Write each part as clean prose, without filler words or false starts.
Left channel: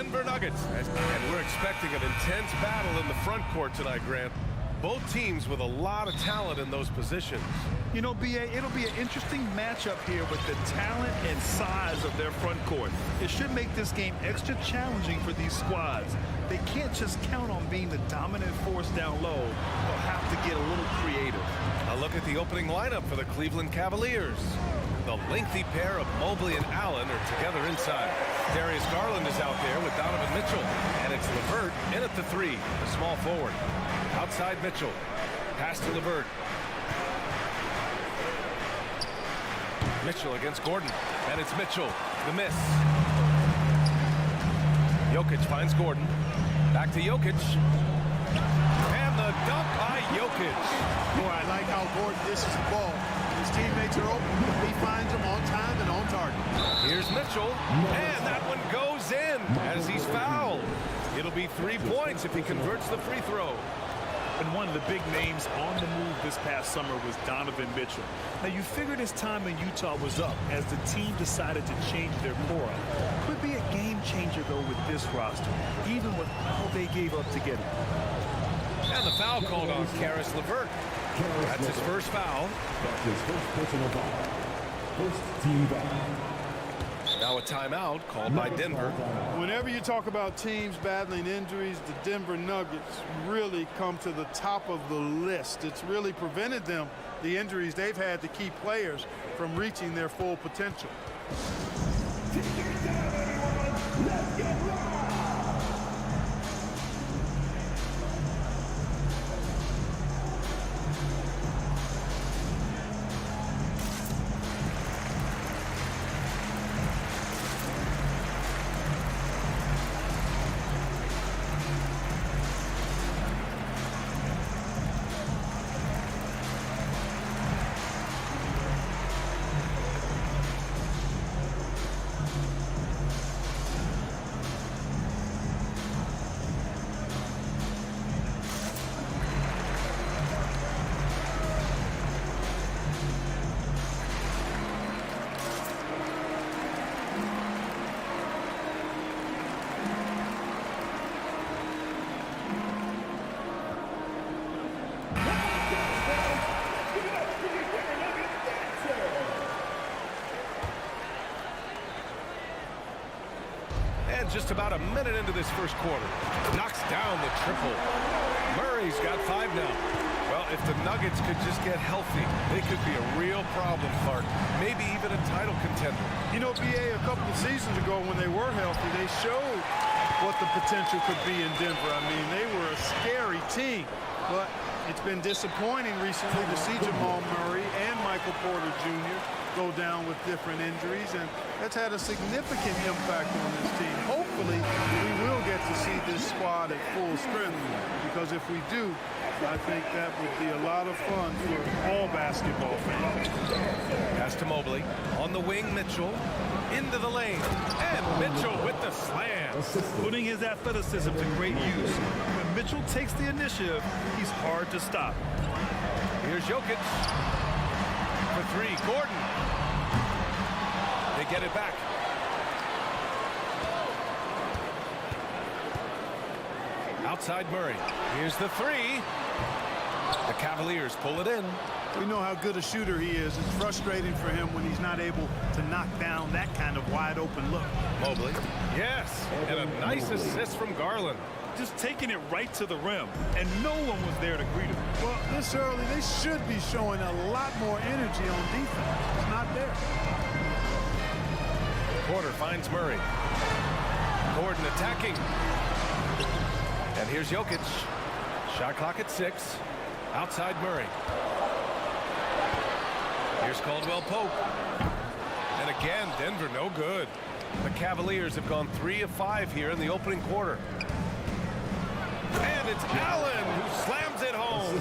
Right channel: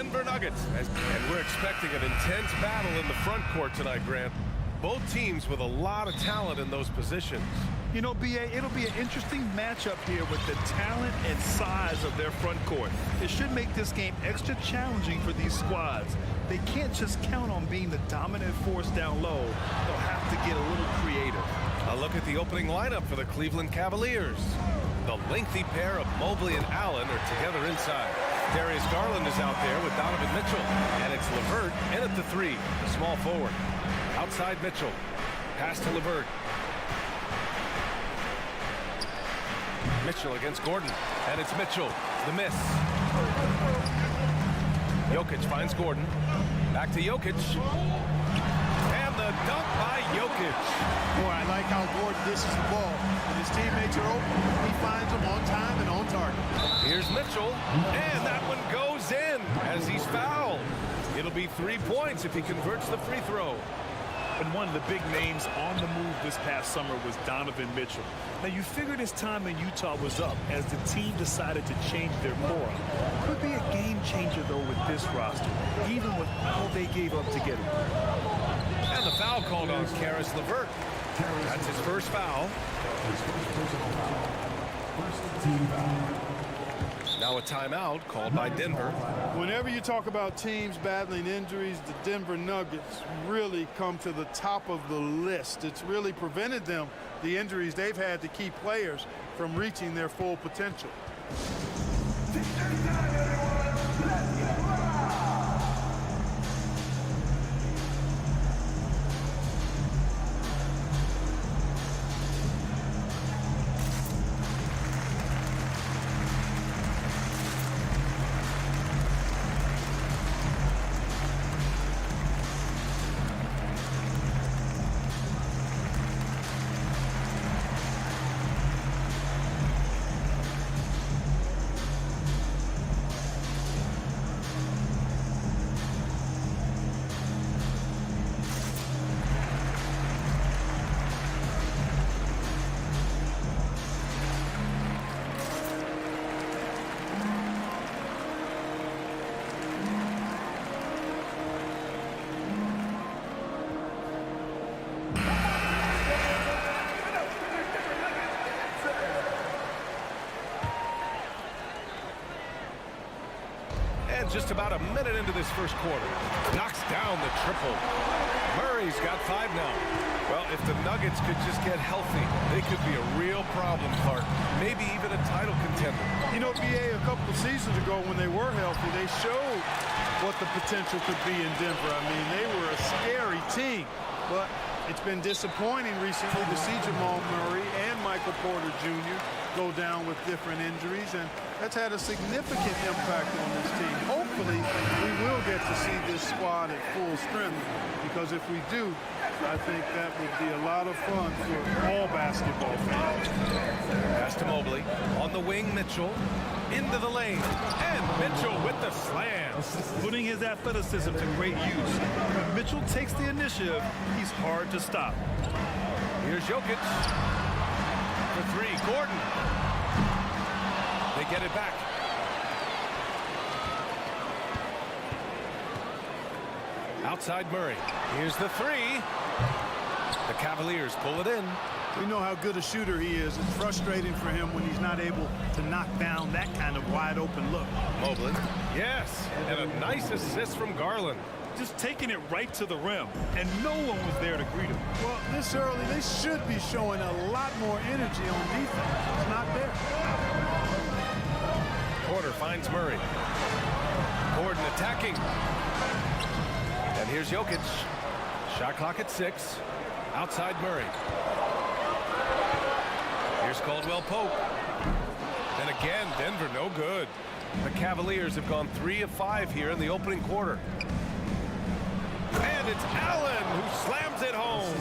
Denver Nuggets. And we're expecting an intense battle in the front court tonight, Grant. Both teams with a lot of talent in those positions. You know, B.A., it'll be an interesting matchup here with the talent and size of their front court. It should make this game extra challenging for these squads. They can't just count on being the dominant force down low. They'll have to get a little creative. A look at the opening lineup for the Cleveland Cavaliers. The lengthy pair of Mobley and Allen are together inside. Darius Garland is out there with Donovan Mitchell. And it's LeVert in at the 3, the small forward. Outside Mitchell. Pass to LeVert. Mitchell against Gordon. And it's Mitchell. The miss. Jokic finds Gordon. Back to Jokic. And the dunk by Jokic. Boy, I like how Gordon dishes the ball. When his teammates are open, he finds them on time and on target. Here's Mitchell. And that one goes in as he's fouled. It'll be 3 points if he converts the free throw. And one of the big names on the move this past summer was Donovan Mitchell. Now, you figured his time in Utah was up as the team decided to change their core up. Could be a game changer, though, with this roster, even with all they gave up to get him. And the foul called on Caris LeVert. That's his first foul. His first personal foul. First team foul. Now a timeout called by Denver. Whenever you talk about teams battling injuries, the Denver Nuggets really come to the top of the list. It's really prevented them, the injuries they've had, to keep players from reaching their full potential. Let's get right. And just about a minute into this first quarter, knocks down the triple. Murray's got 5 now. Well, if the Nuggets could just get healthy, they could be a real problem, Clark. Maybe even a title contender. You know, B.A., a couple of seasons ago when they were healthy, they showed what the potential could be in Denver. I mean, they were a scary team, but it's been disappointing recently to see Jamal Murray and Michael Porter Jr. go down with different injuries, and that's had a significant impact on this team. Hopefully, we will get to see this squad at full strength, because if we do, I think that would be a lot of fun for all basketball fans. Pass to Mobley. On the wing, Mitchell. Into the lane. And Mitchell with the slam. Putting his athleticism to great use. When Mitchell takes the initiative, he's hard to stop. Here's Jokic. For 3, Gordon. They get it back. Outside Murray. Here's the 3. The Cavaliers pull it in. We know how good a shooter he is. It's frustrating for him when he's not able to knock down that kind of wide open look. Mobley. Yes. And a nice assist from Garland. Just taking it right to the rim, and no one was there to greet him. Well, this early, they should be showing a lot more energy on defense. It's not there. Porter finds Murray. Gordon attacking. And here's Jokic. Shot clock at 6. Outside Murray. Here's Caldwell Pope. And again, Denver no good. The Cavaliers have gone 3 of 5 here in the opening quarter. And it's Allen who slams it home.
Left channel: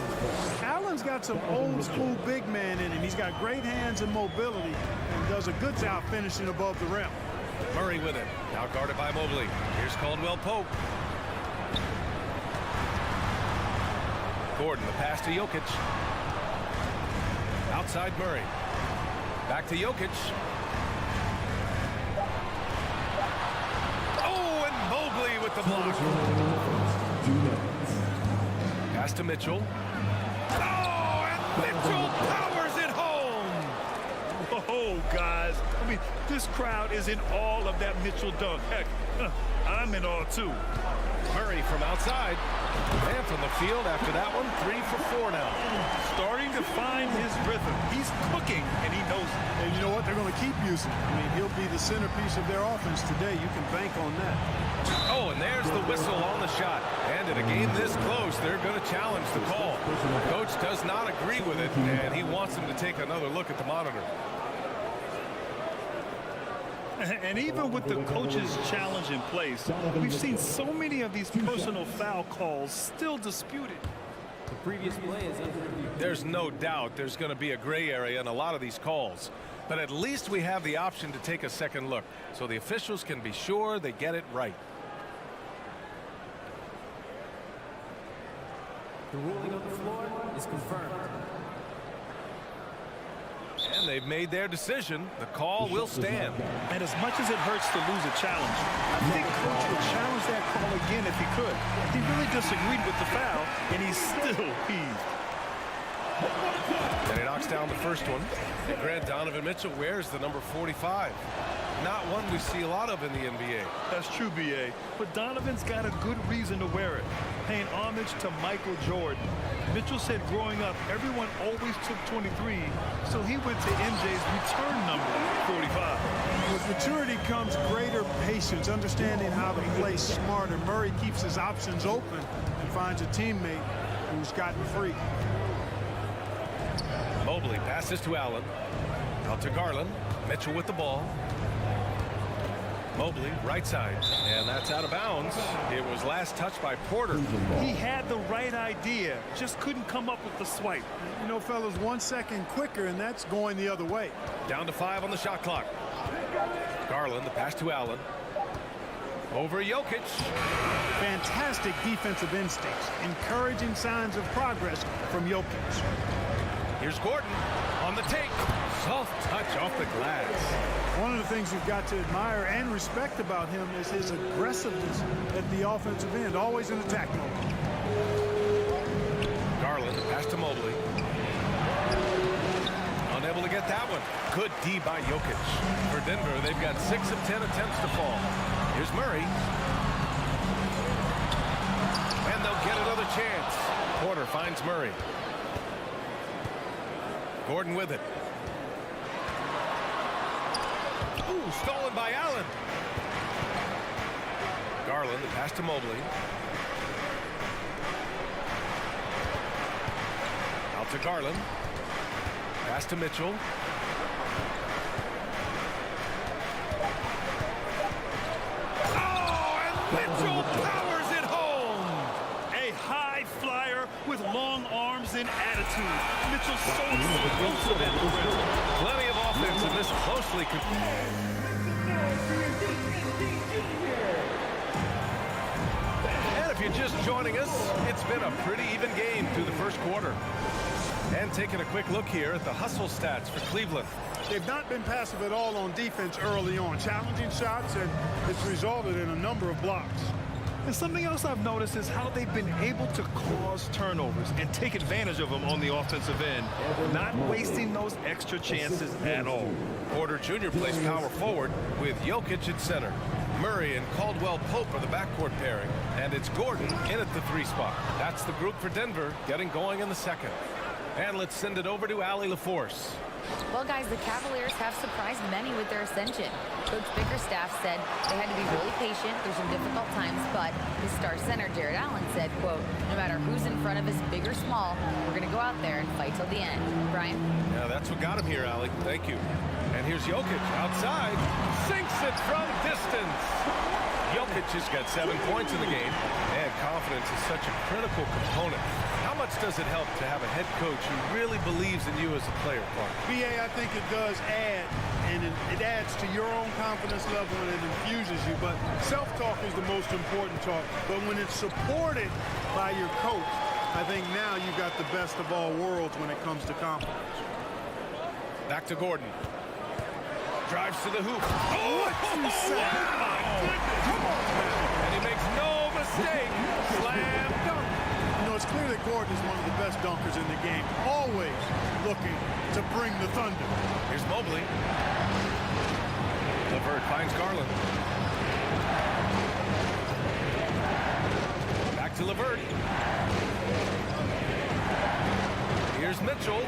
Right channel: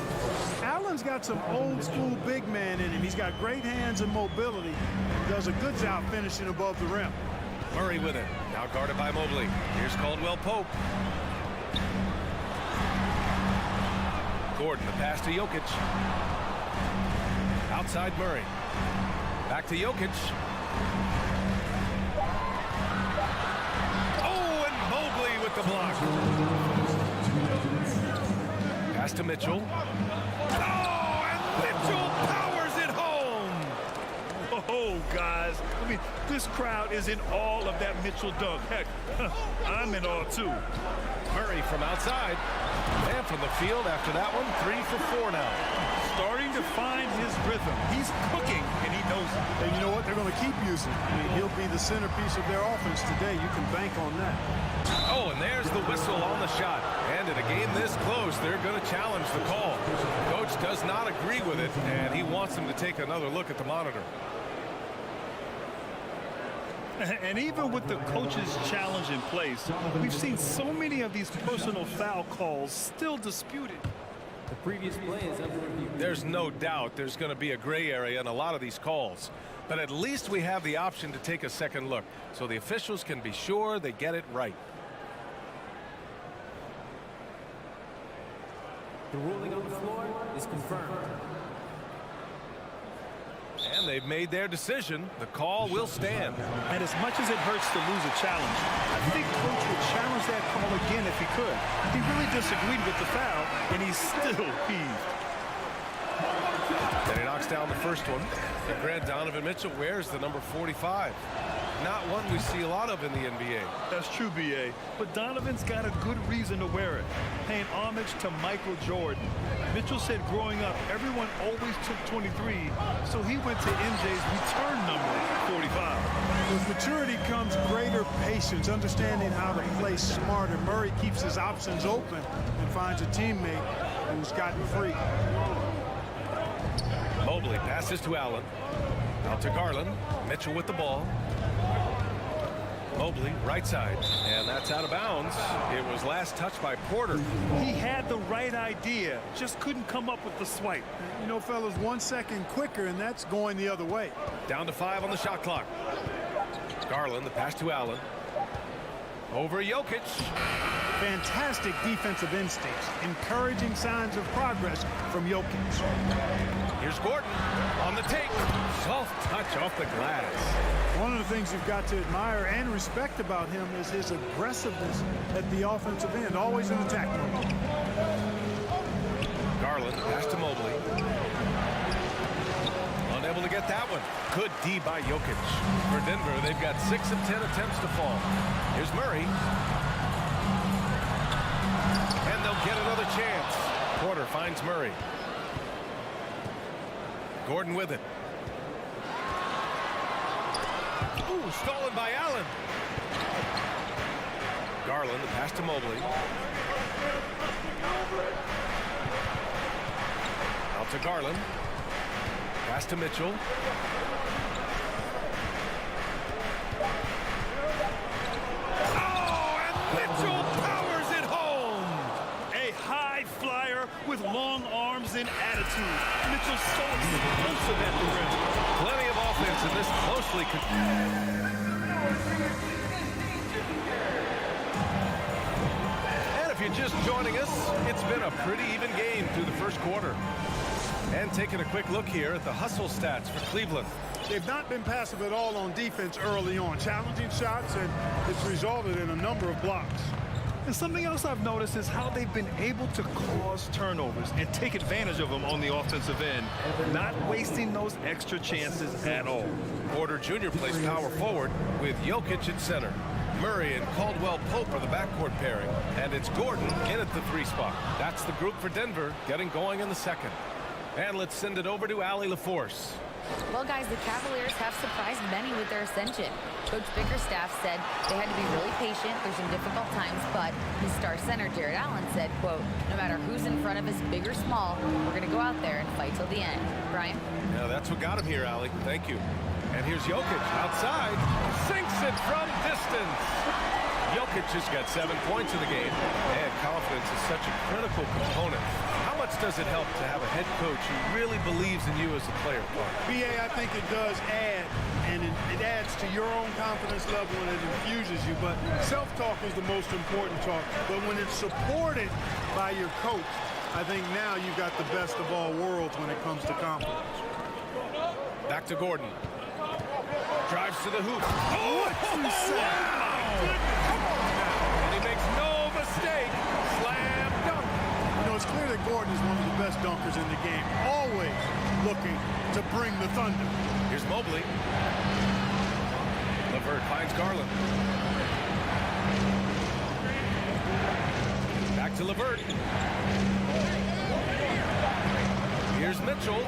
Allen's got some old school big man in him. He's got great hands and mobility and does a good job finishing above the rim. Murray with it. Now guarded by Mobley. Here's Caldwell Pope. Gordon, the pass to Jokic. Outside Murray. Back to Jokic. Oh, and Mobley with the block. Pass to Mitchell. Oh, and Mitchell powers it home. Oh, guys. I mean, this crowd is in awe of that Mitchell dunk. Heck, I'm in awe, too. Murray from outside. And from the field after that one, 3 for 4 now. Starting to find his rhythm. He's cooking, and he knows it. And you know what? They're going to keep using him. I mean, he'll be the centerpiece of their offense today. You can bank on that. Oh, and there's the whistle on the shot. And in a game this close, they're going to challenge the call. Coach does not agree with it, and he wants him to take another look at the monitor. And even with the coach's challenge in place, we've seen so many of these personal foul calls still disputed. The previous play is under review. There's no doubt there's going to be a gray area in a lot of these calls. But at least we have the option to take a second look, so the officials can be sure they get it right. The ruling on the floor is confirmed. And they've made their decision. The call will stand. And as much as it hurts to lose a challenge, I think Coach would challenge that call again if he could. He really disagreed with the foul, and he's still peeved. Then he knocks down the first one. And Grant Donovan Mitchell wears the number 45. Not one we see a lot of in the NBA. That's true, B.A. But Donovan's got a good reason to wear it, paying homage to Michael Jordan. Mitchell said growing up, everyone always took 23, so he went to MJ's return number, 45. With maturity comes greater patience, understanding how to play smarter. Murray keeps his options open and finds a teammate who's gotten free. Mobley passes to Allen. Out to Garland. Mitchell with the ball. Mobley, right side, and that's out of bounds. It was last touched by Porter. He had the right idea, just couldn't come up with the swipe. You know, fellas, 1 second quicker, and that's going the other way. Down to 5 on the shot clock. Garland, the pass to Allen. Over Jokic. Fantastic defensive instincts, encouraging signs of progress from Jokic. Here's Gordon on the take. Soft touch off the glass. One of the things you've got to admire and respect about him is his aggressiveness at the offensive end, always in attack mode. Garland, the pass to Mobley. Unable to get that one. Good D by Jokic. For Denver, they've got 6 of 10 attempts to fall. Here's Murray. And they'll get another chance. Porter finds Murray. Gordon with it. Ooh, stolen by Allen. Garland, the pass to Mobley. Out to Garland. Pass to Mitchell. Oh, and Mitchell powers it home. A high flyer with long arms and attitude. Mitchell's so explosive at the rim. Plenty of offense in this closely. And if you're just joining us, it's been a pretty even game through the first quarter. And taking a quick look here at the hustle stats for Cleveland. They've not been passive at all on defense early on. Challenging shots, and it's resulted in a number of blocks. And something else I've noticed is how they've been able to cause turnovers and take advantage of them on the offensive end, not wasting those extra chances at all. Porter Jr. plays power forward with Jokic at center. Murray and Caldwell-Pope are the backcourt pairing, and it's Gordon in at the 3 spot. That's the group for Denver, getting going in the second. And let's send it over to Allie LaForce. Well, guys, the Cavaliers have surprised many with their ascension. Coach Bickerstaff said they had to be really patient through some difficult times, but his star center, Jared Allen, said, quote, no matter who's in front of us, big or small, we're going to go out there and fight till the end. Brian? Yeah, that's what got him here, Allie. Thank you. And here's Jokic outside. Sinks it from distance. Jokic has got 7 points in the game, and confidence is such a critical component. How much does it help to have a head coach who really believes in you as a player, Clark? BA, I think it does add, and it adds to your own confidence level and it infuses you. But self-talk is the most important talk. But when it's supported by your coach, I think now you've got the best of all worlds when it comes to confidence. Back to Gordon. Drives to the hoop. What you say? Wow. Come on now. he makes no mistake. Slam dunk. You know, it's clear that Gordon is one of the best dunkers in the game, always looking to bring the thunder. Here's Mobley. LeVert finds Garland. Back to LeVert. Here's Mitchell.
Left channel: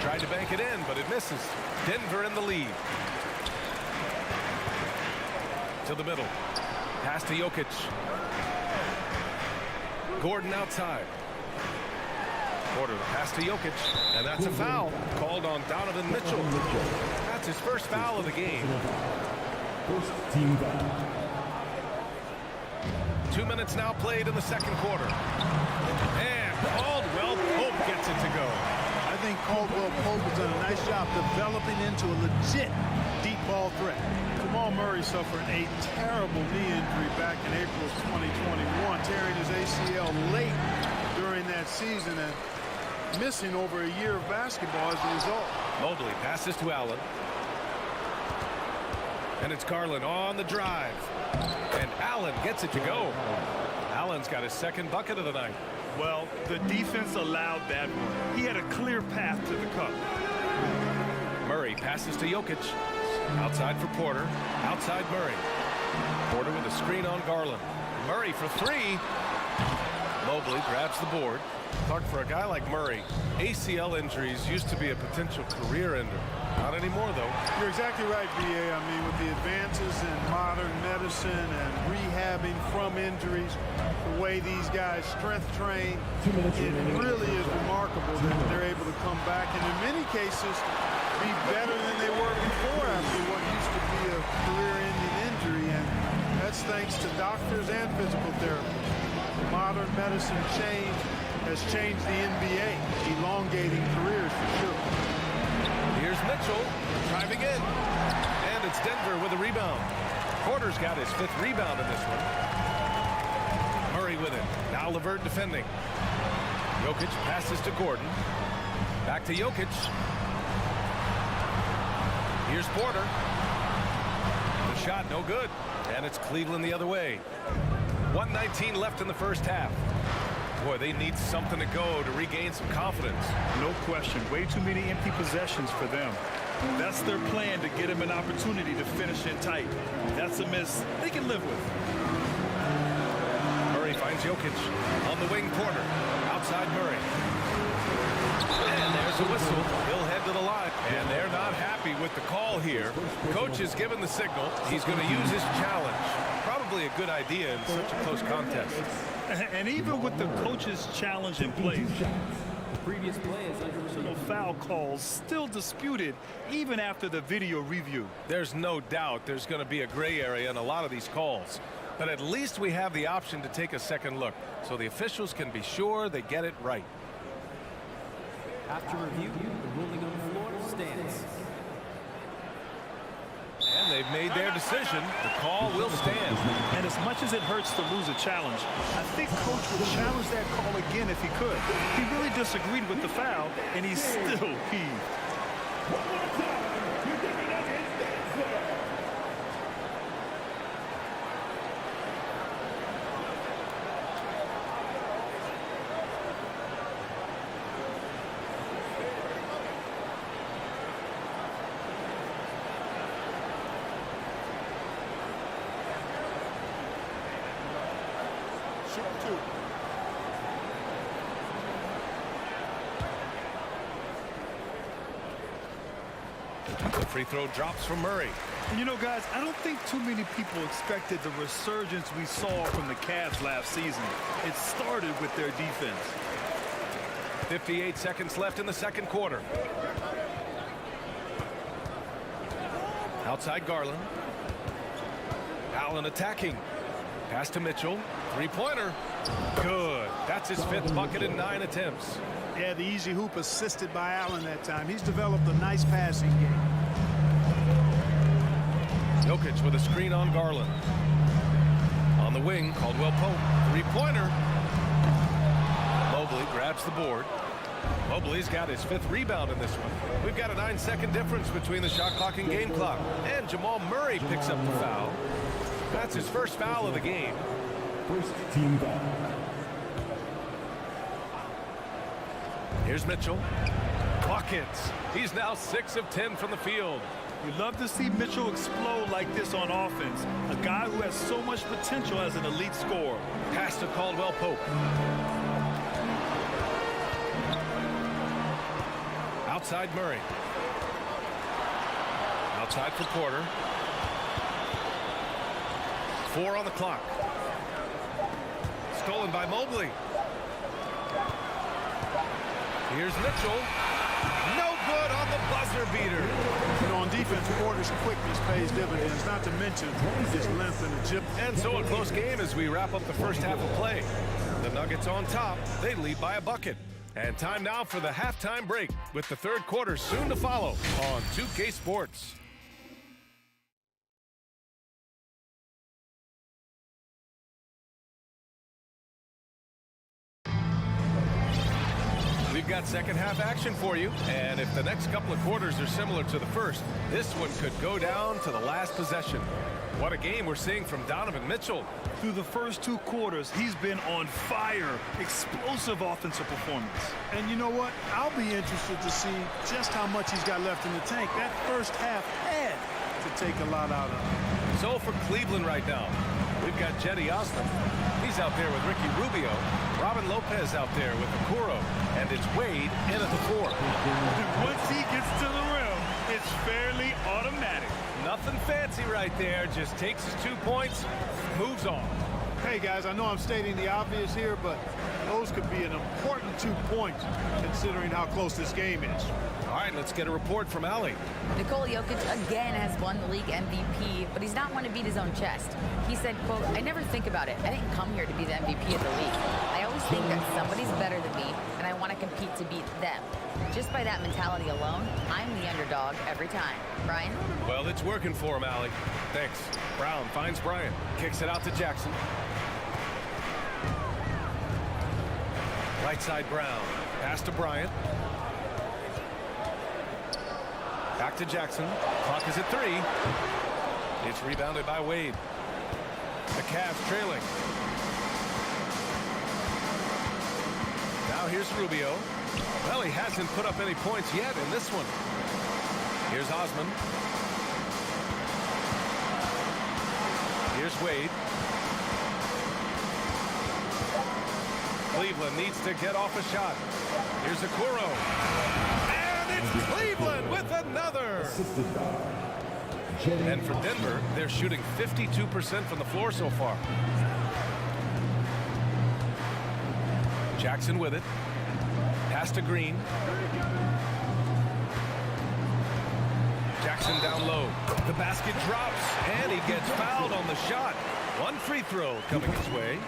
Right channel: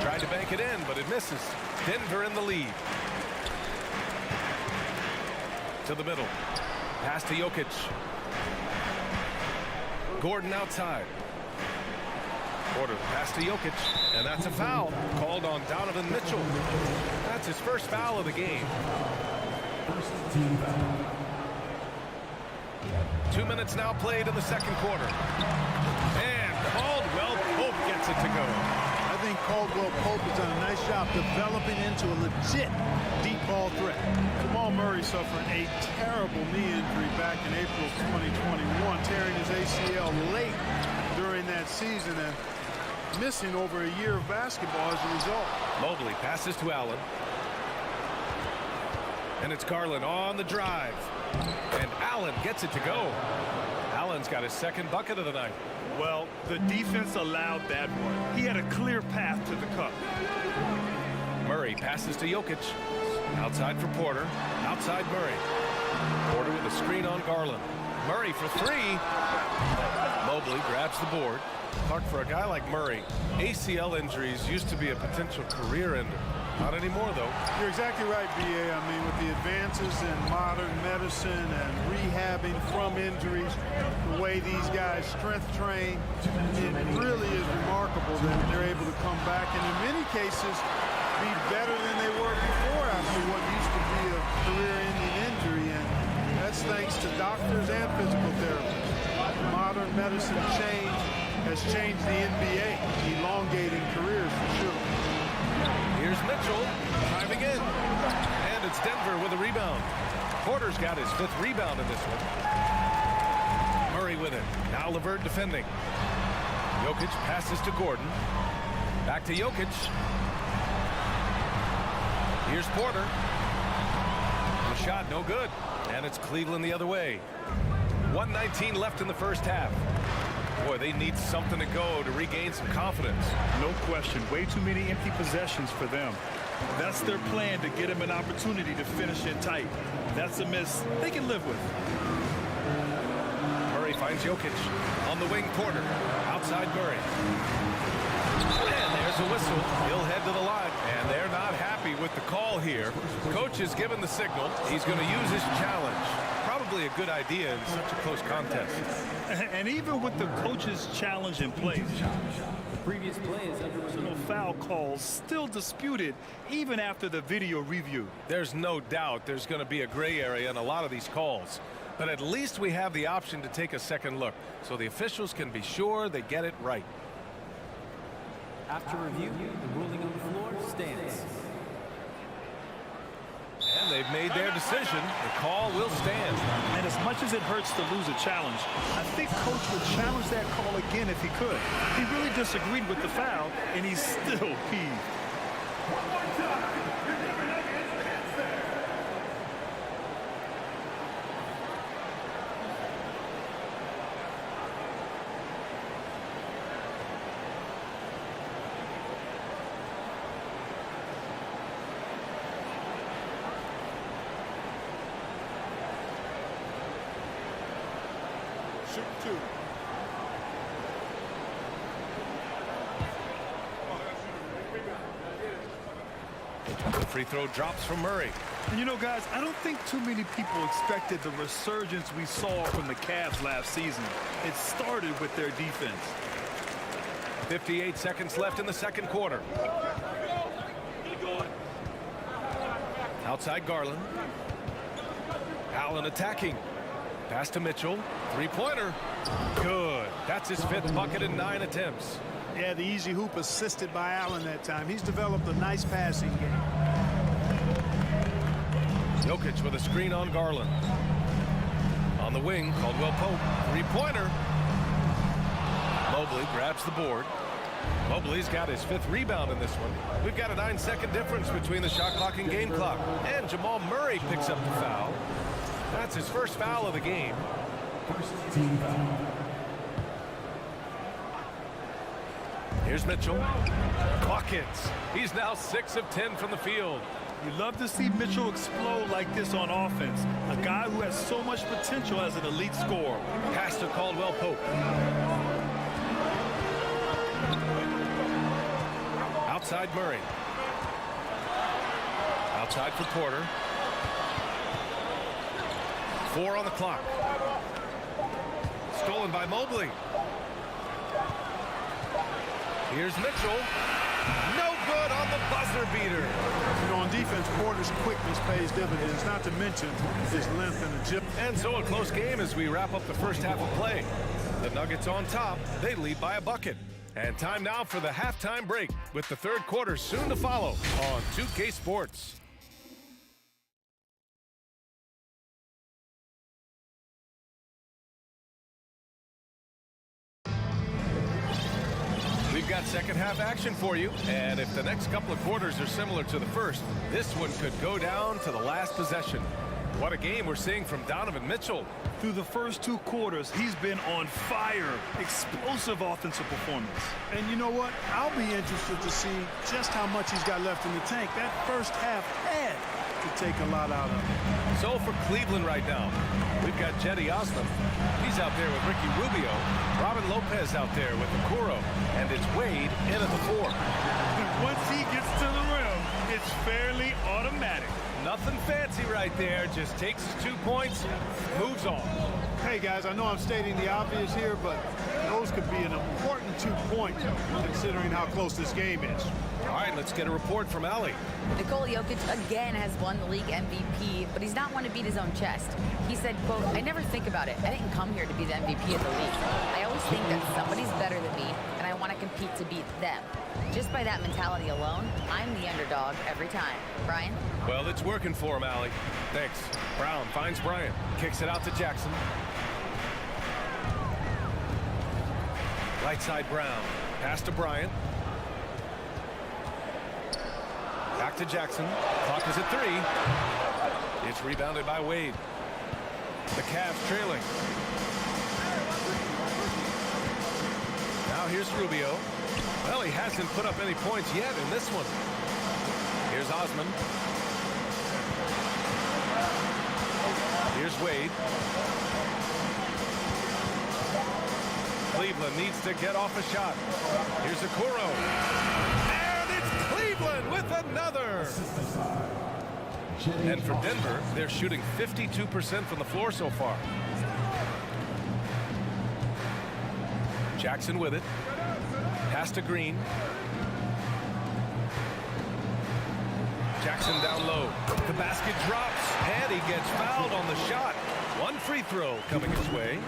Tried to bank it in, but it misses. Denver in the lead. To the middle. Pass to Jokic. Gordon outside. Porter, the pass to Jokic. And that's a foul called on Donovan Mitchell. That's his first foul of the game. First team foul. 2 minutes now played in the second quarter. And Caldwell Pope gets it to go. I think Caldwell Pope has done a nice job developing into a legit deep ball threat. Jamal Murray suffered a terrible knee injury back in April of 2021, tearing his ACL late during that season and missing over a year of basketball as a result. Mobley passes to Allen. And it's Garland on the drive. And Allen gets it to go. Allen's got his second bucket of the night. Well, the defense allowed that one. He had a clear path to the cup. Murray passes to Jokic. Outside for Porter. Outside Murray. Porter with a screen on Garland. Murray for three. Mobley grabs the board. Clark, for a guy like Murray, ACL injuries used to be a potential career ender. Not anymore, though. You're exactly right, B.A. I mean, with the advances in modern medicine and rehabbing from injuries, the way these guys strength train, it really is remarkable that they're able to come back and in many cases be better than they were before after what used to be a career-ending injury. And that's thanks to doctors and physical therapists. Modern medicine has changed the NBA, elongating careers for sure. Here's Mitchell driving in. And it's Denver with a rebound. Porter's got his fifth rebound in this one. Murray with it. Now LeVert defending. Jokic passes to Gordon. Back to Jokic. Here's Porter. The shot no good. And it's Cleveland the other way. 1:19 left in the first half. Boy, they need something to go to regain some confidence. No question. Way too many empty possessions for them. That's their plan to get him an opportunity to finish in tight. That's a miss they can live with. Murray finds Jokic. On the wing, Porter. Outside Murray. And there's a whistle. He'll head to the line. And they're not happy with the call here. Coach has given the signal. He's going to use his challenge. Probably a good idea in such a close contest. And even with the coach's challenge in place, The previous play is under review. no foul calls still disputed even after the video review. There's no doubt there's going to be a gray area in a lot of these calls. But at least we have the option to take a second look so the officials can be sure they get it right. After review, the ruling on the floor stands. And they've made their decision. The call will stand. And as much as it hurts to lose a challenge, I think Coach would challenge that call again if he could. He really disagreed with the foul, and he's still peeved. One more time. You're giving Nuggets there. Shooting two. The free throw drops from Murray. And you know, guys, I don't think too many people expected the resurgence we saw from the Cavs last season. It started with their defense. 58 seconds left in the second quarter. Outside Garland. Allen attacking. Pass to Mitchell. Three-pointer. Good. That's his fifth bucket in 9 attempts. Yeah, the easy hoop assisted by Allen that time. He's developed a nice passing game. Jokic with a screen on Garland. On the wing, Caldwell Pope. Three-pointer. Mobley grabs the board. Mobley's got his fifth rebound in this one. We've got a 9-second difference between the shot clock and game clock. And Jamal Murray picks up the foul. That's his first foul of the game. First team foul. Here's Mitchell. Buckets. He's now 6 of 10 from the field. You love to see Mitchell explode like this on offense. A guy who has so much potential as an elite scorer. Pass to Caldwell Pope. Outside Murray. Outside for Porter. 4 on the clock. Stolen by Mobley. Here's Mitchell. No good on the buzzer beater. You know, on defense, Porter's quickness pays dividends, not to mention his length and agility. And so a close game as we wrap up the first half of play. The Nuggets on top. They lead by a bucket. And time now for the halftime break, with the third quarter soon to follow on 2K Sports. We've got second half action for you, and if the next couple of quarters are similar to the first, this one could go down to the last possession. What a game we're seeing from Donovan Mitchell. Through the first 2 quarters, he's been on fire. Explosive offensive performance. And you know what? I'll be interested to see just how much he's got left in the tank. That first half had to take a lot out of him. So for Cleveland right now, we've got Cedi Osman. He's out there with Ricky Rubio. Robin Lopez out there with Okoro. And it's Wade in at the 4. Once he gets to the rim, it's fairly automatic. Nothing fancy right there. Just takes his 2 points, moves on. Hey, guys, I know I'm stating the obvious here, but those could be an important 2 points considering how close this game is. All right, let's get a report from Allie. Nikola Jokic again has won the league MVP, but he's not one to beat his own chest. He said, quote, "I never think about it. I didn't come here to be the MVP of the league. I always think that somebody's better than me, and I want to compete to beat them. Just by that mentality alone, I'm the underdog every time." Brian? Well, it's working for him, Allie. Thanks. Brown finds Bryant. Kicks it out to Jackson. Right side Brown. Pass to Bryant. Back to Jackson. Clock is at 3. It's rebounded by Wade. The Cavs trailing. Now here's Rubio. Well, he hasn't put up any points yet in this one. Here's Osman. Here's Wade. Cleveland needs to get off a shot. Here's Okoro. And it's Cleveland with another. And for Denver, they're shooting 52% from the floor so far. Jackson with it. Pass to Green. Jackson down low. The basket drops, and he gets fouled on the shot. One free throw coming his way.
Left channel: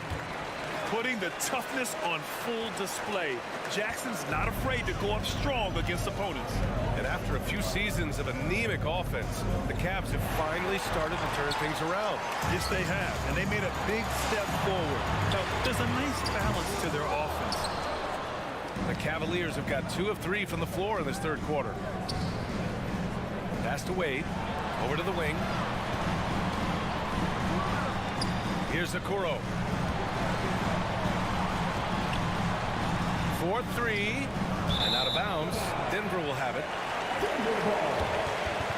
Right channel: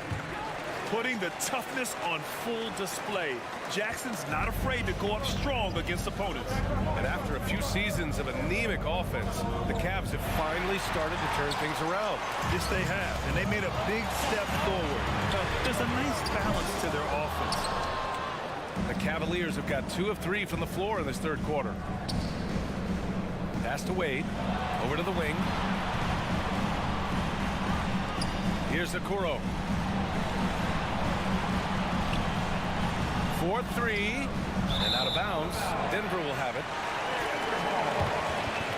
Putting the toughness on full display. Jackson's not afraid to go up strong against opponents. And after a few seasons of anemic offense, the Cavs have finally started to turn things around. Yes, they have, and they made a big step forward. Now, there's a nice balance to their offense. The Cavaliers have got 2 of 3 from the floor in this third quarter. Pass to Wade. Over to the wing. Here's Okoro. 4-3. And out of bounds. Denver will have it. Denver ball.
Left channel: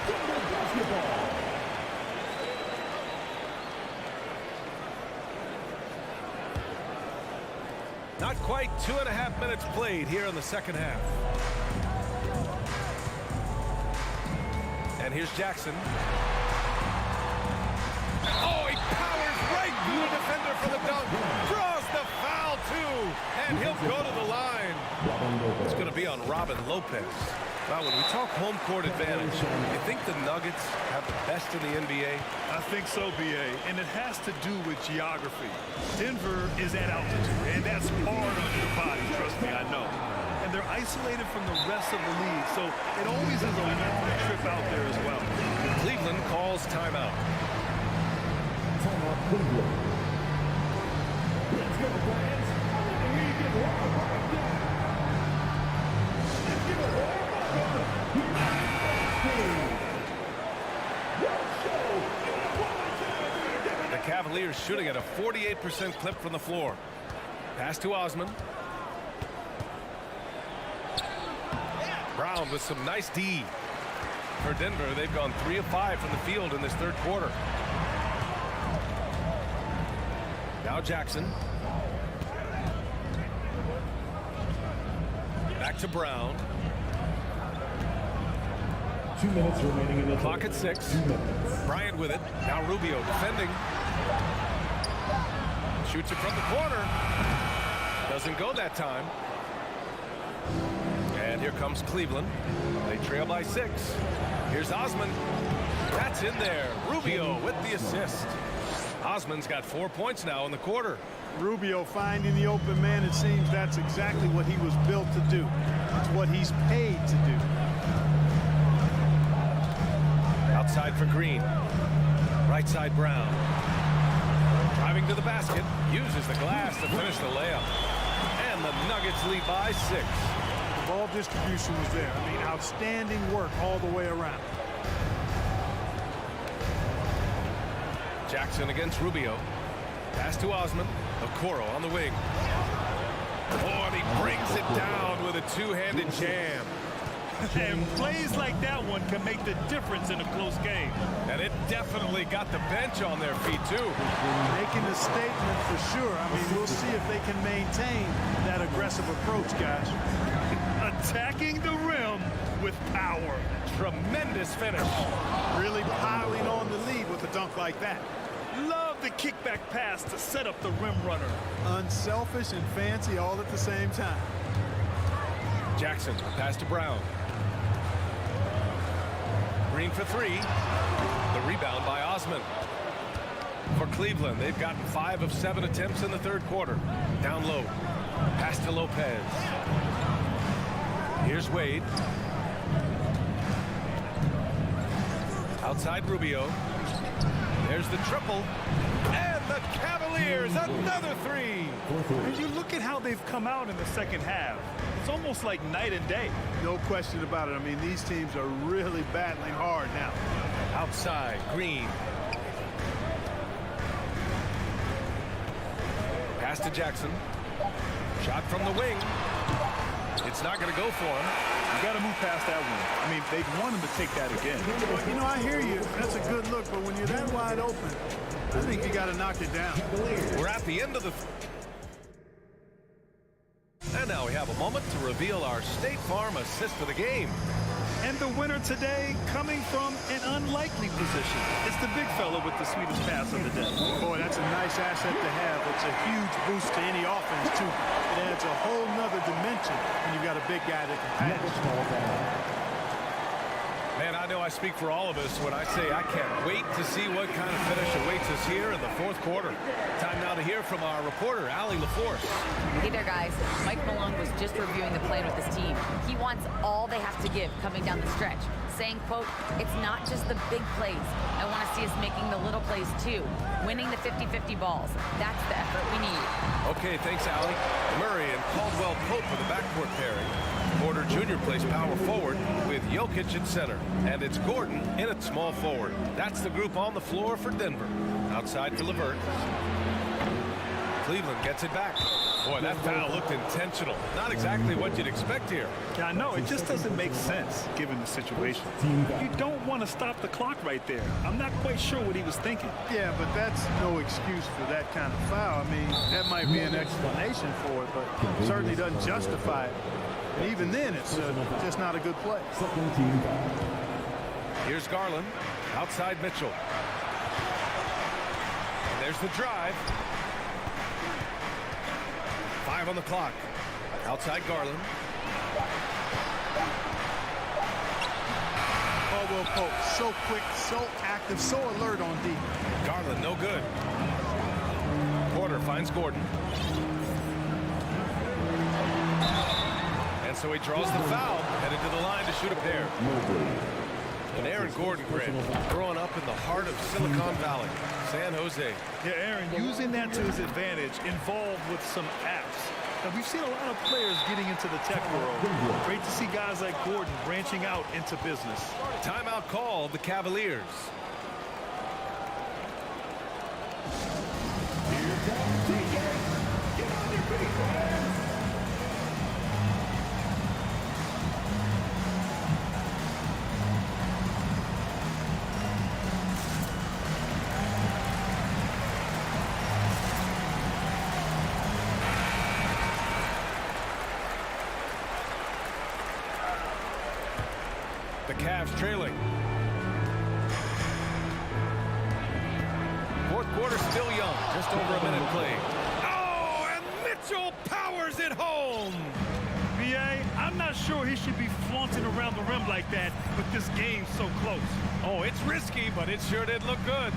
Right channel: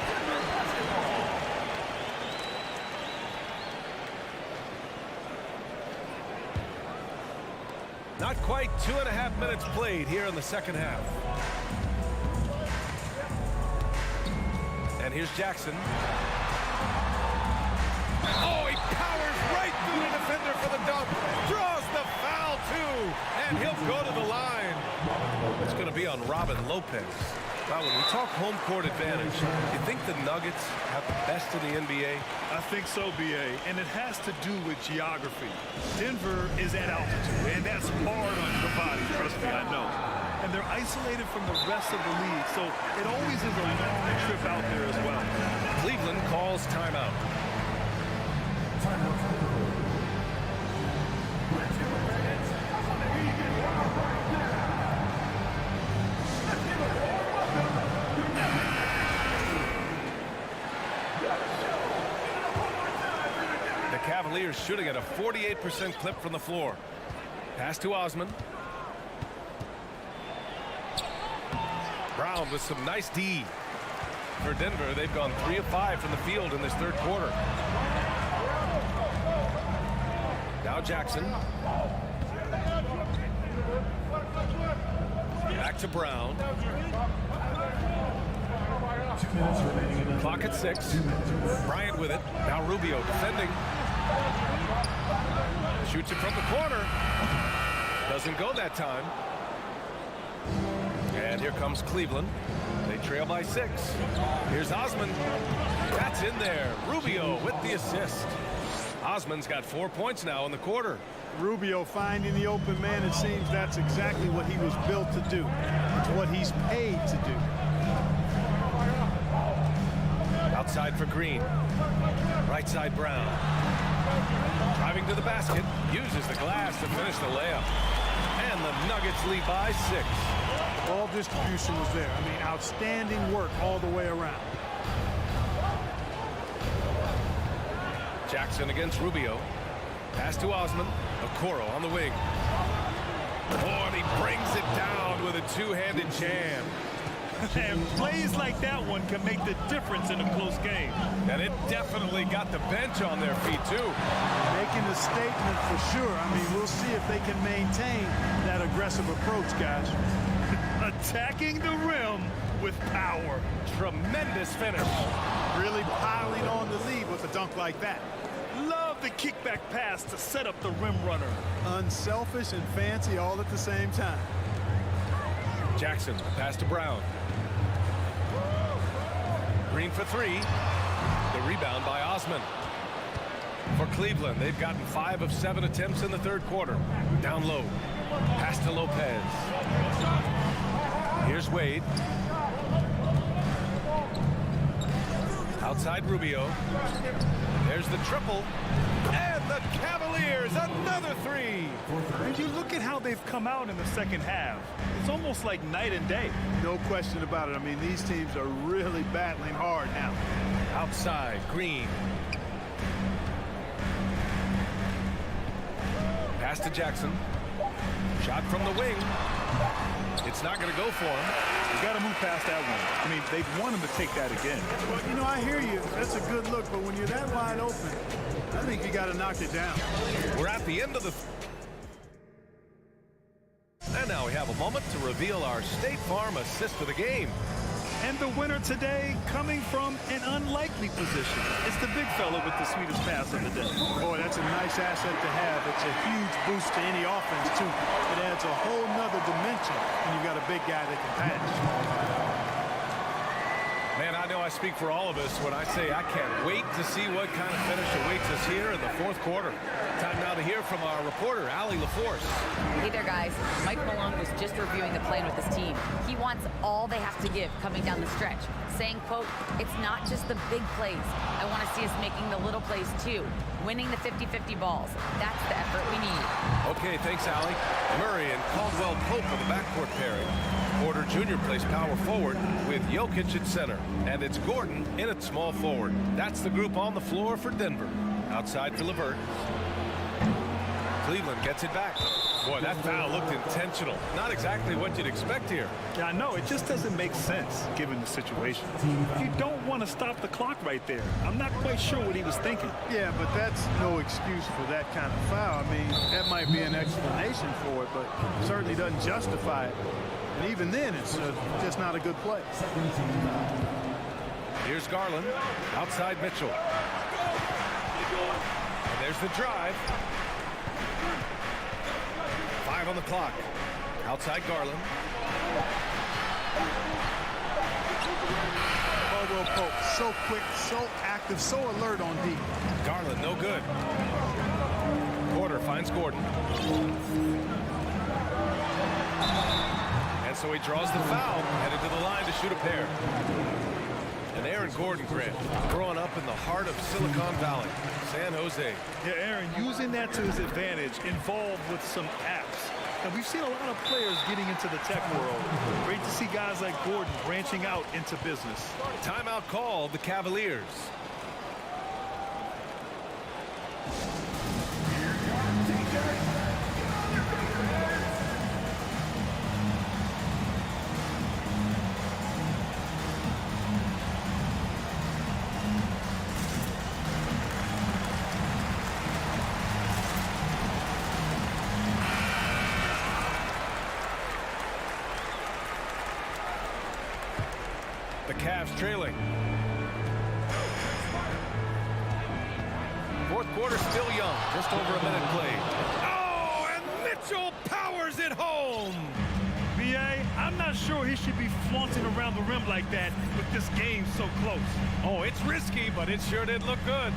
Denver basketball. Not quite 2.5 minutes played here in the second half. And here's Jackson. Oh, he powers right through the defender for the dunk. Draws the foul, too. And he'll go to the line. It's going to be on Robin Lopez. Well, when we talk home court advantage, you think the Nuggets have the best in the NBA? I think so, B.A., and it has to do with geography. Denver is at altitude, and that's hard on your body, trust me, I know. And they're isolated from the rest of the league, so it always is a long trip out there as well. Cleveland calls timeout. Timeout, Cleveland. Let's go, fans. I want to hear you get wild right now. Let's give it a warm welcome. United States. Let's show. Give it up one more time for the Denver The Cavaliers shooting at a 48% clip from the floor. Pass to Osman. Brown with some nice D. For Denver, they've gone 3 of 5 from the field in this third quarter. Now Jackson. Back to Brown. 2 minutes remaining in the Clock at 6. Bryant with it. Now Rubio defending. Shoots it from the corner. Doesn't go that time. And here comes Cleveland. They trail by 6. Here's Osman. That's in there. Rubio with the assist. Osman's got 4 points now in the quarter. Rubio finding the open man. It seems that's exactly what he was built to do. It's what he's paid to do. Outside for Green. Right side Brown. Driving to the basket. Uses the glass to finish the layup. And the Nuggets lead by 6. The ball distribution was there. I mean, outstanding work all the way around. Jackson against Rubio. Pass to Osman. Okoro on the wing. Oh, and he brings it down with a two-handed jam. And plays like that one can make the difference in a close game. And it definitely got the bench on their feet, too. Making a statement for sure. I mean, we'll see if they can maintain that aggressive approach, guys. Attacking the rim with power. Tremendous finish. Really piling on the lead with a dunk like that. Love the kickback pass to set up the rim runner. Unselfish and fancy all at the same time. Jackson, the pass to Brown. Green for 3. The rebound by Osman. For Cleveland, they've gotten 5 of 7 attempts in the third quarter. Down low. Pass to Lopez. Here's Wade. Outside Rubio. There's the triple. And the Cavaliers, another 3. As you look at how they've come out in the second half, it's almost like night and day. No question about it. I mean, these teams are really battling hard now. Outside, Green. Pass to Jackson. Shot from the wing. It's not going to go for him. You got to move past that one. I mean, they'd want him to take that again. Well, you know, I hear you. That's a good look, but when you're that wide open, I think you got to knock it down. We're at the end of the... And now we have a moment to reveal our State Farm assist of the game. And the winner today coming from an unlikely position. It's the big fella with the sweetest pass of the day. Boy, that's a nice asset to have. It's a huge boost to any offense, too. It adds a whole nother dimension when you've got a big guy that can pass. Man, I know I speak for all of us when I say I can't wait to see what kind of finish awaits us here in the fourth quarter. Time now to hear from our reporter, Allie LaForce. Hey there, guys. Mike Malone was just reviewing the plan with his team. He wants all they have to give coming down the stretch, saying, quote, it's not just the big plays. I want to see us making the little plays, too. Winning the 50-50 balls. That's the effort we need. Okay, thanks, Allie. Murray and Caldwell Pope are the backcourt pairing. Porter Jr. plays power forward with Jokic at center. And it's Gordon in at small forward. That's the group on the floor for Denver. Outside for LeVert. Cleveland gets it back. Boy, that foul looked intentional. Not exactly what you'd expect here. Yeah, I know. It just doesn't make sense given the situation. You don't want to stop the clock right there. I'm not quite sure what he was thinking. Yeah, but that's no excuse for that kind of foul. I mean, that might be an explanation for it, but certainly doesn't justify it. And even then, it's just not a good play. Here's Garland. Outside Mitchell. And there's the drive. 5 on the clock. Outside Garland. Caldwell Pope, so quick, so active, so alert on D. Garland, no good. Porter finds Gordon. And so he draws the foul, headed to the line to shoot a pair. And Aaron Gordon, Grant, growing up in the heart of Silicon Valley, San Jose. Yeah, Aaron, using that to his advantage, involved with some apps. Now, we've seen a lot of players getting into the tech world. Great to see guys like Gordon branching out into business. Timeout called the Cavaliers. Here comes TJ. Get on your feet, man. The Cavs trailing. Fourth quarter still young, just over a minute played. Oh, and Mitchell powers it home. B.A., I'm not sure he should be flaunting around the rim like that with this game so close. Oh, it's risky, but it sure did look good.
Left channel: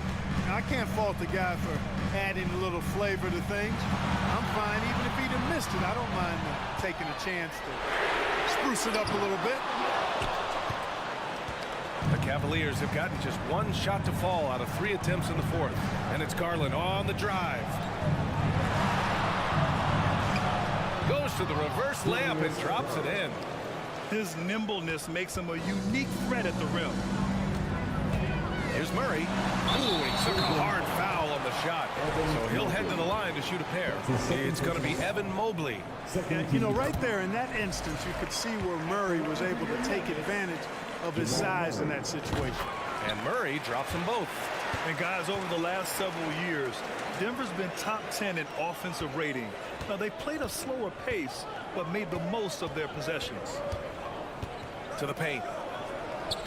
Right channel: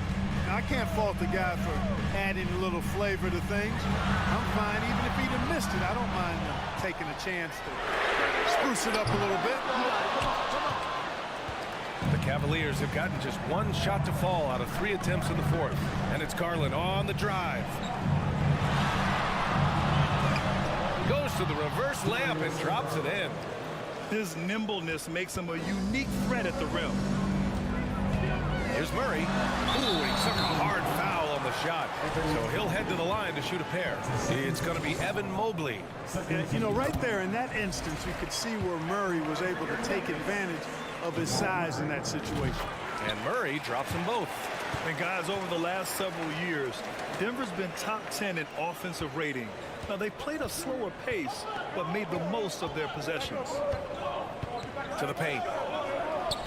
Now, I can't fault the guy for adding a little flavor to things. I'm fine even if he'd have missed it. I don't mind taking a chance to spruce it up a little bit. The Cavaliers have gotten just one shot to fall out of 3 attempts in the fourth. And it's Garland on the drive. Goes to the reverse layup and drops it in. His nimbleness makes him a unique threat at the rim. Here's Murray. Ooh, he took a hard foul on the shot. So he'll head to the line to shoot a pair. It's going to be Evan Mobley. Yeah, you know, right there in that instance, you could see where Murray was able to take advantage of his size in that situation. And Murray drops them both. And guys, over the last several years, Denver's been top 10 in offensive rating. Now, they played a slower pace, but made the most of their possessions. To the paint.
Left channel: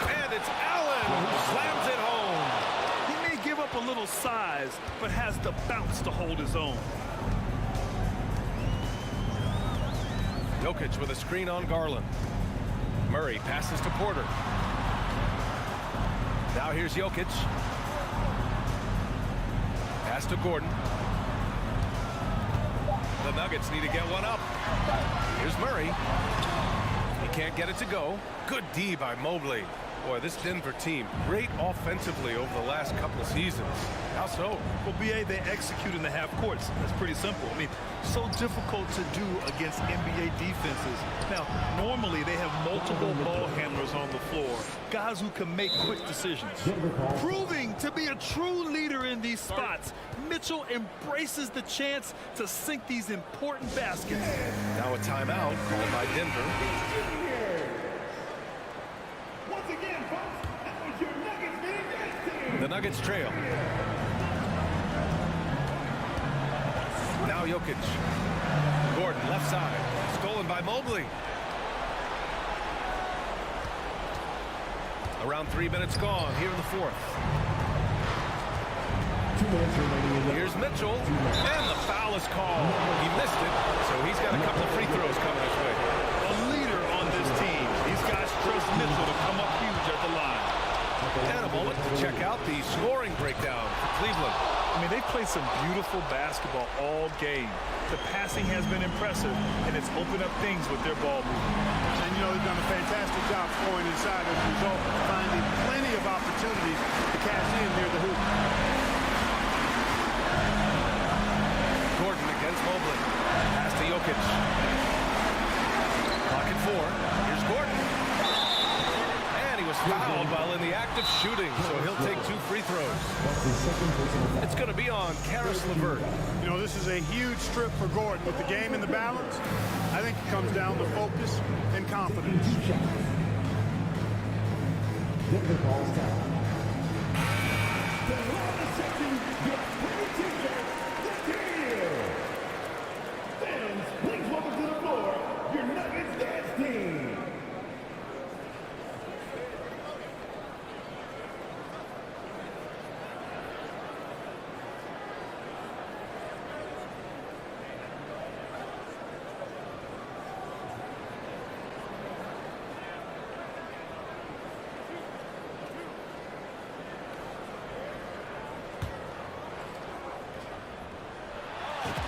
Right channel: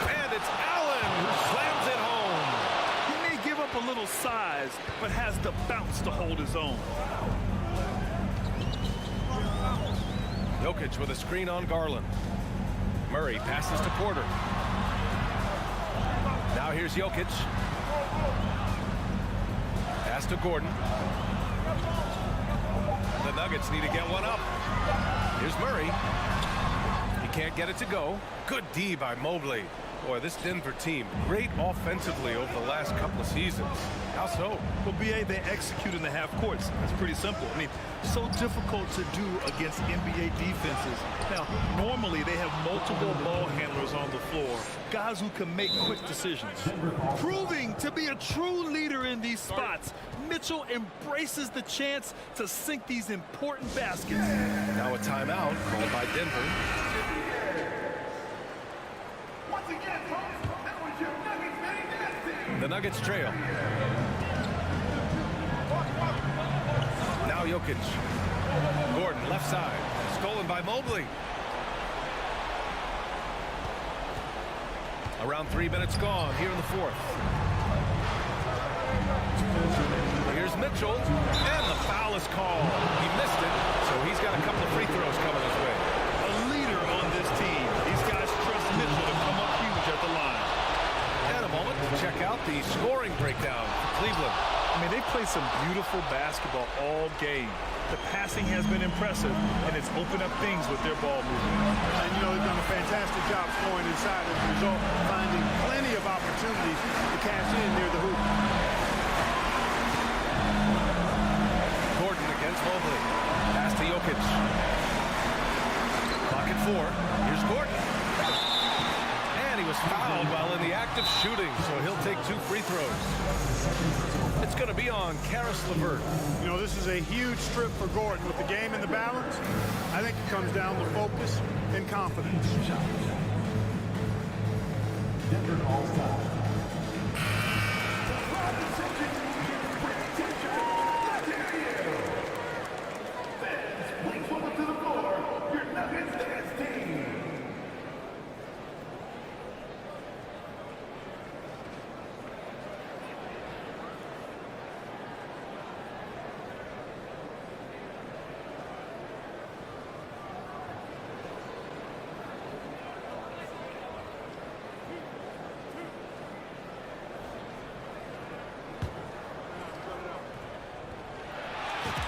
And it's Allen who slams it home. He may give up a little size, but has the bounce to hold his own. Jokic with a screen on Garland. Murray passes to Porter. Now here's Jokic. Pass to Gordon. The Nuggets need to get one up. Here's Murray. He can't get it to go. Good D by Mobley. Boy, this Denver team, great offensively over the last couple of seasons. How so? Well, B.A., they execute in the half courts. That's pretty simple. I mean, so difficult to do against NBA defenses. Now, normally they have multiple ball handlers on the floor, guys who can make quick decisions. Proving to be a true leader in these spots, Mitchell embraces the chance to sink these important baskets. Now a timeout called by Denver. Once again, folks, that was your Nuggets Big Dance team. The Nuggets trail. Now Jokic. Gordon left side. Stolen by Mobley. Around 3 minutes gone here in the fourth. Here's Mitchell. And the foul is called. He missed it, so he's got a couple of free throws coming his way. A leader on this team. These guys trust Mitchell to come up huge at the line. And a moment to check out the scoring breakdown for Cleveland. I mean, they've played some beautiful basketball all game. The passing has been impressive, and it's opened up things with their ball movement. And, you know, they've done a fantastic job scoring inside as a result, finding plenty of opportunities to cash in near the hoop. Gordon against Mobley. Pass to Jokic. Clock at 4. Here's Gordon. And he was fouled while in the act of shooting, so he'll take 2 free throws. It's going to be on Caris LeVert. You know, this is a huge trip for Gordon. With the game in the balance, I think it comes down to focus and confidence. Denver calls time. The crowd is section gets pretty tension. Let's hear you. Fans, please welcome to the floor your Nuggets dance team.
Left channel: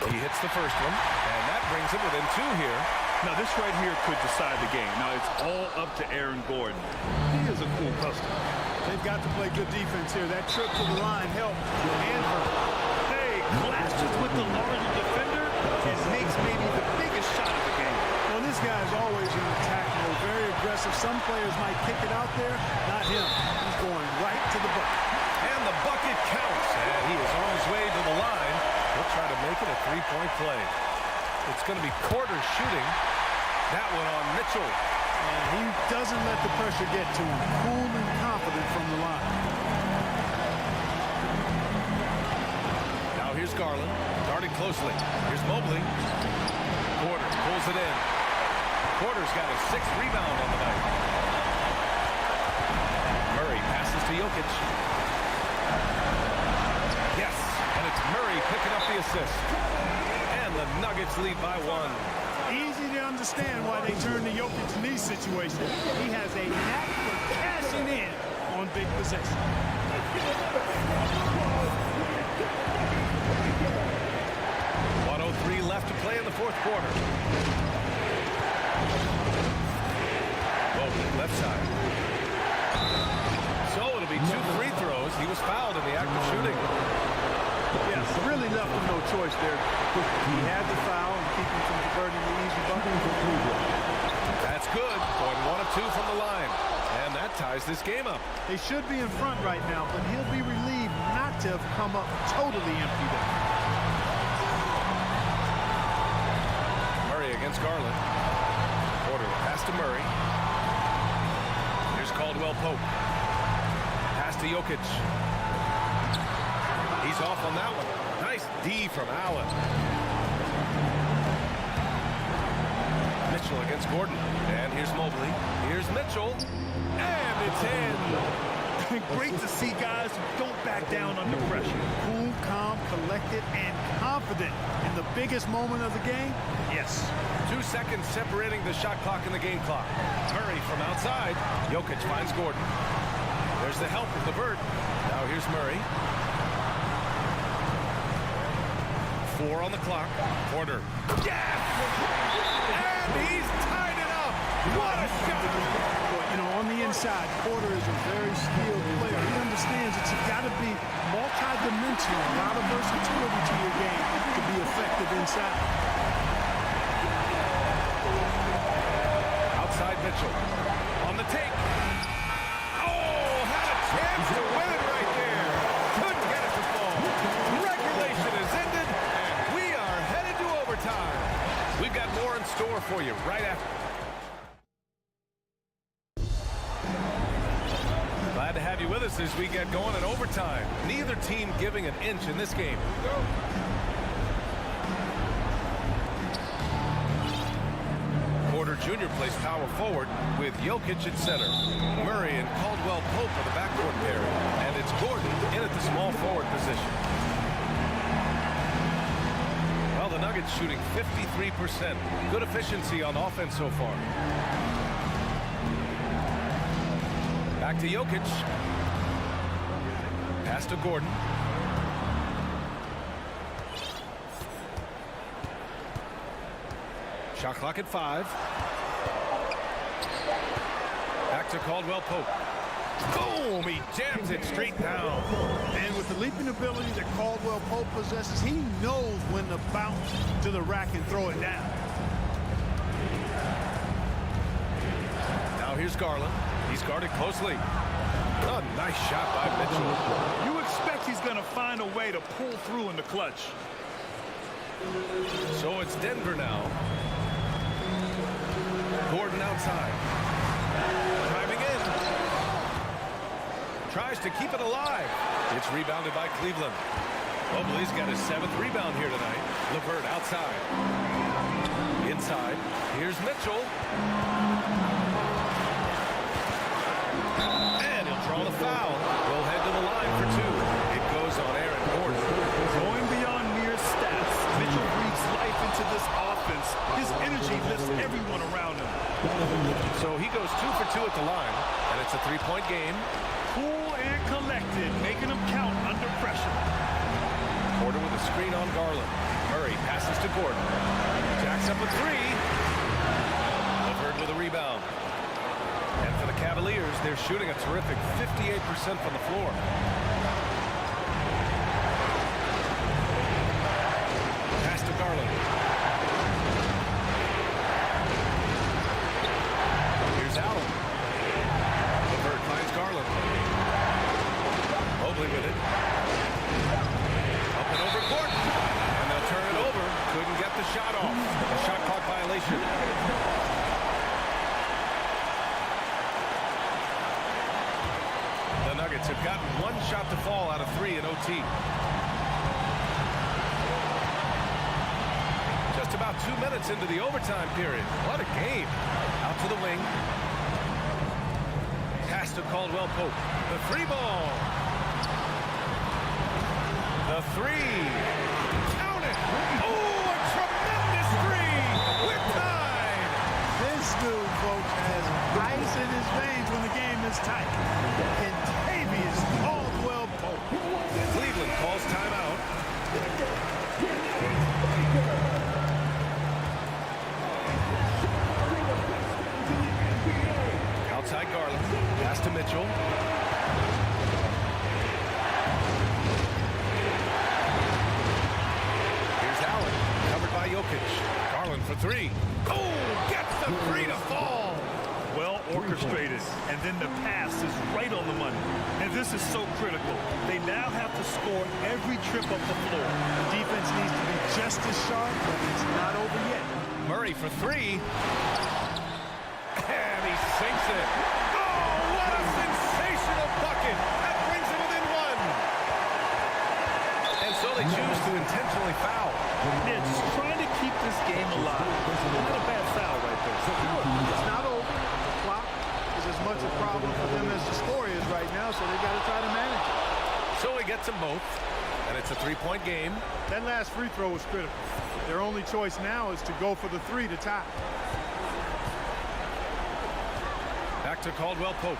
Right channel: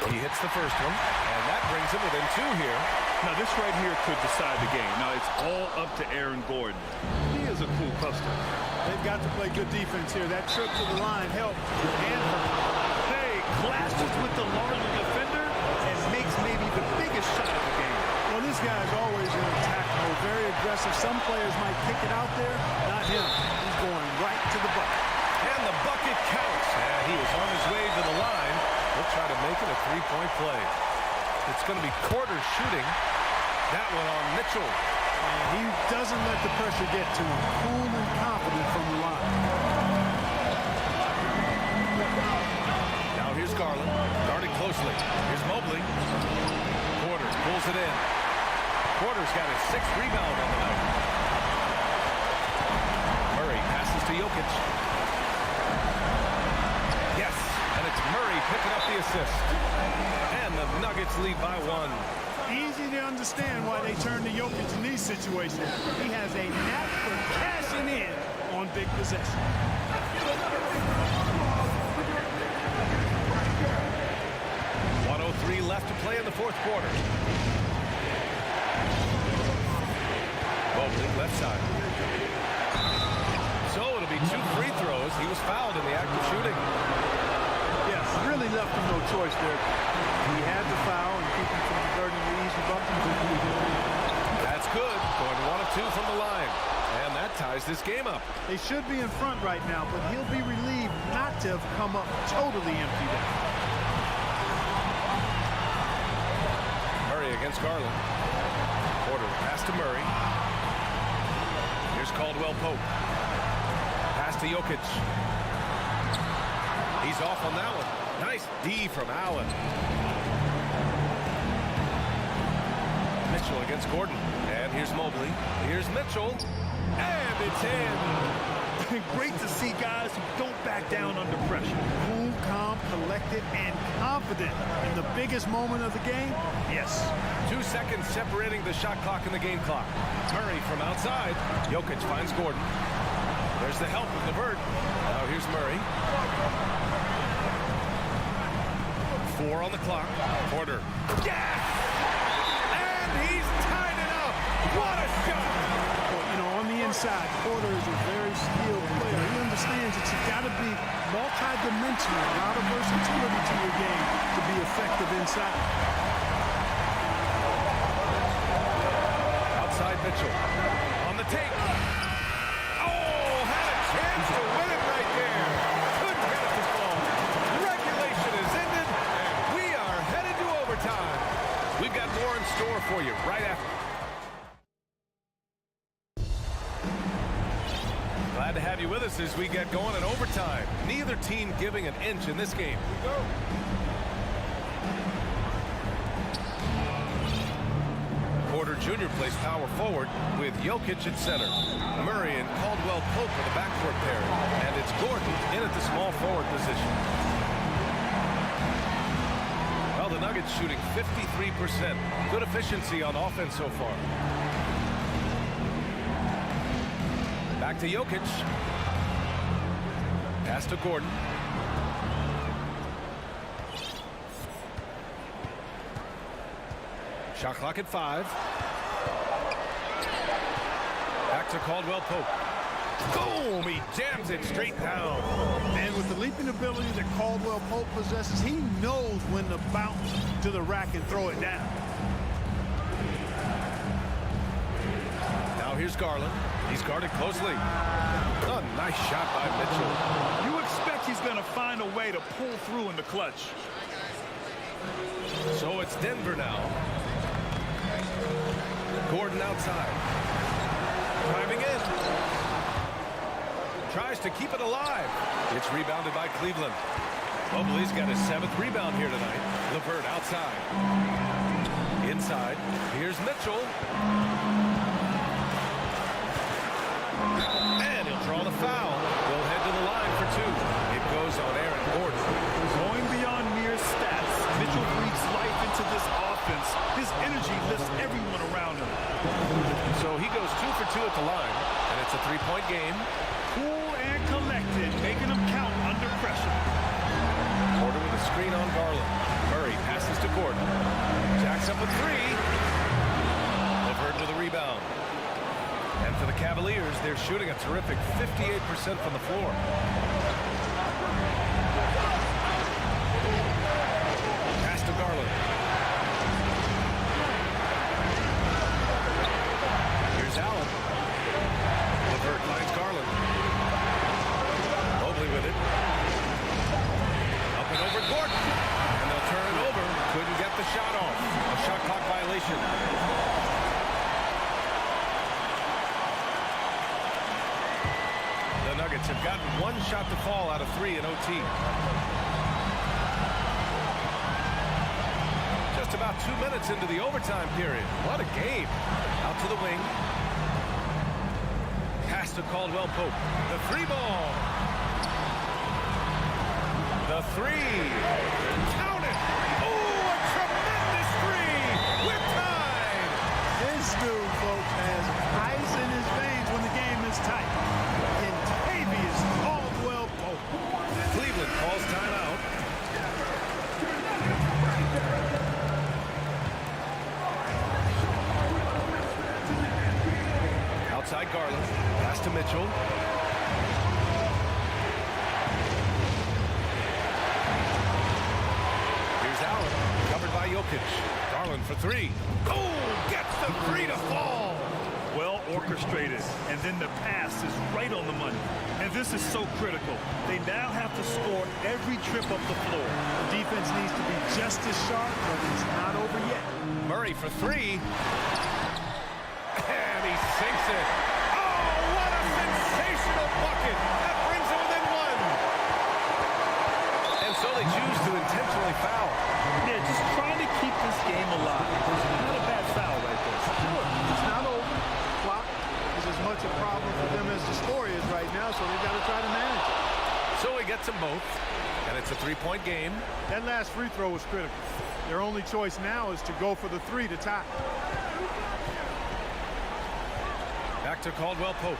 He hits the first one, and that brings him within 2 here. Now, this right here could decide the game. Now, it's all up to Aaron Gordon. He is a cool customer. They've got to play good defense here. That trip to the line helped and hurt. Hey, clashes with the larger defender and makes maybe the biggest shot of the game. Well, this guy's always in attack mode, very aggressive. Some players might kick it out there, not him. He's going right to the bucket. And the bucket counts. And he is on his way to the line. He'll try to make it a three-point play. It's going to be Porter shooting. That one on Mitchell. And he doesn't let the pressure get to him. Cool and confident from the line. Now here's Garland, guarded closely. Here's Mobley. Porter pulls it in. Porter's got his 6th rebound on the night. Murray passes to Jokic. Yes, and it's Murray picking up the assist. And the Nuggets lead by 1. Easy to understand why they turn to Jokic in these situations. He has a knack for cashing in on big possessions. .03 left to play in the 4th quarter. Mobley, left side. So it'll be 2 free throws. He was fouled in the act of shooting. Yes, really left him no choice there. He had the foul and keep him from converting the easy bucket. That's good. Going 1 of 2 from the line. And that ties this game up. They should be in front right now, but he'll be relieved not to have come up totally empty there. Murray against Garland. Porter, the pass to Murray. Here's Caldwell Pope. Pass to Jokic. He's off on that one. Nice D from Allen. Mitchell against Gordon. And here's Mobley. Here's Mitchell. And it's in. Great to see guys who don't back down under pressure. Cool, calm, collected, and confident in the biggest moment of the game. Yes. 2 seconds separating the shot clock and the game clock. Murray from outside. Jokic finds Gordon. There's the help of LeVert. Now here's Murray. 4 on the clock. Porter. Yes! And he's tied it up. What a shot! Well, you know, on the inside, Porter is a very skilled player. He understands that you got to be multi-dimensional, a lot of versatility to your game to be effective inside. Outside Mitchell. On the take. Oh, had a chance to win it right there. Couldn't get it to fall. Regulation is ended, and we are headed to overtime. We've got more in store for you right after. Glad to have you with us as we get going in overtime. Neither team giving an inch in this game. Here we go. Porter Jr. plays power forward with Jokic at center. Murray and Caldwell Pope are the backcourt pairing. And it's Gordon in at the small forward position. Well, the Nuggets shooting 53%. Good efficiency on offense so far. Back to Jokic. Pass to Gordon. Shot clock at 5. Back to Caldwell Pope. Boom! He jams it straight down. And with the leaping ability that Caldwell Pope possesses, he knows when to bounce to the rack and throw it down. Now here's Garland. He's guarded closely. A nice shot by Mitchell. You expect he's going to find a way to pull through in the clutch. So it's Denver now. Gordon outside. Driving in. Tries to keep it alive. It's rebounded by Cleveland. Mobley's got his 7th rebound here tonight. LeVert outside. Inside. Here's Mitchell. And he'll draw the foul. We'll head to the line for 2. It goes on Aaron Gordon. Going beyond mere stats, Mitchell breathes life into this offense. His energy lifts everyone around him. So he goes 2 for 2 at the line, and it's a 3-point game. Cool and collected, making him count under pressure. Porter with a screen on Garland. Murray passes to Gordon. Jacks up a 3. LeVert with a rebound. And for the Cavaliers, they're shooting a terrific 58% from the floor. Pass to Garland. Here's Allen. LeVert finds Garland. probably with it. Up and over Gordon. And they'll turn it over. Couldn't get the shot off. A shot clock violation. The Nuggets have gotten one shot to fall out of 3 in OT. Just about 2 minutes into the overtime period. What a game. Out to the wing. Pass to Caldwell Pope. The 3-ball. The 3. Count it. Oh, a tremendous 3. We're tied. This dude, folks, has ice in his veins when the game is tight. Kentavious Caldwell Pope. Cleveland calls timeout. Outside Garland. Pass to Mitchell. Here's Allen. Covered by Jokic. Garland for 3. Oh, gets the 3 to fall. Well orchestrated, and then the pass is right on the money. And this is so critical. They now have to score every trip up the floor. The defense needs to be just as sharp, but it's not over yet. Murray for 3. And he sinks it. Oh, what a sensational bucket. That brings him within 1. And so they choose to intentionally foul. Yeah, just trying to keep this game alive. Not a bad foul right there. Sure, it's not over. The clock is as much a problem for them as the score is right now, so they've got to try to manage it. So he gets them both, and it's a 3-point game. That last free throw was critical. Their only choice now is to go for the 3 to tie. Back to Caldwell Pope.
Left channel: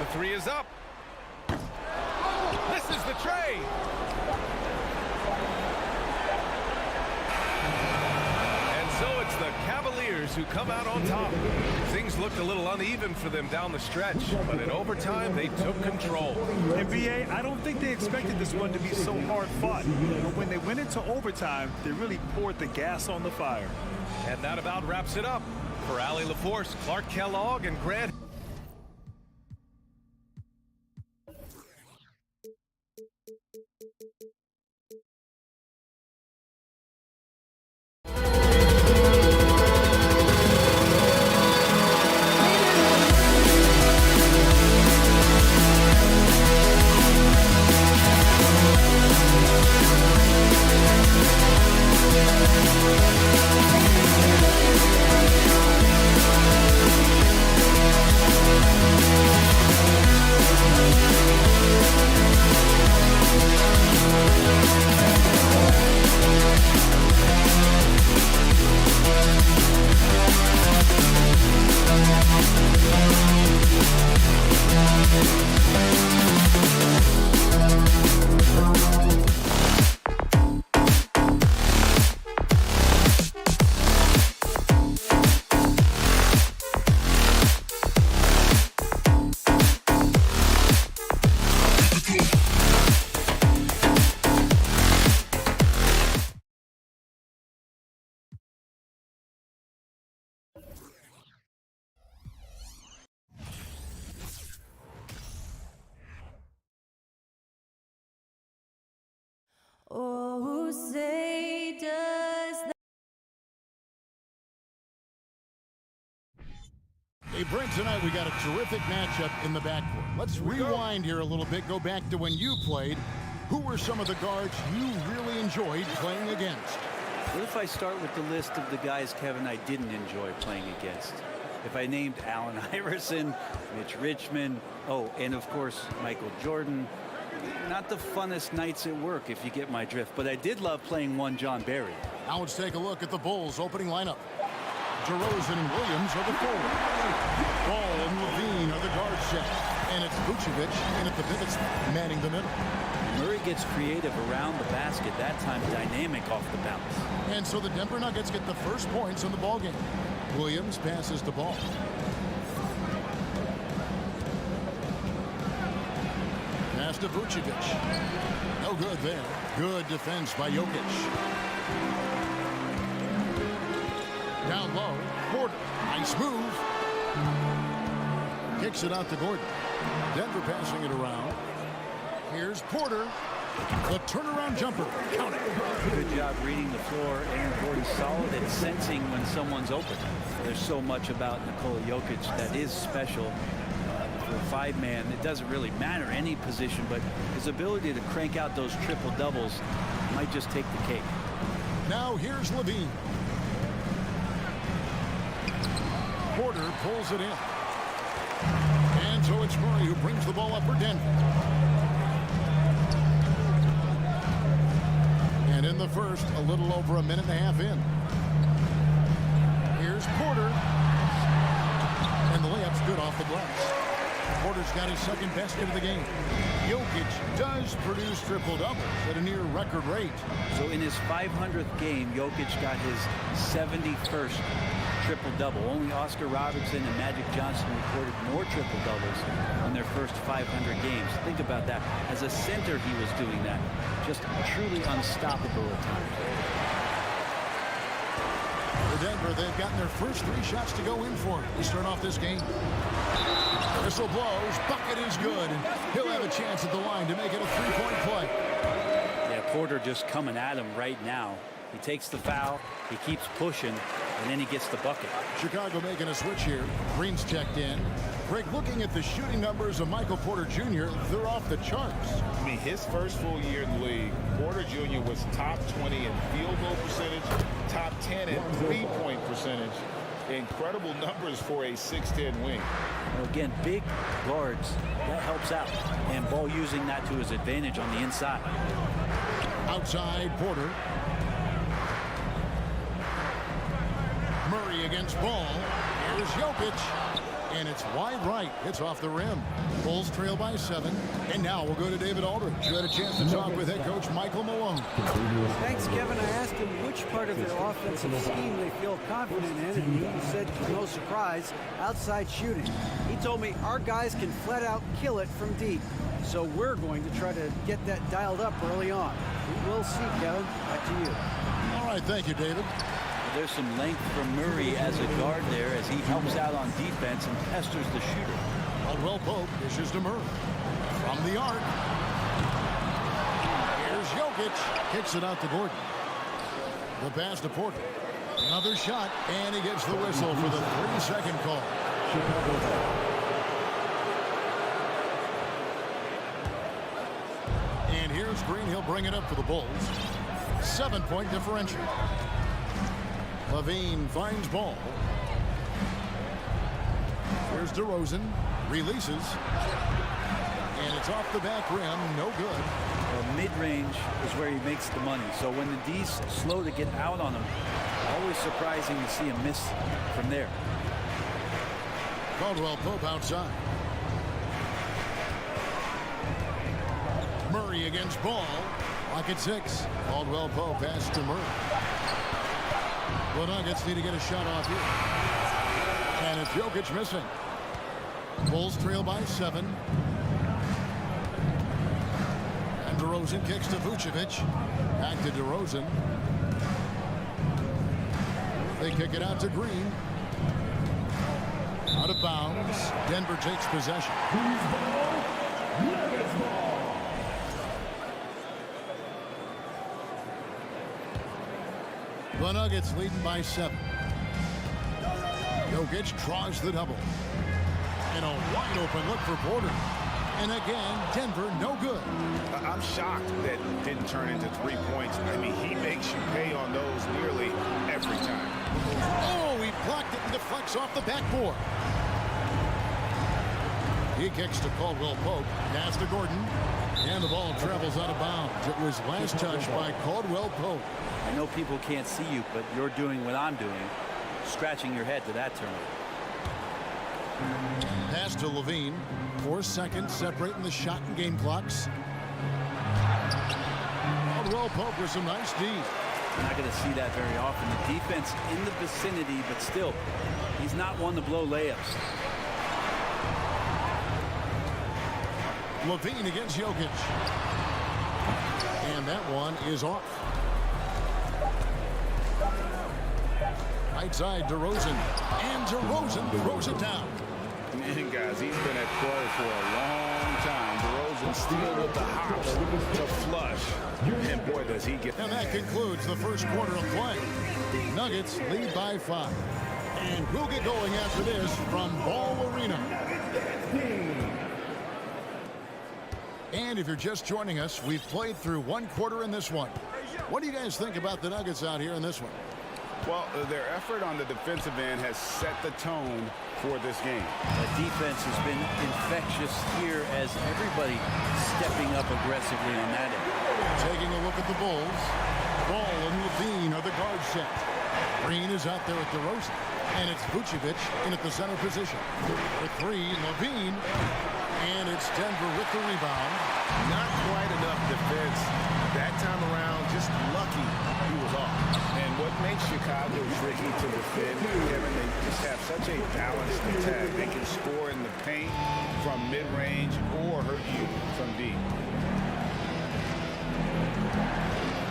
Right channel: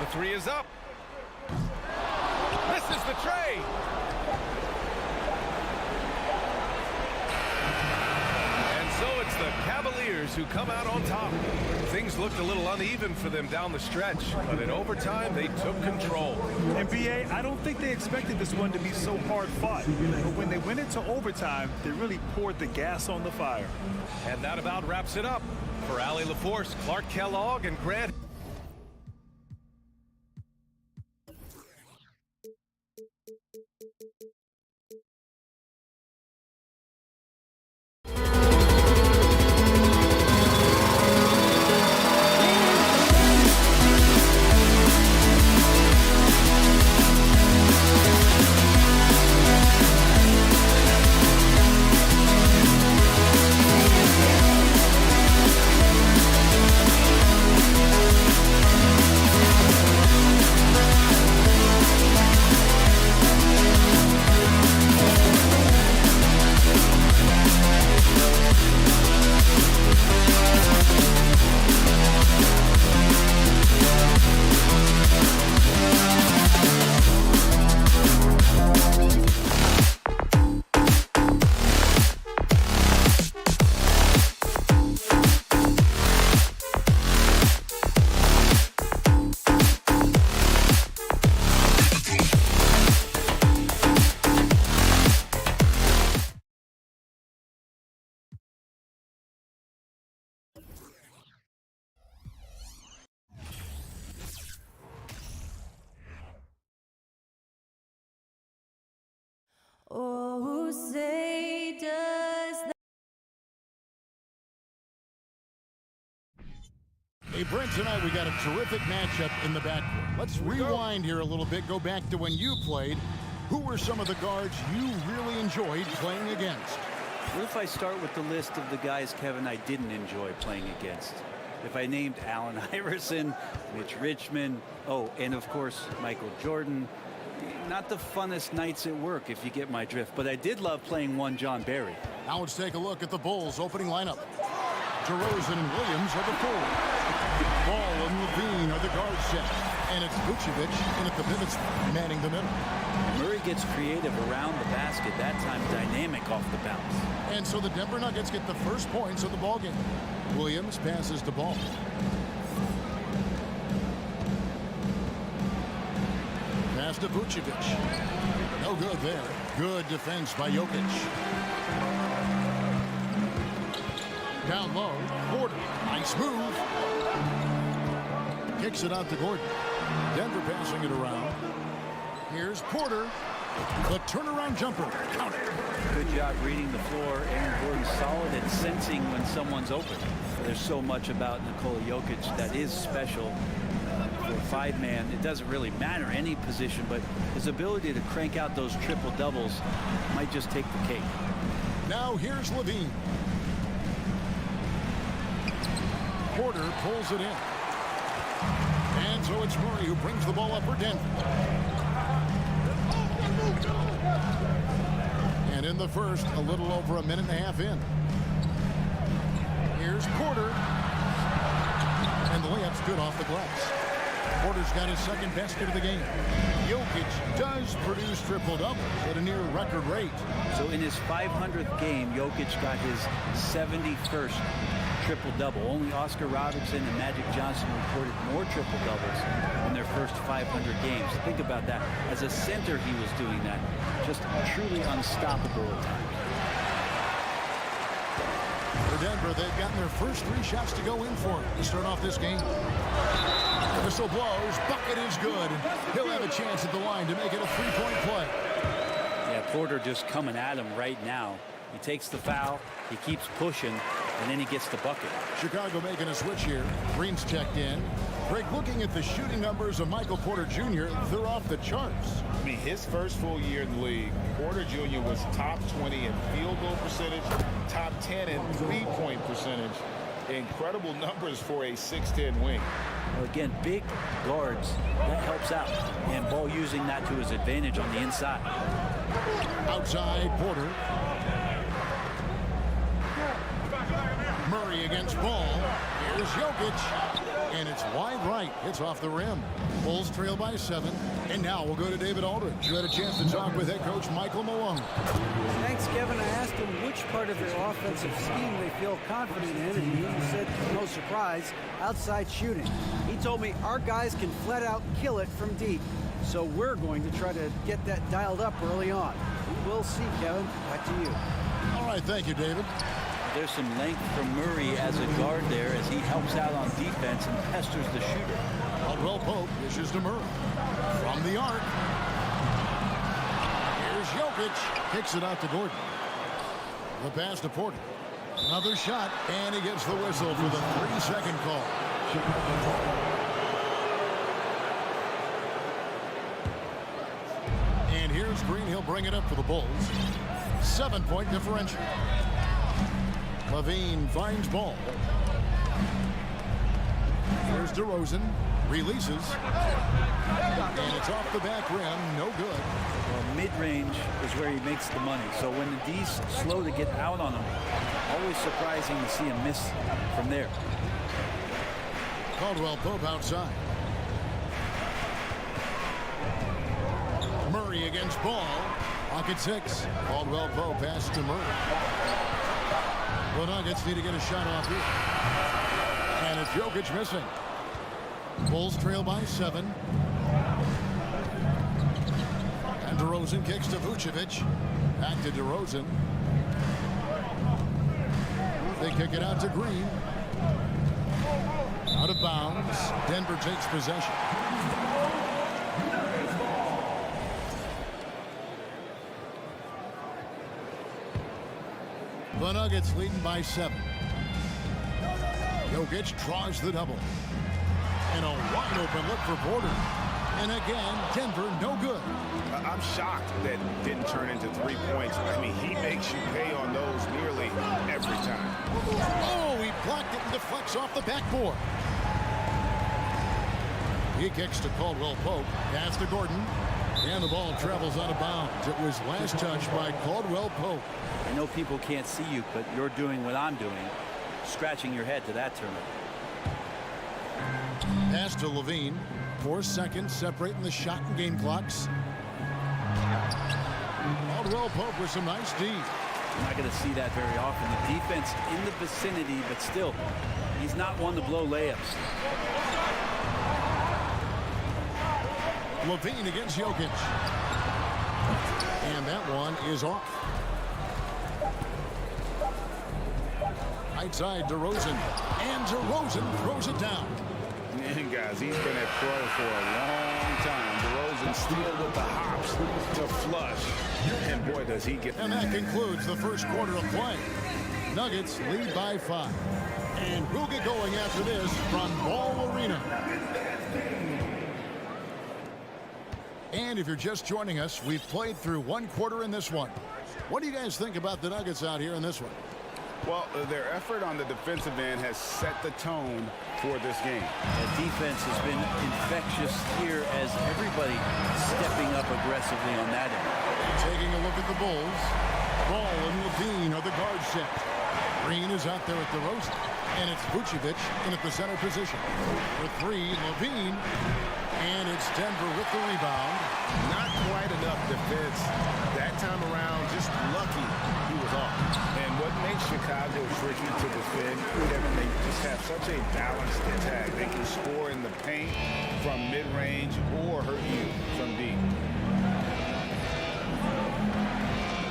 The 3 is up. This is the tray. And so it's the Cavaliers who come out on top. Things looked a little uneven for them down the stretch, but in overtime they took control. NBA, I don't think they expected this one to be so hard fought. But when they went into overtime, they really poured the gas on the fire. And that about wraps it up. For Allie LaForce, Clark Kellogg, and Grant. Oh, say does that. Hey, Brent, tonight we got a terrific matchup in the backcourt. Let's rewind here a little bit, go back to when you played. Who were some of the guards you really enjoyed playing against? What if I start with the list of the guys, Kevin, I didn't enjoy playing against? If I named Allen Iverson, Mitch Richmond, oh, and of course, Michael Jordan. Not the funnest nights at work, if you get my drift, but I did love playing one John Barry. Now let's take a look at the Bulls' opening lineup. DeRozan and Williams are the forwards. Ball and Levine are the guard set. And it's Vucevic in at the pivots, manning the middle. And Murray gets creative around the basket, that time dynamic off the bounce. And so the Denver Nuggets get the first points of the ballgame. Williams passes the ball. Pass to Vucevic. No good there. Good defense by Jokic. Down low. Porter. Nice move. Kicks it out to Gordon. Denver passing it around. Here's Porter. The turnaround jumper. Count it. Good job reading the floor. Aaron Gordon's solid at sensing when someone's open. There's so much about Nikola Jokic that is special. For a five-man, it doesn't really matter any position, but his ability to crank out those triple doubles might just take the cake. Now here's Levine. Porter pulls it in. And so it's Murray who brings the ball up for Denver. And in the first, a little over a minute and a half in. Here's Porter. And the layup's good off the glass. Porter's got his second basket of the game. Jokic does produce triple doubles at a near record rate. So in his 500th game, Jokic got his 71st triple-double. Only Oscar Robertson and Magic Johnson recorded more triple-doubles in their first 500 games. Think about that. As a center, he was doing that. Just truly unstoppable at times. For Denver, they've gotten their first 3 shots to go in for to start off this game. Whistle blows. Bucket is good. And he'll have a chance at the line to make it a 3-point play. Yeah, Porter just coming at him right now. He takes the foul. He keeps pushing. And then he gets the bucket. Chicago making a switch here. Green's checked in. Greg, looking at the shooting numbers of Michael Porter Jr., they're off the charts. I mean, his first full year in the league, Porter Jr. was top 20 in field goal percentage, top 10 in three-point percentage. Incredible numbers for a 6'10 wing. Well, again, big guards, that helps out. And Ball using that to his advantage on the inside. Outside, Porter. Murray against Ball. Here's Jokic. And it's wide right. It's off the rim. Bulls trail by 7. And now we'll go to David Aldridge, who had a chance to talk with head coach Michael Malone. Thanks, Kevin. I asked him which part of their offensive scheme they feel confident in, and he said, to no surprise, outside shooting. He told me our guys can flat out kill it from deep. So we're going to try to get that dialed up early on. We will see, Kevin. Back to you. All right, thank you, David. There's some length from Murray as a guard there as he helps out on defense and pesters the shooter. Caldwell Pope dishes to Murray. From the arc. Here's Jokic. Kicks it out to Gordon. The pass to Porter. Another shot, and he gets the whistle for the 3-second call. And here's Green. He'll bring it up for the Bulls. 7-point differential. Levine finds Ball. Here's DeRozan. Releases. And it's off the back rim. No good. Well, mid-range is where he makes the money. So when the D's slow to get out on him, always surprising to see him miss from there. Caldwell Pope outside. Murray against Ball. Lock at 6. Caldwell Pope pass to Murray. The Nuggets need to get a shot off here. And it's Jokic missing. Bulls trail by 7. And DeRozan kicks to Vucevic. Back to DeRozan. They kick it out to Green. Out of bounds. Denver takes possession. The Nuggets leading by 7. Jokic draws the double. And a wide open look for Porter. And again, Denver no good. I'm shocked that didn't turn into 3 points. I mean, he makes you pay on those nearly every time. Oh, he blocked it and deflects off the backboard. He kicks to Caldwell Pope. Pass to Gordon. And the ball travels out of bounds. It was last touched by Caldwell Pope. I know people can't see you, but you're doing what I'm doing, scratching your head to that turnover. Pass to Levine. 4 seconds separating the shot and game clocks. Caldwell Pope with some nice D. You're not going to see that very often. The defense in the vicinity, but still, he's not one to blow layups. Levine against Jokic. And that one is off. Right side, DeRozan. And DeRozan throws it down. And guys, he's been a pro for a long time. DeRozan still with the hops to flush. And boy, does he get... And that concludes the first quarter of play. Nuggets lead by 5. And we'll get going after this from Ball Arena. And if you're just joining us, we've played through one quarter in this one. What do you guys think about the Nuggets out here in this one? Well, their effort on the defensive end has set the tone for this game. The defense has been infectious here as everybody stepping up aggressively on that end. Taking a look at the Bulls. Ball and Levine are the guard set. Green is out there at DeRozan. And it's Vucevic in at the center position. For 3, Levine. And it's Denver with the rebound. Not quite enough defense that time around. Just lucky he was off. And what makes Chicago tricky to defend, Kevin, they just have such a balanced attack. They can score in the paint from mid-range or hurt you from deep.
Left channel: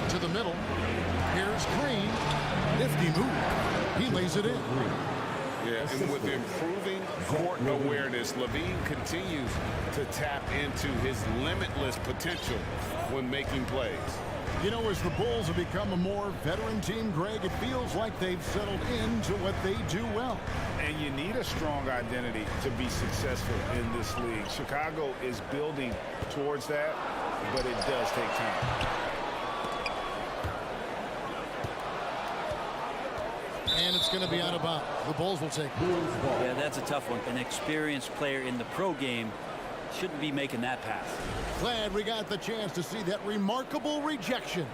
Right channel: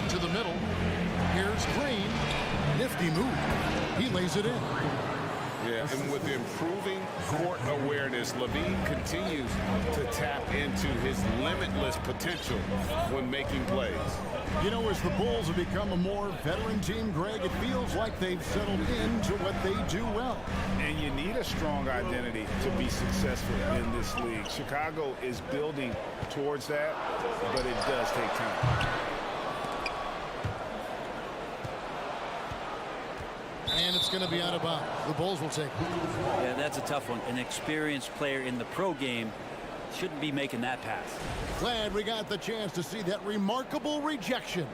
To the middle. Here's Green. Nifty move. He lays it in. Yeah, and with improving court awareness, Levine continues to tap into his limitless potential when making plays. You know, as the Bulls have become a more veteran team, Greg, it feels like they've settled into what they do well. And you need a strong identity to be successful in this league. Chicago is building towards that, but it does take time. And it's going to be out of bounds. The Bulls will take it. Yeah, that's a tough one. An experienced player in the pro game shouldn't be making that pass. Glad we got the chance to see that remarkable rejection.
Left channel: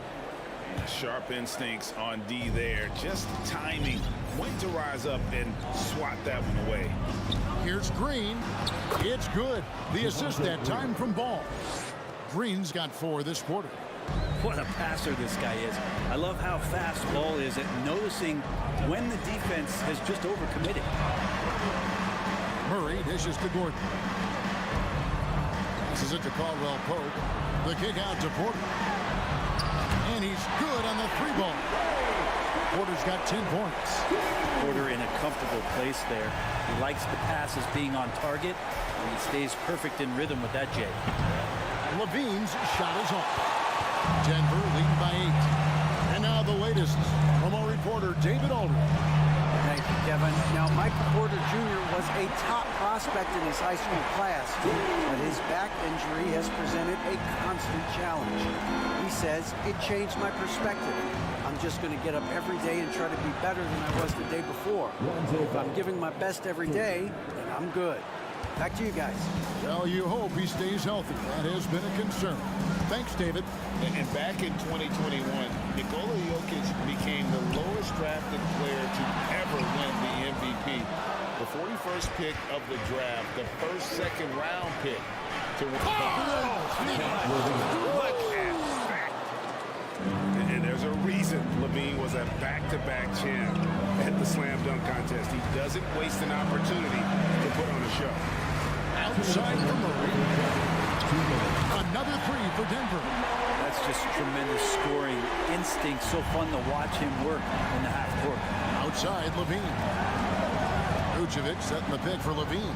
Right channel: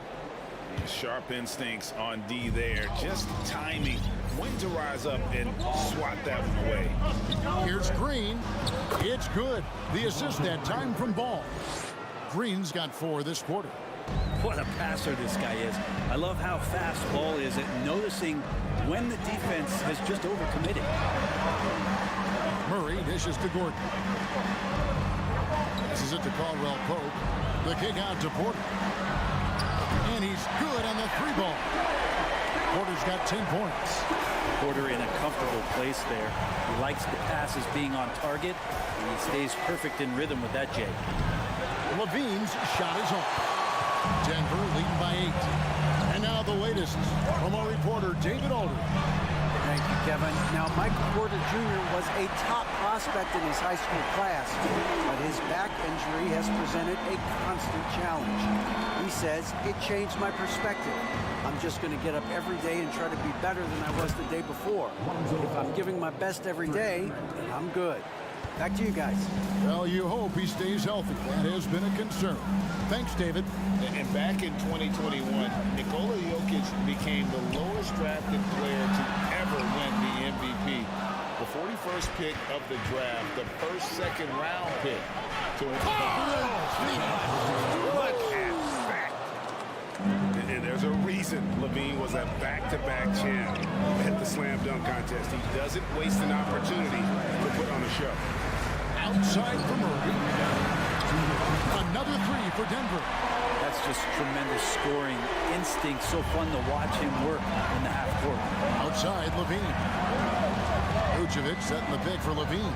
Sharp instincts on D there. Just timing when to rise up and swat that one away. Here's Green. It's good. The assist that time from Ball. Green's got 4 this quarter. What a passer this guy is. I love how fast Ball is at noticing when the defense has just overcommitted. Murray dishes to Gordon. Passes it to Caldwell Pope. The kick out to Porter. And he's good on the 3-ball. Porter's got 10 points. Porter in a comfortable place there. He likes the passes being on target, and he stays perfect in rhythm with that, Jay. Levine's shot is off. Denver leading by 8. And now the latest from our reporter, David Aldridge. Thank you, Kevin. Now, Michael Porter Jr. was a top prospect in his high school class, but his back injury has presented a constant challenge. He says, it changed my perspective. I'm just going to get up every day and try to be better than I was the day before. If I'm giving my best every day, then I'm good. Back to you guys. Well, you hope he stays healthy. That has been a concern. Thanks, David. And back in 2021, Nikola Jokic became the lowest drafted player to ever win the MVP. The 41st pick of the draft, the first second-round pick to win. Look at that. And there's a reason Levine was a back-to-back champ at the slam dunk contest. He doesn't waste an opportunity to put on a show. Outside for Murray. Another 3 for Denver. That's just tremendous scoring instinct. So fun to watch him work in the half court. Outside, Levine. Vucevic setting the pick for Levine.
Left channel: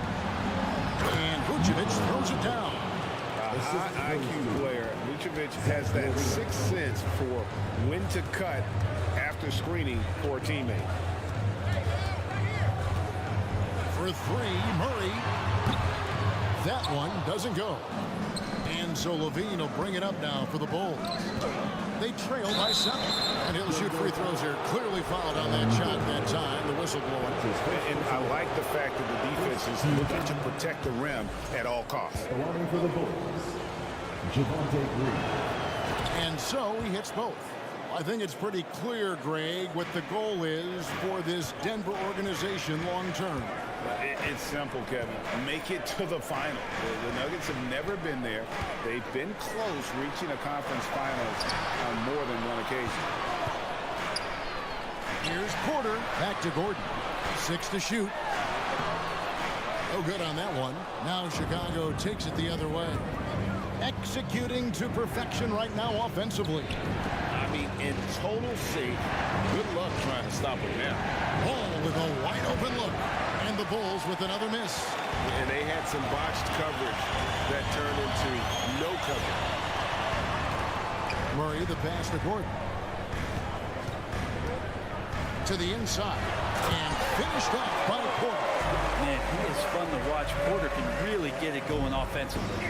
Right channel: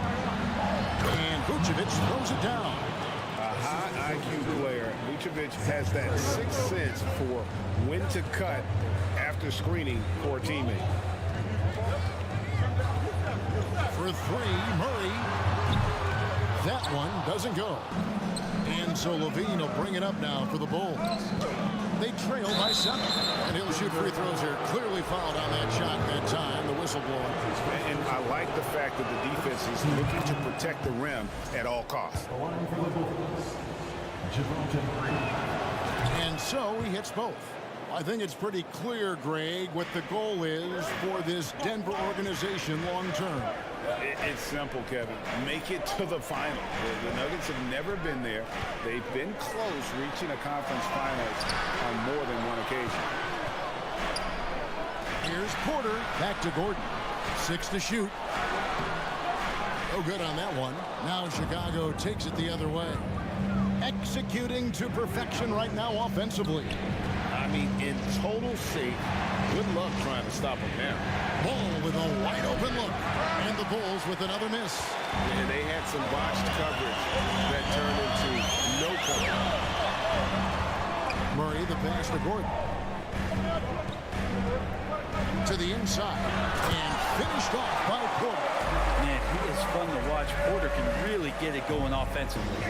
And Vucevic throws it down. A high IQ player. Vucevic has that sixth sense for when to cut after screening for a teammate. For 3, Murray. That one doesn't go. And so Levine will bring it up now for the Bulls. They trail by 7. And he'll shoot free throws here. Clearly fouled on that shot that time. The whistle blowing. And I like the fact that the defense is looking to protect the rim at all costs. The line for the Bulls, Javonte Green. And so he hits both. I think it's pretty clear, Greg, what the goal is for this Denver organization long term. It's simple, Kevin. Make it to the final. The Nuggets have never been there. They've been close reaching a conference finals on more than one occasion. Here's Porter. Back to Gordon. 6 to shoot. No good on that one. Now Chicago takes it the other way. Executing to perfection right now offensively. I mean, in total sync. Good luck trying to stop him now. Ball with a wide open look. And the Bulls with another miss. And they had some botched coverage that turned into no coverage. Murray, the pass to Gordon. To the inside. And finished off by Porter. Man, he is fun to watch. Porter can really get it going offensively.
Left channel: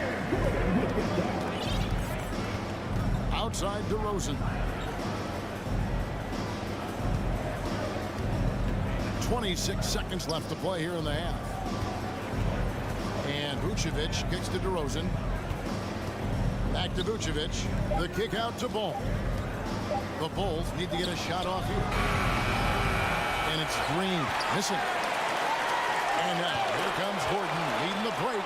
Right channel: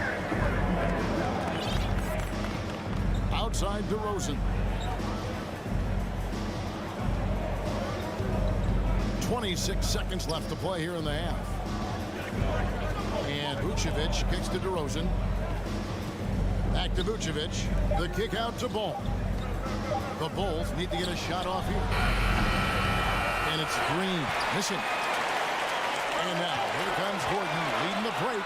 Outside DeRozan. 26 seconds left to play here in the half. And Vucevic kicks to DeRozan. Back to Vucevic. The kick out to Ball. The Bulls need to get a shot off here. And it's Green missing. And now here comes Gordon leading the break.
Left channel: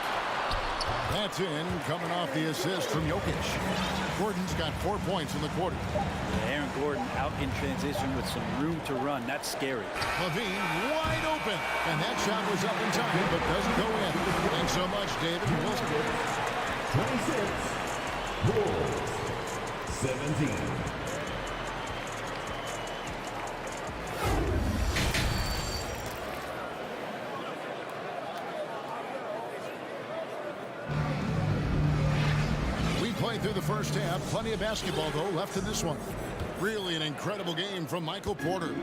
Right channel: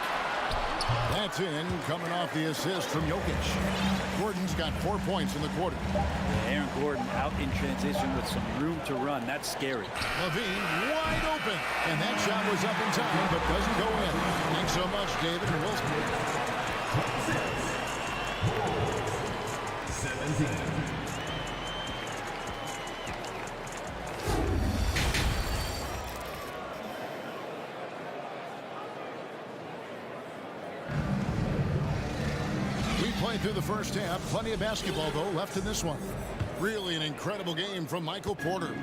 That's in, coming off the assist from Jokic. Gordon's got 4 points in the quarter. Yeah, Aaron Gordon out in transition with some room to run. That's scary. Levine wide open. And that shot was up in time, but doesn't go in. Thanks so much, David. And we'll 26. Bulls. 17. Played through the first half. Plenty of basketball, though, left in this one. Really an incredible game from Michael Porter.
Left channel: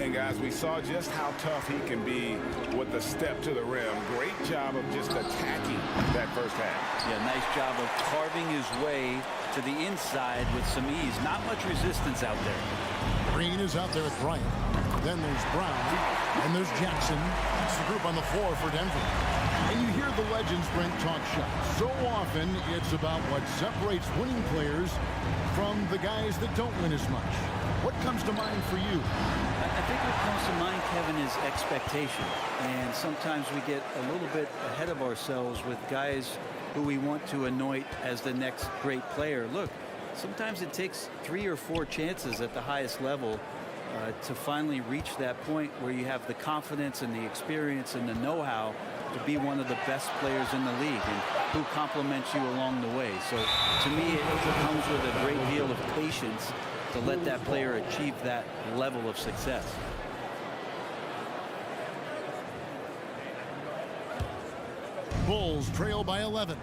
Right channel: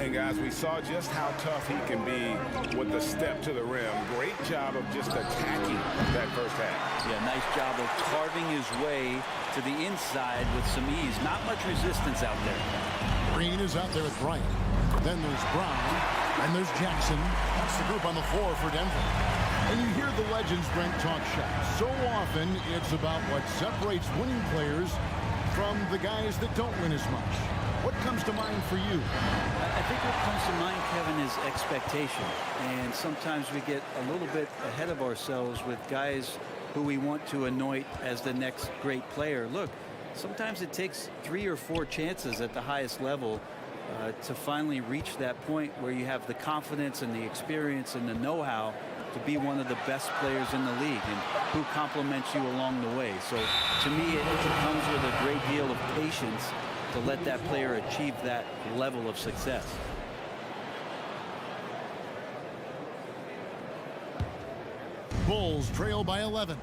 And, guys, we saw just how tough he can be with the step to the rim. Great job of just attacking that first half. Yeah, nice job of carving his way to the inside with some ease. Not much resistance out there. Green is out there with Bryant. Then there's Brown. And there's Jackson. That's the group on the floor for Denver. And you hear the legends, Brent, talk shots. So often, it's about what separates winning players from the guys that don't win as much. What comes to mind for you? I think what comes to mind, Kevin, is expectation. And sometimes we get a little bit ahead of ourselves with guys who we want to anoint as the next great player. Look, sometimes it takes 3 or 4 chances at the highest level to finally reach that point where you have the confidence and the experience and the know-how to be one of the best players in the league and who compliments you along the way. So to me, it comes with a great deal of patience to let that player achieve that level of success. Bulls trail by 11.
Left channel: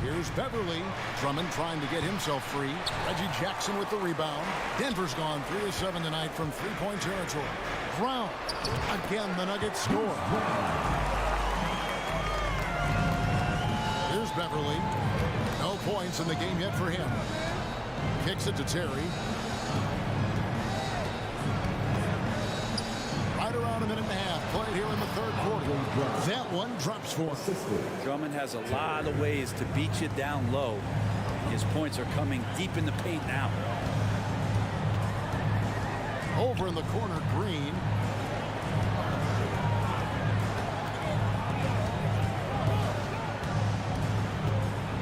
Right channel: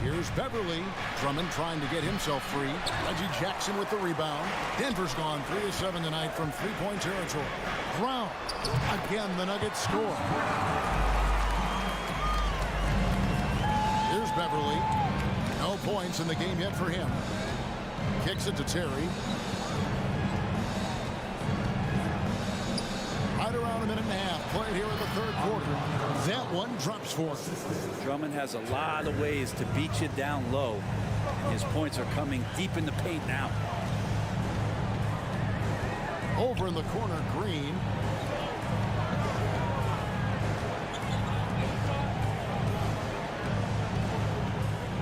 Here's Beverly. Drummond trying to get himself free. Reggie Jackson with the rebound. Denver's gone 3 of 7 tonight from three-point territory. Brown. Again, the Nuggets score. Here's Beverly. No points in the game yet for him. Kicks it to Terry. Right around a minute and a half played here in the third quarter. That one drops for him. Drummond has a lot of ways to beat you down low. His points are coming deep in the paint now. Over in the corner, Green.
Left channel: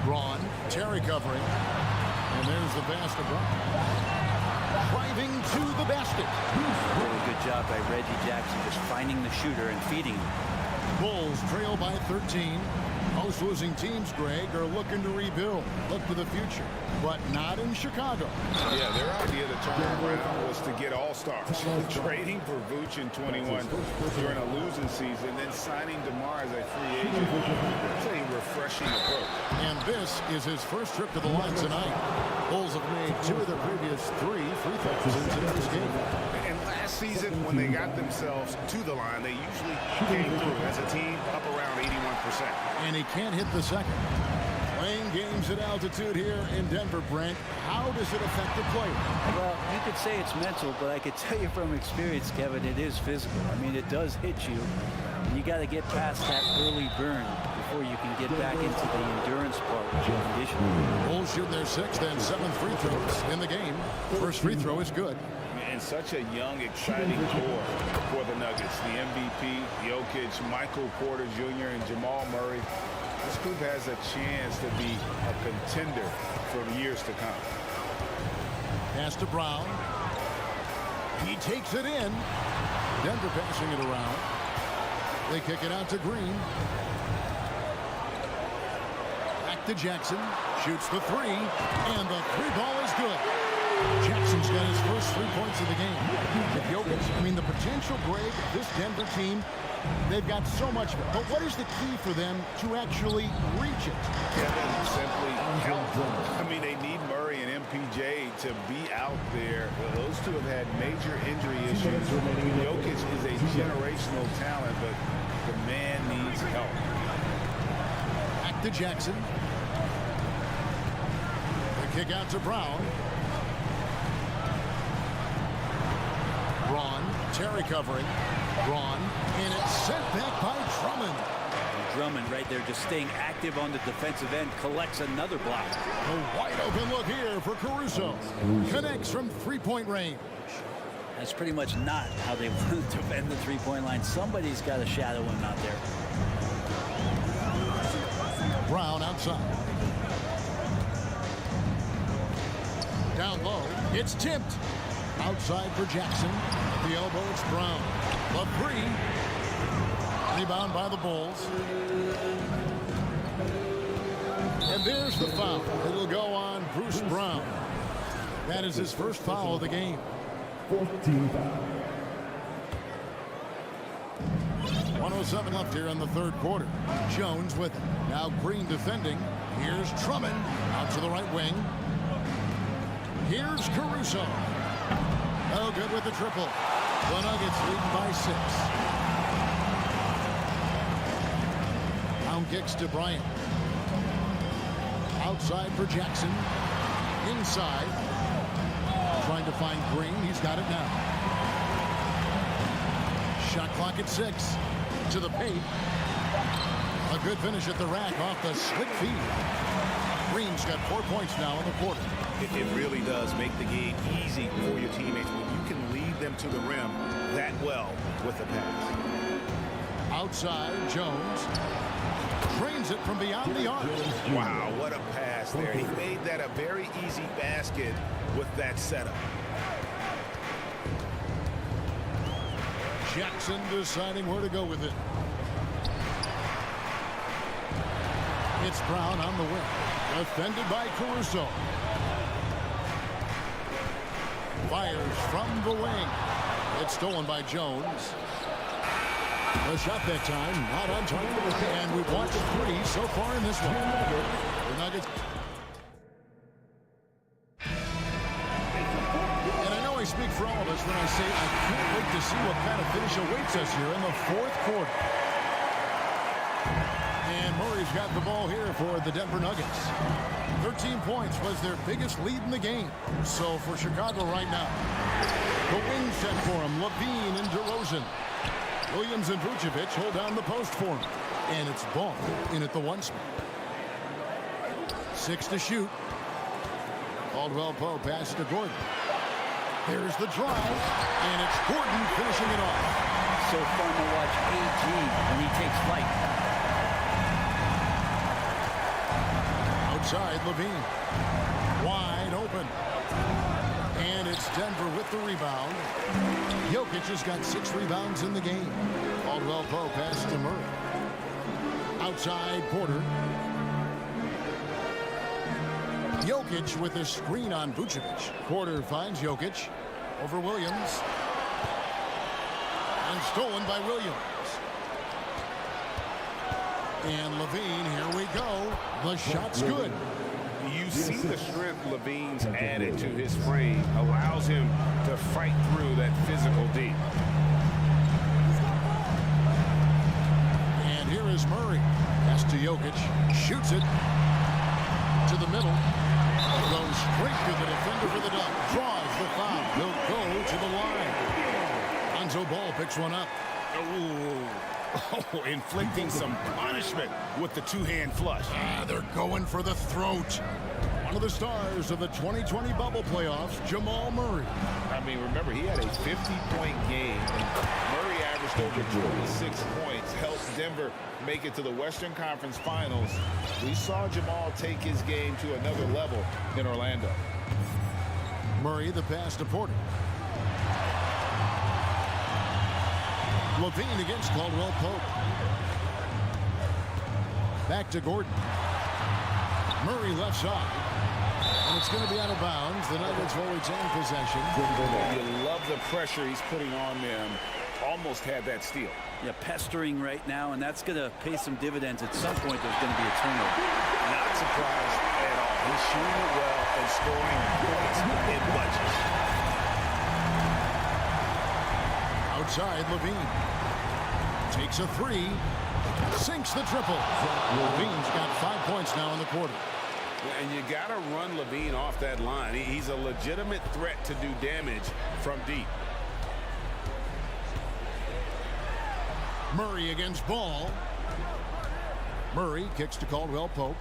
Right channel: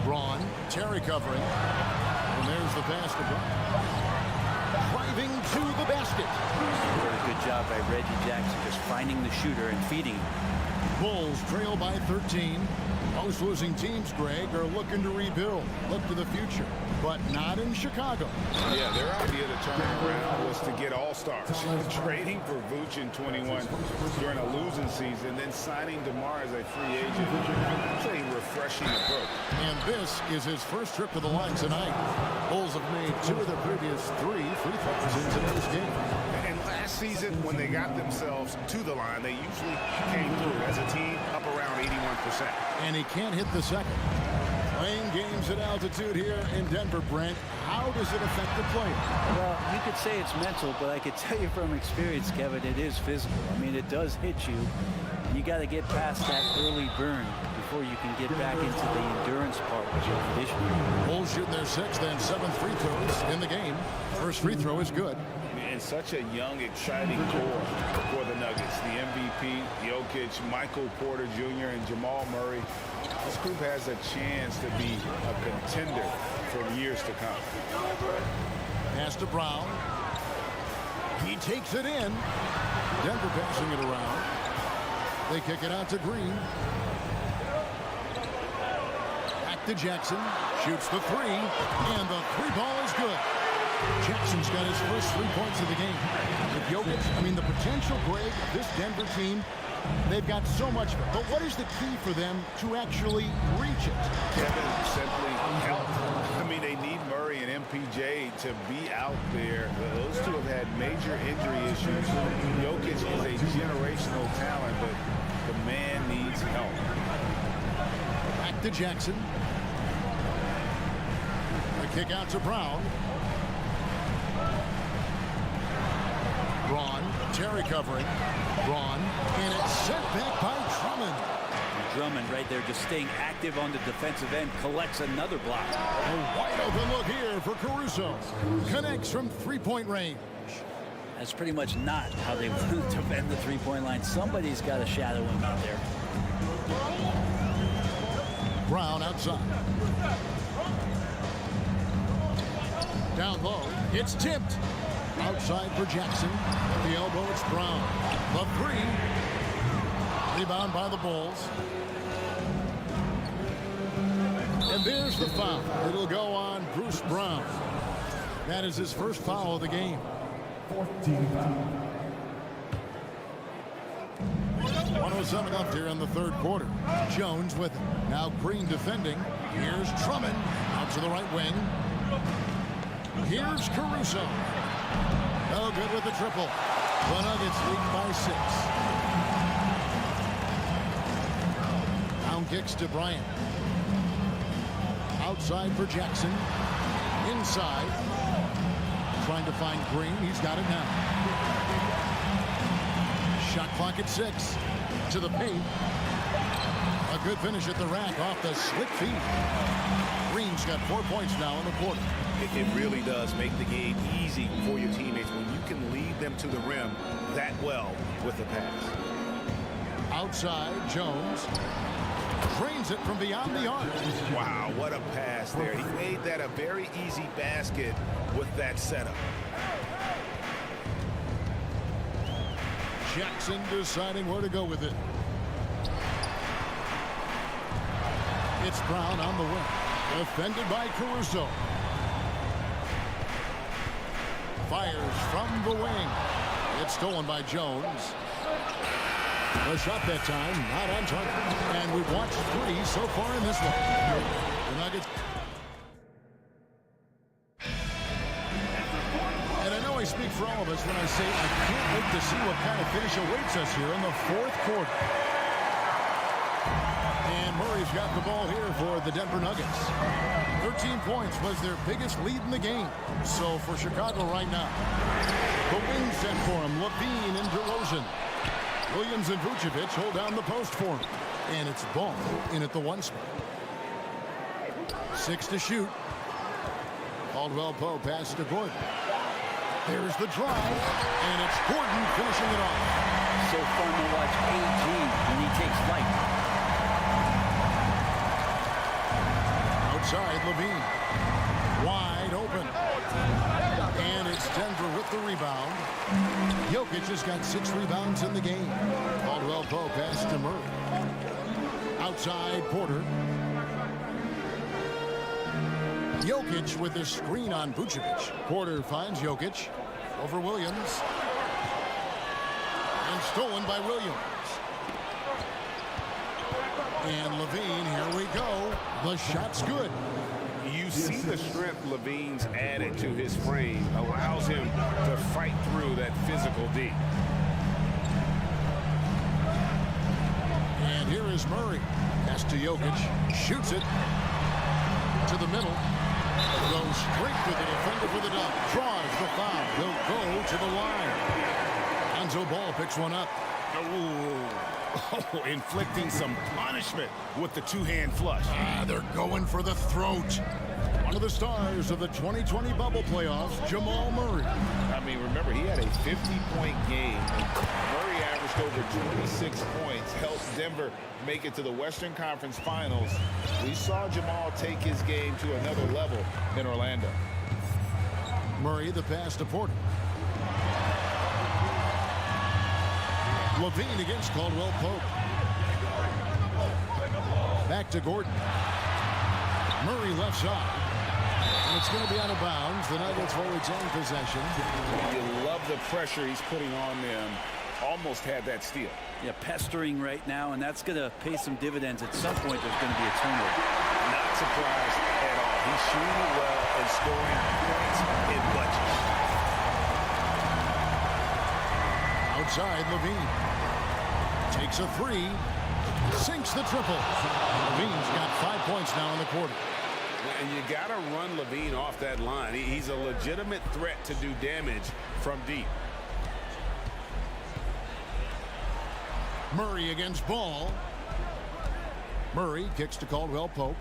Braun, Terry covering. And there's the pass to Braun. Driving to the basket. Really good job by Reggie Jackson just finding the shooter and feeding him. Bulls trail by 13. Most losing teams, Greg, are looking to rebuild. Look to the future, but not in Chicago. Yeah, their idea to turn around was to get all-stars. Trading for Vooch in 21 during a losing season, then signing DeMar as a free agent. It's a refreshing approach. And this is his first trip to the line tonight. Bulls have made 2 of their previous 3 free throws in today's game. And last season, when they got themselves to the line, they usually came through as a team up around 81%. And he can't hit the second. Playing games at altitude here in Denver, Brent, how does it affect the player? Well, you could say it's mental, but I could tell you from experience, Kevin, it is physical. I mean, it does hit you. You got to get past that early burn before you can get back into the endurance part with your conditioning. Bulls shooting their 6th and 7th free throws in the game. First free throw is good. And such a young, exciting core for the Nuggets. The MVP, Jokic, Michael Porter Jr., and Jamal Murray. This group has a chance to be a contender for years to come. Pass to Brown. He takes it in. Denver passing it around. They kick it out to Green. Back to Jackson. Shoots the 3. And the 3 ball is good. Jackson's got his first 3 points of the game. If Jokic, the potential, Greg, of this Denver team, they've got so much of it. But what is the key for them to actually reach it? Kevin, simply health. They need Murray and MPJ to be out there. Those two have had major injury issues. Jokic is a generational talent, but the man needs help. Back to Jackson. The kick out to Brown. Braun, Terry covering. Braun, and it's sent back by Drummond. And Drummond right there just staying active on the defensive end, collects another block. A wide open look here for Caruso. Connects from three-point range. That's pretty much not how they want to defend the three-point line. Somebody's got to shadow him out there. Brown outside. Down low, it's tipped. Outside for Jackson. At the elbow, it's Brown. The three. Rebound by the Bulls. And there's the foul. It'll go on Bruce Brown. That is his first foul of the game. 14 foul. 1:07 left here in the third quarter. Jones with it. Now Green defending. Here's Drummond out to the right wing. Here's Caruso. No good with the triple. The Nuggets leading by 6. Down kicks to Bryant. Outside for Jackson. Inside. Trying to find Green. He's got it now. Shot clock at 6. To the paint. A good finish at the rack off the slick feed. Green's got 4 points now in the quarter. It really does make the game easy for your teammates when you can lead them to the rim that well with the pass. Outside, Jones drains it from beyond the arc. Wow, what a pass there. He made that a very easy basket with that setup. Jackson deciding where to go with it. It's Brown on the wing. Defended by Caruso. Fires from the wing. It's stolen by Jones. The shot that time, not on target. And we've watched 3 so far in this one. The Nuggets. And I know I speak for all of us when I say I can't wait to see what kind of finish awaits us here in the fourth quarter. And Murray's got the ball here for the Denver Nuggets. 13 points was their biggest lead in the game. So for Chicago right now, the wing set for him, Levine and DeRozan. Williams and Vucevic hold down the post for him. And it's Ball in at the 1 spot. 6 to shoot. Caldwell Pope passes to Gordon. There's the drive, and it's Gordon finishing it off. So fun to watch AG when he takes flight. Outside, Levine. Wide open. And it's Denver with the rebound. Jokic has got 6 rebounds in the game. Caldwell Pope passes to Murray. Outside, Porter. Jokic with a screen on Vucevic. Porter finds Jokic over Williams. And stolen by Williams. And Levine, here we go. The shot's good. You see the strength Levine's added to his frame. Allows him to fight through that physical D. And here is Murray. Pass to Jokic. Shoots it to the middle. Goes straight to the defender for the dunk. Draws the foul. He'll go to the line. Lonzo Ball picks one up. Oh, inflicting some punishment with the two-hand flush. They're going for the throat. One of the stars of the 2020 bubble playoffs, Jamal Murray. Remember, he had a 50-point game, and Murray averaged over 26 points, helped Denver make it to the Western Conference Finals. We saw Jamal take his game to another level in Orlando. Murray, the pass to Porter. Levine against Caldwell Pope. Back to Gordon. Murray left side. And it's going to be out of bounds. The Nuggets will retain possession. You love the pressure he's putting on them. Almost had that steal. Yeah, pestering right now, and that's going to pay some dividends. At some point, there's going to be a turnover. Not surprised at all. He's shooting it well and scoring points in bunches. Outside, Levine. Takes a three. Sinks the triple. Levine's got 5 points now in the quarter. And you got to run Levine off that line. He's a legitimate threat to do damage from deep. Murray against Ball. Murray kicks to Caldwell Pope.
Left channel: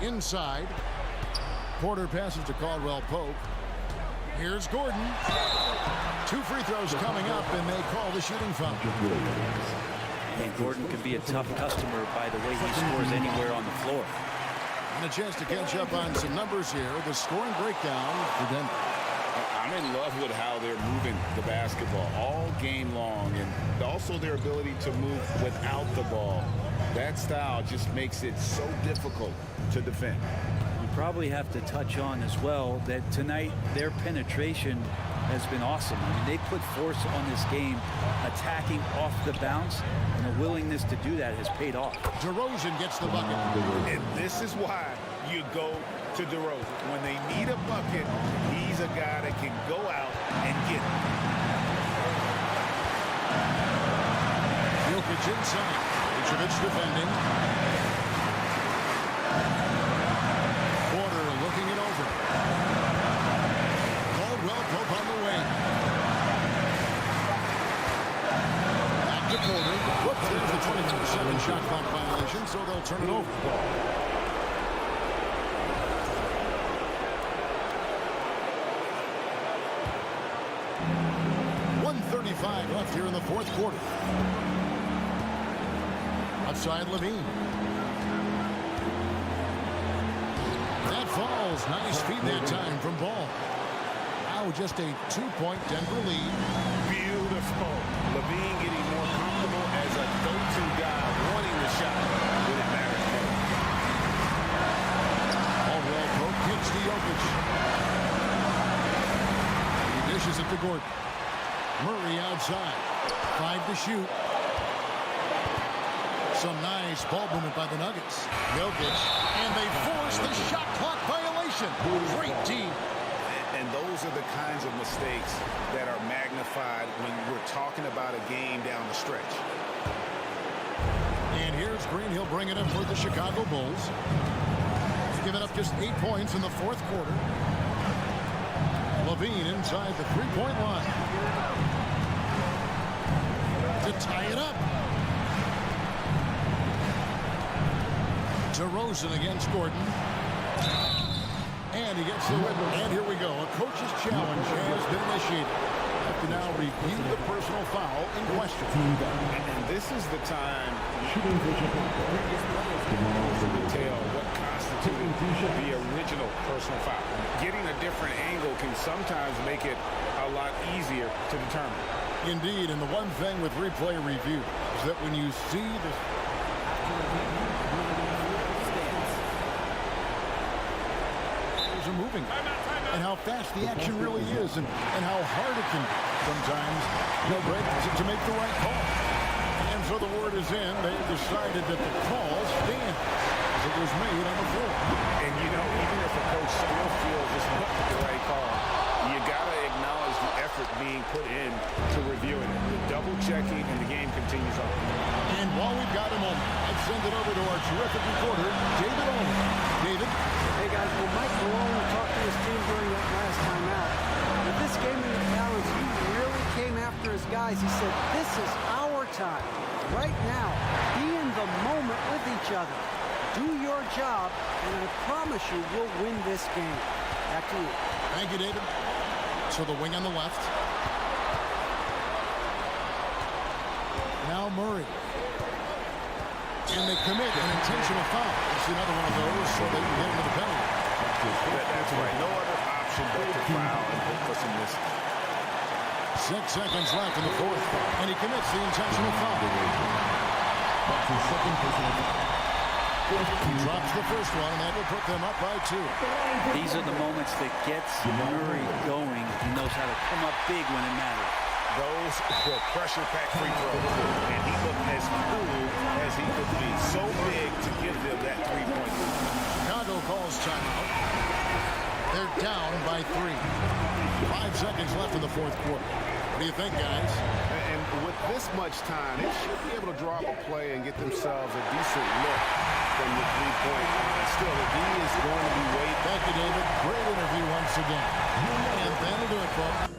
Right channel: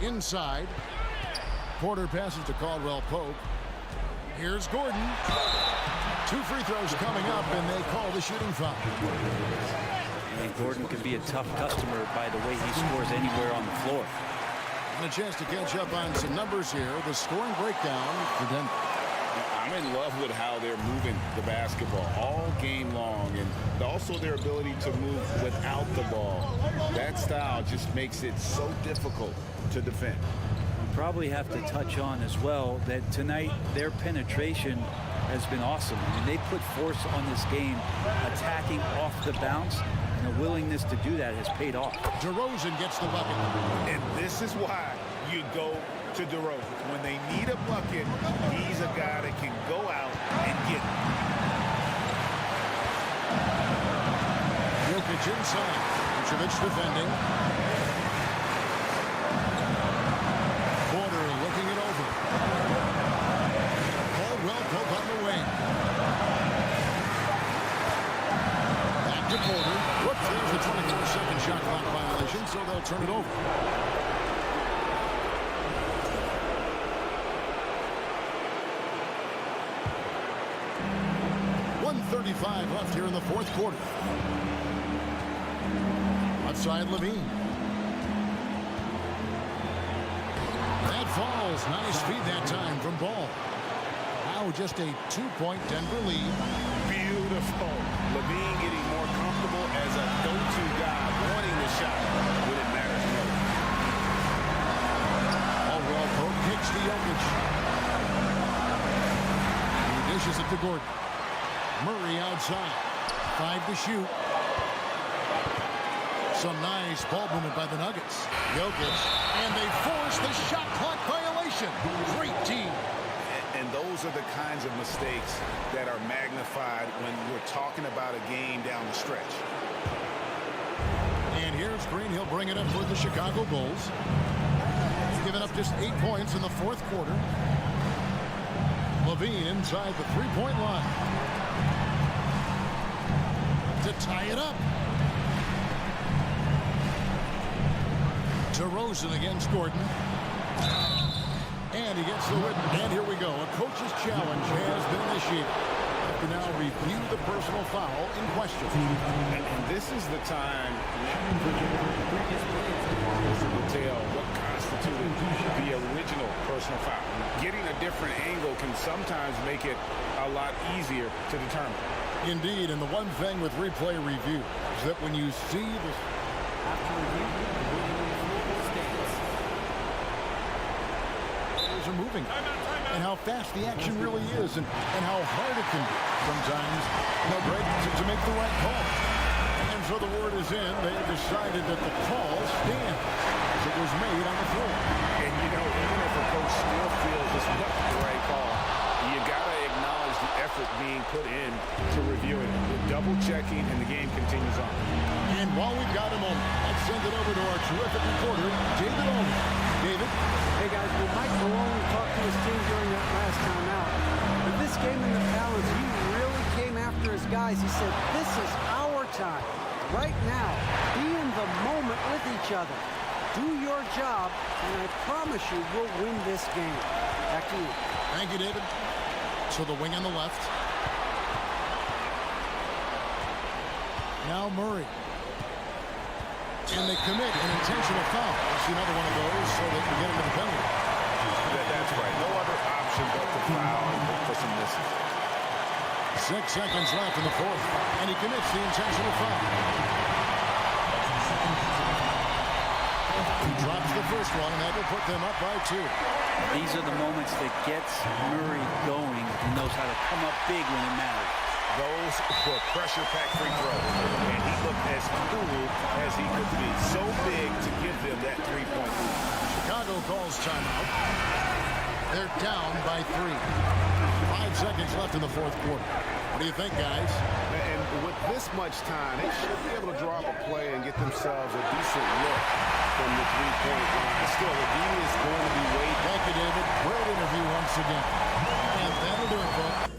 Inside. Porter passes to Caldwell Pope. Here's Gordon. 2 free throws coming up, and they call the shooting foul. And Gordon can be a tough customer by the way he scores anywhere on the floor. And a chance to catch up on some numbers here. The scoring breakdown for Denver. I'm in love with how they're moving the basketball all game long, and also their ability to move without the ball. That style just makes it so difficult to defend. You probably have to touch on as well that tonight their penetration has been awesome. I mean, they put force on this game, attacking off the bounce, and the willingness to do that has paid off. DeRozan gets the bucket. And this is why you go to DeRozan. When they need a bucket, he's a guy that can go out and get it. Jokic inside. Vucevic defending. Porter looking it over. Caldwell Pope on the wing. Back to Porter. There's the 24-second shot clock violation, so they'll turn it over. 1:35 left here in the fourth quarter. Outside Levine. That falls. Nice feed that time from Ball. Now just a 2-point Denver lead. Beautiful. Levine getting more comfortable as a go-to guy, wanting the shot when it matters most. Caldwell Pope kicks to Jokic. He dishes it to Gordon. Murray outside. 5 to shoot. Some nice ball movement by the Nuggets. Jokic. And they force the shot clock violation. Great team. And those are the kinds of mistakes that are magnified when we're talking about a game down the stretch. And here's Green. He'll bring it up for the Chicago Bulls. He's given up just 8 points in the fourth quarter. Levine inside the three-point line. To tie it up. DeRozan against Gordon. And he gets the win. And here we go. A coach's challenge has been initiated. Have to now review the personal foul in question. And this is the time previous players to detail what constituted the original personal foul. Getting a different angle can sometimes make it a lot easier to determine. Indeed, and the one thing with replay review is that when you see this after review, the ruling on the floor stands. Players are moving, and how fast the action really is, and how hard it can be sometimes, Greg, to make the right call. And so the word is in. They have decided that the call stands as it was made on the floor. And you know, even if a coach still feels this wasn't the right call, you got to acknowledge the effort being put in to reviewing it. The double checking, and the game continues on. And while we've got a moment, let's send it over to our terrific reporter, David Olin. David? Hey, guys, well, Mike Malone talked to his team during that last timeout. With this game in the balance, he really came after his guys. He said, this is our time. Right now, be in the moment with each other. Do your job, and I promise you we'll win this game. Back to you. Thank you, David. So the wing on the left. Now Murray. And they commit an intentional foul. We'll see another one of those so they can get into the penalty. That's right. No other option but to foul and look for some misses. 6 seconds left in the fourth. And he commits the intentional foul. He drops the first one, and that will put them up by 2. These are the moments that gets Murray going. He knows how to come up big when it matters. Those were pressure-packed free throws, and he looked as cool as he could be. So big to give them that 3-point lead. Chicago calls timeout. They're down by 3. 5 seconds left in the fourth quarter. What do you think, guys? And with this much time, they should be able to draw up a play and get themselves a decent look from the three-point line. Still, the D is going to be waiting. Thank you, David. Great interview once again. And that'll do it, folks.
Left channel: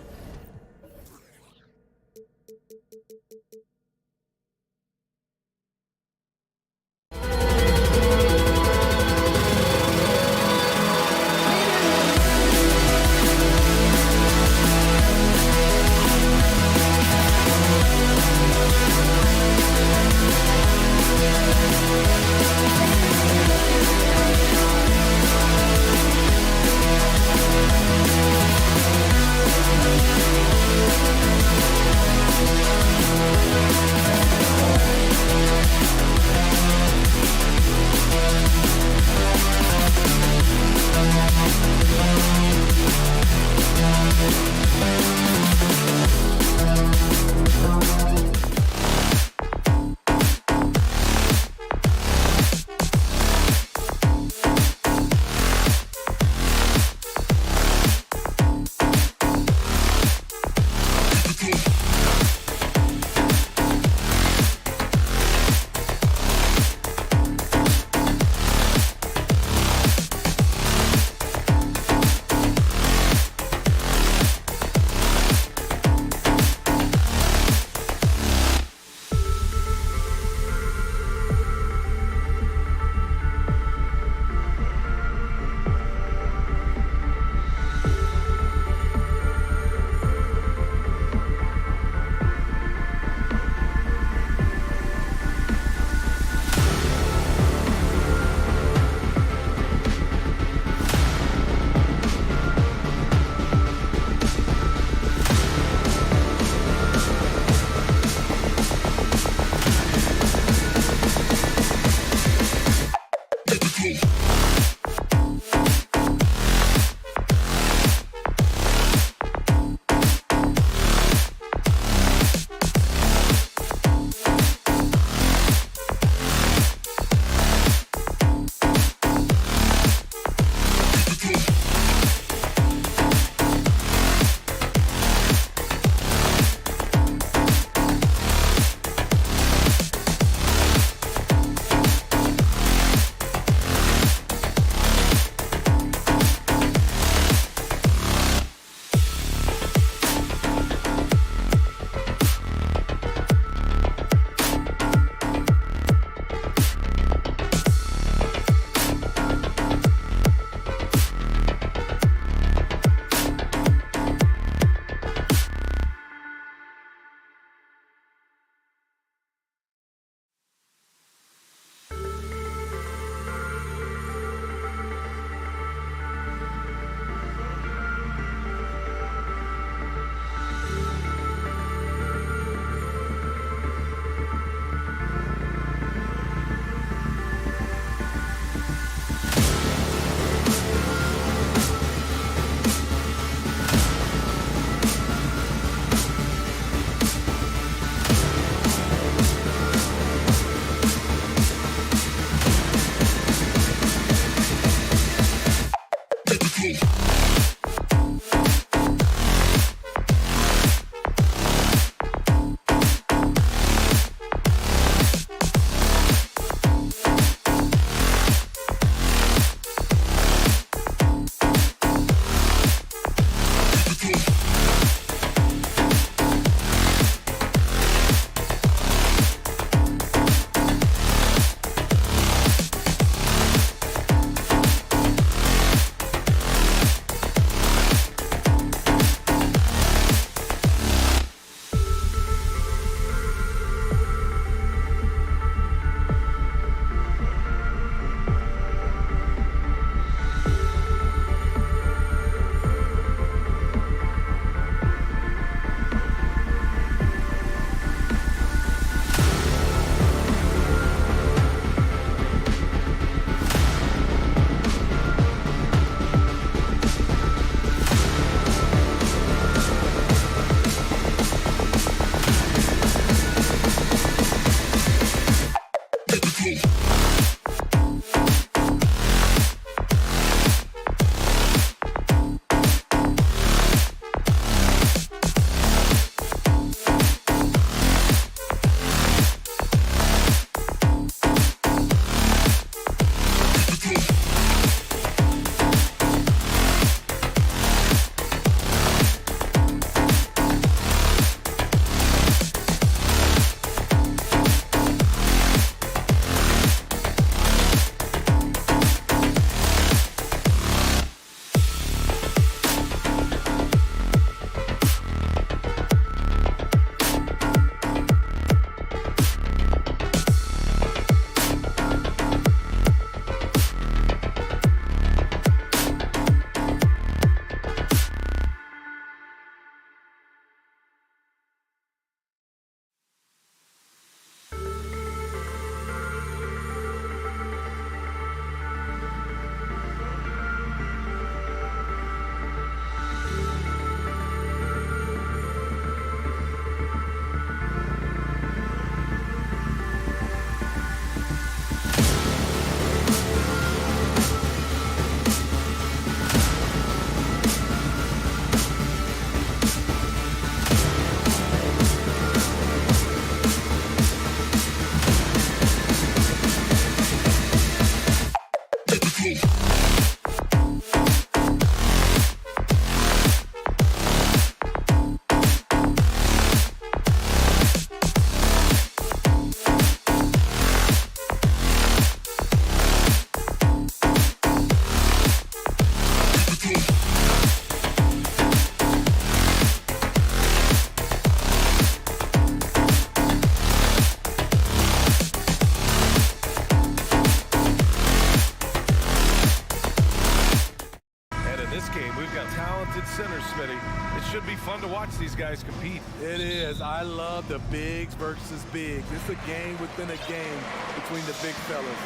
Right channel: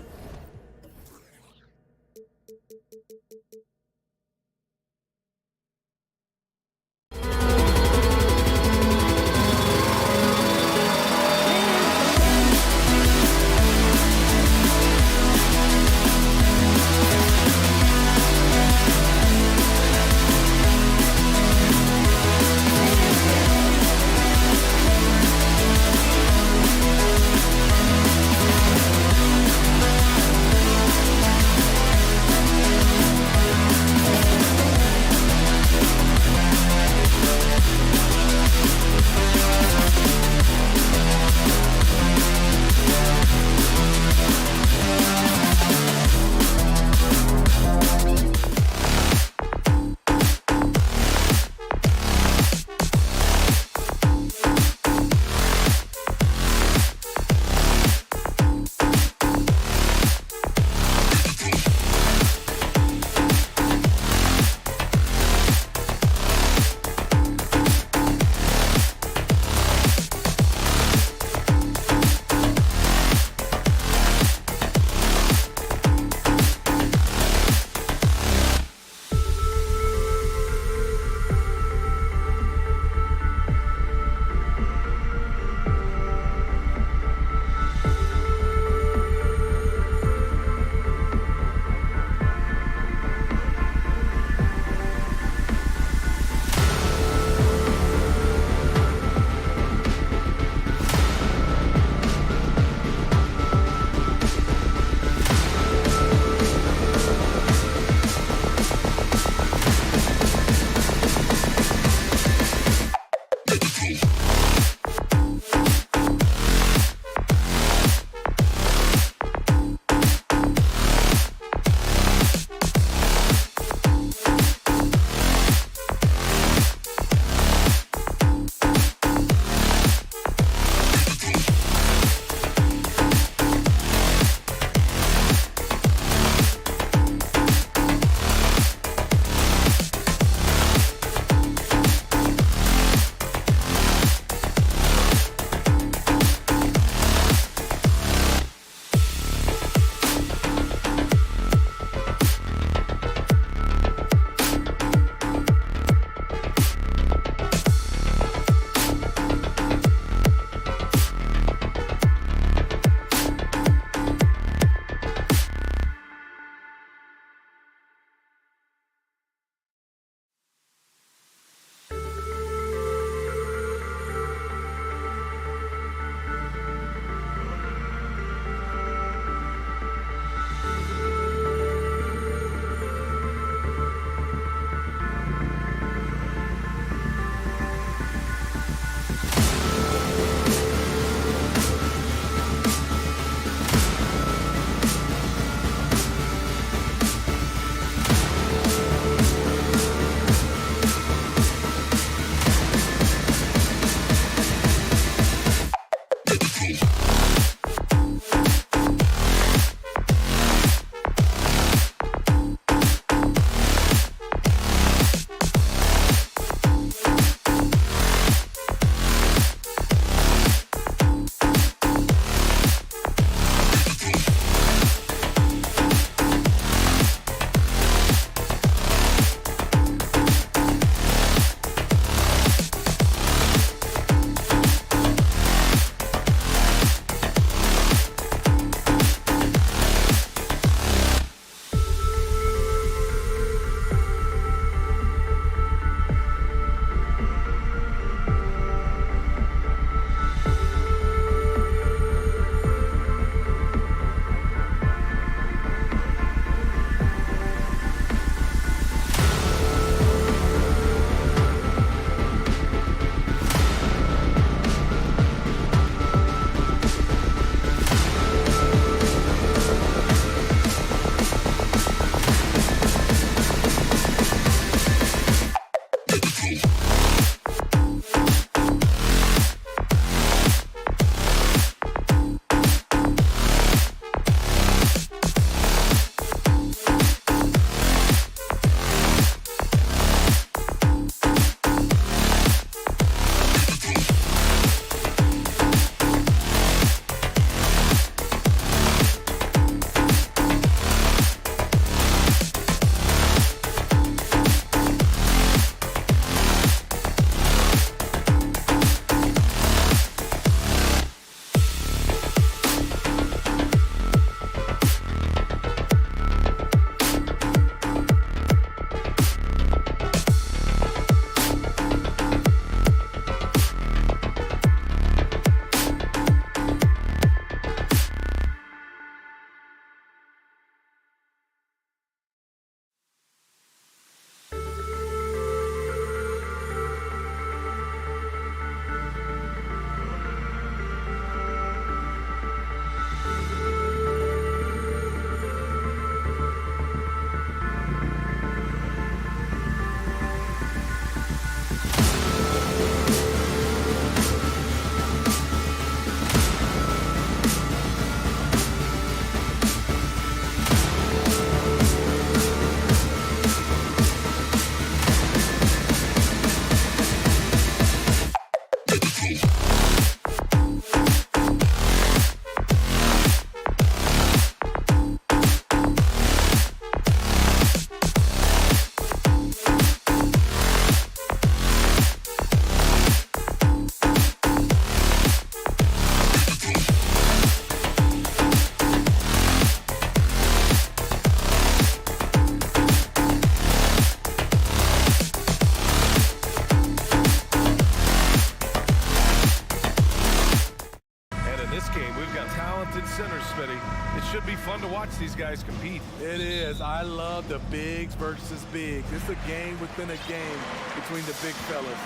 game. We've got talented centers, Smitty. It should be fun to watch these guys compete. It is. I love the bigs versus bigs. It's a game within a game between the big fellas.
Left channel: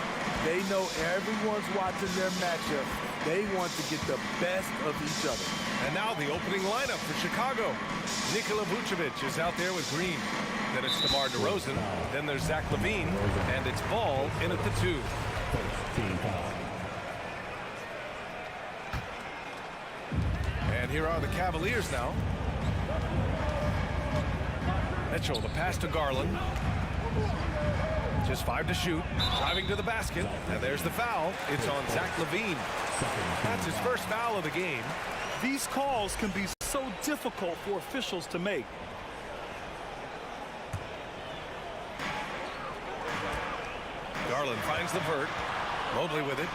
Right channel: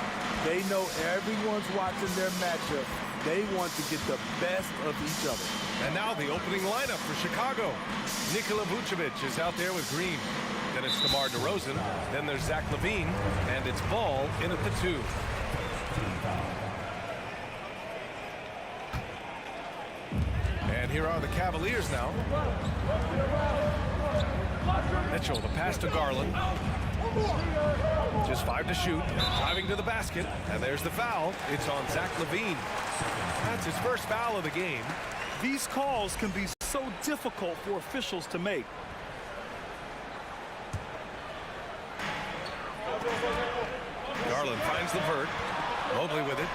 They know everyone's watching their matchup. They want to get the best of each other. And now the opening lineup for Chicago. Nikola Vucevic is out there with Green. Then it's DeMar DeRozan. Then there's Zach LaVine. And it's Ball in at the 2. And here are the Cavaliers now. Mitchell, the pass to Garland. Just 5 to shoot. Driving to the basket. And there's the foul. It's on Zach LaVine. That's his first foul of the game. These calls can be so difficult for officials to make. Garland finds LeVert. Mobley with it.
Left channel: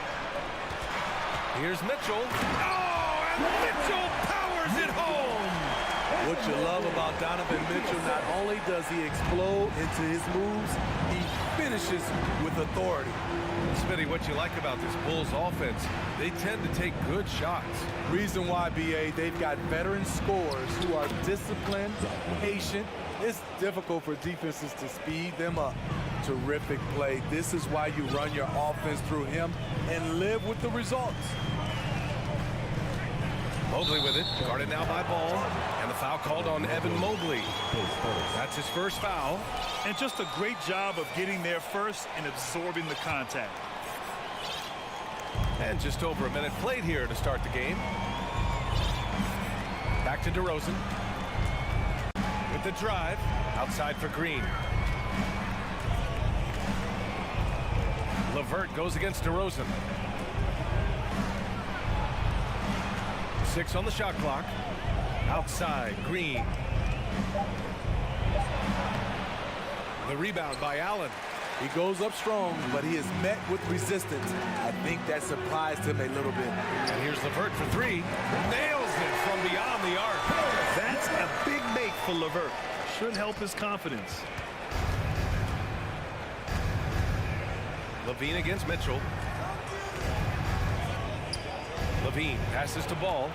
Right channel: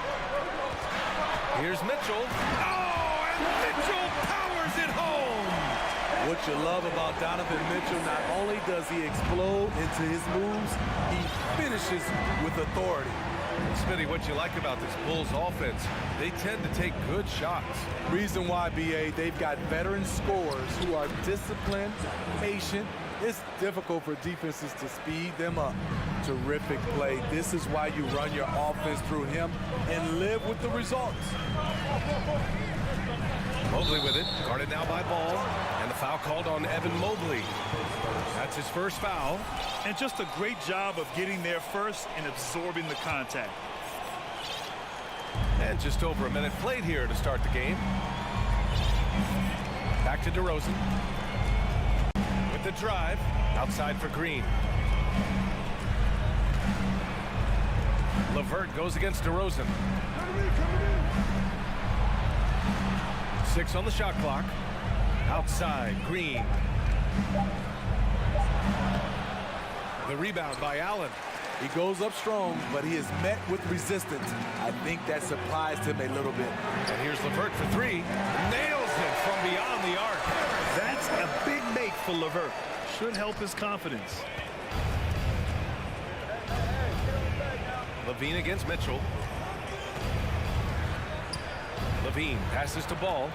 Here's Mitchell. Oh, and Mitchell powers it home. What you love about Donovan Mitchell, not only does he explode into his moves, he finishes with authority. Smitty, what you like about this Bulls offense, they tend to take good shots. Reason why, BA, they've got veteran scorers who are disciplined, patient. It's difficult for defenses to speed them up. Terrific play. This is why you run your offense through him and live with the results. Mobley with it, guarded now by Ball, and the foul called on Evan Mobley. That's his first foul. And just a great job of getting there first and absorbing the contact. And just over a minute played here to start the game. Back to DeRozan. With the drive, outside for Green. LeVert goes against DeRozan. 6 on the shot clock. Outside, Green. The rebound by Allen. He goes up strong, but he is met with resistance. I think that surprised him a little bit. And here's LeVert for 3. Nails it from beyond the arc. That's a big make for LeVert. Should help his confidence. LaVine against Mitchell. LaVine passes to Ball.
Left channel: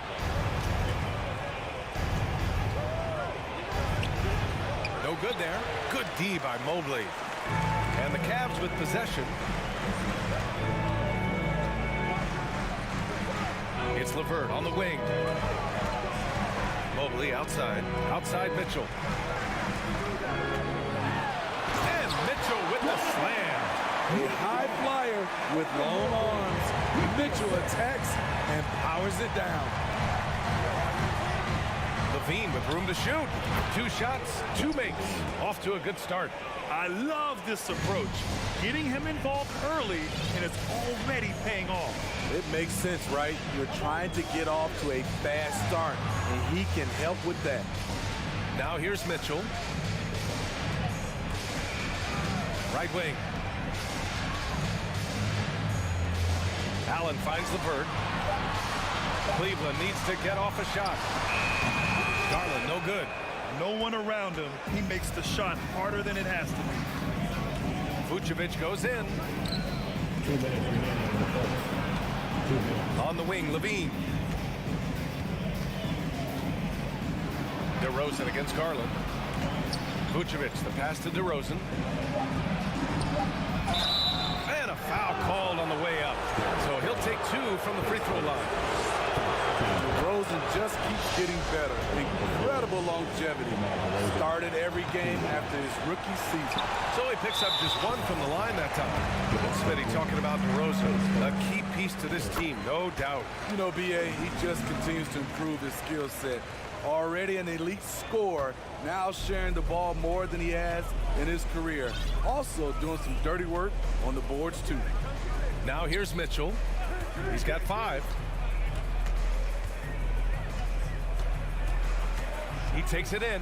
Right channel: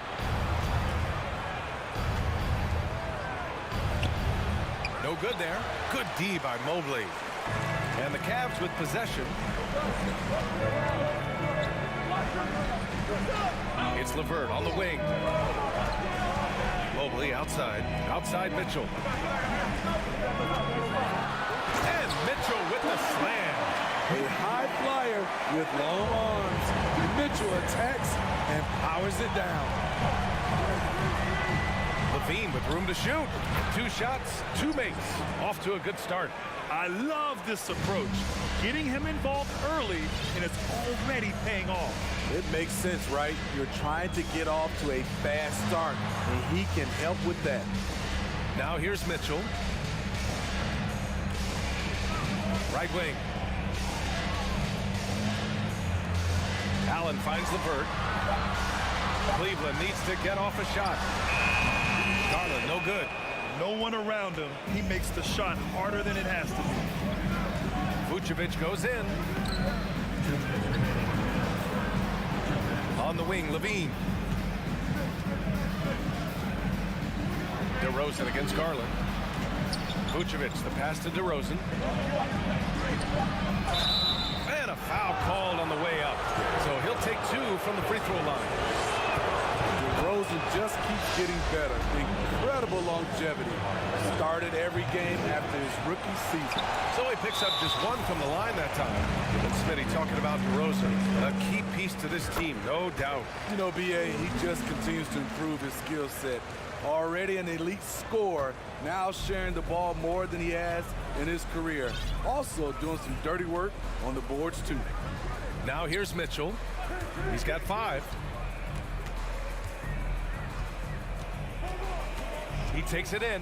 No good there. Good D by Mobley. And the Cavs with possession. It's LeVert on the wing. Mobley outside. Outside Mitchell. And Mitchell with the slam. A high flyer with long arms. Mitchell attacks and powers it down. LaVine with room to shoot. 2 shots, 2 makes. Off to a good start. I love this approach. Getting him involved early, and it's already paying off. It makes sense, right? You're trying to get off to a fast start, and he can help with that. Now here's Mitchell. Right wing. Allen finds LeVert. Cleveland needs to get off a shot. Garland, no good. No one around him. He makes the shot harder than it has to be. Vucevic goes in. On the wing, LaVine. DeRozan against Garland. Vucevic, the pass to DeRozan. And a foul called on the way up. So he'll take 2 from the free throw line. DeRozan just keeps getting better. Incredible longevity. Started every game after his rookie season. So he picks up just 1 from the line that time. And Smitty talking about DeRozan, a key piece to this team, no doubt. You know, BA, he just continues to improve his skill set. Already an elite scorer, now sharing the ball more than he has in his career. Also doing some dirty work on the boards, too. Now here's Mitchell. He's got 5. He takes it in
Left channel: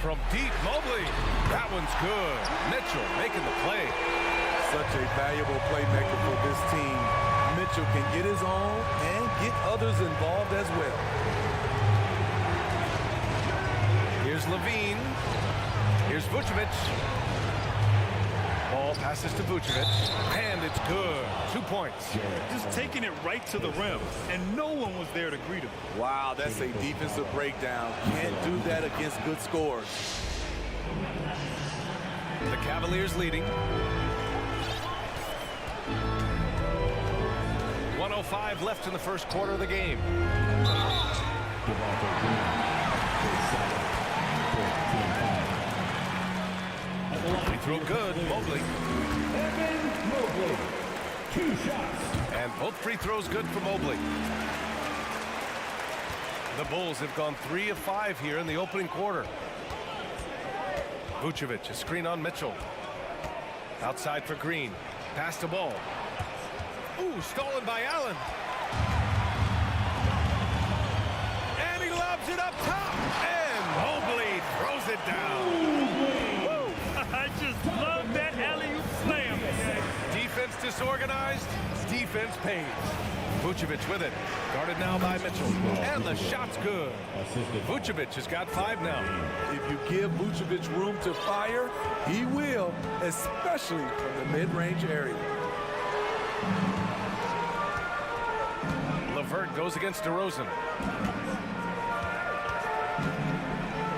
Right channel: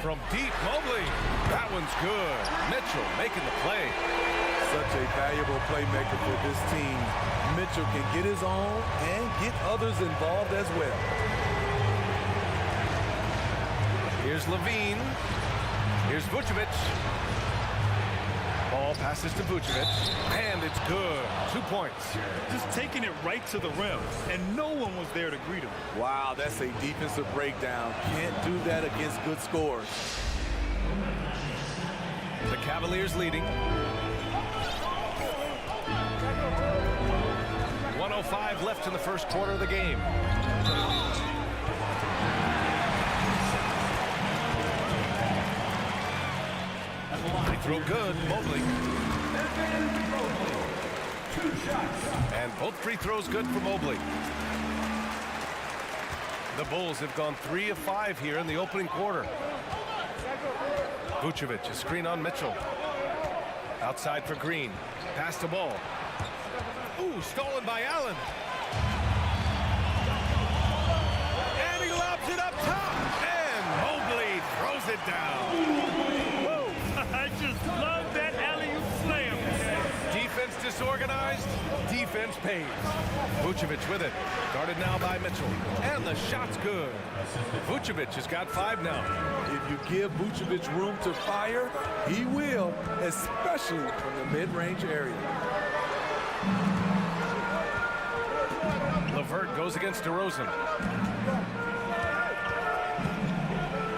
from deep. Mobley. That one's good. Mitchell making the play. Such a valuable playmaker for this team. Mitchell can get his own and get others involved as well. Here's LaVine. Here's Vucevic. Ball passes to Vucevic. And it's good. 2 points. Just taking it right to the rim, and no one was there to greet him. Wow, that's a defensive breakdown. Can't do that against good scores. The Cavaliers leading. 1:05 left in the first quarter of the game. Free throw good, Mobley. Mobley. 2 shots. And both free throws good for Mobley. The Bulls have gone 3 of 5 here in the opening quarter. Vucevic, a screen on Mitchell. Outside for Green. Pass the ball. Ooh, stolen by Allen. And he lobs it up top. And Mobley throws it down. Woo! I just love that alley-oop slam. Defense disorganized. Defense pays. Vucevic with it. Guarded now by Mitchell. And the shot's good. Vucevic has got 5 now. If you give Vucevic room to fire, he will, especially from the mid-range area. LeVert goes against DeRozan.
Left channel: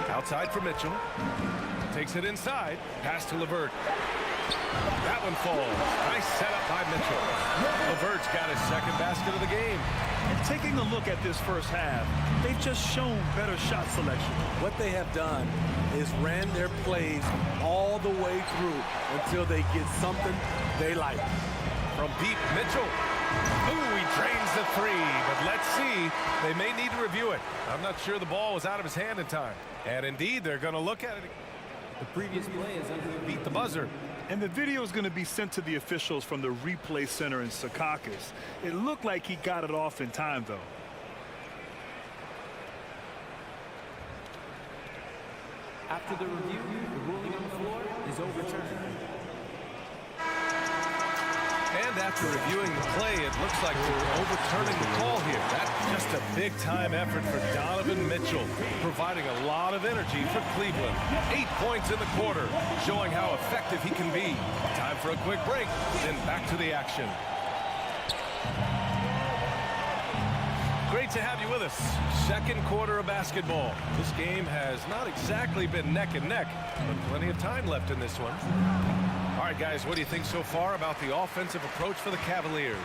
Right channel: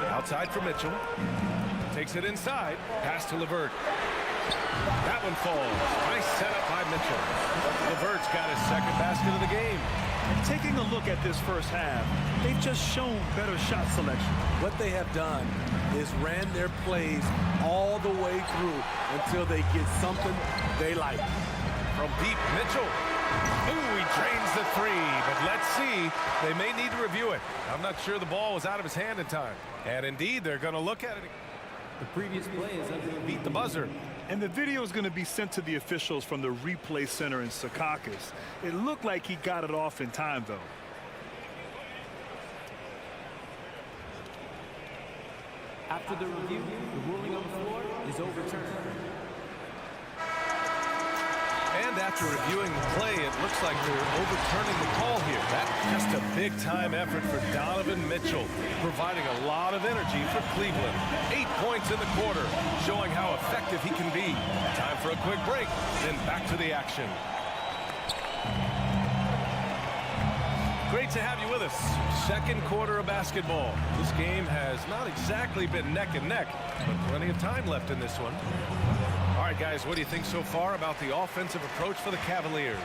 Outside for Mitchell. Takes it inside. Pass to LeVert. That one falls. Nice setup by Mitchell. LeVert's got his second basket of the game. And taking a look at this first half, they've just shown better shot selection. What they have done is ran their plays all the way through until they get something they like. From deep, Mitchell. Ooh, he drains the 3, but let's see. They may need to review it. I'm not sure the ball was out of his hand in time. And indeed, they're going to look at it. The previous play is under the Beat the buzzer. And the video is going to be sent to the officials from the replay center in Secaucus. It looked like he got it off in time, though. After the review, the ruling on the floor is overturned. And after reviewing the play, it looks like they're overturning the call here. That's just a big-time effort for Donovan Mitchell, providing a lot of energy for Cleveland. 8 points in the quarter, showing how effective he can be. Time for a quick break, then back to the action. Great to have you with us. Second quarter of basketball. This game has not exactly been neck and neck, but plenty of time left in this one. All right, guys, what do you think so far about the offensive approach for the Cavaliers?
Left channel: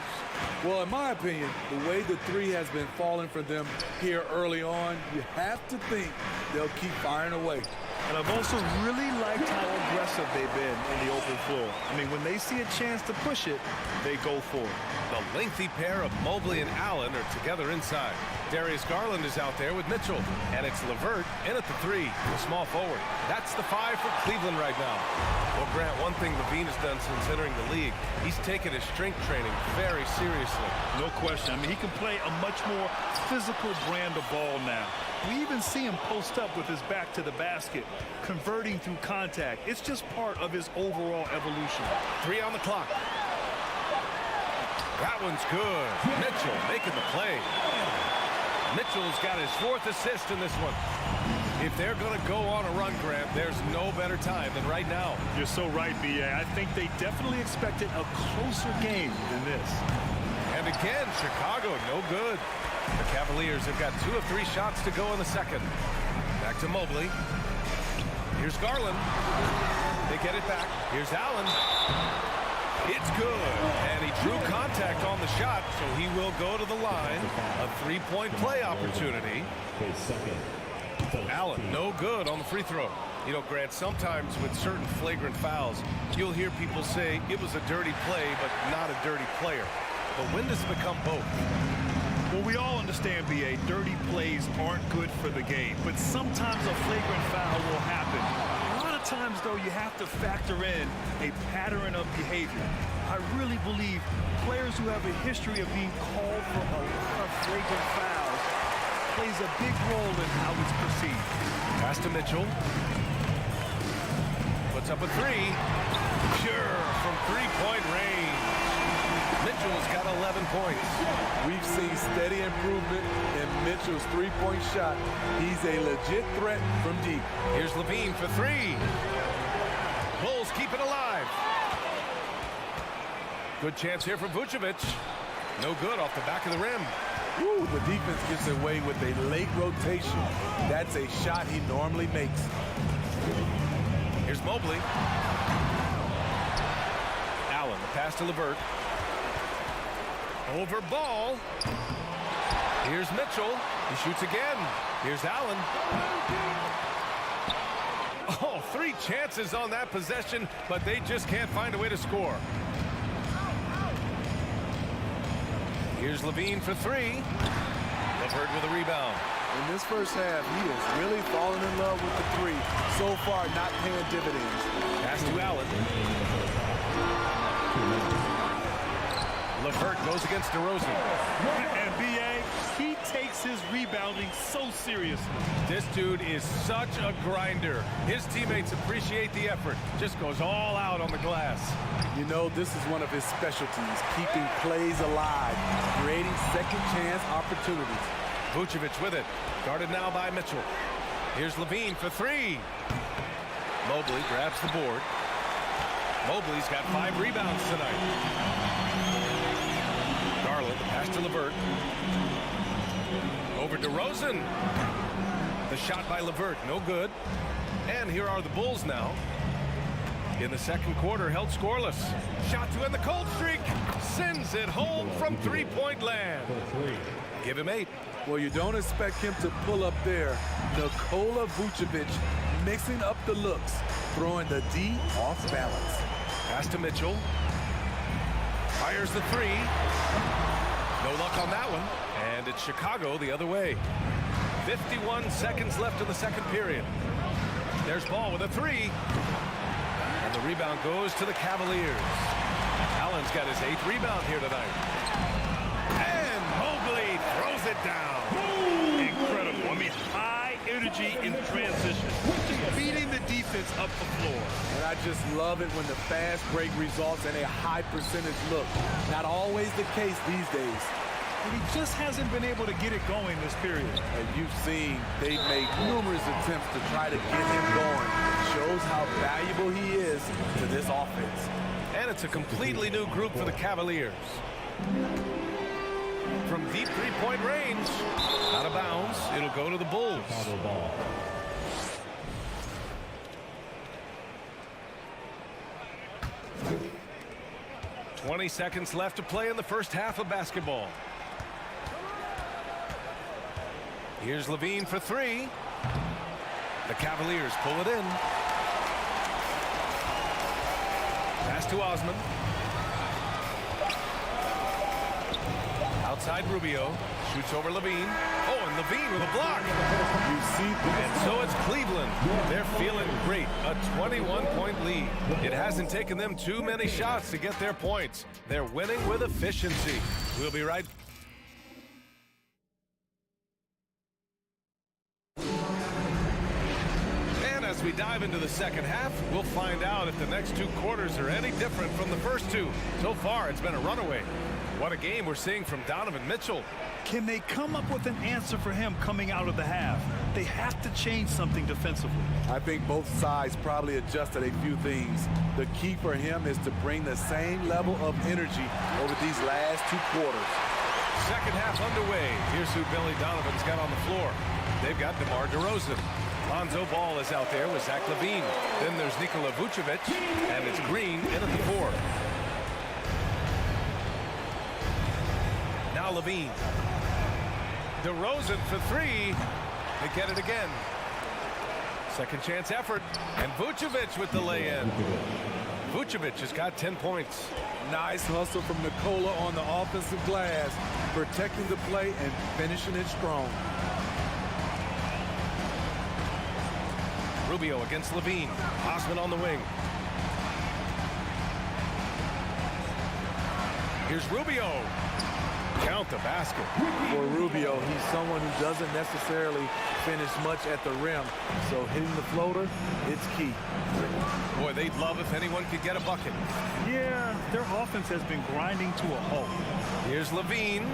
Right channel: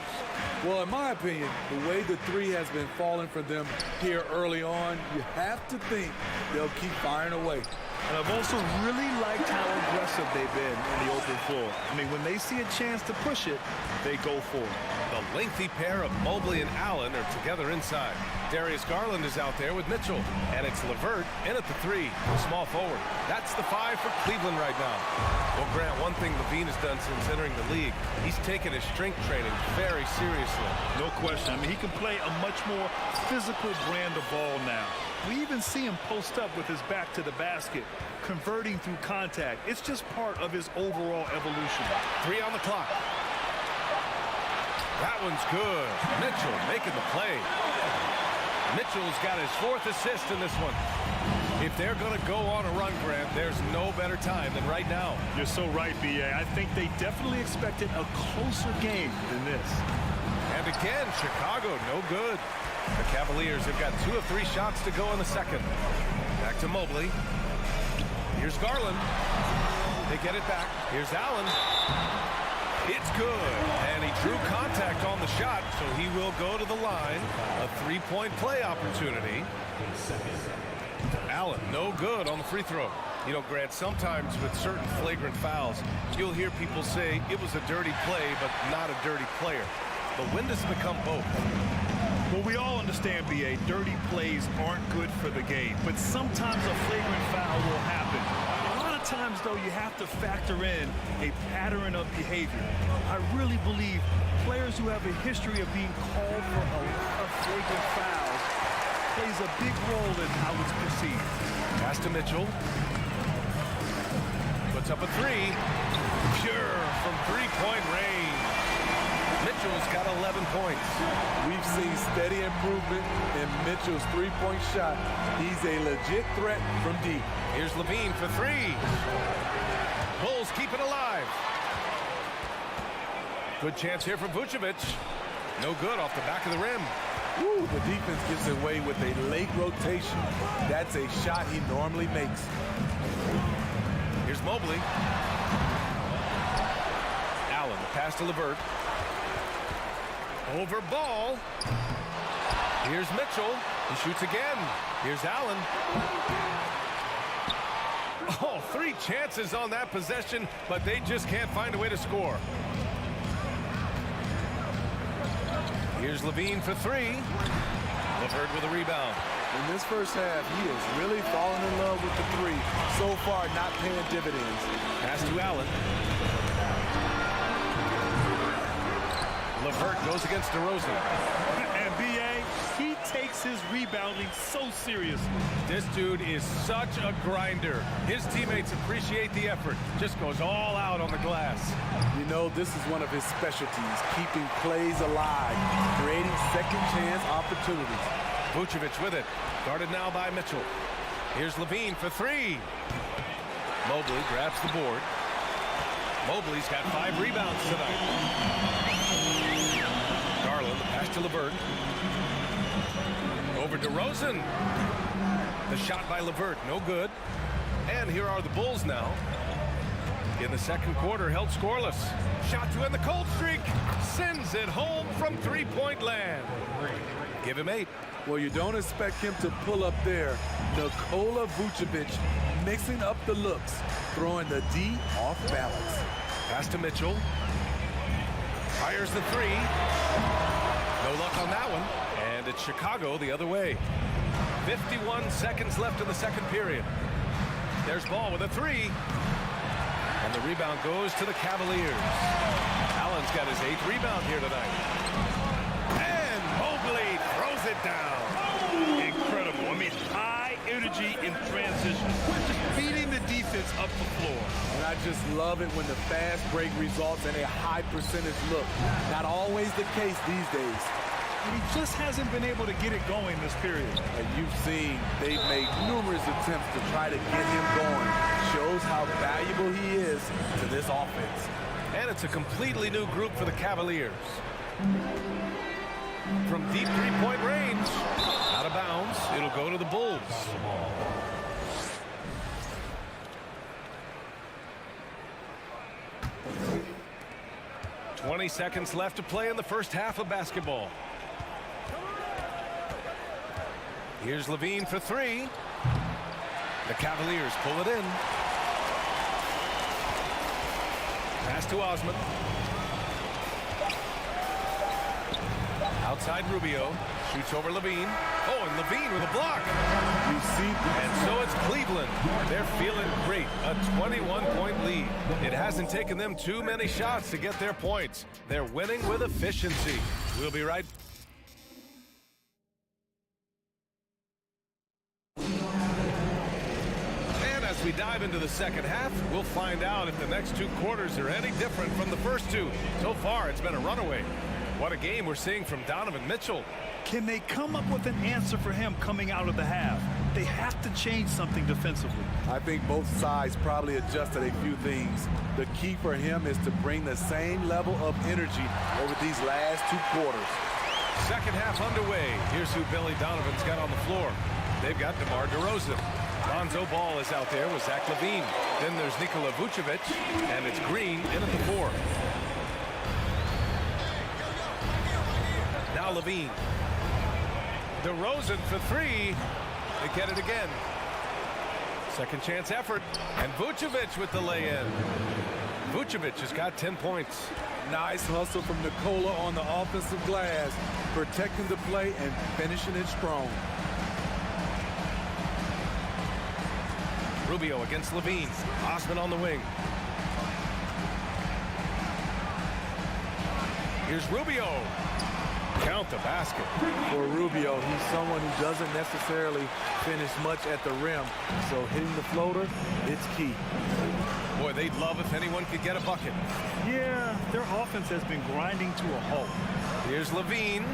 Well, in my opinion, the way the 3 has been falling for them here early on, you have to think they'll keep firing away. And I've also really liked how aggressive they've been in the open floor. I mean, when they see a chance to push it, they go for it. The lengthy pair of Mobley and Allen are together inside. Darius Garland is out there with Mitchell. And it's LeVert in at the 3, the small forward. That's the 5 for Cleveland right now. Well, Grant, one thing Levine has done since entering the league, he's taken his strength training very seriously. No question. I mean, he can play a much more physical brand of ball now. We even see him post up with his back to the basket, converting through contact. It's just part of his overall evolution. 3 on the clock. That one's good. Mitchell making the play. Mitchell's got his 4th assist in this one. If they're going to go on a run, Grant, there's no better time than right now. You're so right, B.A. I think they definitely expected a closer game than this. And again, Chicago, no good. The Cavaliers have got 2 of 3 shots to go in the second. Back to Mobley. Here's Garland. They get it back. Here's Allen. It's good. And he drew contact on the shot, so he will go to the line. A 3-point play opportunity. Allen, no good on the free throw. You know, Grant, sometimes with certain flagrant fouls, you'll hear people say it was a dirty play, but not a dirty player. But when does it become both? Well, we all understand, B.A., dirty plays aren't good for the game, but sometimes a flagrant foul will happen. A lot of times, though, you have to factor in a pattern of behavior. I really believe players who have a history of being called for a lot of flagrant fouls plays a big role in how it's perceived. Pass to Mitchell. Puts up a 3. Pure from 3-point range. Mitchell's got 11 points. We've seen steady improvement in Mitchell's 3-point shot. He's a legit threat from deep. Here's Levine for 3. Bulls keep it alive. Good chance here for Vucevic. No good off the back of the rim. Woo, the defense gets away with a late rotation. That's a shot he normally makes. Here's Mobley. Allen, the pass to LeVert. Over ball. Here's Mitchell. He shoots again. Here's Allen. Oh, 3 chances on that possession, but they just can't find a way to score. Here's Levine for 3. LeVert with a rebound. In this first half, he is really falling in love with the 3. So far, not paying dividends. Pass to Allen. LeVert goes against DeRozan. And B.A., he takes his rebounding so seriously. This dude is such a grinder. His teammates appreciate the effort. Just goes all out on the glass. You know, this is one of his specialties, keeping plays alive, creating second chance opportunities. Vucevic with it. Guarded now by Mitchell. Here's Levine for 3. Mobley grabs the board. Mobley's got 5 rebounds tonight. Garland, the pass to LeVert. Over DeRozan. The shot by LeVert, no good. And here are the Bulls now. In the second quarter, held scoreless. Shot to end the cold streak. Sends it home from 3-point land. Give him 8. Well, you don't expect him to pull up there. Nikola Vucevic mixing up the looks, throwing the D off balance. Pass to Mitchell. Fires the 3. No luck on that one. And it's Chicago the other way. 51 seconds left in the second period. There's Ball with a 3. And the rebound goes to the Cavaliers. Allen's got his 8th rebound here tonight. And Mobley throws it down. Incredible. I mean, high energy in transition. Just beating the defense up the floor. And I just love it when the fast break results in a high percentage look. Not always the case these days. And he just hasn't been able to get it going this period. And you've seen they've made numerous attempts to try to get him going. Shows how valuable he is to this offense. And it's a completely new group for the Cavaliers. From deep 3-point range, out of bounds, it'll go to the Bulls. 20 seconds left to play in the first half of basketball. Here's Levine for 3. The Cavaliers pull it in. Pass to Osman. Outside Rubio. Shoots over Levine. Oh, and Levine with a block. You see, and so it's Cleveland. They're feeling great. A 21-point lead. It hasn't taken them too many shots to get their points. They're winning with efficiency. We'll be right back. As we dive into the second half, we'll find out if the next 2 quarters are any different from the first 2. So far, it's been a runaway. What a game we're seeing from Donovan Mitchell. Can they come up with an answer for him coming out of the half? They have to change something defensively. I think both sides probably adjusted a few things. The key for him is to bring the same level of energy over these last 2 quarters. Second half underway. Here's who Billy Donovan's got on the floor. They've got DeMar DeRozan. Lonzo Ball is out there with Zach LaVine. Then there's Nikola Vucevic, and it's Green in at the 4. Now LaVine. DeRozan for 3. They get it again. Second chance effort, and Vucevic with the lay-in. Vucevic has got 10 points. Nice hustle from Nikola on the offensive glass, protecting the play and finishing it strong. Rubio against Levine. Osman on the wing. Here's Rubio. Count the basket. For Rubio, he's someone who doesn't necessarily finish much at the rim, so hitting the floater, it's key. Boy, they'd love if anyone could get a bucket. Yeah, their offense has been grinding to a halt. Here's Levine.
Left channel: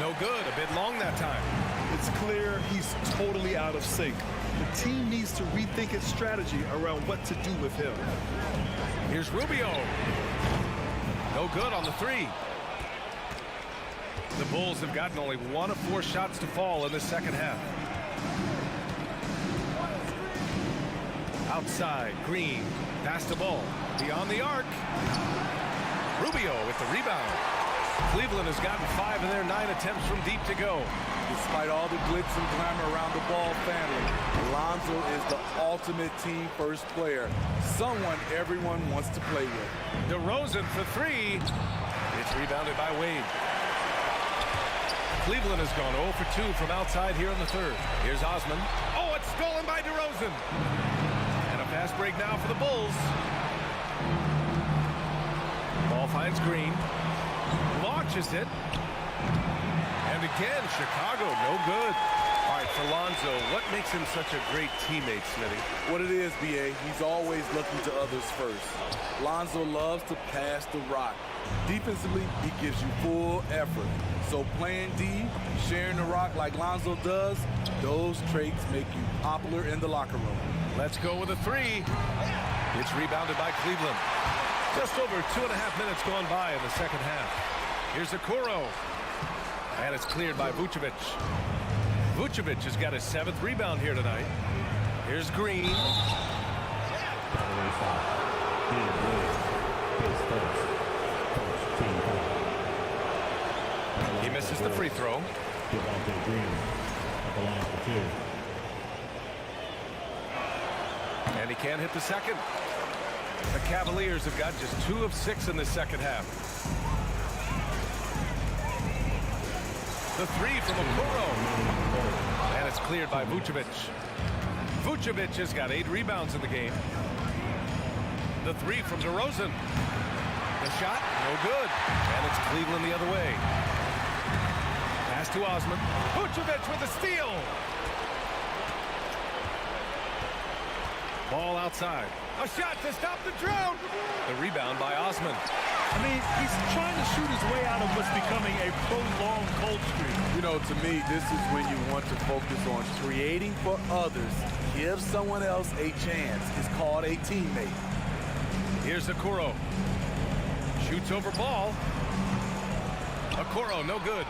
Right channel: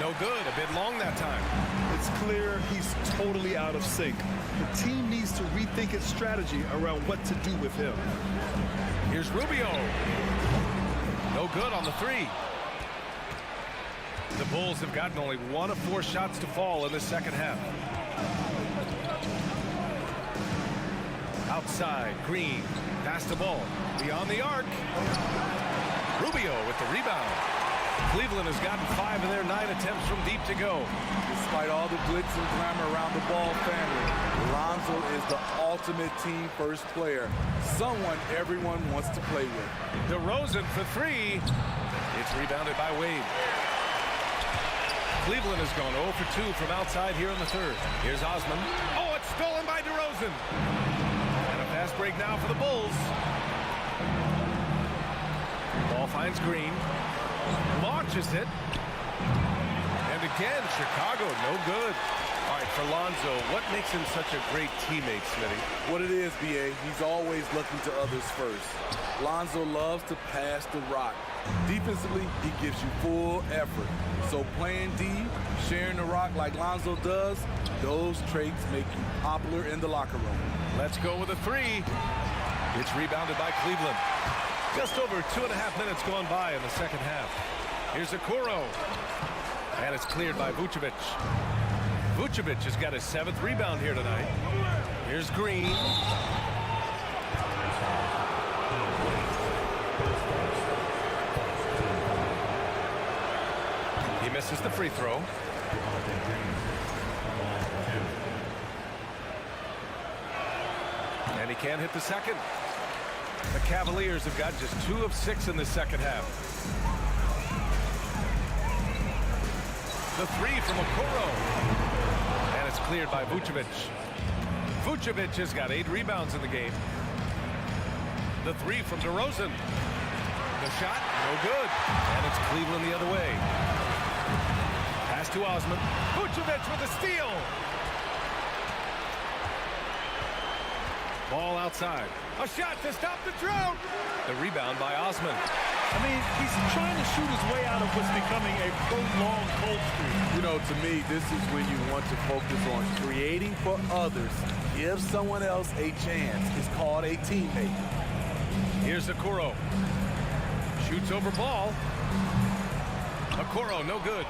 No good. A bit long that time. It's clear he's totally out of sync. The team needs to rethink its strategy around what to do with him. Here's Rubio. No good on the three. The Bulls have gotten only 1 of 4 shots to fall in the second half. Outside, Green. Pass the ball. Beyond the arc. Rubio with the rebound. Cleveland has gotten 5 of their 9 attempts from deep to go. Despite all the glitz and glamour around the Ball family, Lonzo is the ultimate team first player. Someone everyone wants to play with. DeRozan for 3. It's rebounded by Wade. Cleveland has gone 0 for 2 from outside here in the third. Here's Osman. Oh, it's stolen by DeRozan. And a fast break now for the Bulls. Ball finds Green. Launches it. And again, Chicago, no good. All right, for Lonzo, what makes him such a great teammate, Smitty? What it is, B.A., he's always looking to others first. Lonzo loves to pass the rock. Defensively, he gives you full effort. So playing D, sharing the rock like Lonzo does, those traits make you popular in the locker room. Let's go with a 3. It's rebounded by Cleveland. Just over 2.5 minutes gone by in the second half. Here's Okoro. And it's cleared by Vucevic. Vucevic has got his 7th rebound here tonight. Here's Green. He misses the free throw. And he can't hit the second. The Cavaliers have got just 2 of 6 in the second half. The 3 from Okoro. And it's cleared by Vucevic. Vucevic has got 8 rebounds in the game. The 3 from DeRozan. The shot, no good. And it's Cleveland the other way. Pass to Osman. Vucevic with a steal. Ball outside. A shot to stop the drought. The rebound by Osman. I mean, he's trying to shoot his way out of what's becoming a prolonged cold streak. You know, to me, this is when you want to focus on creating for others. Give someone else a chance. It's called a teammate. Here's Okoro. Shoots over ball. Okoro, no good.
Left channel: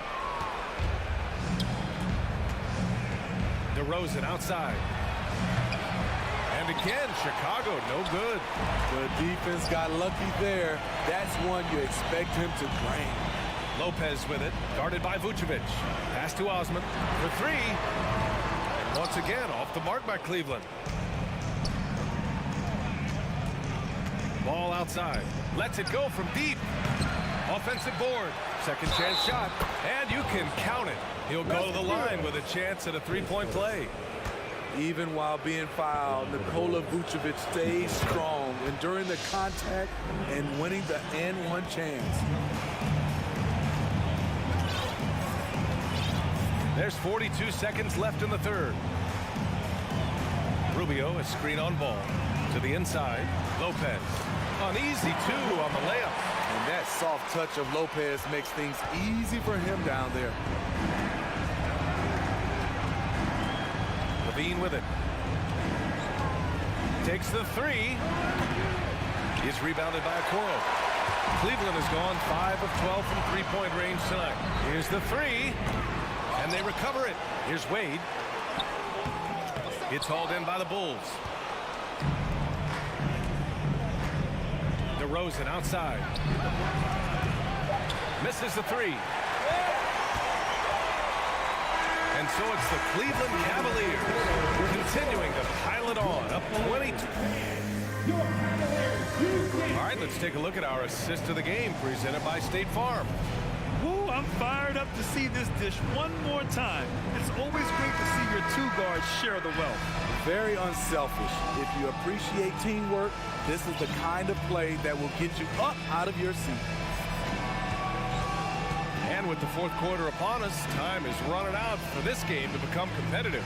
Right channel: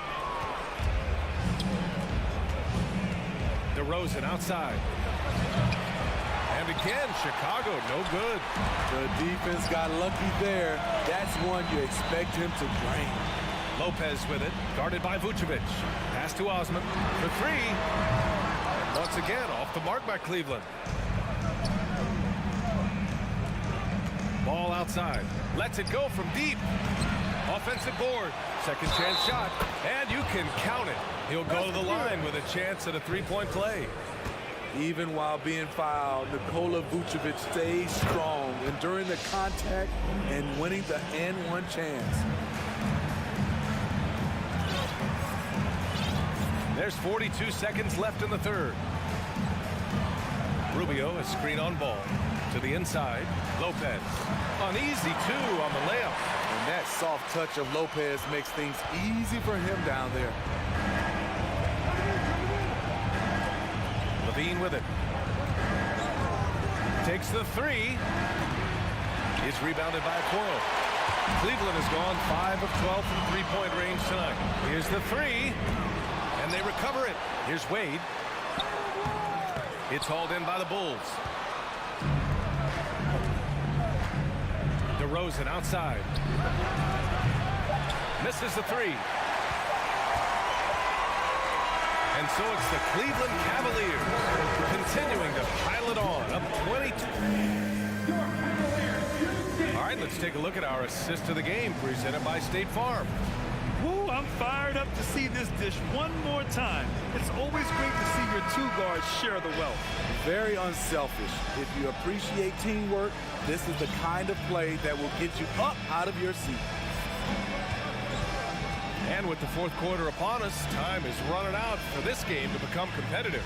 DeRozan outside. And again, Chicago, no good. The defense got lucky there. That's one you expect him to drain. Lopez with it, guarded by Vucevic. Pass to Osman for 3. And once again, off the mark by Cleveland. Ball outside. Lets it go from deep. Offensive board. Second chance shot. And you can count it. He'll go to the line with a chance at a 3-point play. Even while being fouled, Nikola Vucevic stays strong, enduring the contact and winning the N1 chance. There's 42 seconds left in the third. Rubio, a screen on ball. To the inside, Lopez. An easy 2 on the layup. And that soft touch of Lopez makes things easy for him down there. Levine with it. Takes the 3. It's rebounded by Okoro. Cleveland has gone 5 of 12 from 3-point range tonight. Here's the 3. And they recover it. Here's Wade. It's hauled in by the Bulls. DeRozan outside. Misses the 3. And so it's the Cleveland Cavaliers continuing to pile it on, up 22. All right, let's take a look at our assist of the game presented by State Farm. Woo, I'm fired up to see this dish one more time. It's always great to see your 2 guards share the wealth. Very unselfish. If you appreciate teamwork, this is the kind of play that will get you up out of your seat. And with the fourth quarter upon us, time is running out for this game to become competitive.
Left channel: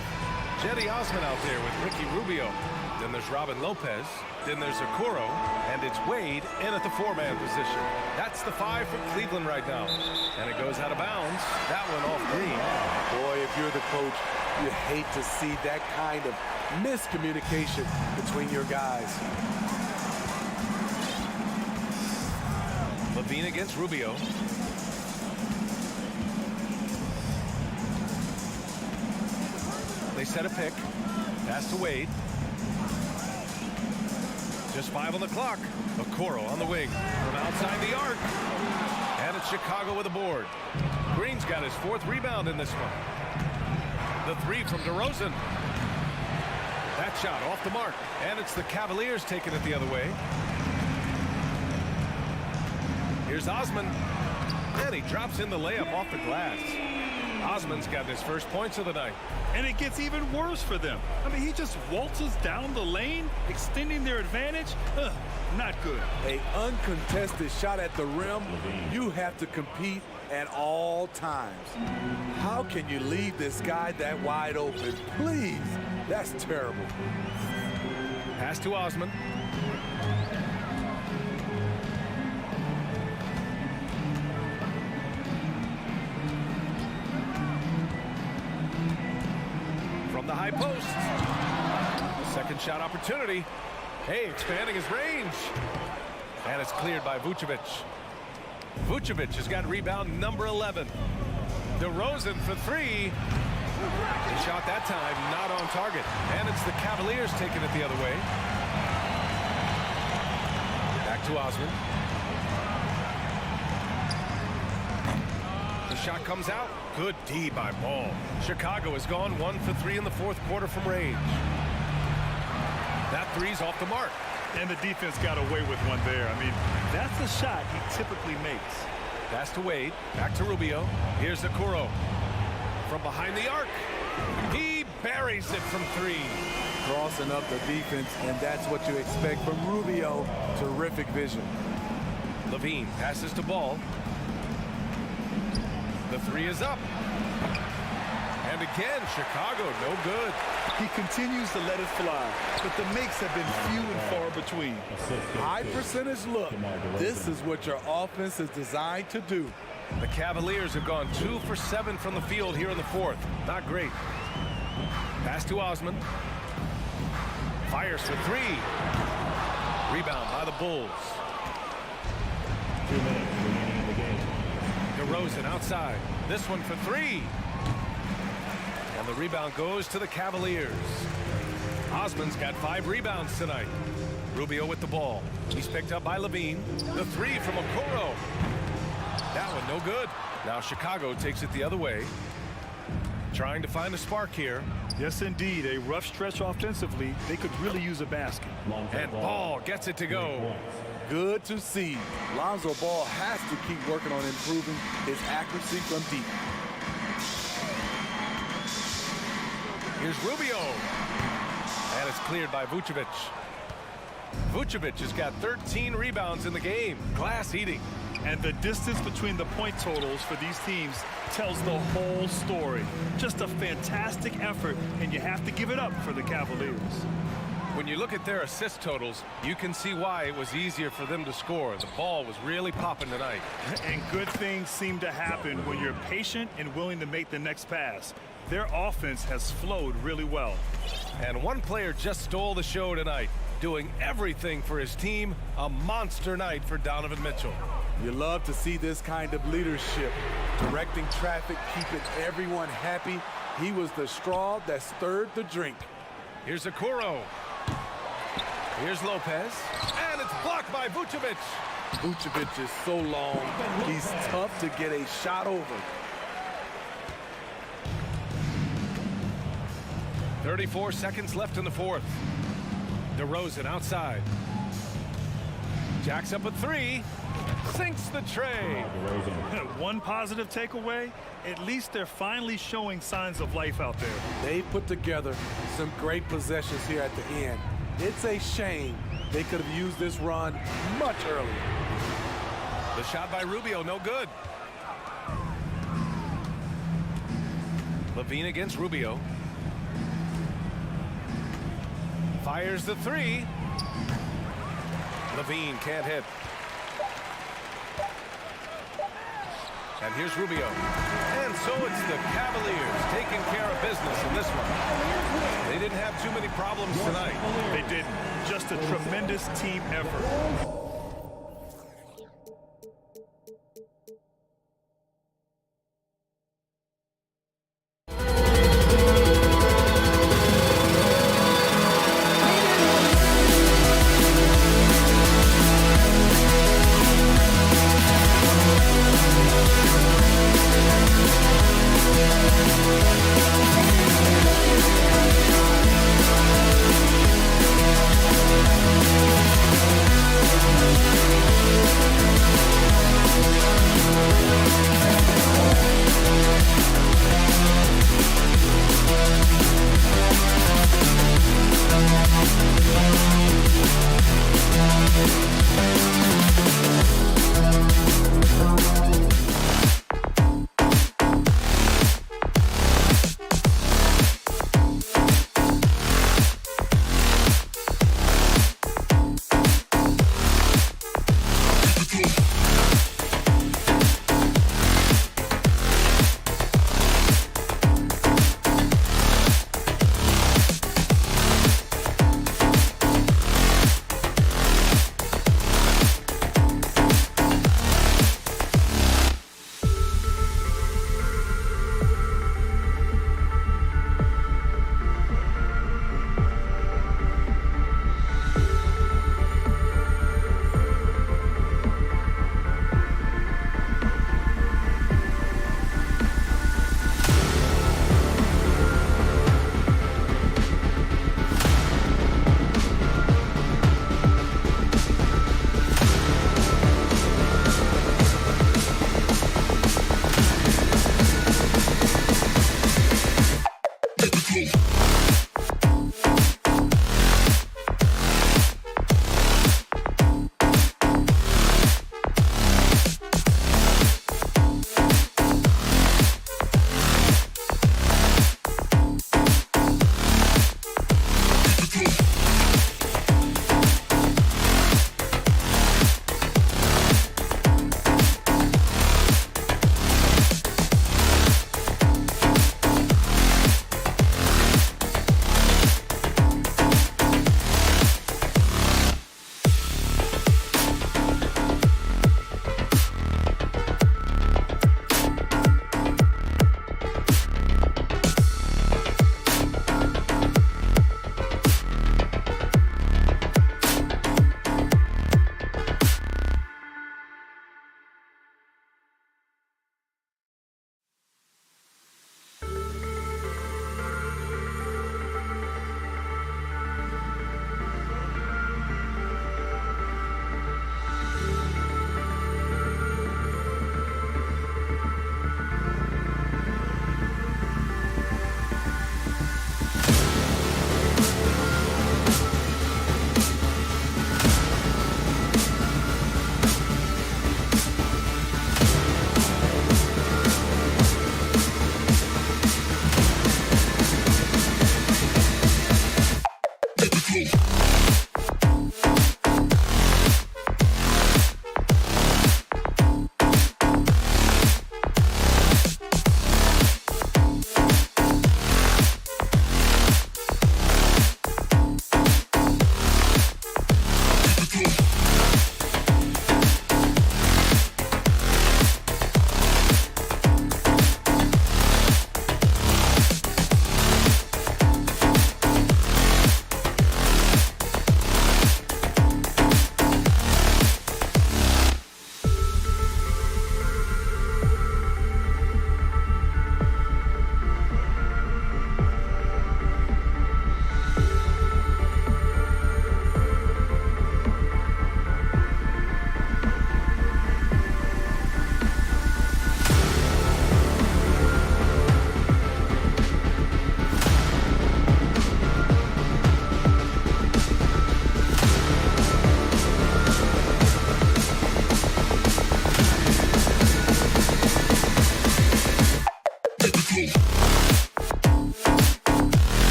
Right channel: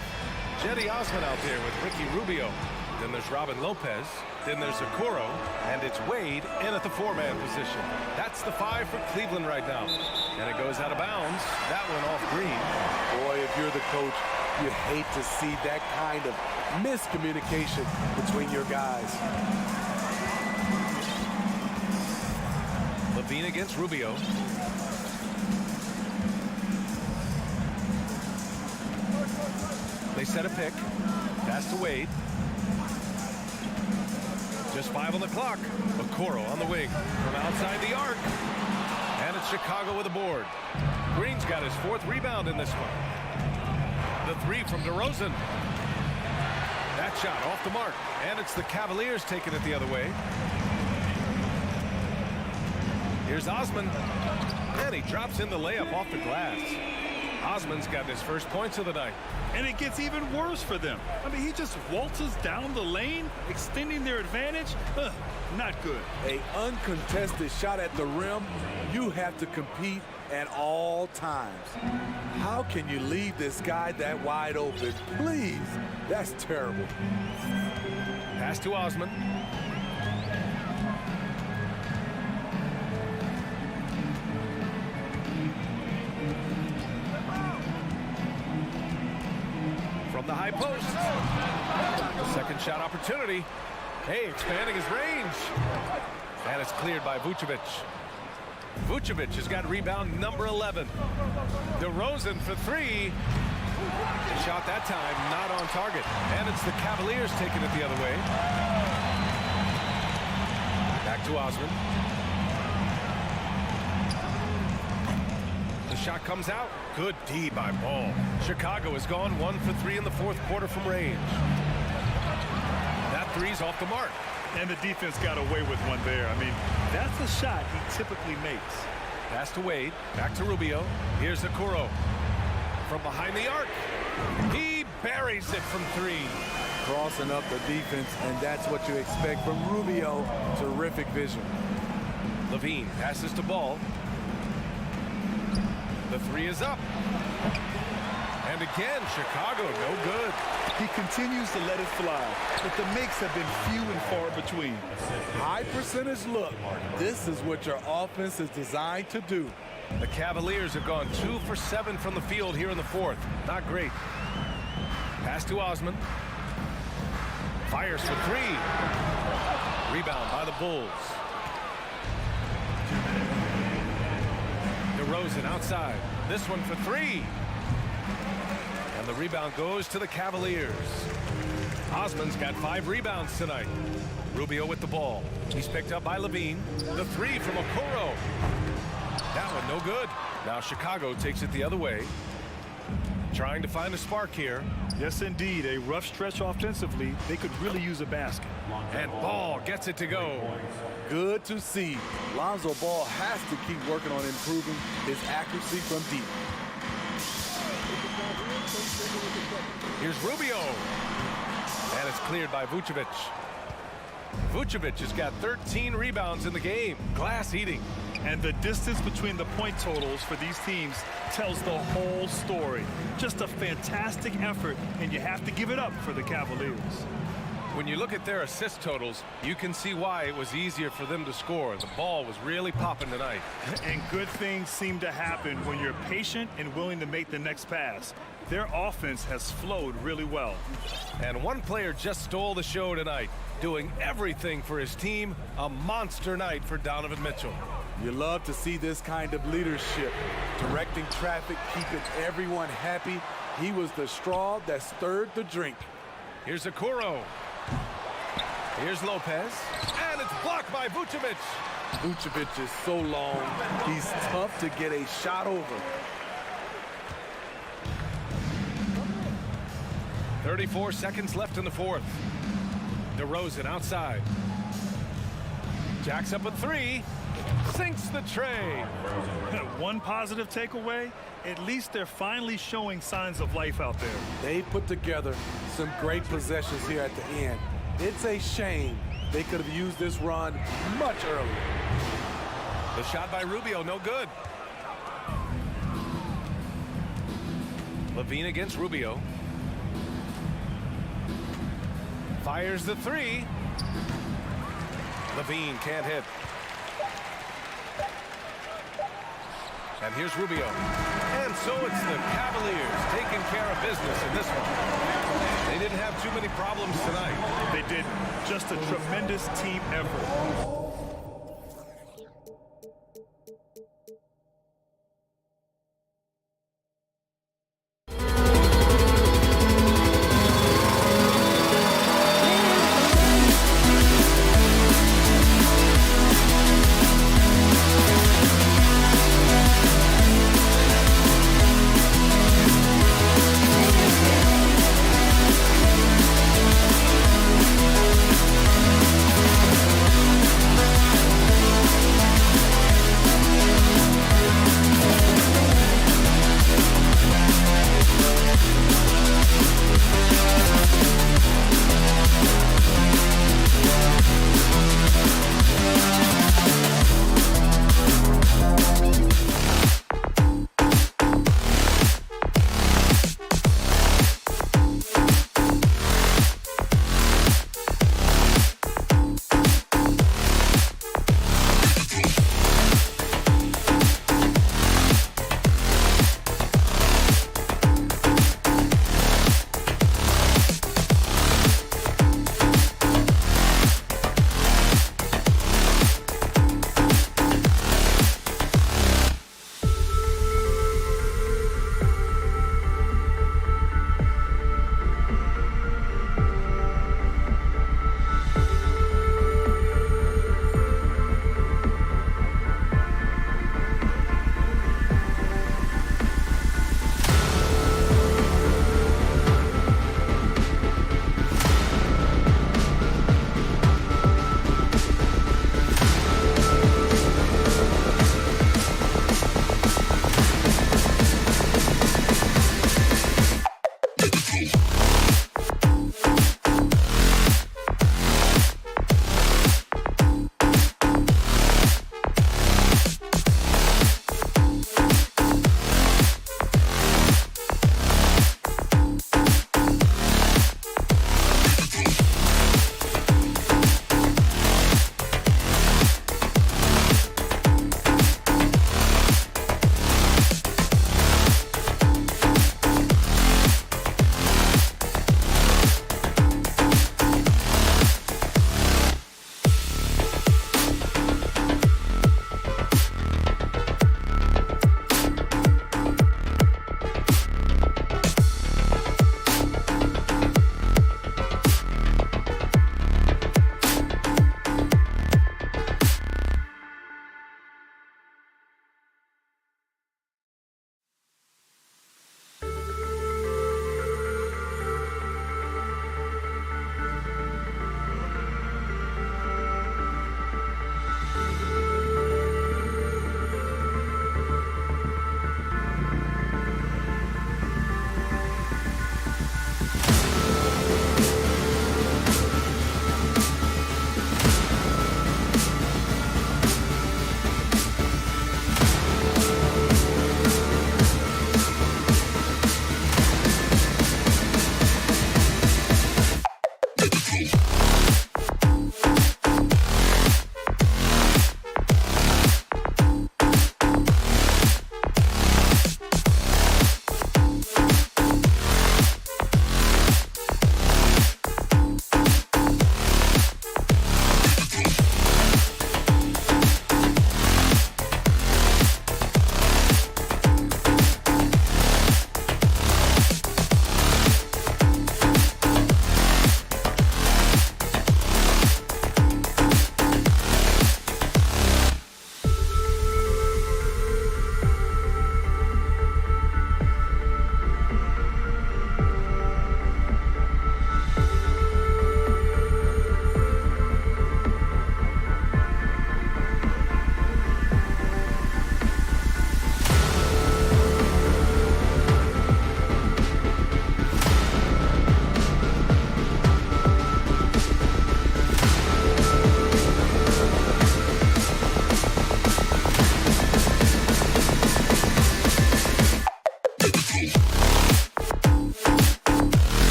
Cedi Osman out there with Ricky Rubio. Then there's Robin Lopez. Then there's Okoro. And it's Wade in at the 4-man position. That's the 5 for Cleveland right now. And it goes out of bounds. That one off Green. Boy, if you're the coach, you hate to see that kind of miscommunication between your guys. Levine against Rubio. They set a pick. Pass to Wade. Just 5 on the clock. Okoro on the wing from outside the arc. And it's Chicago with a board. Green's got his 4th rebound in this one. The 3 from DeRozan. That shot off the mark. And it's the Cavaliers taking it the other way. Here's Osman. And he drops in the layup off the glass. Osman's got his first points of the night. And it gets even worse for them. I mean, he just waltzes down the lane, extending their advantage. Not good. A uncontested shot at the rim. You have to compete at all times. How can you leave this guy that wide open? Please, that's terrible. Pass to Osman. From the high post. Second shot opportunity. Hey, expanding his range. And it's cleared by Vucevic. Vucevic has got rebound number 11. DeRozan for 3. The shot that time not on target. And it's the Cavaliers taking it the other way. Back to Osman. The shot comes out. Good D by Ball. Chicago has gone 1 for 3 in the 4th quarter from range. That 3's off the mark. And the defense got away with one there. I mean, that's the shot he typically makes. Pass to Wade. Back to Rubio. Here's Okoro. From behind the arc. He buries it from 3. Crossing up the defense, and that's what you expect from Rubio. Terrific vision. Levine passes to Ball. The 3 is up. And again, Chicago, no good. He continues to let it fly, but the makes have been few and far between. High percentage look. This is what your offense is designed to do. The Cavaliers have gone 2 for 7 from the field here in the 4th. Not great. Pass to Osman. Fires for 3. Rebound by the Bulls. DeRozan outside. This one for 3. And the rebound goes to the Cavaliers. Osman's got 5 rebounds tonight. Rubio with the ball. He's picked up by Levine. The 3 from Okoro. That one no good. Now Chicago takes it the other way. Trying to find a spark here. Yes, indeed. A rough stretch offensively. They could really use a basket. And Ball gets it to go. Good to see. Lonzo Ball has to keep working on improving his accuracy from deep. Here's Rubio. And it's cleared by Vucevic. Vucevic has got 13 rebounds in the game. Glass eating. And the distance between the point totals for these teams tells the whole story. Just a fantastic effort, and you have to give it up for the Cavaliers. When you look at their assist totals, you can see why it was easier for them to score. The ball was really popping tonight. And good things seem to happen when you're patient and willing to make the next pass. Their offense has flowed really well. And one player just stole the show tonight, doing everything for his team. A monster night for Donovan Mitchell. You love to see this kind of leadership, directing traffic, keeping everyone happy. He was the straw that stirred the drink. Here's Okoro. Here's Lopez. And it's blocked by Vucevic. Vucevic is so long, he's tough to get a shot over. 34 seconds left in the 4th. DeRozan outside. Jacks up a 3. Sinks the tray. One positive takeaway, at least they're finally showing signs of life out there. They put together some great possessions here at the end. It's a shame they could have used this run much earlier. The shot by Rubio, no good. Levine against Rubio. Fires the 3. Levine can't hit. And here's Rubio. And so it's the Cavaliers taking care of business in this one. They didn't have too many problems tonight. They didn't. Just a tremendous team effort.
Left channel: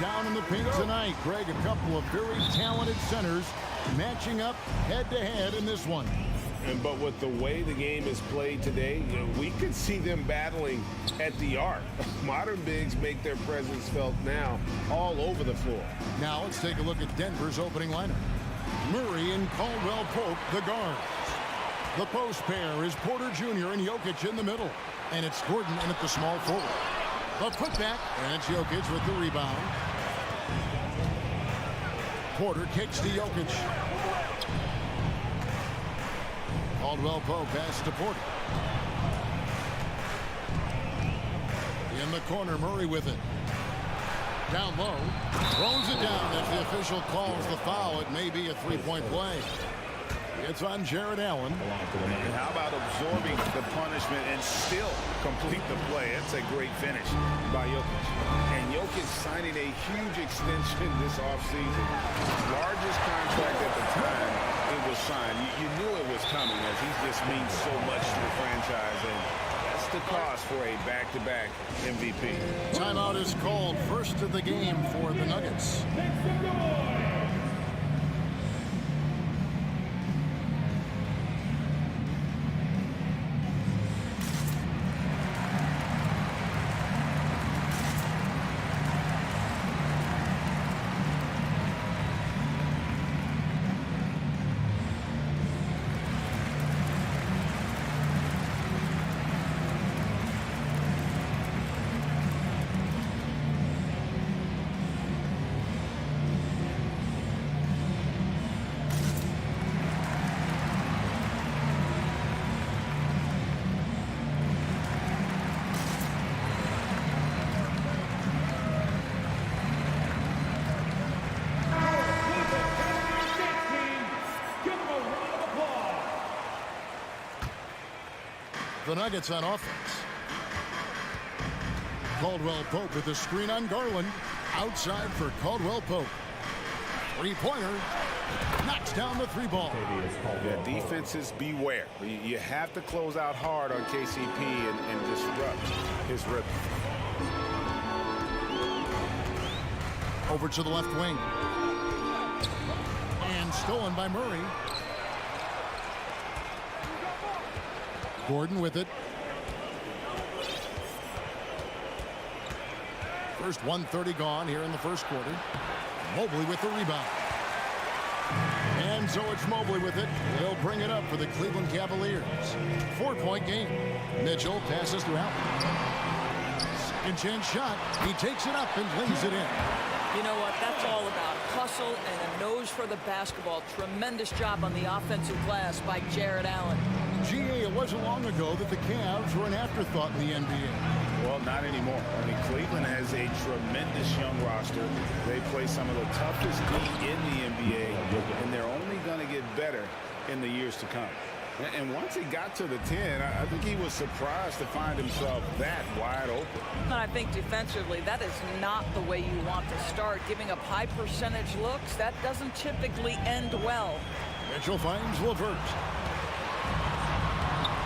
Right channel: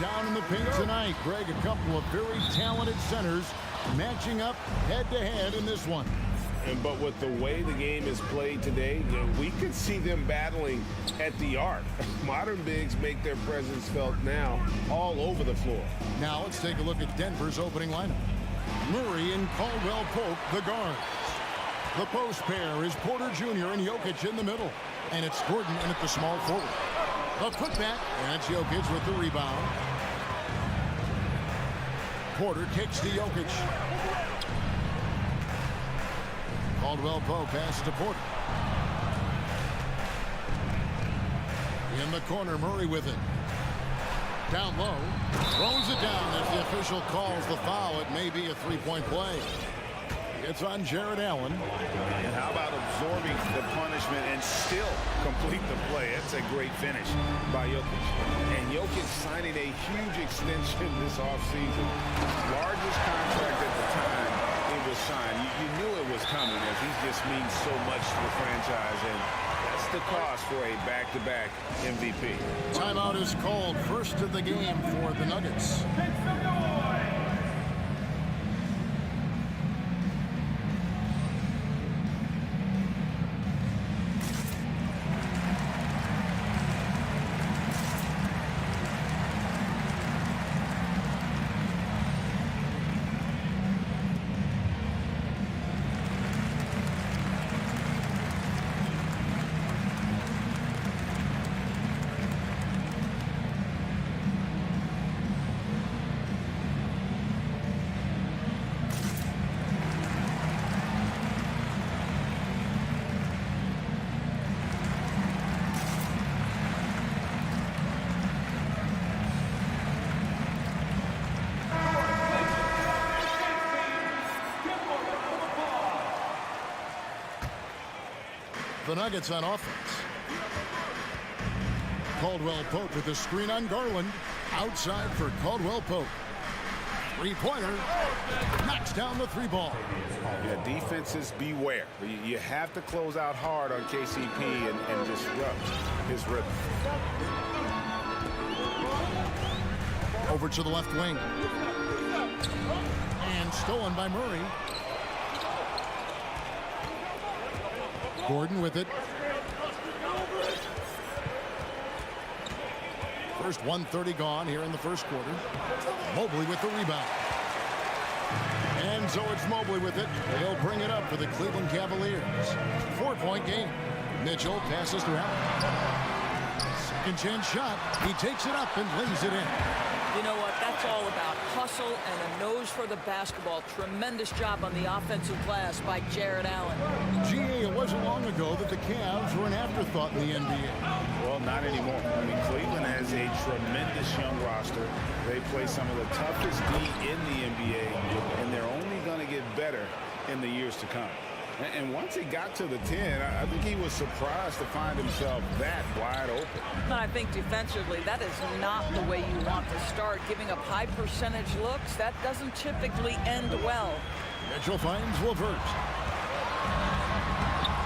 down in the paint tonight. Greg, a couple of very talented centers matching up head-to-head in this one. But with the way the game is played today, we could see them battling at the arc. Modern bigs make their presence felt now all over the floor. Now let's take a look at Denver's opening lineup. Murray and Caldwell Pope, the guards. The post pair is Porter Jr. and Jokic in the middle. And it's Gordon in at the small forward. The putback, and it's Jokic with the rebound. Porter kicks to Jokic. Caldwell Pope passes to Porter. In the corner, Murray with it. Down low. Throws it down as the official calls the foul. It may be a three-point play. It's on Jared Allen. And how about absorbing the punishment and still complete the play? That's a great finish by Jokic. And Jokic signing a huge extension this offseason. Largest contract at the time it was signed. You knew it was coming as he just means so much to the franchise. And that's the cost for a back-to-back MVP. Timeout is called. First of the game for the Nuggets. The Nuggets on offense. Caldwell Pope with the screen on Garland. Outside for Caldwell Pope. Three-pointer. Knocks down the three ball. Yeah, defenses beware. You have to close out hard on KCP and disrupt his rhythm. Over to the left wing. And stolen by Murray. Gordon with it. First 1:30 gone here in the first quarter. Mobley with the rebound. And so it's Mobley with it. He'll bring it up for the Cleveland Cavaliers. 4-point game. Mitchell passes to Allen. Second chance shot. He takes it up and lays it in. You know what? That's all about hustle and a nose for the basketball. Tremendous job on the offensive glass by Jared Allen. GA, it wasn't long ago that the Cavs were an afterthought in the NBA. Well, not anymore. I mean, Cleveland has a tremendous young roster. They play some of the toughest D in the NBA, and they're only going to get better in the years to come. And once he got to the 10, I think he was surprised to find himself that wide open. And I think defensively, that is not the way you want to start. Giving up high percentage looks, that doesn't typically end well. Mitchell finds LeVert.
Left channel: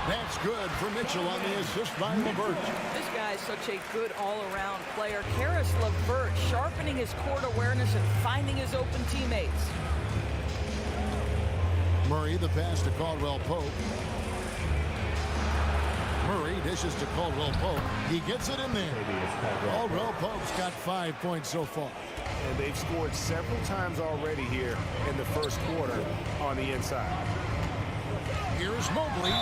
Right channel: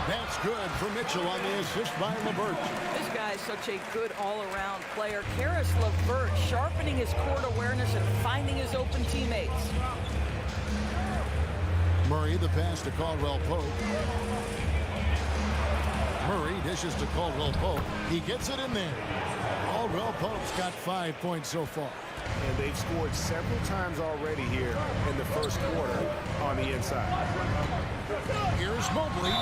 That's good for Mitchell on the assist by LeVert. This guy is such a good all-around player. Karis LeVert sharpening his court awareness and finding his open teammates. Murray, the pass to Caldwell Pope. Murray dishes to Caldwell Pope. He gets it in there. Caldwell Pope's got 5 points so far. And they've scored several times already here in the first quarter on the inside. Here's Mobley.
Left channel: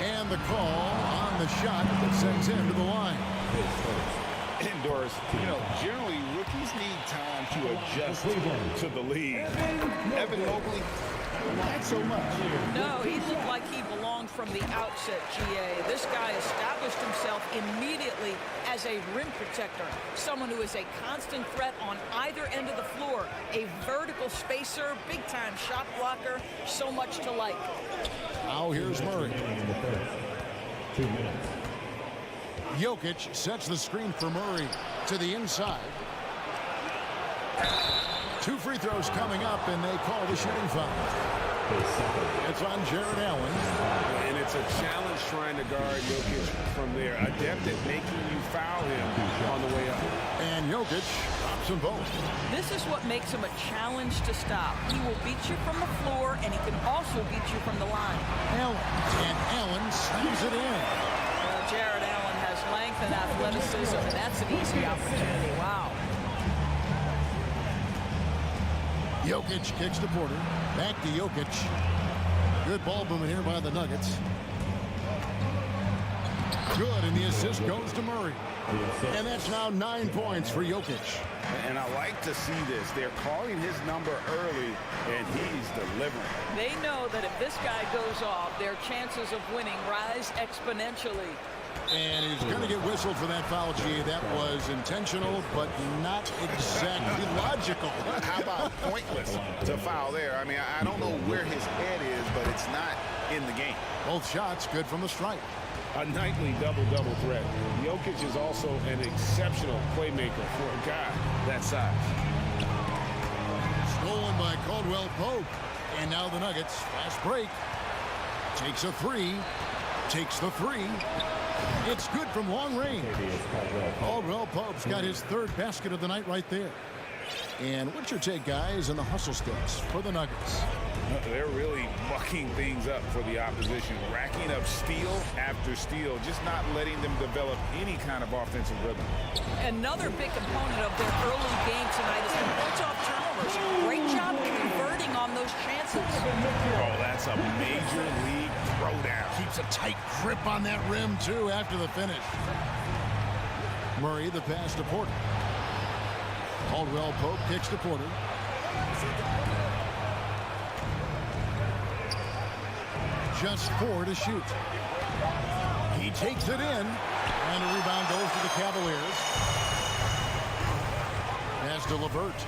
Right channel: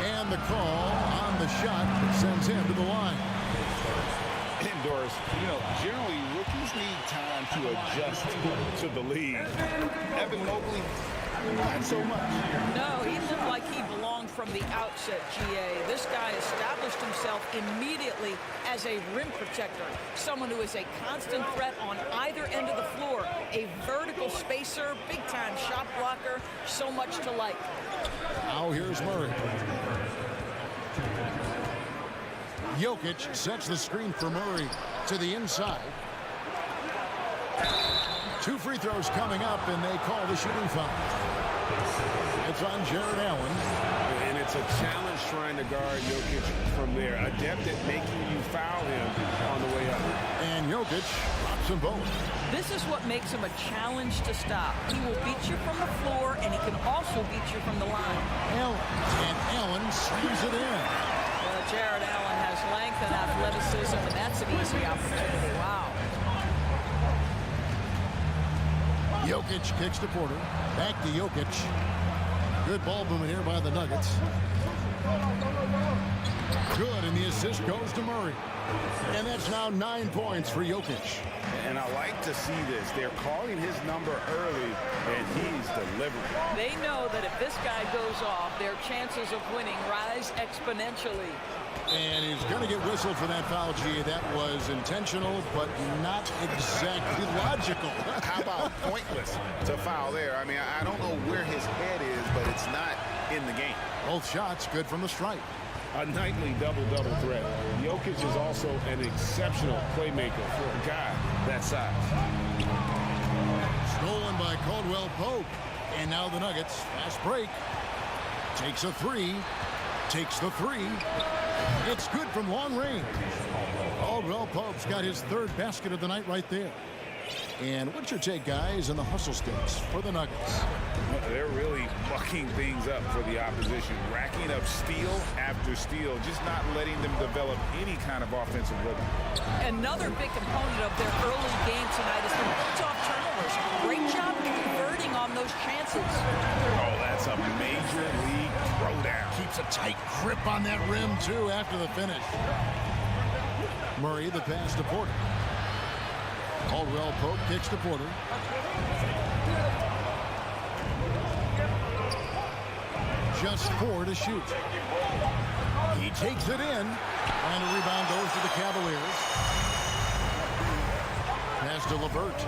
And the call on the shot that sends him to the line. Doris, you know, generally rookies need time to adjust to the league. Evan Mobley, not so much. No, he looked like he belonged from the outset, GA. This guy established himself immediately as a rim protector, someone who is a constant threat on either end of the floor, a vertical spacer, big-time shot blocker, so much to like. Now here's Murray. Jokic sets the screen for Murray to the inside. 2 free throws coming up, and they call the shooting foul. It's on Jared Allen. And it's It's a challenge trying to guard Jokic from there. Adept at making you foul him on the way up. And Jokic drops them both. This is what makes him a challenge to stop. He will beat you from the floor, and he can also beat you from the line. Allen. And Allen slams it in. Jared Allen has length and athleticism, and that's an easy opportunity. Wow. Jokic kicks to Porter. Back to Jokic. Good ball movement here by the Nuggets. Good, and the assist goes to Murray. And that's now 9 points for Jokic. And I like to see this. They're calling his number early, and he's delivering. They know that if this guy goes off, their chances of winning rise exponentially. And he's going to get whistled for that foul, G. That was intentional, but not exactly logical. How about pointless to foul there? I mean, I don't know where his head is, but it's not in the game. Both shots good from the stripe. A nightly double-double threat. Jokic is also an exceptional playmaker for a guy that size. Stolen by Caldwell Pope. And now the Nuggets, fast break. Takes a three. Takes the three. It's good from long range. Caldwell Pope's got his third basket of the night right there. And what's your take, guys, on the hustle sticks for the Nuggets? They're really mucking things up for the opposition, racking up steal after steal, just not letting them develop any kind of offensive rhythm. Another big component of their early game tonight is the points-off turnovers. Great job converting on those chances. Oh, that's a major league throwdown. Keeps a tight grip on that rim, too, after the finish. Murray, the pass to Porter. Caldwell Pope kicks to Porter. Just 4 to shoot. He takes it in, and a rebound goes to the Cavaliers. Pass to LeVert.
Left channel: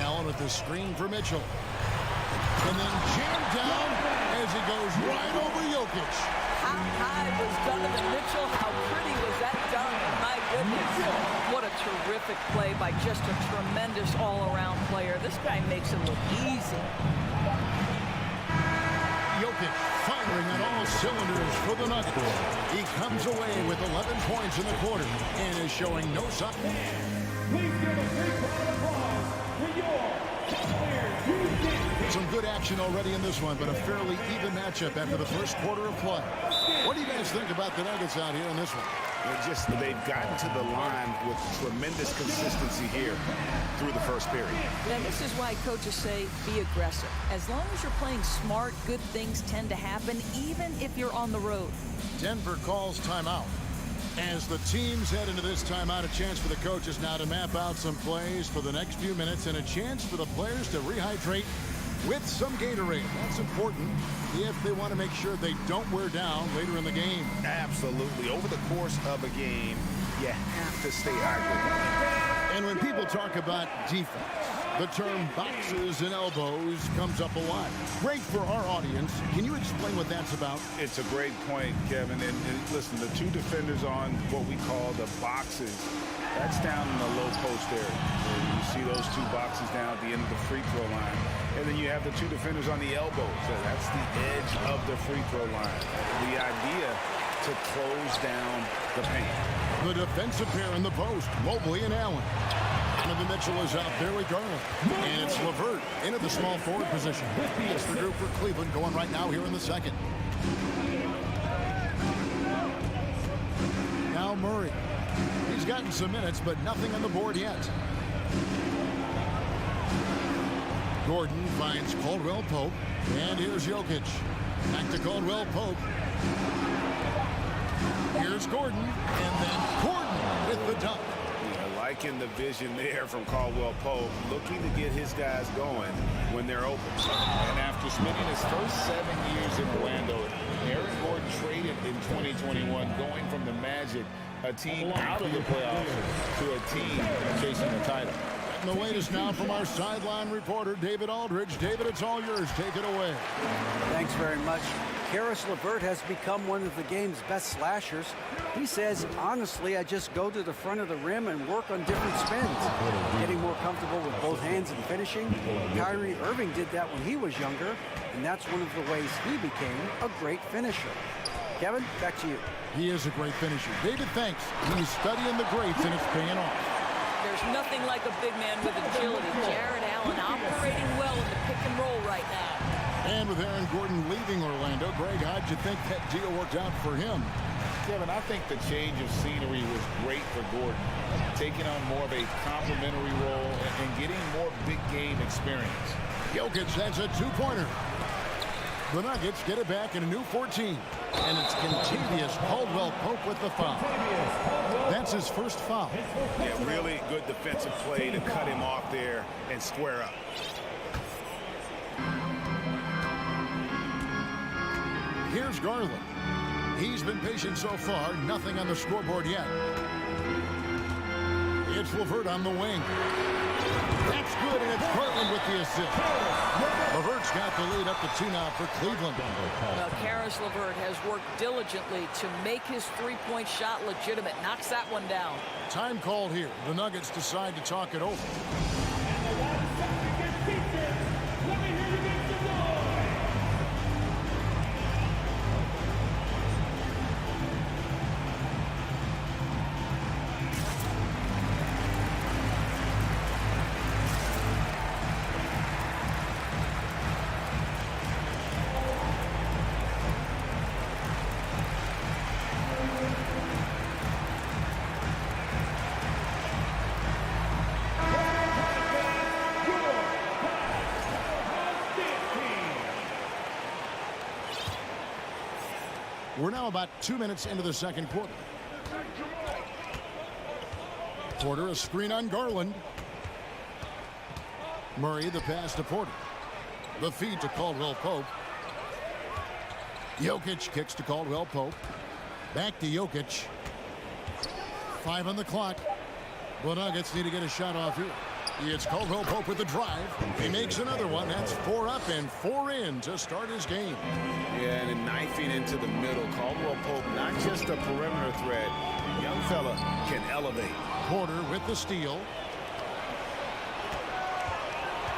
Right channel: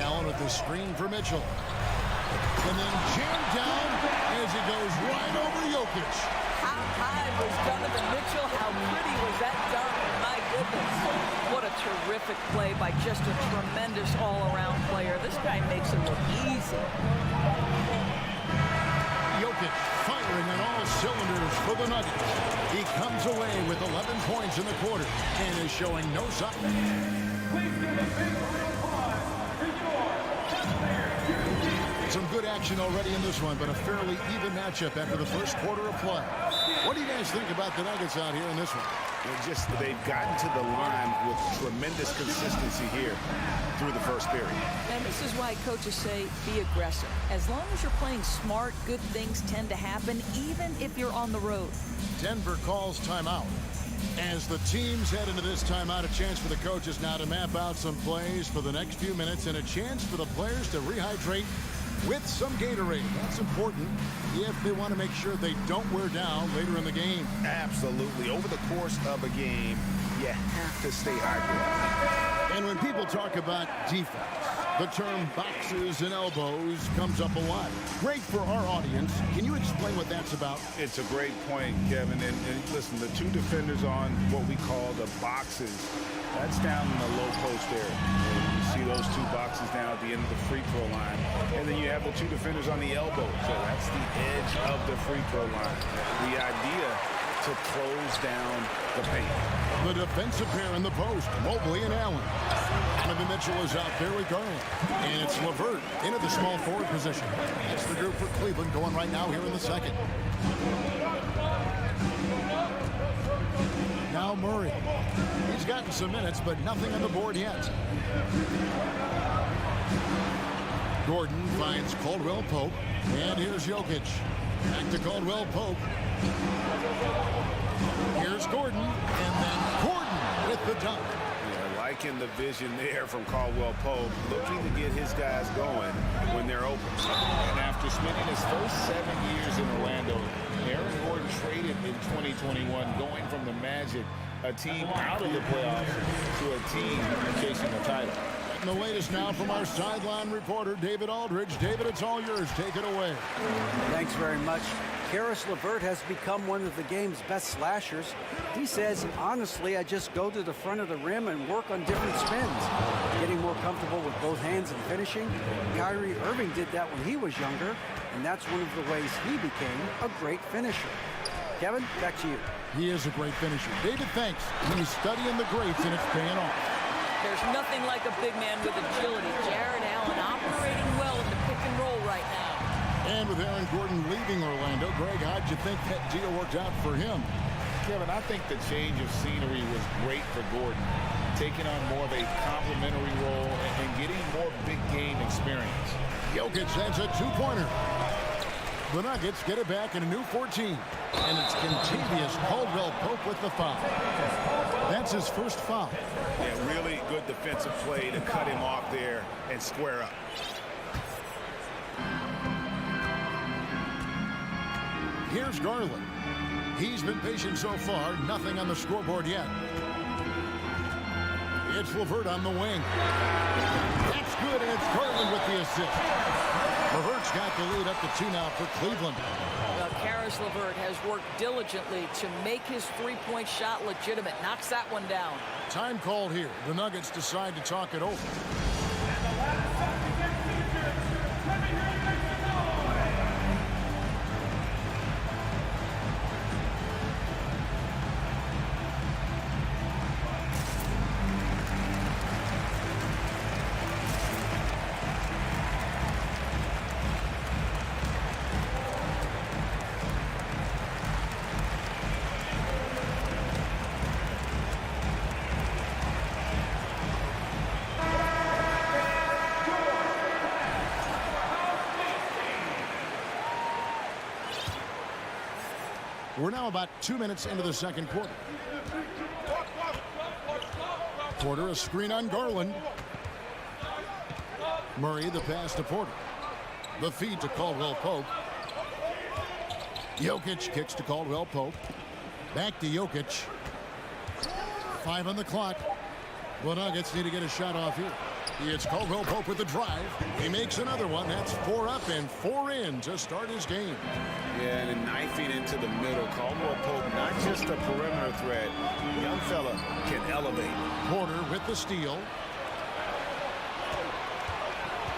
Allen with the screen for Mitchell. And then jammed down as he goes right over Jokic. How high was Donovan Mitchell? How pretty was that dunk? My goodness. What a terrific play by just a tremendous all-around player. This guy makes it look easy. Jokic firing on all cylinders for the Nuggets. He comes away with 11 points in the quarter and is showing no sign. Please give a big round of applause for your Cavaliers. Some good action already in this one, but a fairly even matchup after the first quarter of play. What do you guys think about the Nuggets out here in this one? They've gotten to the line with tremendous consistency here through the first period. And this is why coaches say be aggressive. As long as you're playing smart, good things tend to happen, even if you're on the road. Denver calls timeout. As the teams head into this timeout, a chance for the coaches now to map out some plays for the next few minutes and a chance for the players to rehydrate with some Gatorade. That's important if they want to make sure they don't wear down later in the game. Absolutely. Over the course of a game, you have to stay hydrated. And when people talk about defense, the term boxes and elbows comes up a lot. Great for our audience. Can you explain what that's about? It's a great point, Kevin. And listen, the two defenders on what we call the boxes, that's down in the low post area. And you see those two boxes down at the end of the free throw line. And then you have the two defenders on the elbows. So that's the edge of the free throw line. The idea to close down the paint. The defensive pair in the post, Mobley and Allen. Donovan Mitchell is out there with Garland. And it's LeVert into the small forward position. That's the group for Cleveland going right now here in the second. Now Murray. He's gotten some minutes, but nothing on the board yet. Gordon finds Caldwell Pope. And here's Jokic. Back to Caldwell Pope. Here's Gordon. And then Gordon with the dunk. Yeah, liking the vision there from Caldwell Pope, looking to get his guys going when they're open. And after spending his first 7 years in Orlando, Aaron Gordon traded in 2021, going from the Magic, a team out of the playoffs, to a team chasing the title. And the latest now from our sideline reporter, David Aldridge. David, it's all yours. Take it away. Thanks very much. Karis LeVert has become one of the game's best slashers. He says, honestly, I just go to the front of the rim and work on different spins. Getting more comfortable with both hands and finishing. Kyrie Irving did that when he was younger. and that's one of the ways he became a great finisher. Kevin, back to you. He is a great finisher. David, thanks. He's studying the greats, and it's paying off. There's nothing like a big man with agility. Jared Allen operating well in the pick and roll right now. And with Aaron Gordon leaving Orlando, Greg, how'd you think that deal worked out for him? Kevin, I think the change of scenery was great for Gordon, taking on more of a complimentary role and getting more big game experience. Jokic, that's a two-pointer. The Nuggets get it back in a new 14. And it's Kentavious Caldwell-Pope with the foul. That's his first foul. Yeah, really good defensive play to cut him off there and square up. Here's Garland. He's been patient so far. Nothing on the scoreboard yet. It's LeVert on the wing. That's good, and it's Garland with the assist. LeVert's got the lead up to 2 now for Cleveland. Well, Karis LeVert has worked diligently to make his three-point shot legitimate. Knocks that one down. Time called here. The Nuggets decide to talk it over. We're now about 2 minutes into the second quarter. Porter, a screen on Garland. Murray, the pass to Porter. The feed to Caldwell-Pope. Jokic kicks to Caldwell-Pope. Back to Jokic. 5 on the clock. The Nuggets need to get a shot off here. It's Caldwell-Pope with the drive. He makes another one. That's 4 up and 4 in to start his game. Yeah, and then knifing into the middle. Caldwell-Pope, not just a perimeter threat. Young fella can elevate. Porter with the steal.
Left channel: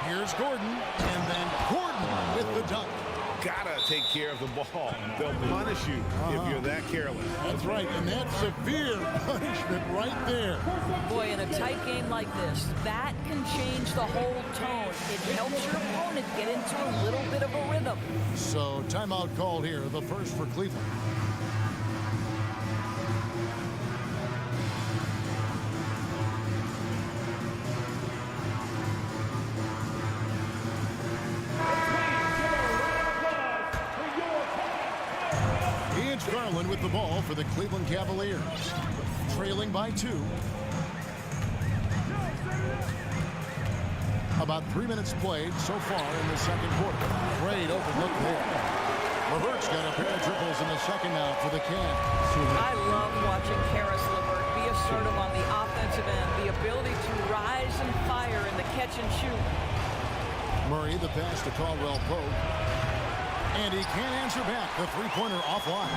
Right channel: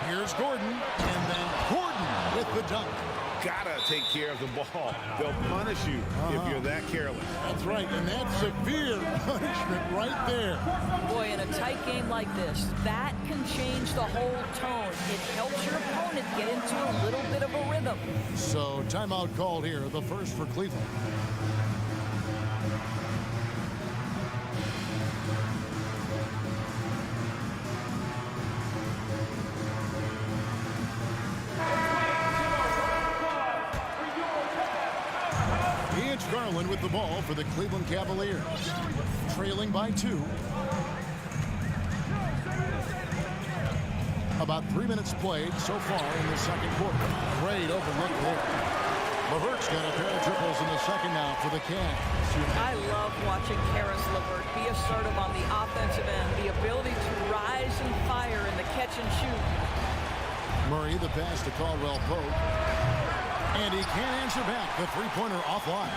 Here's Gordon, and then Gordon with the dunk. Gotta take care of the ball. They'll punish you if you're that careless. That's right, and that's severe punishment right there. Boy, in a tight game like this, that can change the whole tone. It helps your opponent get into a little bit of a rhythm. So timeout called here, the first for Cleveland. It's Garland with the ball for the Cleveland Cavaliers. Trailing by 2. About 3 minutes played so far in the second quarter. Great open look there. LeVert's got a pair of triples in the second now for the Cavs. I love watching Karis LeVert be assertive on the offensive end. The ability to rise and fire in the catch and shoot. Murray, the pass to Caldwell-Pope. And he can't answer back. The three-pointer offline.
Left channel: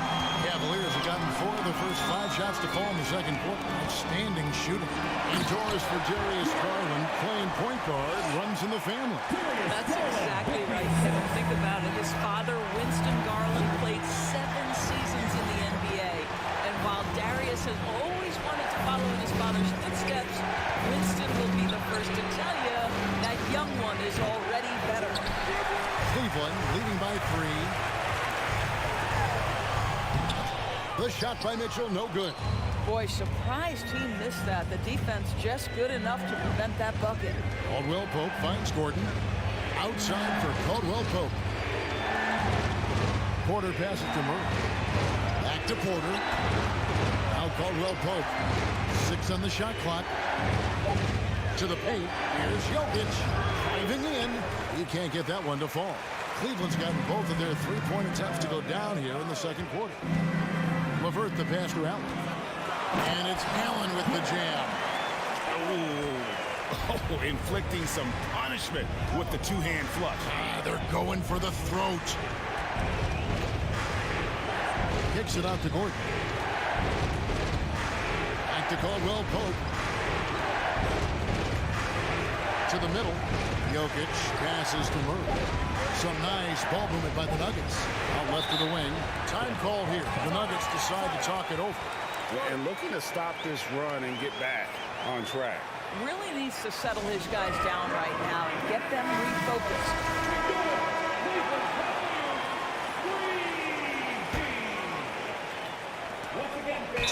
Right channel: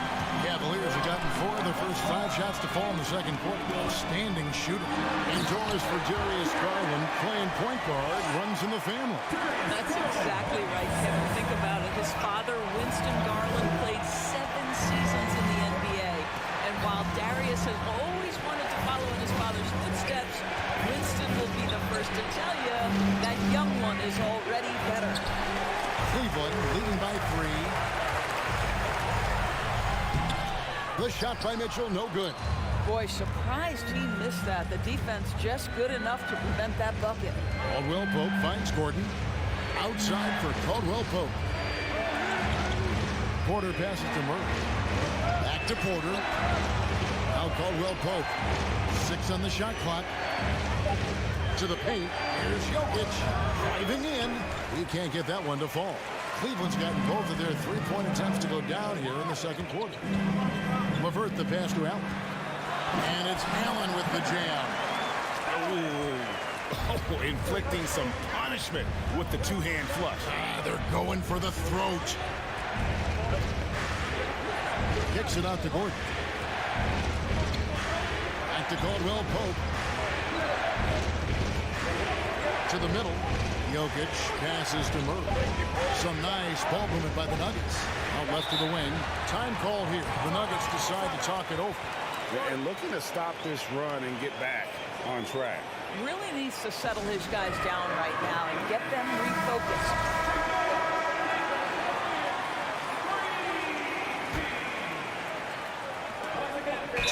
Cavaliers have gotten 4 of the first 5 shots to fall in the second quarter. Outstanding shooting. Indoors for Darius Garland, playing point guard, runs in the family. That's exactly right, Kevin. Think about it. His father, Winston Garland, played 7 seasons in the NBA. And while Darius has always wanted to follow in his father's footsteps, Winston will be the first to tell you that young one is already better. Cleveland leading by 3. The shot by Mitchell, no good. Boy, surprised he missed that. The defense just good enough to prevent that bucket. Caldwell-Pope finds Gordon. Outside for Caldwell-Pope. Porter passes to Murray. Back to Porter. Now Caldwell-Pope. 6 on the shot clock. To the paint. Here's Jokic. Driving in. He can't get that one to fall. Cleveland's gotten both of their three-point attempts to go down here in the second quarter. LeVert the pass to Allen. And it's Allen with the jam. Oh, inflicting some punishment with the two-hand flush. They're going for the throat. Kicks it out to Gordon. Back to Caldwell-Pope. To the middle. Jokic passes to Murray. Some nice ball movement by the Nuggets. Out left to the wing. Time call here. The Nuggets decide to talk it over. And looking to stop this run and get back on track. Really needs to settle his guys down right now and get them refocused.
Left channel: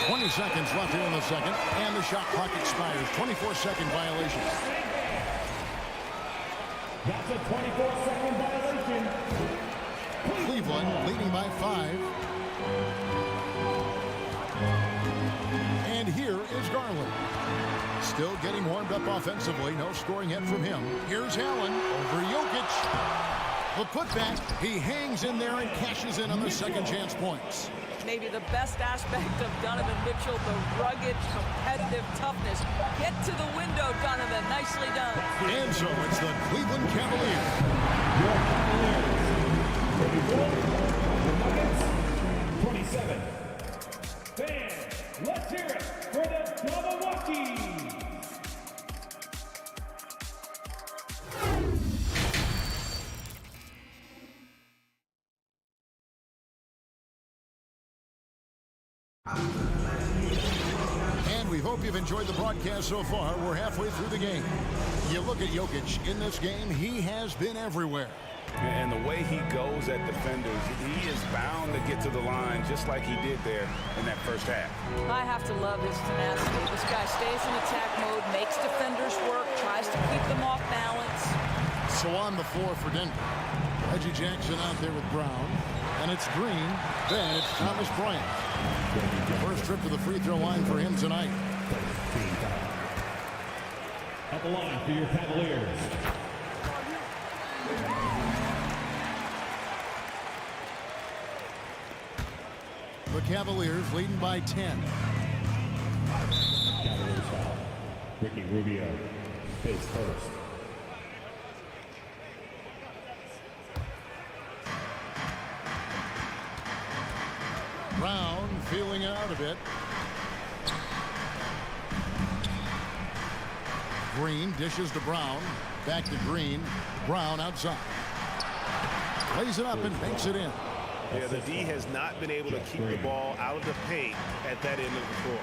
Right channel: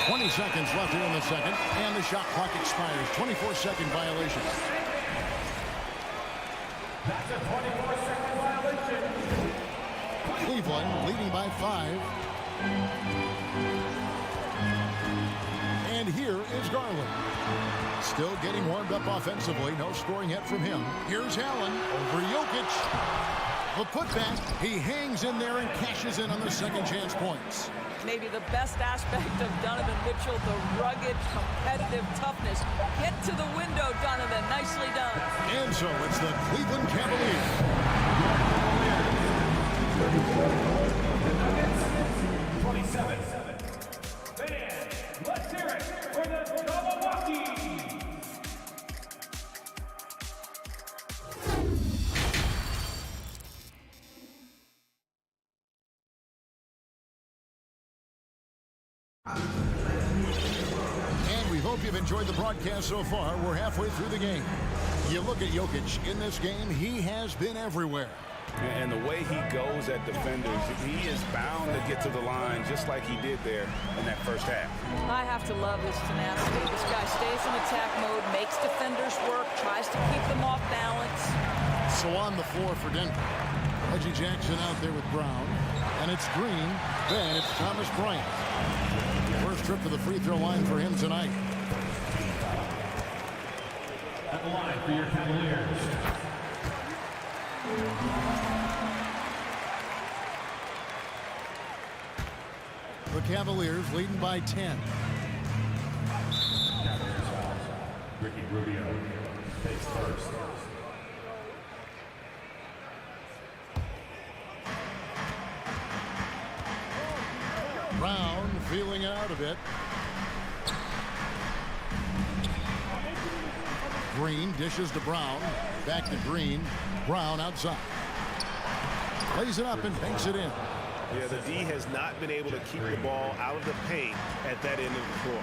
20 seconds left here in the second, and the shot clock expires. 24-second violation. That's a 24-second violation. Cleveland leading by 5. And here is Garland. Still getting warmed up offensively. No scoring yet from him. Here's Allen over Jokic. The putback. He hangs in there and cashes in on the second chance points. Maybe the best aspect of Donovan Mitchell, the rugged, competitive toughness. Get to the window, Donovan. Nicely done. And so it's the Cleveland Cavaliers. The Nuggets, 27. Fans, let's hear it for the Milwaukee. And we hope you've enjoyed the broadcast so far. We're halfway through the game. You look at Jokic in this game, he has been everywhere. And the way he goes at defenders, he is bound to get to the line just like he did there in that first half. I have to love his tenacity. This guy stays in attack mode, makes defenders work, tries to keep them off balance. So on the floor for Denver, Reggie Jackson out there with Brown. And it's Green. Then it's Thomas Bryant. First trip to the free throw line for him tonight. At the line for your Cavaliers. The Cavaliers leading by 10. Ricky Rubio takes first. Brown feeling out a bit. Green dishes to Brown. Back to Green. Brown outside. Lays it up and banks it in. Yeah, the D has not been able to keep the ball out of the paint at that end of the floor.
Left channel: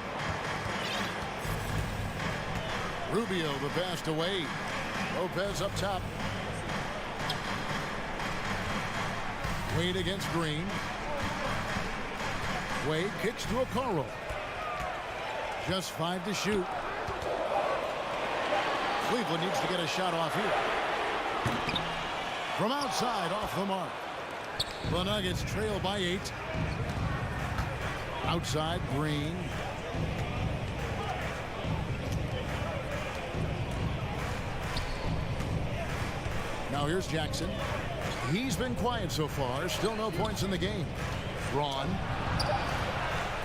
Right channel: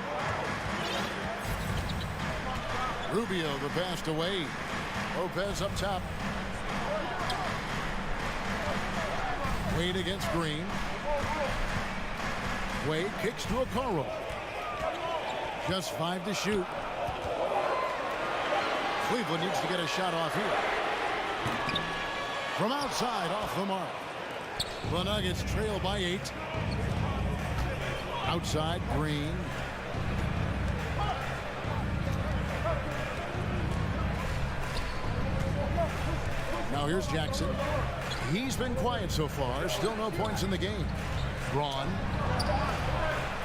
Rubio the pass to Wade. Lopez up top. Wade against Green. Wade kicks to Okoro. Just 5 to shoot. Cleveland needs to get a shot off here. From outside, off the mark. The Nuggets trail by 8. Outside, Green. Now here's Jackson. He's been quiet so far. Still no points in the game. Braun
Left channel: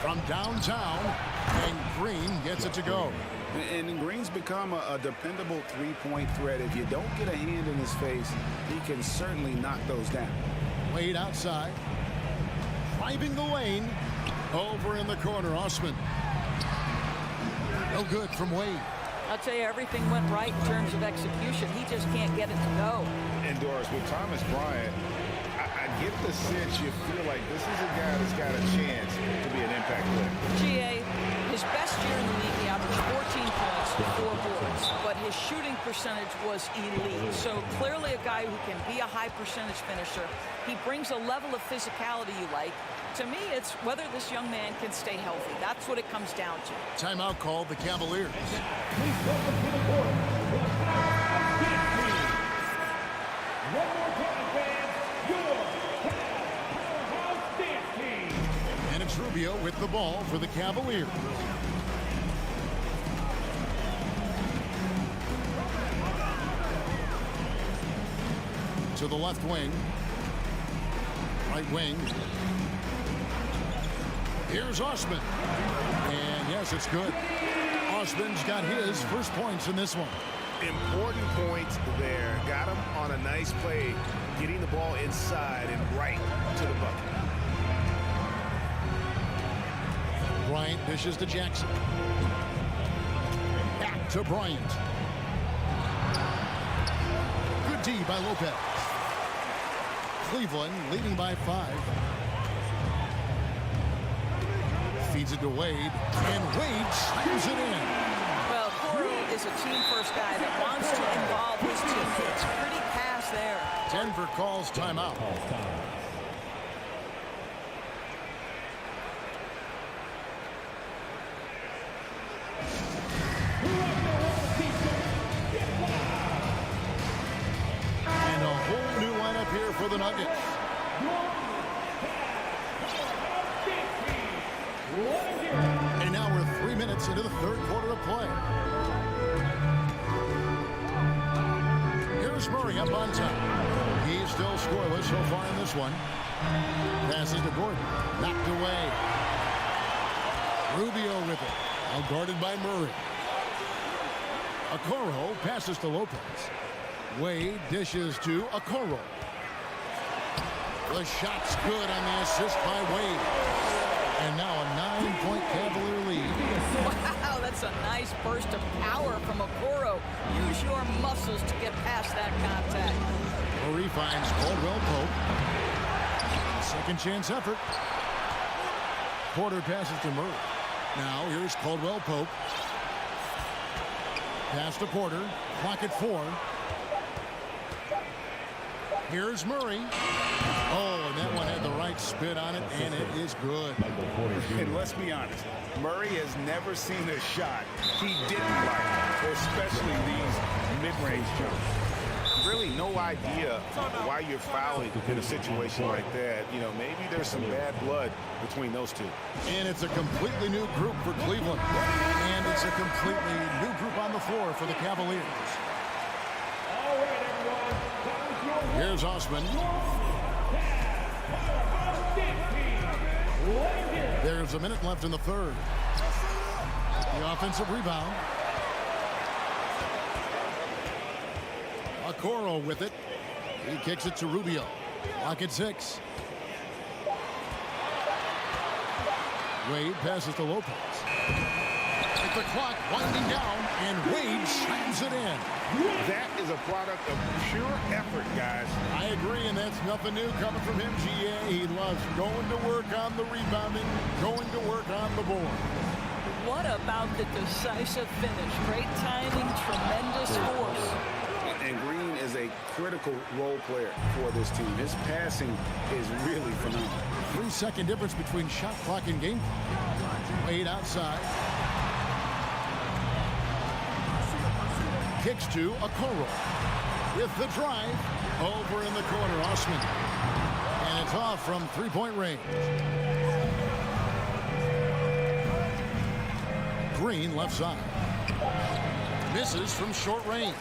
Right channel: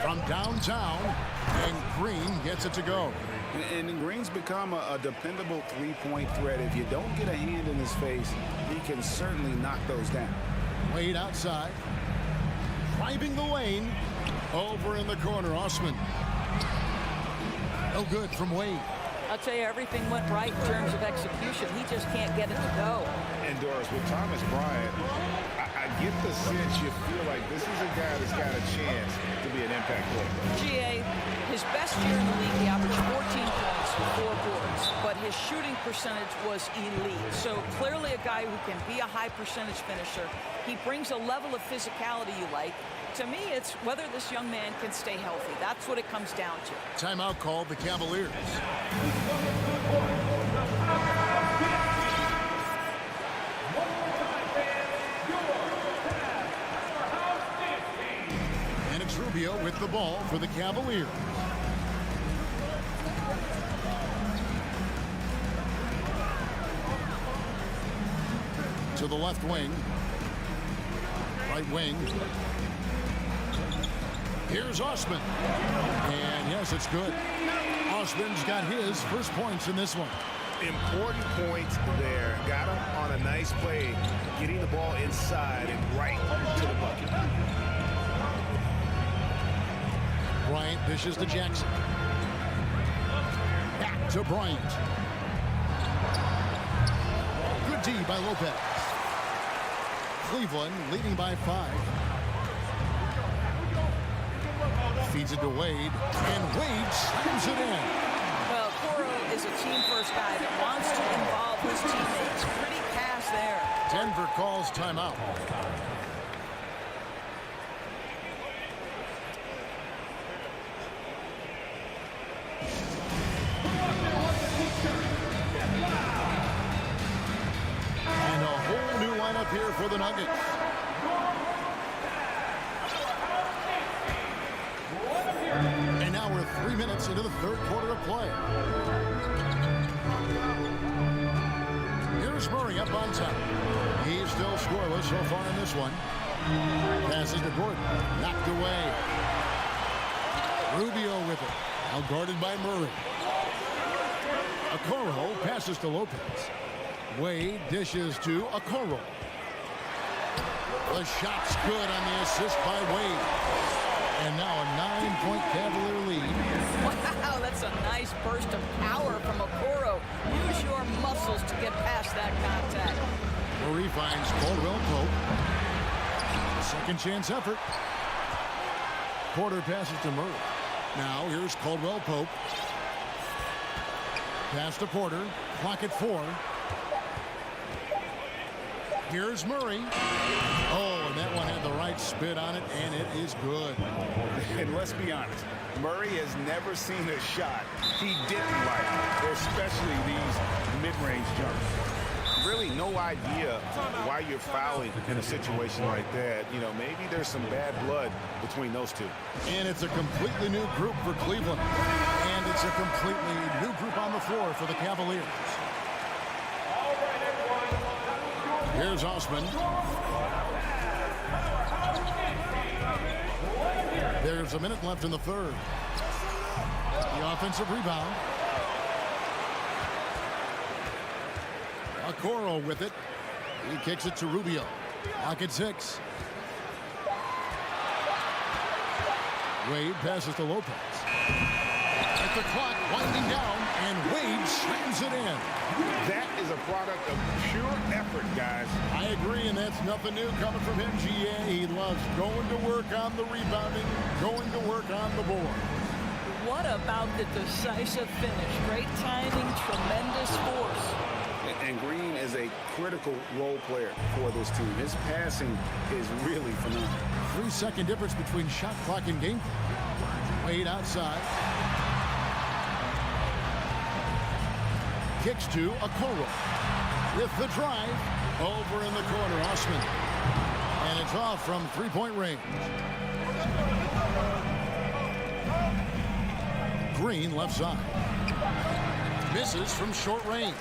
from downtown, and Green gets it to go. And Green's become a dependable three-point threat. If you don't get a hand in his face, he can certainly knock those down. Wade outside. Driving the lane. Over in the corner, Osman. No good from Wade. I'll tell you, everything went right in terms of execution. He just can't get it to go. And Doris, with Thomas Bryant, I get the sense you feel like this is a guy that's got a chance to be an impact player. GA, his best year in the league, he averaged 14 points, 4 boards, but his shooting percentage was elite. So clearly a guy who can be a high percentage finisher. He brings a level of physicality you like. To me, it's whether this young man can stay healthy. That's what it comes down to. Timeout called the Cavaliers. And it's Rubio with the ball for the Cavaliers. To the left wing. Right wing. Here's Osman. And yes, it's good. Osman's got his first points in this one. Important points there. Got him on a nice play, getting the ball inside and right to the bucket. Bryant dishes to Jackson. Back to Bryant. Good D by Lopez. Cleveland leading by 5. Feeds it to Wade, and Wade slams it in. Well, Coro is a team-first guy that wants to involve his teammates. Pretty pass there. Denver calls timeout. And a whole new lineup here for the Nuggets. And now we're 3 minutes into the third quarter of play. Here's Murray up on top. He's still scoreless so far in this one. Passes to Gordon. Knocked away. Rubio with it. Now guarded by Murray. Okoro passes to Lopez. Wade dishes to Okoro. The shot's good on the assist by Wade. And now a 9-point Cavalier lead. Wow, that's a nice burst of power from Okoro. Use your muscles to get past that contact. Murray finds Caldwell Pope. A second chance effort. Porter passes to Murray. Now here's Caldwell Pope. Pass to Porter. Clock at 4. Here's Murray. Oh, and that one had the right spin on it, and it is good. And let's be honest, Murray has never seen a shot he didn't like, especially these mid-range jumps. Really no idea why you're fouling in a situation like that. You know, maybe there's some bad blood between those two. And it's a completely new group for Cleveland. And it's a completely new group on the floor for the Cavaliers. Here's Osman. There's a minute left in the third. The offensive rebound. Okoro with it. He kicks it to Rubio. Lock at 6. Wade passes to Lopez. At the clock winding down, and Wade slams it in. That is a product of pure effort, guys. I agree, and that's nothing new coming from him, GA. He loves going to work on the rebounding, going to work on the board. What about the decisive finish? Great timing, tremendous force. And Green is a critical role player for this team. His passing is really phenomenal. 3-second difference between shot clock and game clock. Wade outside. Kicks to Okoro. With the drive. Over in the corner, Osman. And it's off from three-point range. Green left side. Misses from short range.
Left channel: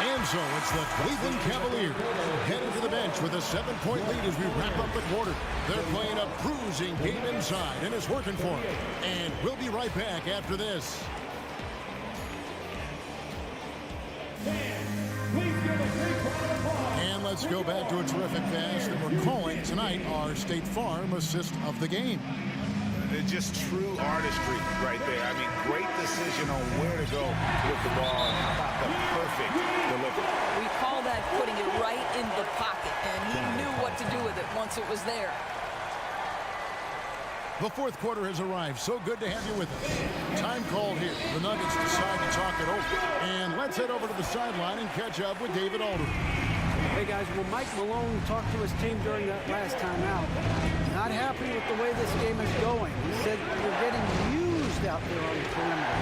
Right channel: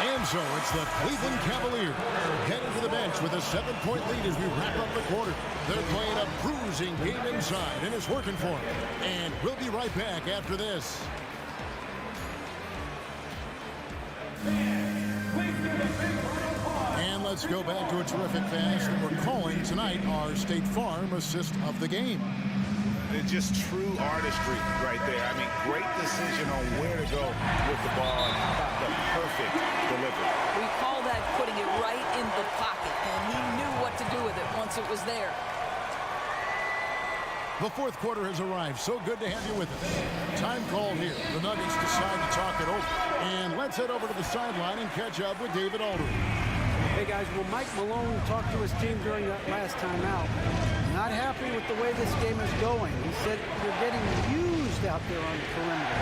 And so it's the Cleveland Cavaliers headed to the bench with a 7-point lead as we wrap up the quarter. They're playing a bruising game inside, and it's working for them. And we'll be right back after this. And let's go back to a terrific pass that we're calling tonight our State Farm assist of the game. It's just true artistry right there. I mean, great decision on where to go with the ball, and how about the perfect delivery? We call that putting it right in the pocket, and he knew what to do with it once it was there. The fourth quarter has arrived. So good to have you with us. Time called here. The Nuggets decide to talk it over. And let's head over to the sideline and catch up with David Aldridge. Hey, guys, well, Mike Malone talked to his team during that last timeout. Not happy with the way this game is going. He said you're getting used out there on the perimeter.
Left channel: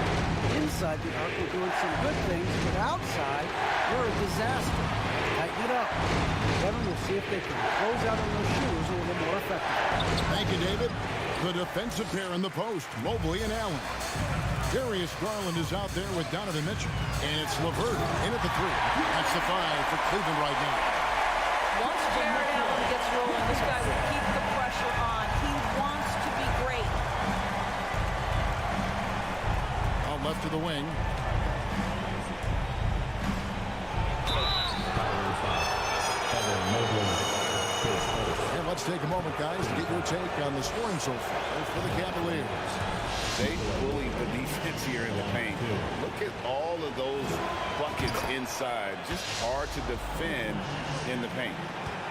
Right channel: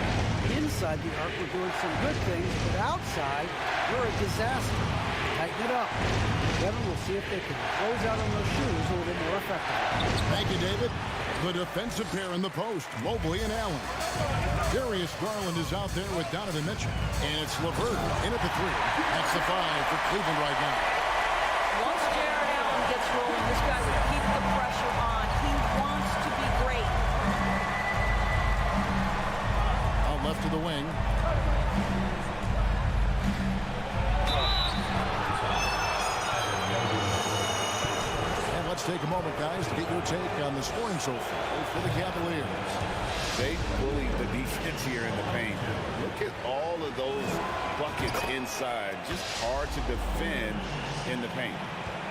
Inside the arc, we're doing some good things, but outside, we're a disaster. Tighten it up. Kevin, we'll see if they can close out on those shooters a little more effectively. Thank you, David. The defensive pair in the post, Mobley and Allen. Darius Garland is out there with Donovan Mitchell. And it's LeVert in at the 3. That's the 5 for Cleveland right now. Once Jared Allen gets rolling, this guy will keep the pressure on. He wants to be great. Out left to the wing. Let's take a moment, guys, to get your take on the scoring so far for the Cavaliers. They bullied the defense here in the paint. Look at all of those buckets inside. Just hard to defend in the paint.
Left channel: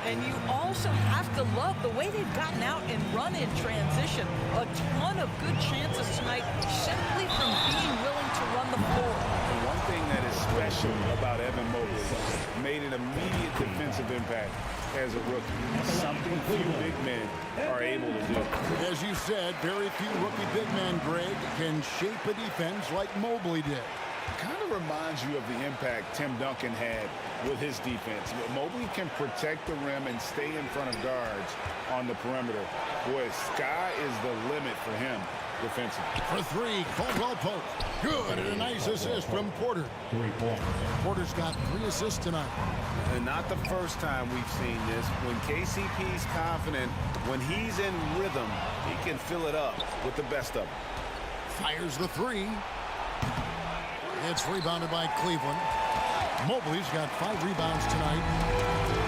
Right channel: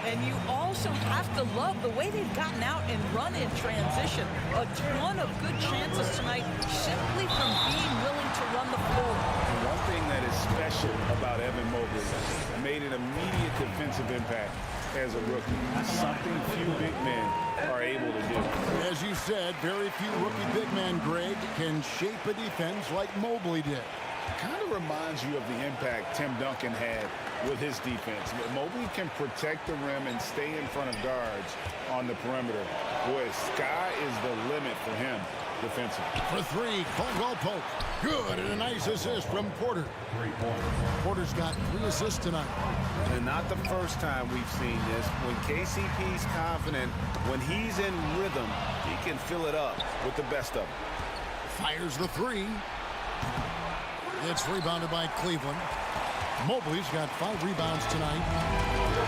And you also have to love the way they've gotten out and run in transition. A ton of good chances tonight simply from being willing to run the floor. And one thing that is special about Evan Mobley, made an immediate defensive impact as a rookie. Something few big men are able to do. As you said, very few rookie big men, Greg, can shape a defense like Mobley did. Kind of reminds you of the impact Tim Duncan had with his defense. Mobley can protect the rim and stay in front of guards on the perimeter. Boy, sky is the limit for him defensively. For three, Caldwell Pope. Good, and a nice assist from Porter. Porter's got 3 assists tonight. And not the first time we've seen this. When KCP's confident, when he's in rhythm, he can fill it up with the best of them. Fires the 3. It's rebounded by Cleveland. Mobley's got 5 rebounds tonight.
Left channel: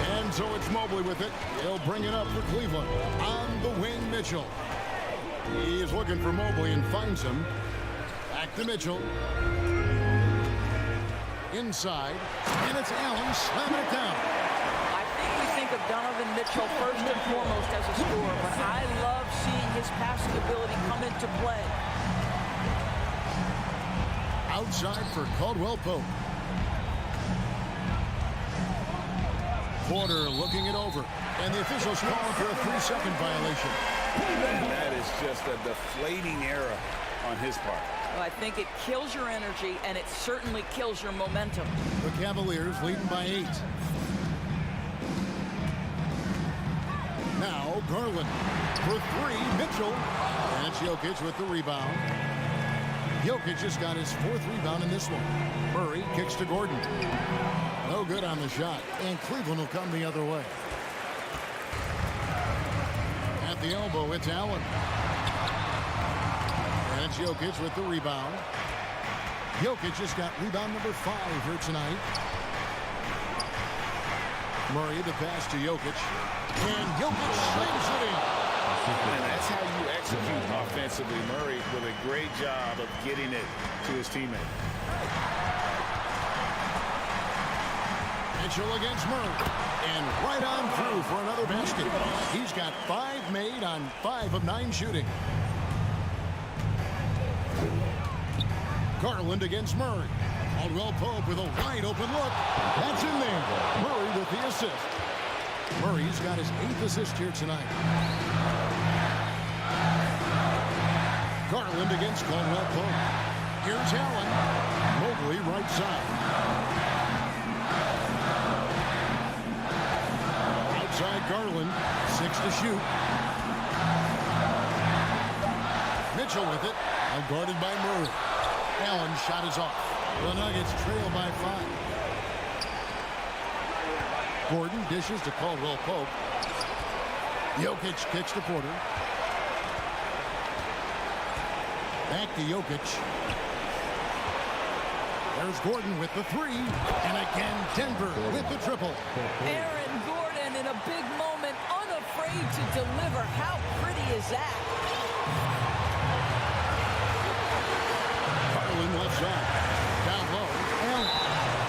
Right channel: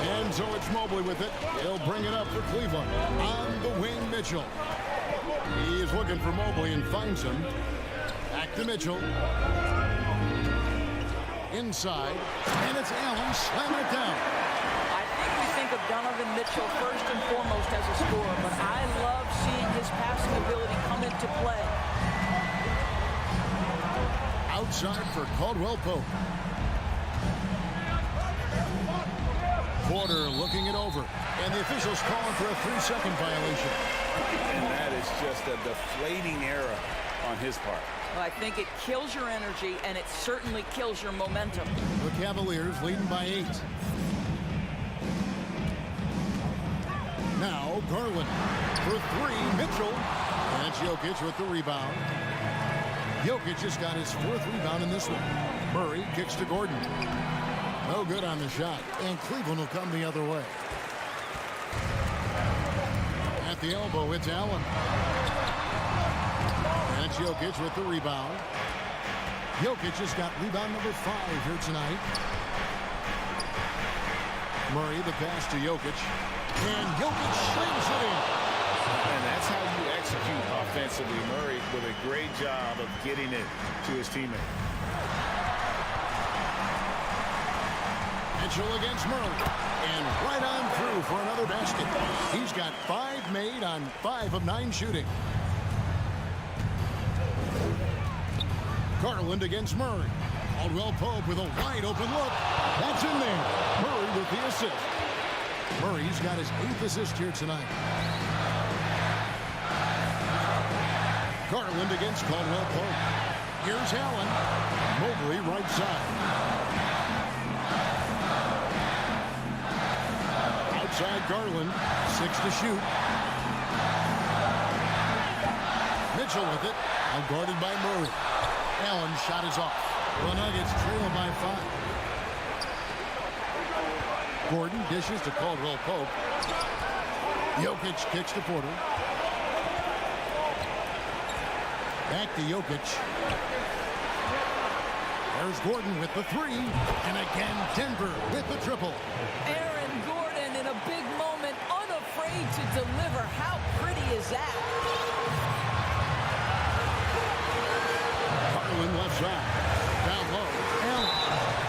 And so it's Mobley with it. He'll bring it up for Cleveland. On the wing, Mitchell. He's looking for Mobley and finds him. Back to Mitchell. Inside. And it's Allen slamming it down. I think we think of Donovan Mitchell first and foremost as a scorer, but I love seeing his passing ability come into play. Outside for Caldwell Pope. Porter looking it over. And the officials calling for a 3-second violation. And that is just a deflating error on his part. Well, I think it kills your energy, and it certainly kills your momentum. The Cavaliers leading by 8. Now Garland for 3. Mitchell. And it's Jokic with the rebound. Jokic just got his 4th rebound in this one. Murray kicks to Gordon. No good on the shot. And Cleveland will come the other way. At the elbow, it's Allen. And it's Jokic with the rebound. Jokic just got rebound number 5 here tonight. Murray, the pass to Jokic. And Jokic slings it in. And that's how you execute offensively. Murray with a great job of getting it to his teammate. Mitchell against Murray. And right on through for another basket. He's got 5 made on 5 of 9 shooting. Garland against Murray. Caldwell Pope with a wide open look. That's in there. Murray with the assist. Murray's got his 8th assist here tonight. Garland against Caldwell Pope. Here's Allen. Mobley right side. Outside Garland. 6 to shoot. Mitchell with it. Now guarded by Murray. Allen's shot is off. The Nuggets trail by 5. Gordon dishes to Caldwell Pope. Jokic kicks to Porter. Back to Jokic. There's Gordon with the 3. And again, Denver with the triple. Aaron Gordon in a big moment, unafraid to deliver. How pretty is that? Garland left side. Down low.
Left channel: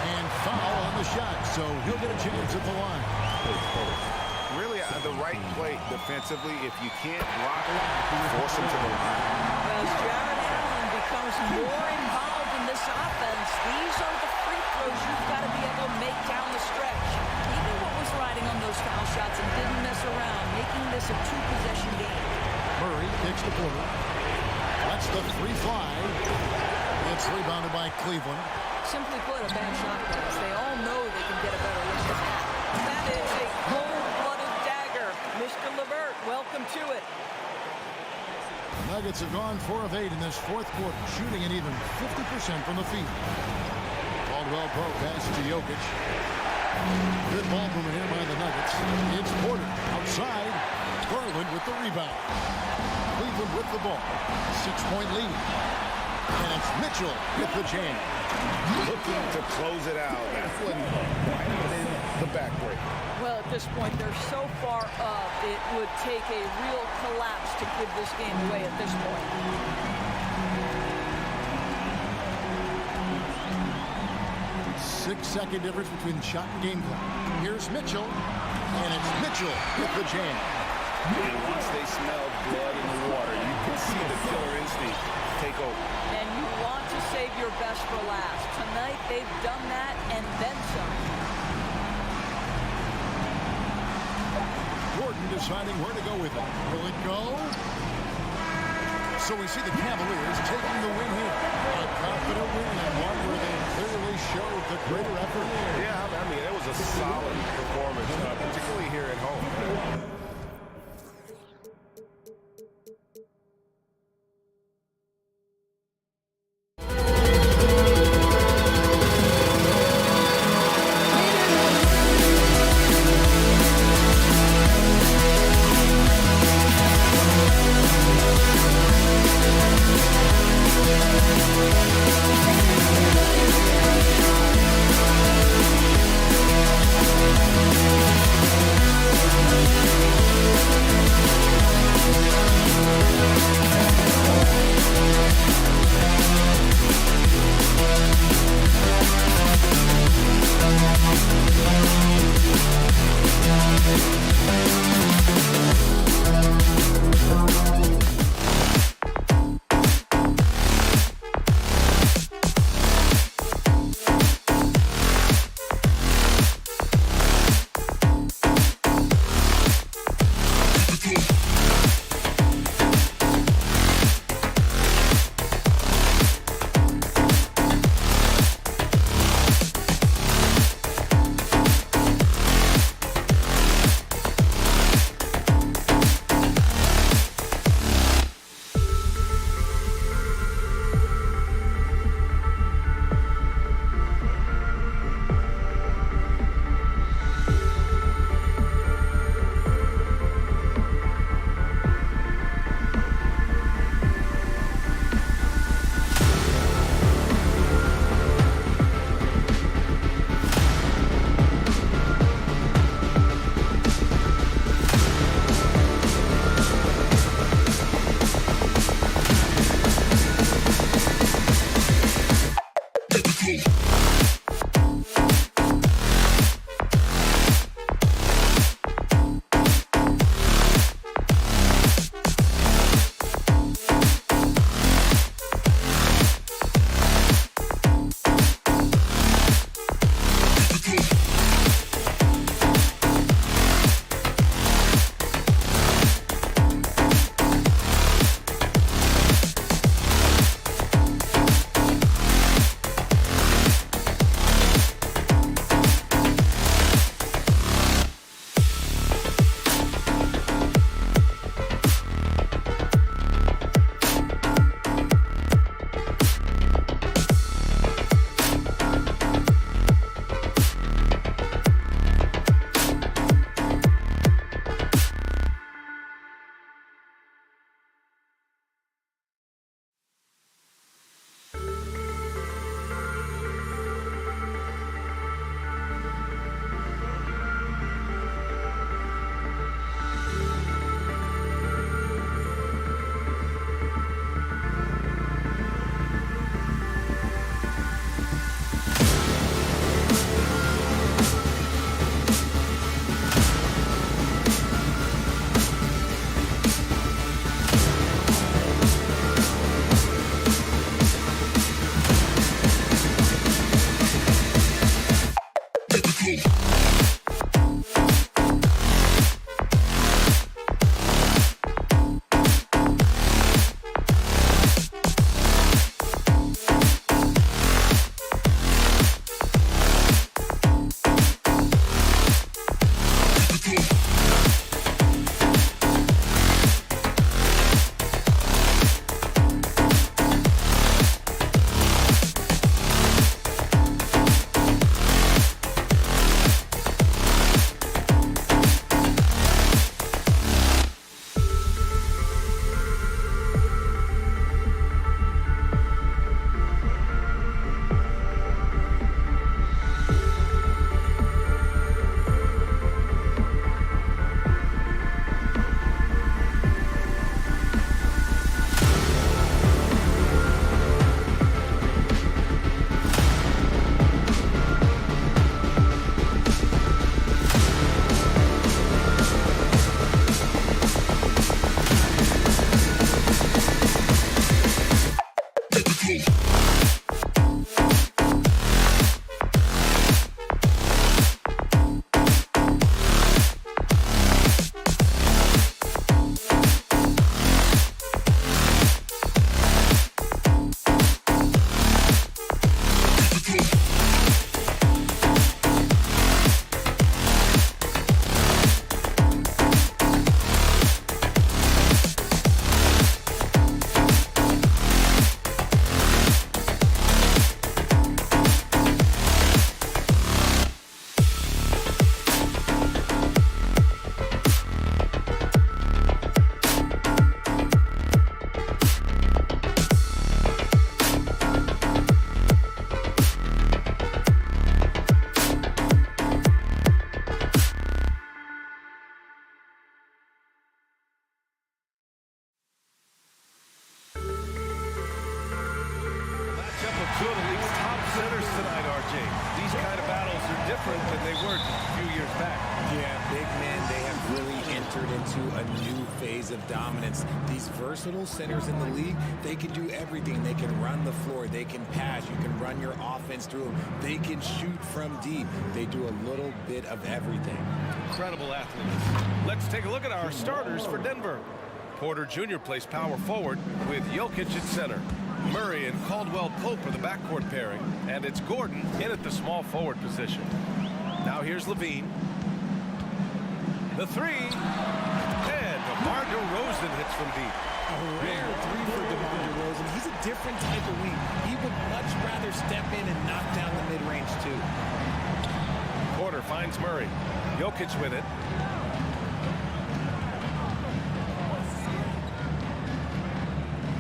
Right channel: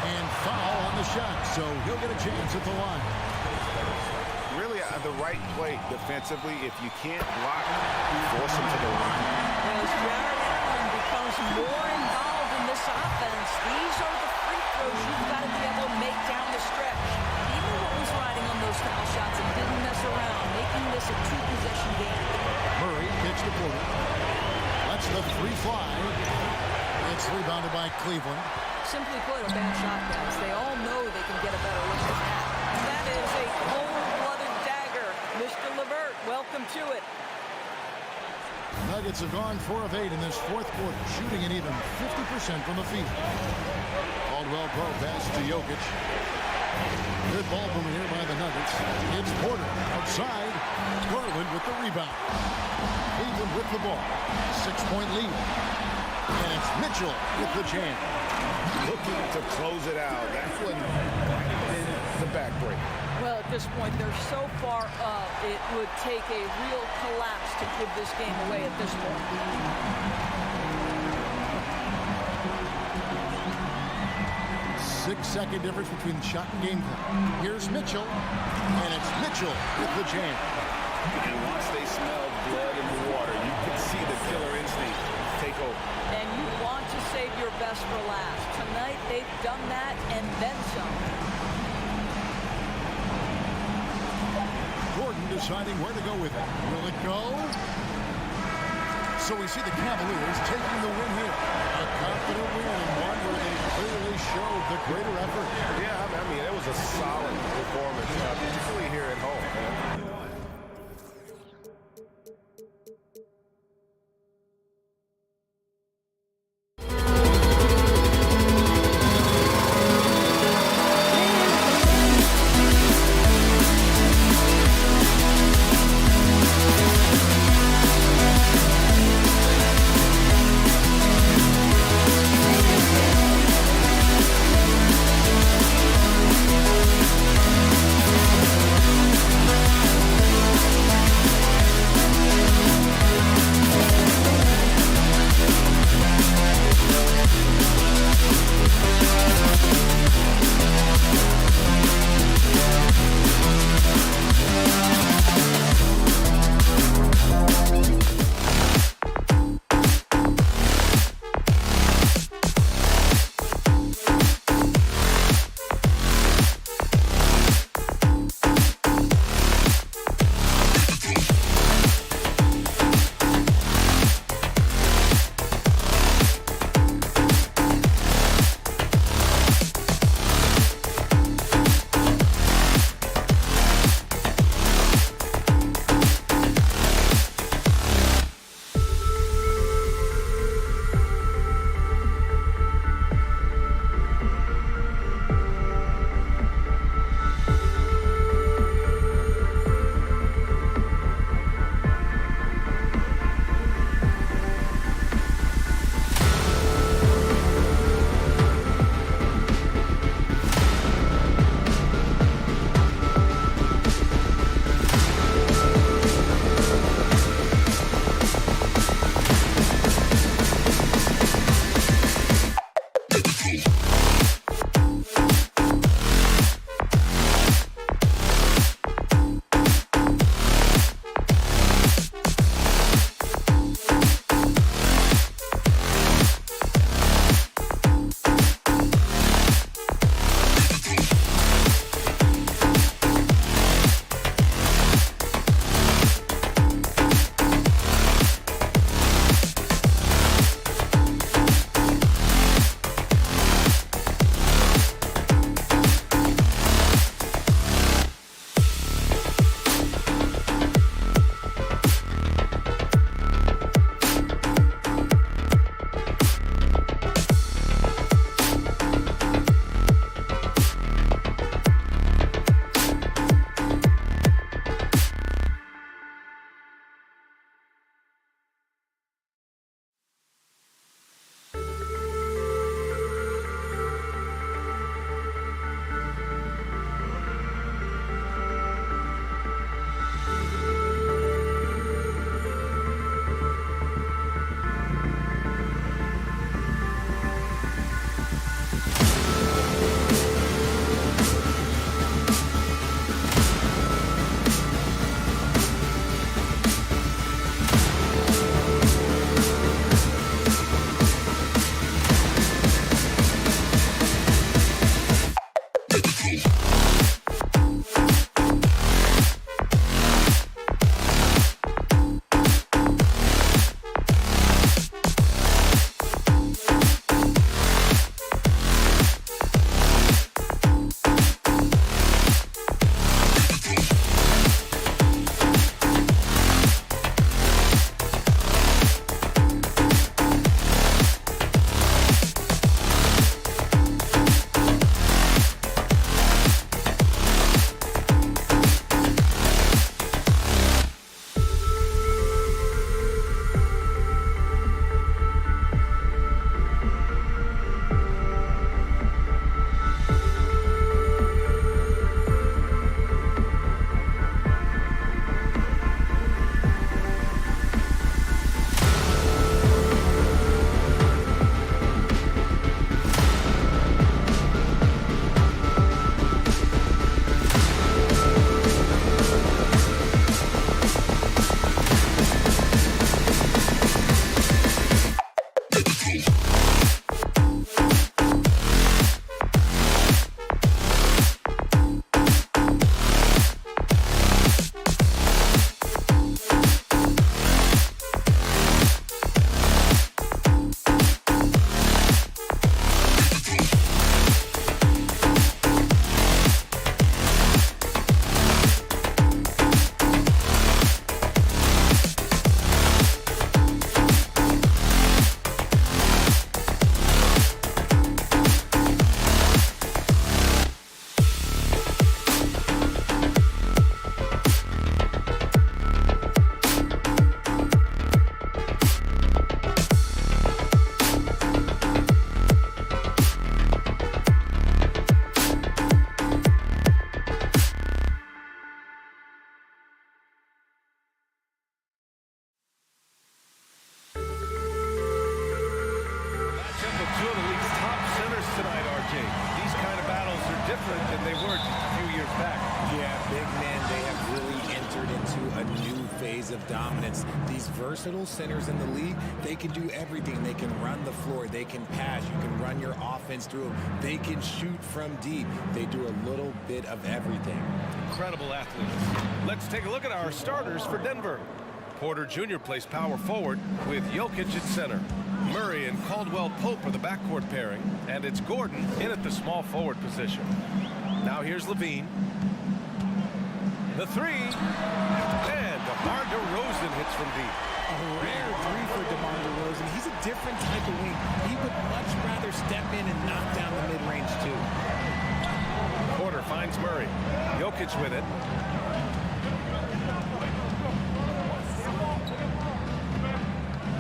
And foul on the shot, so he'll get a chance at the line. Really the right play defensively. If you can't block, force him to the line. As Jared Allen becomes more involved in this offense, these are the free throws you've got to be able to make down the stretch. He knew what was riding on those foul shots and didn't mess around, making this a 2-possession game. Murray kicks to Porter. Lets the 3 fly. It's rebounded by Cleveland. Simply put, a bad shot pass. They all know they can get a better look than that. That is a cold-blooded dagger. Mr. LeVert, welcome to it. Nuggets have gone 4 of 8 in this 4th quarter, shooting an even 50% from the field. Caldwell Pope pass to Jokic. Good ball movement here by the Nuggets. It's Porter outside. Garland with the rebound. Cleveland with the ball. 6-point lead. And it's Mitchell with the jam. Looking to close it out. That one might have been the backbreak. Well, at this point, they're so far up, it would take a real collapse to give this game away at this point. 6-second difference between shot and game clock. Here's Mitchell, and it's Mitchell with the jam. And once they smell blood in the water, you can see the killer instinct take over. And you want to save your best for last. Tonight, they've done that and then some. Gordon deciding where to go with it. Will it go? So we see the Cavaliers taking the win here. A confident win and one where they clearly showed the greater effort. Yeah, I mean, it was a solid performance, particularly here at home. battle two of the league's top centers tonight, RJ. These kind of battles are different than they were just a few years back. Yeah, big men, they have really entered into a new phase of dominance. These versatile centers in the league, they can do everything. They can run the floor. They can pass. You can run your offense through them. They can shoot from deep. They do a little bit of everything. Incredible athletes. Let's take a look at our starters for Denver. Porter Jr. plays power forward with Jokic at center. Murray and Caldwell Pope are the backcourt pairing, and it's Gordon in at the small forward position. Now here's Levine. The three, and DeMar DeRozan hits from deep. A rare three for DeMar DeRozan. He's a different type of wing. He would much rather step in and knock down the mid-range too. Porter finds Murray. Jokic with it.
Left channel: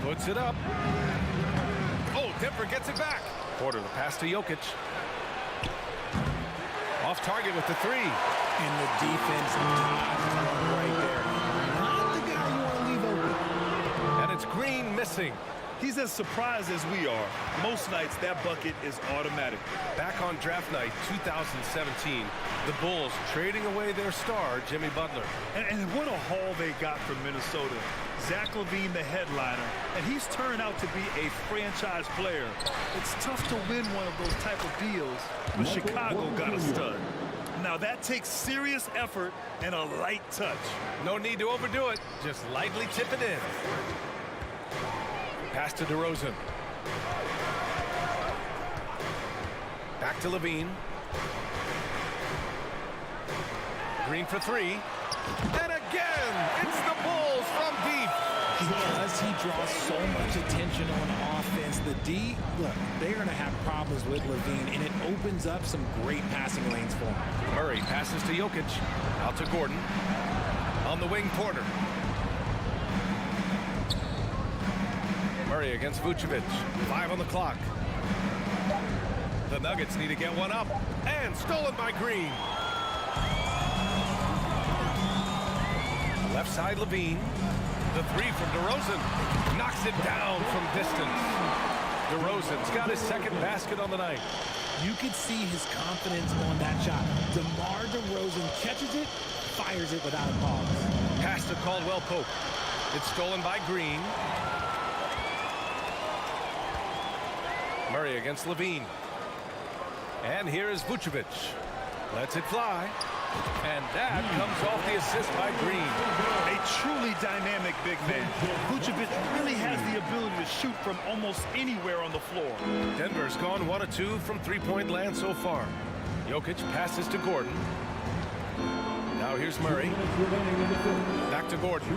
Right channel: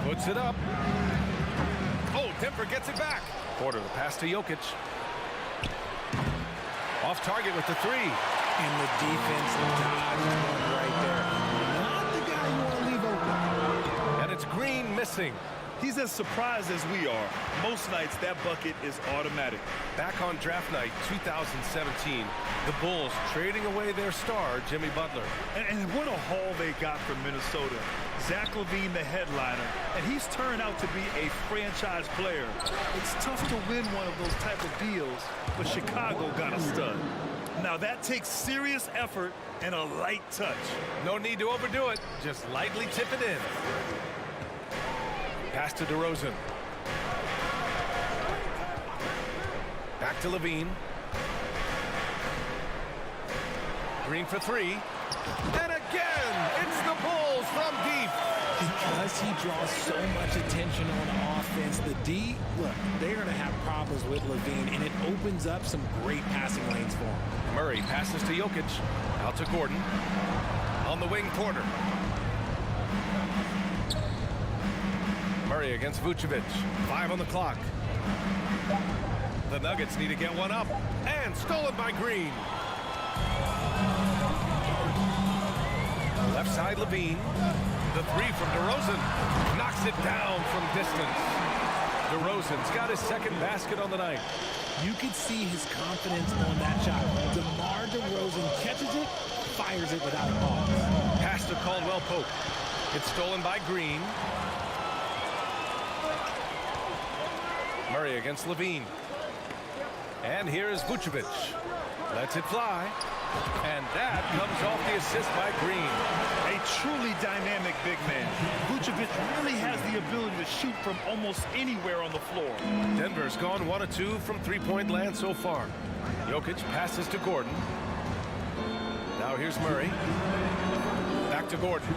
Puts it up. Oh, Denver gets it back. Porter, the pass to Jokic. Off target with the three. And the defense dodged one right there. Not the guy you want to leave open. And it's Green missing. He's as surprised as we are. Most nights, that bucket is automatic. Back on draft night 2017, the Bulls trading away their star, Jimmy Butler. And what a haul they got from Minnesota. Zach LaVine, the headliner, and he's turned out to be a franchise player. It's tough to win one of those type of deals, but Chicago got a stud. Now that takes serious effort and a light touch. No need to overdo it. Just lightly tip it in. Pass to DeRozan. Back to Levine. Green for three. And again, it's the Bulls from deep. Because he draws so much attention on offense, the D, look, they're going to have problems with Levine, and it opens up some great passing lanes for him. Murray passes to Jokic. Out to Gordon. On the wing, Porter. Murray against Vucevic. 5 on the clock. The Nuggets need to get one up. And stolen by Green. Left side, Levine. The three from DeRozan. Knocks it down from distance. DeRozan's got his second basket on the night. You could see his confidence on that shot. DeMar DeRozan catches it, fires it without a pause. Pass to Caldwell Pope. It's stolen by Green. Murray against Levine. And here is Vucevic. Lets it fly. And that comes off the assist by Green. A truly dynamic big man. Vucevic really has the ability to shoot from almost anywhere on the floor. Denver's gone 1 of 2 from three-point land so far. Jokic passes to Gordon. Now here's Murray. Back to Gordon.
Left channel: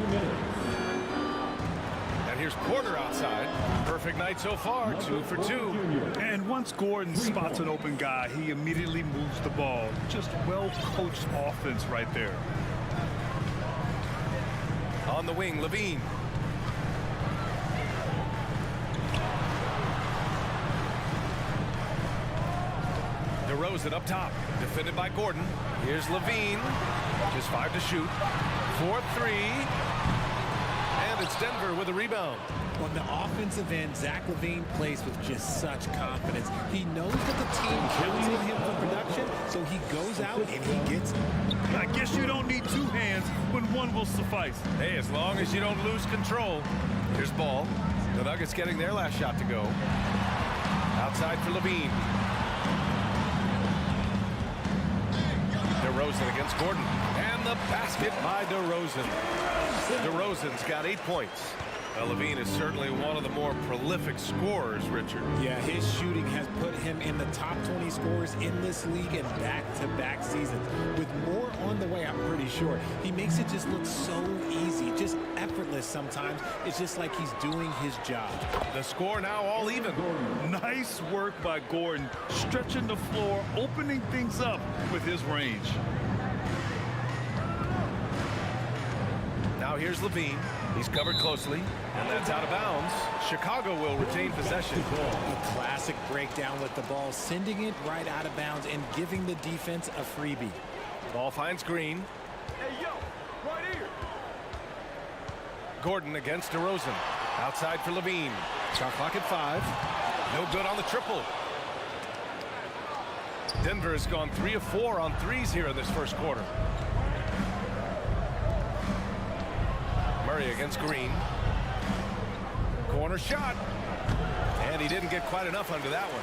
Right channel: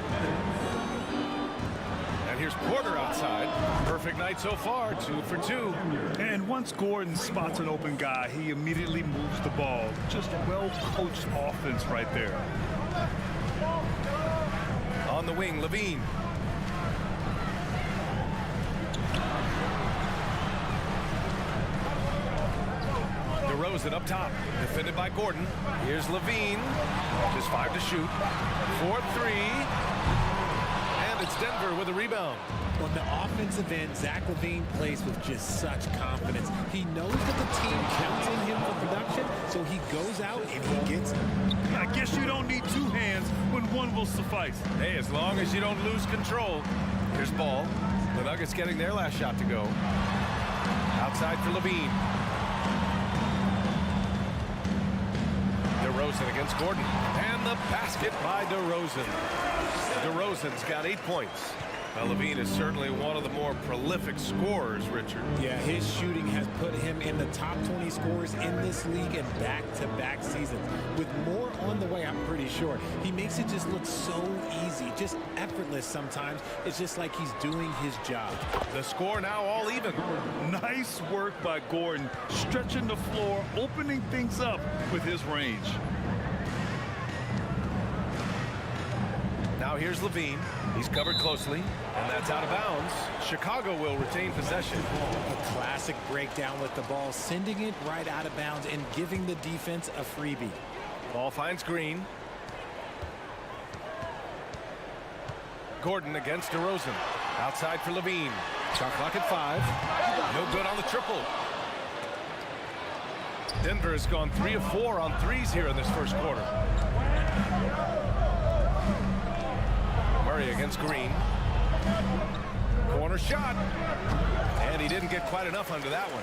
And here's Porter outside. Perfect night so far, 2 for 2. And once Gordon spots an open guy, he immediately moves the ball. Just well-coached offense right there. On the wing, Levine. DeRozan up top, defended by Gordon. Here's Levine. Just 5 to shoot. 4-3. And it's Denver with a rebound. On the offensive end, Zach LaVine plays with just such confidence. He knows that the team counts on him for production, so he goes out and he gets it. I guess you don't need 2 hands when one will suffice. Hey, as long as you don't lose control. Here's Ball. The Nuggets getting their last shot to go. Outside for Levine. DeRozan against Gordon. And the basket by DeRozan. DeRozan's got 8 points. Now, Levine is certainly one of the more prolific scorers, Richard. Yeah, his shooting has put him in the top 20 scorers in this league in back-to-back seasons. With more on the way, I'm pretty sure. He makes it just look so easy, just effortless sometimes. It's just like he's doing his job. The score now all even. Nice work by Gordon, stretching the floor, opening things up with his range. Now here's Levine. He's covered closely, and that's out of bounds. Chicago will retain possession. A classic breakdown with the ball, sending it right out of bounds and giving the defense a freebie. Ball finds Green. Gordon against DeRozan. Outside for Levine. Shot clock at 5. No good on the triple. Denver has gone 3 of 4 on threes here in this first quarter. Murray against Green. Corner shot. And he didn't get quite enough under that one.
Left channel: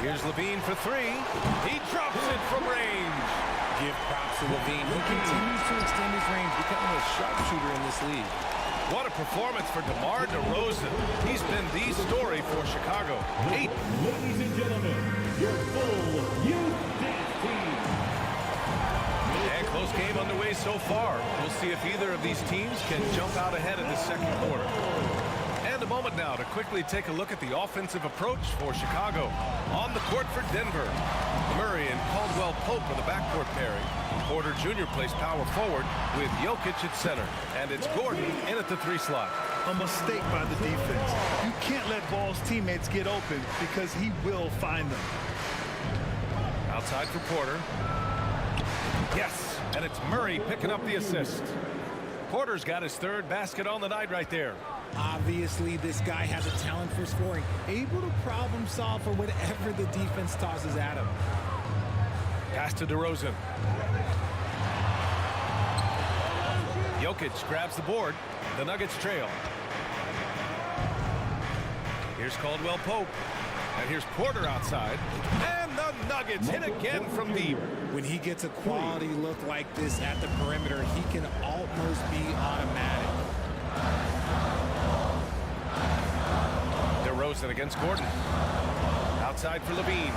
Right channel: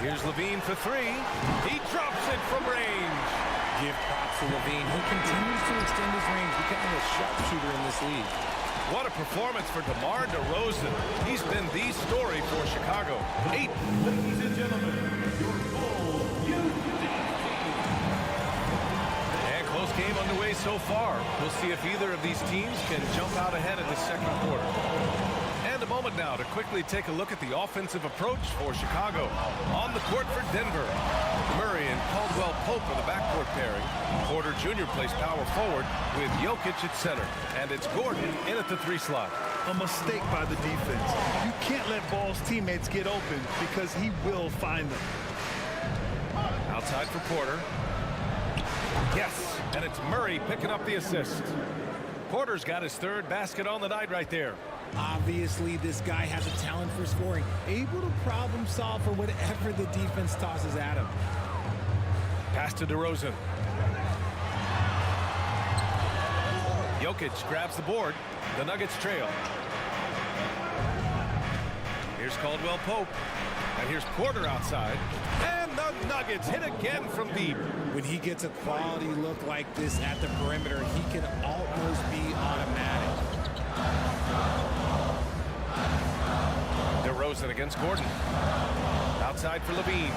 Here's Levine for 3. He drops it from range. Give props to Levine. He continues to extend his range, becoming a sharpshooter in this league. What a performance for DeMar DeRozan. He's been the story for Chicago. 8. Ladies and gentlemen, your full youth team. And close game underway so far. We'll see if either of these teams can jump out ahead in the second quarter. And a moment now to quickly take a look at the offensive approach for Chicago. On the court for Denver, Murray and Caldwell Pope are the backcourt pairing. Porter Jr. plays power forward with Jokic at center. And it's Gordon in at the 3 slot. A mistake by the defense. You can't let Ball's teammates get open because he will find them. Outside for Porter. Yes, and it's Murray picking up the assist. Porter's got his 3rd basket on the night right there. Obviously, this guy has a talent for scoring, able to problem solve for whatever the defense tosses at him. Pass to DeRozan. Jokic grabs the board. The Nuggets trail. Here's Caldwell Pope. And here's Porter outside. And the Nuggets hit again from deep. When he gets a quality look like this at the perimeter, he can almost be automatic. DeRozan against Gordon. Outside for Levine.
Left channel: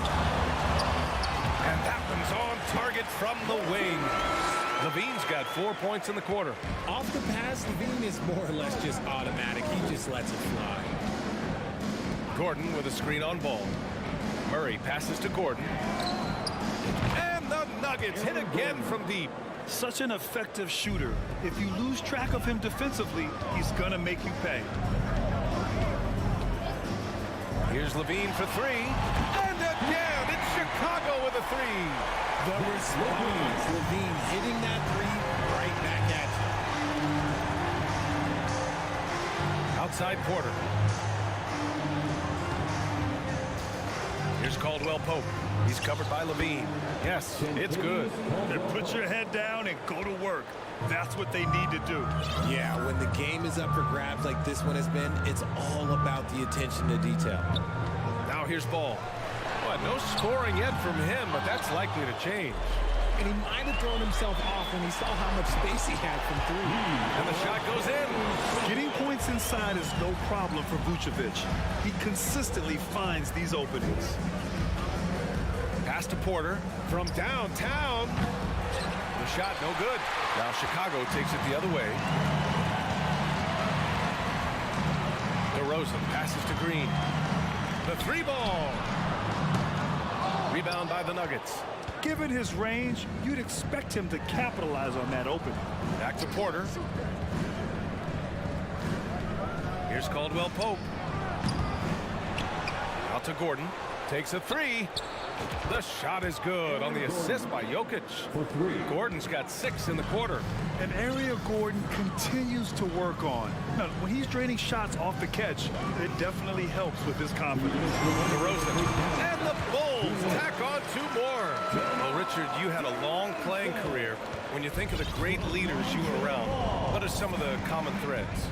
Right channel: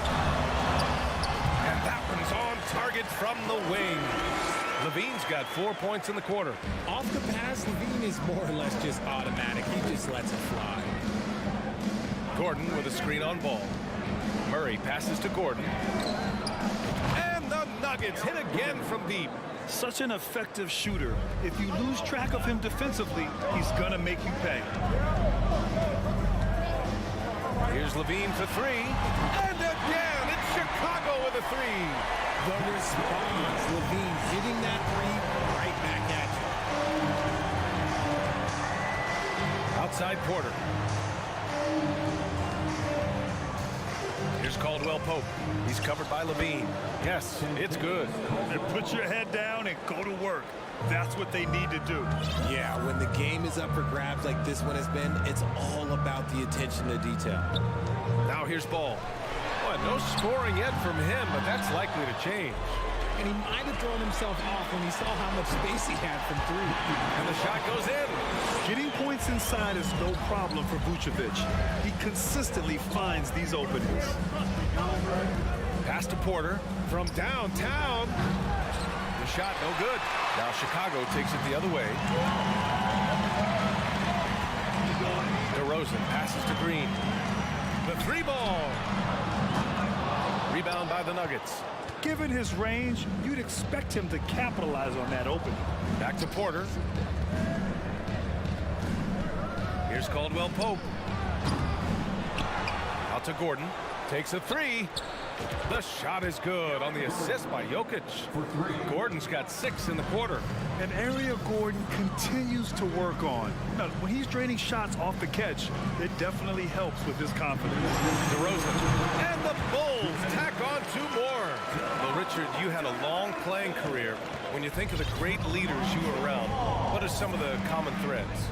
And that one's on target from the wing. Levine's got 4 points in the quarter. Off the pass, Levine is more or less just automatic. He just lets it fly. Gordon with a screen on Ball. Murray passes to Gordon. And the Nuggets hit again from deep. Such an effective shooter. If you lose track of him defensively, he's gonna make you pay. Here's Levine for 3. And again, it's Chicago with a 3. The response, Levine hitting that 3 right back at you. Outside Porter. Here's Caldwell Pope. He's covered by Levine. Yes, it's good. And put your head down and go to work. That's what they need to do. Yeah, when the game is up for grabs like this one has been, it's all about the attention to detail. Now here's Ball. Well, no scoring yet from him, but that's likely to change. And he might have thrown himself off when he saw how much space he had from 3. And the shot goes in. Getting points inside is no problem for Vucevic. He consistently finds these openings. Pass to Porter from downtown. The shot no good. Now Chicago takes it the other way. DeRozan passes to Green. The 3 ball. Rebound by the Nuggets. Given his range, you'd expect him to capitalize on that opening. Back to Porter. Here's Caldwell Pope. Out to Gordon. Takes a 3. The shot is good on the assist by Jokic. Gordon's got 6 in the quarter. An area Gordon continues to work on. Now, when he's draining shots off the catch, it definitely helps with his confidence. DeRozan. And the Bulls tack on 2 more. Well, Richard, you had a long playing career. When you think of the great leaders you were around, what are some of the common threads?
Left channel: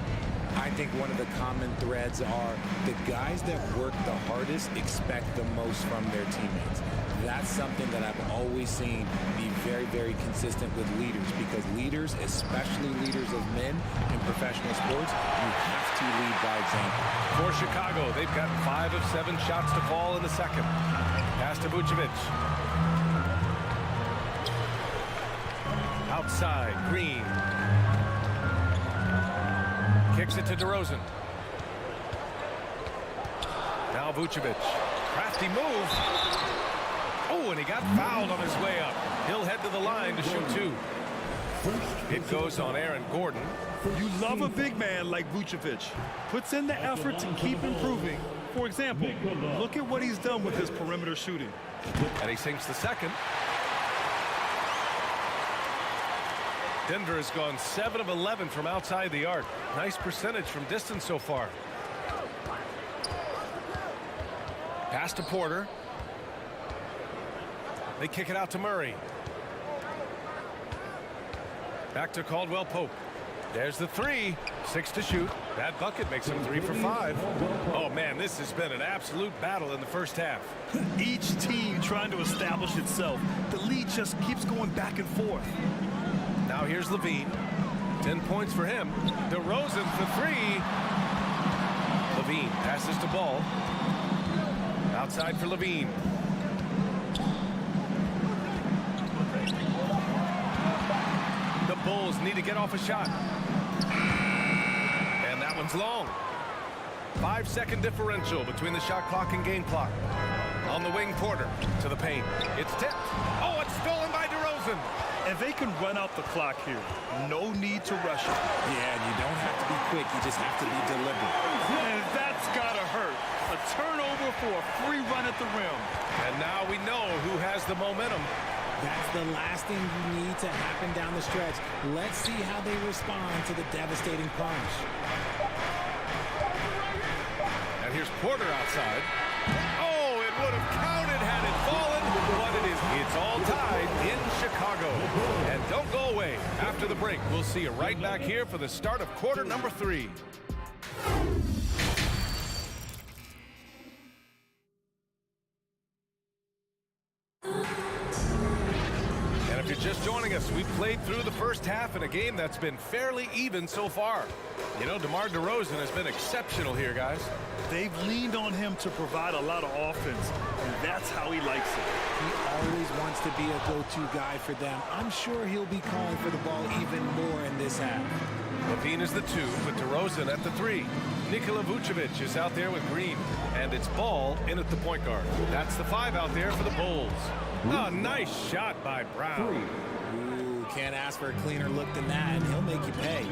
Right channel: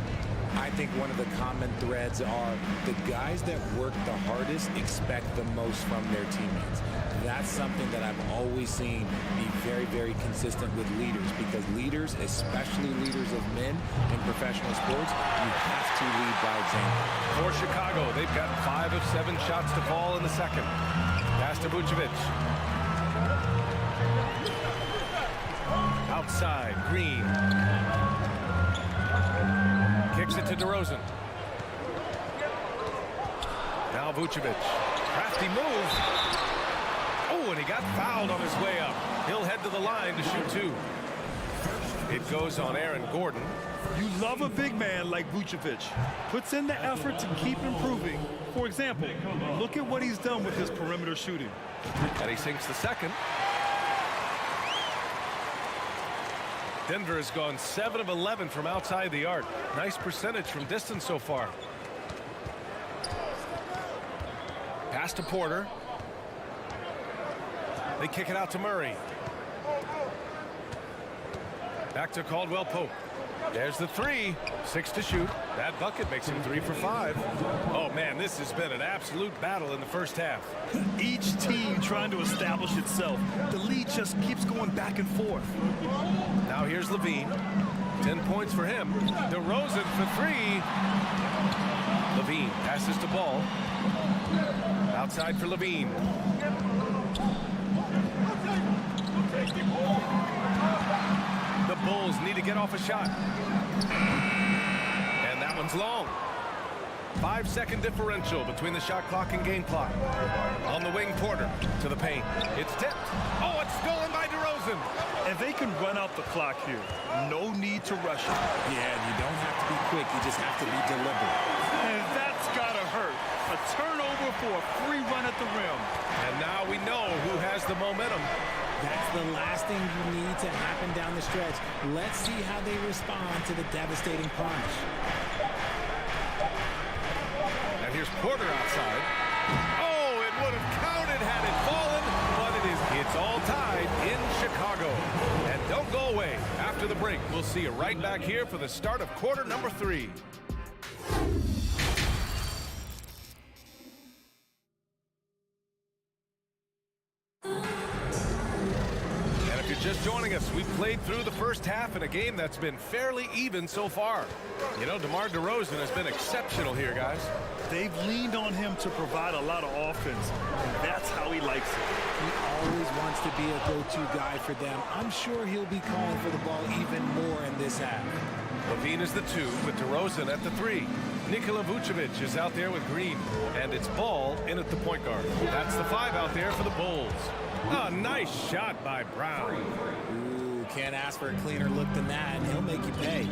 I think one of the common threads are the guys that work the hardest expect the most from their teammates. That's something that I've always seen be very, very consistent with leaders, because leaders, especially leaders of men in professional sports, you have to lead by example. For Chicago, they've got 5 of 7 shots to fall in the second. Pass to Vucevic. Outside, Green. Kicks it to DeRozan. Now Vucevic. Crafty move. Oh, and he got fouled on his way up. He'll head to the line to shoot 2. It goes on Aaron Gordon. You love a big man like Vucevic. Puts in the effort to keep improving. For example, look at what he's done with his perimeter shooting. And he sinks the second. Denver has gone 7 of 11 from outside the arc. Nice percentage from distance so far. Pass to Porter. They kick it out to Murray. Back to Caldwell Pope. There's the three. 6 to shoot. That bucket makes him 3 for 5. Oh, man, this has been an absolute battle in the first half. Each team trying to establish itself. The lead just keeps going back and forth. Now here's Levine. 10 points for him. DeRozan for 3. Levine passes to Ball. Outside for Levine. The Bulls need to get off a shot. And that one's long. 5-second differential between the shot clock and game clock. On the wing, Porter to the paint. It's tipped. Oh, it's stolen by DeRozan. And they can run out the clock here. No need to rush it. Yeah, and you don't have to be quick. You just have to be deliberate. And that's got to hurt. A turnover for a free run at the rim. And now we know who has the momentum. That's the last thing you need to happen down the stretch. Let's see how they respond to the devastating punch. And here's Porter outside. Oh, it would have counted had it fallen, but it's all tied in Chicago. And don't go away. After the break, we'll see you right back here for the start of quarter number 3. And if you're just joining us, we've played through the first half in a game that's been fairly even so far. You know, DeMar DeRozan has been exceptional here, guys. They've leaned on him to provide a lot of offense, and that's how he likes it. He always wants to be a go-to guy for them. I'm sure he'll be calling for the ball even more in this half. Levine is the 2 with DeRozan at the 3. Nikola Vucevic is out there with Green, and it's Ball in at the point guard. That's the 5 out there for the Bulls. A nice shot by Brown. Ooh, can't ask for a cleaner look than that, and he'll make you pay.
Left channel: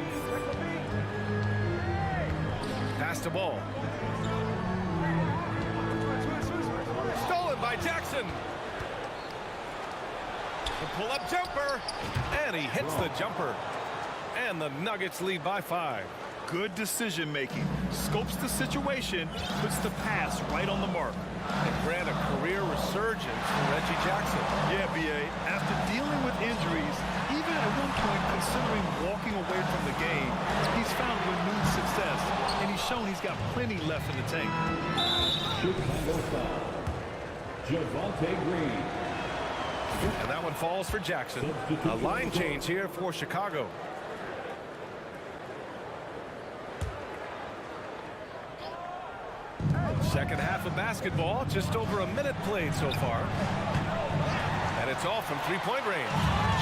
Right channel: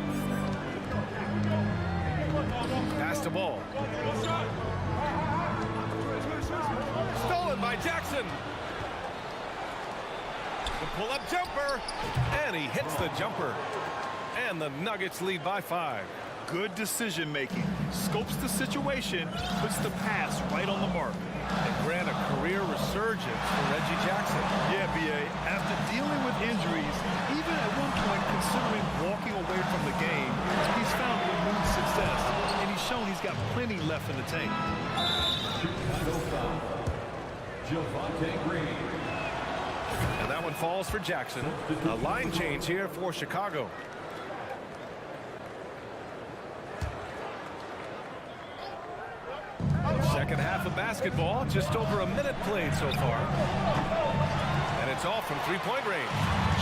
Pass to Ball. Stolen by Jackson. The pull-up jumper, and he hits the jumper. And the Nuggets lead by 5. Good decision-making. Scopes the situation, puts the pass right on the mark. And grant a career resurgence for Reggie Jackson. Yeah, B.A., after dealing with injuries, even at one point considering walking away from the game, he's found renewed success, and he's shown he's got plenty left in the tank. Chicago foul. Javonte Green. And that one falls for Jackson. A line change here for Chicago. Second half of basketball, just over a minute played so far. And it's all from three-point range.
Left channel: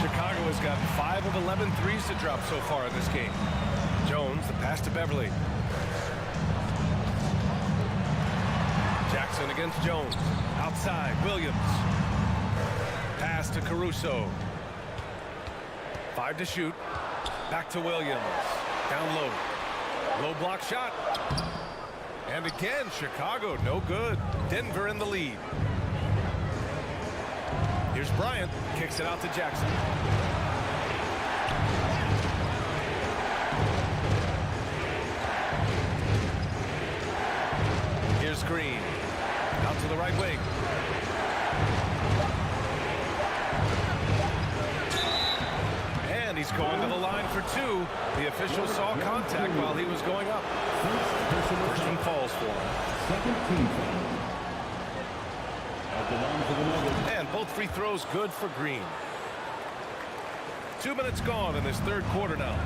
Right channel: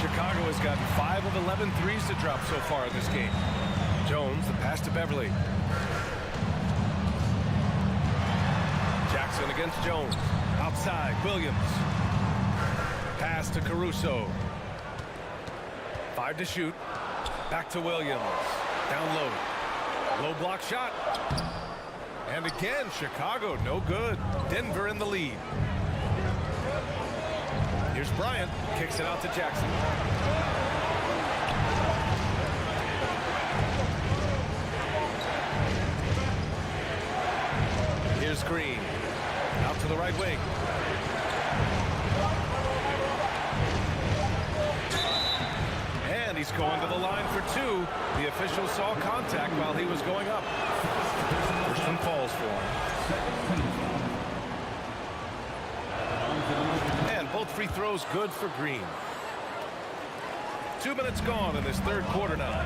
Chicago has gotten 5 of 11 threes to drop so far in this game. Jones, the pass to Beverly. Jackson against Jones. Outside, Williams. Pass to Caruso. 5 to shoot. Back to Williams. Down low. Low block shot. And again, Chicago, no good. Denver in the lead. Here's Bryant. Kicks it out to Jackson. Here's Green. Out to the right wing. And he's going to the line for 2. The official saw contact while he was going up. First one falls for him. And both free throws good for Green. 2 minutes gone in this third quarter now.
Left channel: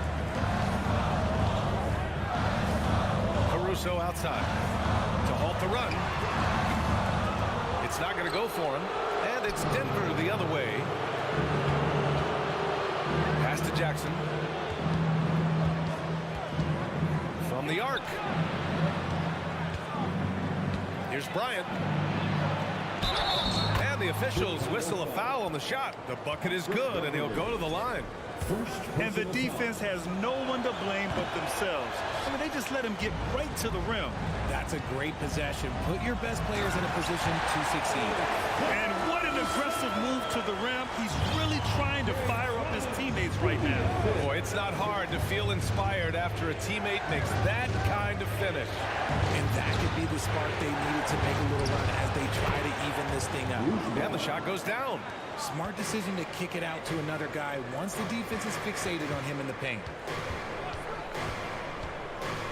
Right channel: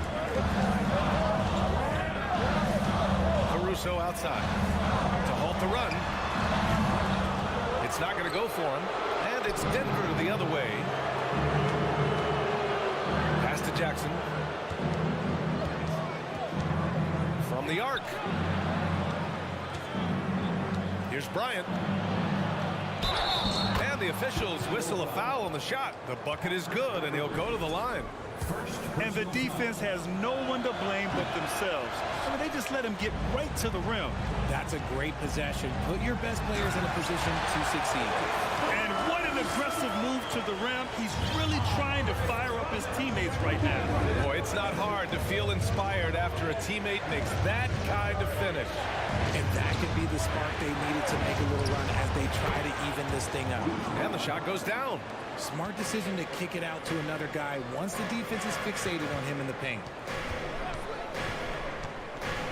Caruso outside to halt the run. It's not going to go for him. And it's Denver the other way. Pass to Jackson. From the arc. Here's Bryant. And the officials whistle a foul on the shot. The bucket is good, and he'll go to the line. And the defense has no one to blame but themselves. I mean, they just let him get right to the rim. That's a great possession. Put your best players in a position to succeed. And what an aggressive move to the rim. He's really trying to fire up his teammates right now. Boy, it's not hard to feel inspired after a teammate makes that kind of finish. And that could be the spark they needed to make a little run as they try to even this thing up. And the shot goes down. Smart decision to kick it out to another guy once the defense is fixated on him in the paint.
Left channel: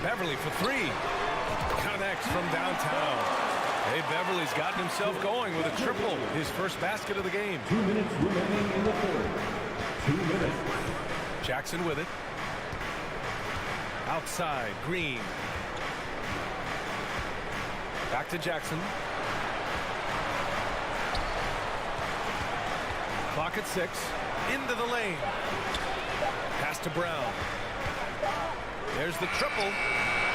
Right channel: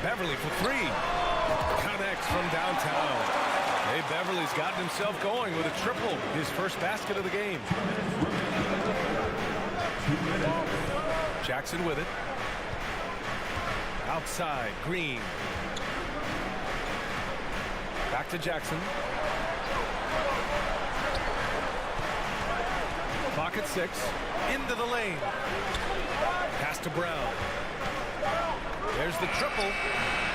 Beverly for three. Connects from downtown. Hey, Beverly's gotten himself going with a triple. His first basket of the game. 2 minutes remaining in the quarter. 2 minutes. Jackson with it. Outside, Green. Back to Jackson. Clock at 6. Into the lane. Pass to Brown. There's the triple.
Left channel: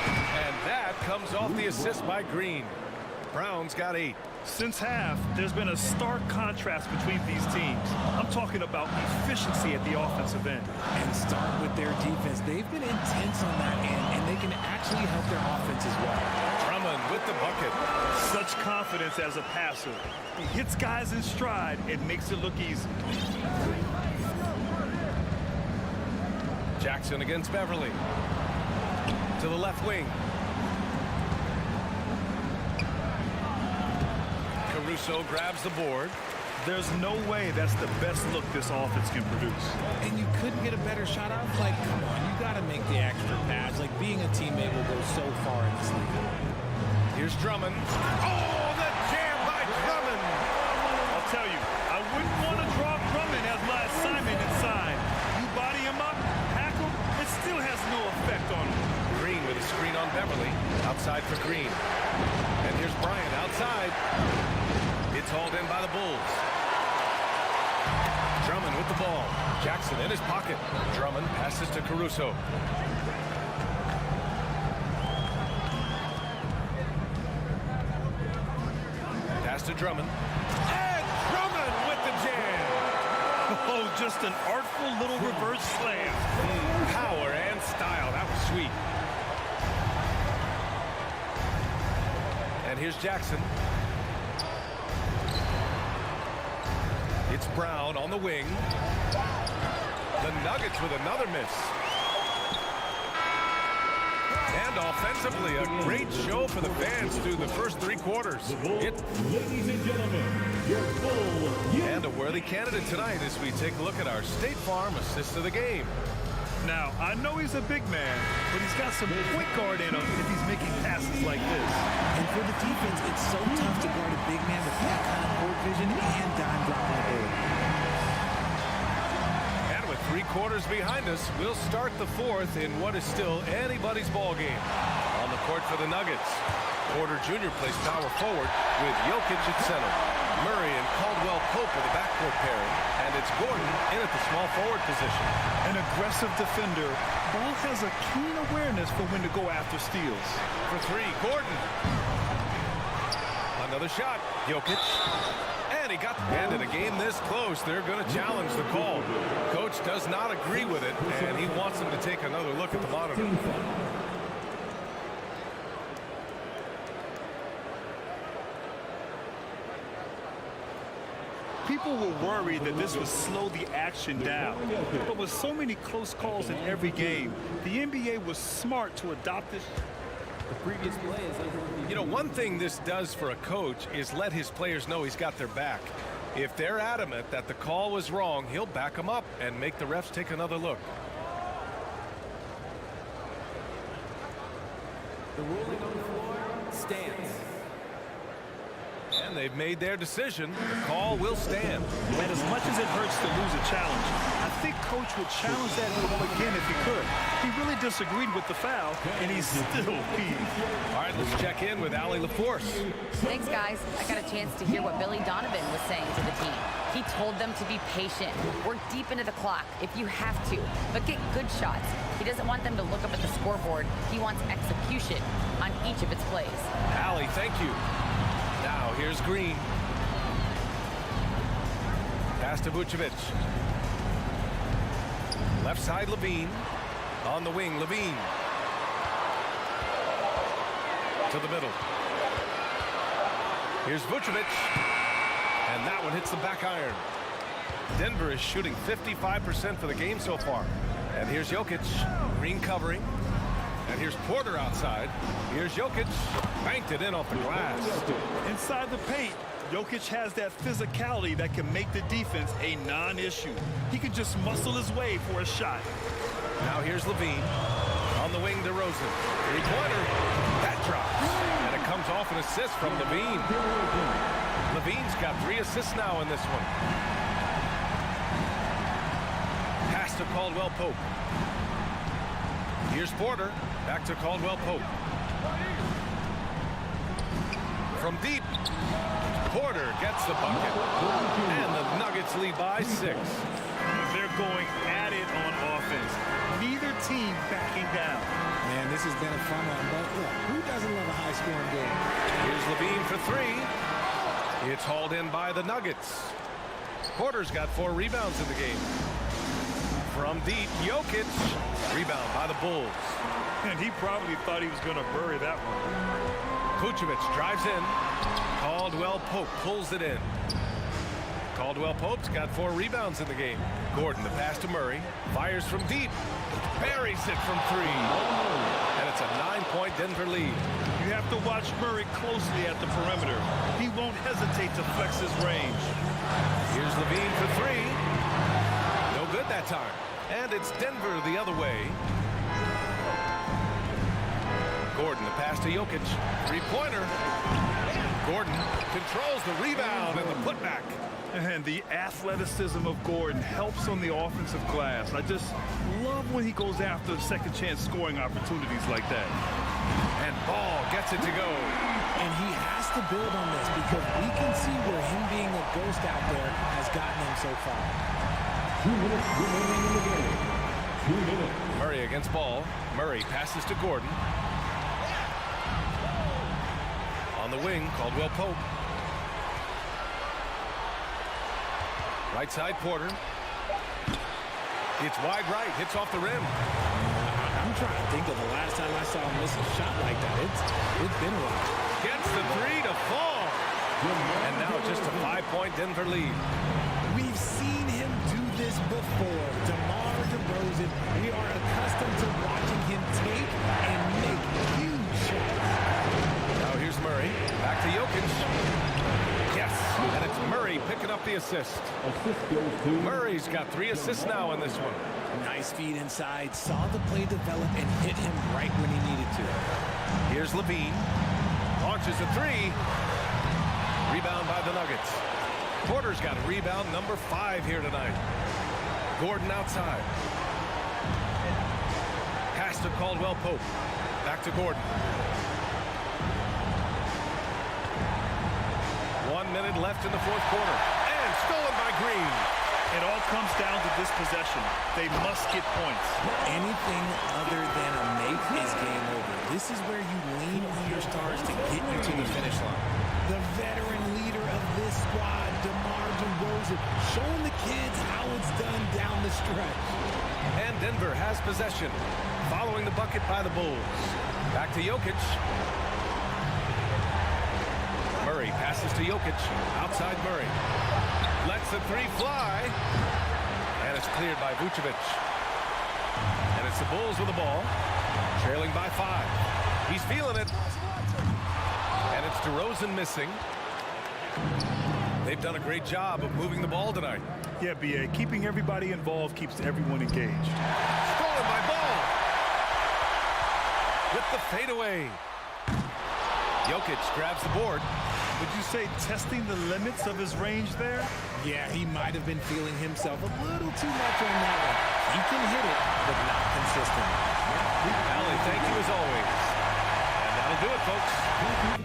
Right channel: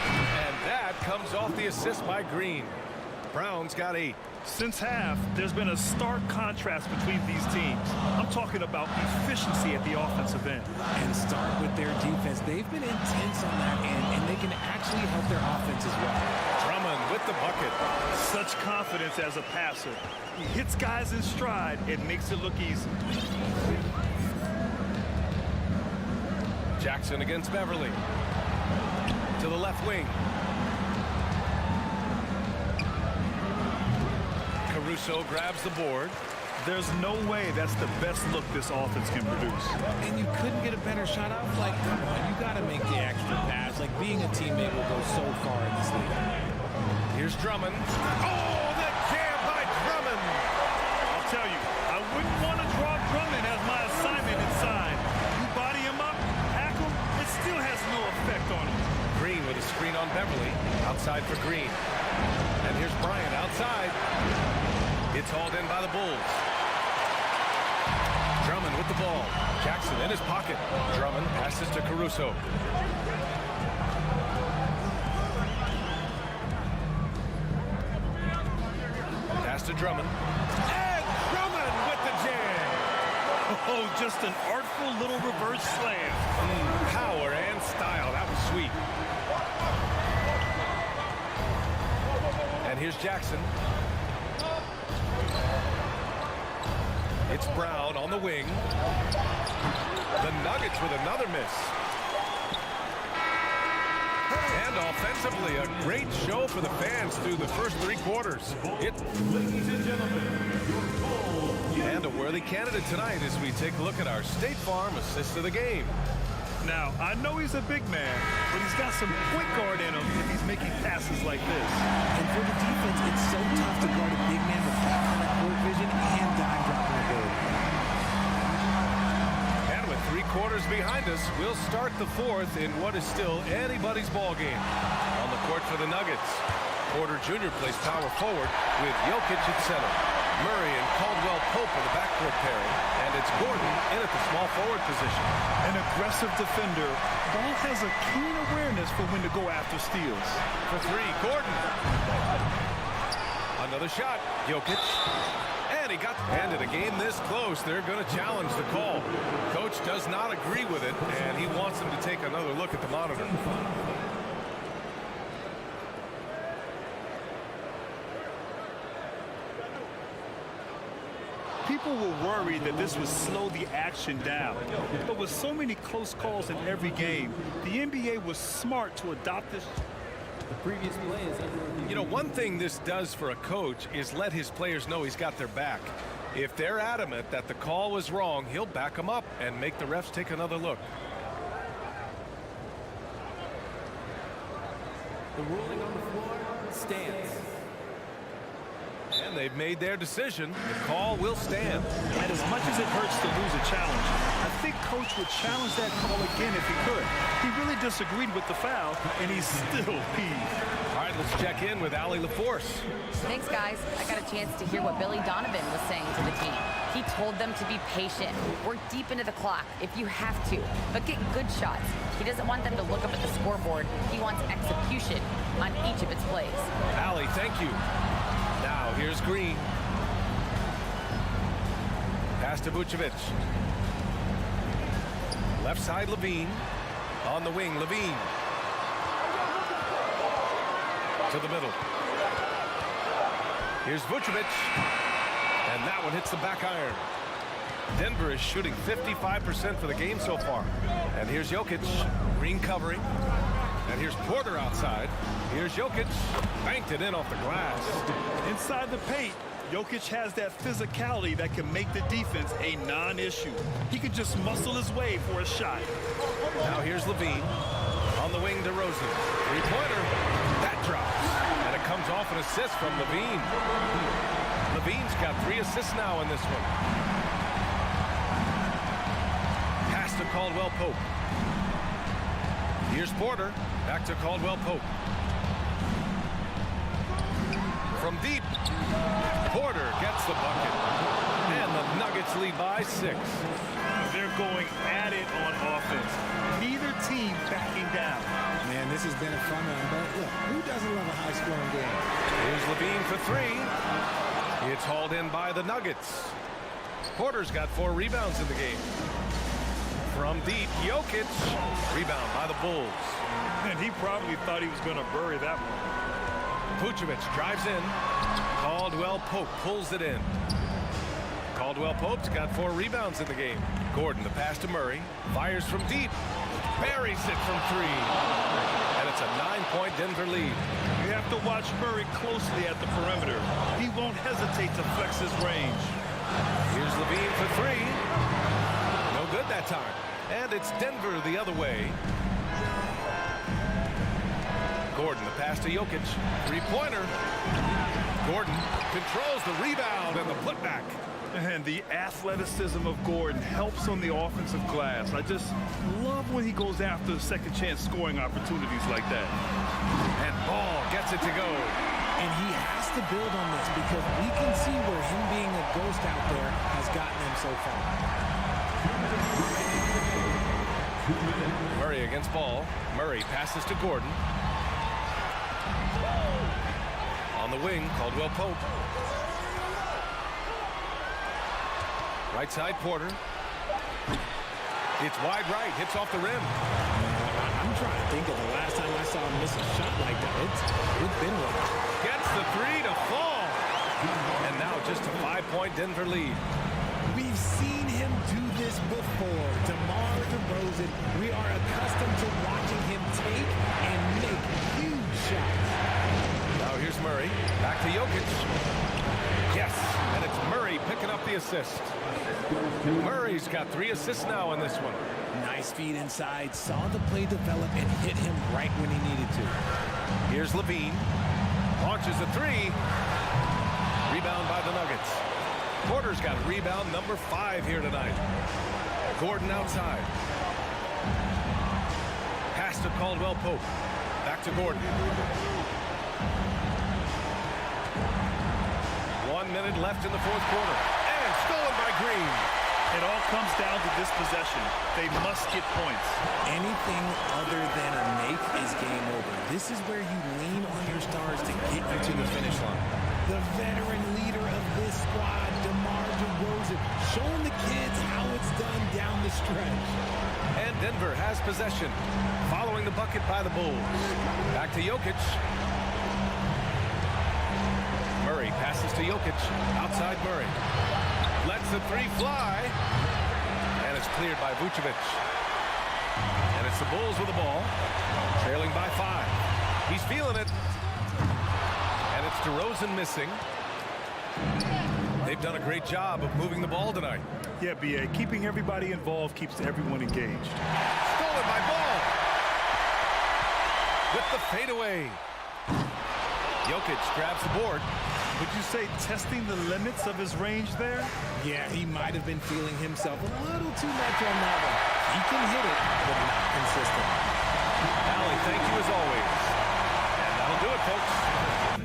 And that comes off the assist by Green. Brown's got 8. Since half, there's been a stark contrast between these teams. I'm talking about efficiency at the offensive end. And start with their defense. They've been intense on that end, and they can actually help their offense as well. Drummond with the bucket. Such confidence as a passer. He hits guys in stride and makes it look easy. Jackson against Beverly. To the left wing. Caruso grabs the board. There's no way that's the best look this offense can produce. And you couldn't get a better shot out. Like, come on, you got to make the extra pass. Like, being a teammate will go so far in this league. Here's Drummond. Oh, the jam by Drummond. I'll tell you, I wouldn't want to draw Drummond as my assignment inside. You body him up, hack him, it still has no effect on him. Green with a screen on Beverly. Outside for Green. And here's Bryant outside. It's hauled in by the Bulls. Drummond with the ball. Jackson in his pocket. Drummond passes to Caruso. Pass to Drummond. And Drummond with the jam. Oh, just an artful little reverse slam. Power and style. That was sweet. And here's Jackson. It's Brown on the wing. The Nuggets with another miss. And offensively, a great show for the fans through the first 3 quarters. Ladies and gentlemen, your Bulls. And a worthy candidate tonight as we take a look at our State Farm assist of the game. Now, I know he's a big man, but he's got some point guard in him if he's making passes like this. And for the defense, it's so tough to guard a big man with that kind of court vision and dime dropping ability. And with 3 quarters behind us, we'll start the 4th in what is still anybody's ball game. On the court for the Nuggets, Porter Jr. plays power forward with Jokic at center. Murray and Caldwell Pope are the backcourt pairing, and it's Gordon in at the small forward position. An aggressive defender, Ball has a keen awareness for when to go after steals. For 3, Gordon. Another shot, Jokic. And he got, and in a game this close, they're going to challenge the call. Coach does not agree with it, and he wants them to take another look at the monitor. People were worried that this would slow the action down. But with so many close calls in every game, the NBA was smart to adopt this. The previous play is under review. You know, one thing this does for a coach is let his players know he's got their back. If they're adamant that the call was wrong, he'll back them up and make the refs take another look. The ruling on the floor stands. And they've made their decision. The call will stand. And as much as it hurts to lose a challenge, I think Coach would challenge that call again if he could. He really disagreed with the foul, and he's still peeved. All right, let's check in with Allie LaForce. Thanks, guys. I got a chance to hear what Billy Donovan was saying to the team. He told them to be patient, work deep into the clock if you have to, but get good shots. He doesn't want them to look up at the scoreboard. He wants execution on each of its plays. Allie, thank you. Now, here's Green. Pass to Vucevic. Left side, Levine. On the wing, Levine. To the middle. Here's Vucevic. And that one hits the back iron. Denver is shooting 55% for the game so far. And here's Jokic. Green covering. And here's Porter outside. Here's Jokic. Banked it in off the glass. Inside the paint, Jokic has that physicality that can make the defense a non-issue. He can just muscle his way for a shot. Now here's Levine. On the wing, DeRozan. Three-pointer. That drops. And it comes off an assist from Levine. Levine's got 3 assists now in this one. Pass to Caldwell Pope. Here's Porter. Back to Caldwell Pope. From deep. Porter gets the bucket. And the Nuggets lead by 6. They're going at it on offense. Neither team backing down. Man, this has been a fun one, but look, who doesn't love a high-scoring game? Here's Levine for 3. It's hauled in by the Nuggets. Porter's got 4 rebounds in the game. From deep, Jokic. Rebound by the Bulls. And he probably thought he was going to bury that one. Vucevic drives in. Caldwell Pope pulls it in. Caldwell Pope's got 4 rebounds in the game. Gordon, the pass to Murray. Fires from deep. Buries it from 3. And it's a 9-point Denver lead. You have to watch Murray closely at the perimeter. He won't hesitate to flex his range. Here's Levine for 3. No good that time. And it's Denver the other way. Gordon, the pass to Jokic. Three-pointer. Gordon controls the rebound and the putback. And the athleticism of Gordon helps on the offensive glass. I just love when he goes after second chance scoring opportunities like that. And Ball gets it to go. And he has to build on this because we can see where him being a ghost out there has gotten him so far. 2 minutes remaining in the game. 2 minutes. Murray against Ball. Murray passes to Gordon. On the wing, Caldwell Pope. Right side, Porter. It's wide right, hits off the rim. I'm trying to think of the last time I saw him miss a shot like that. It's been a while. Gets the 3 to fall. And now just a 5-point Denver lead. We've seen him do this before. DeMar DeRozan, we are accustomed to watching him take and make huge shots. Now here's Murray. Back to Jokic. Yes, and it's Murray picking up the assist. Murray's got 3 assists now in this one. Nice feed inside. Saw the play develop and hit him right when he needed to. Here's Levine. Launches a 3. Rebound by the Nuggets. Porter's got rebound number 5 here tonight. Gordon outside. Pass to Caldwell Pope. Back to Gordon. 1 minute left in the 4th quarter. And stolen by Green. It all comes down to this possession. They must get points. Anything other than a make is game over. This is where you lean on your stars to get you to the finish line. The veteran leader of this squad, DeMar DeRozan, showing the kids how it's done down the stretch. And Denver has possession, following the bucket by the Bulls. Back to Jokic. Murray passes to Jokic. Outside Murray. Lets the 3 fly. And it's cleared by Vucevic. And it's the Bulls with the ball. Trailing by 5. He's feeling it. And it's DeRozan missing. They've done a great job of moving the ball tonight. Yeah, B.A. Keeping everybody involved keeps everyone engaged. Stolen by Ball. With the fadeaway. Jokic grabs the board. Would you say testing the limits of his range there? Yeah, he might have been feeling himself a little too much on that one. He can hit it, but not consistently. Allie, thank you as always. And that'll do it, folks.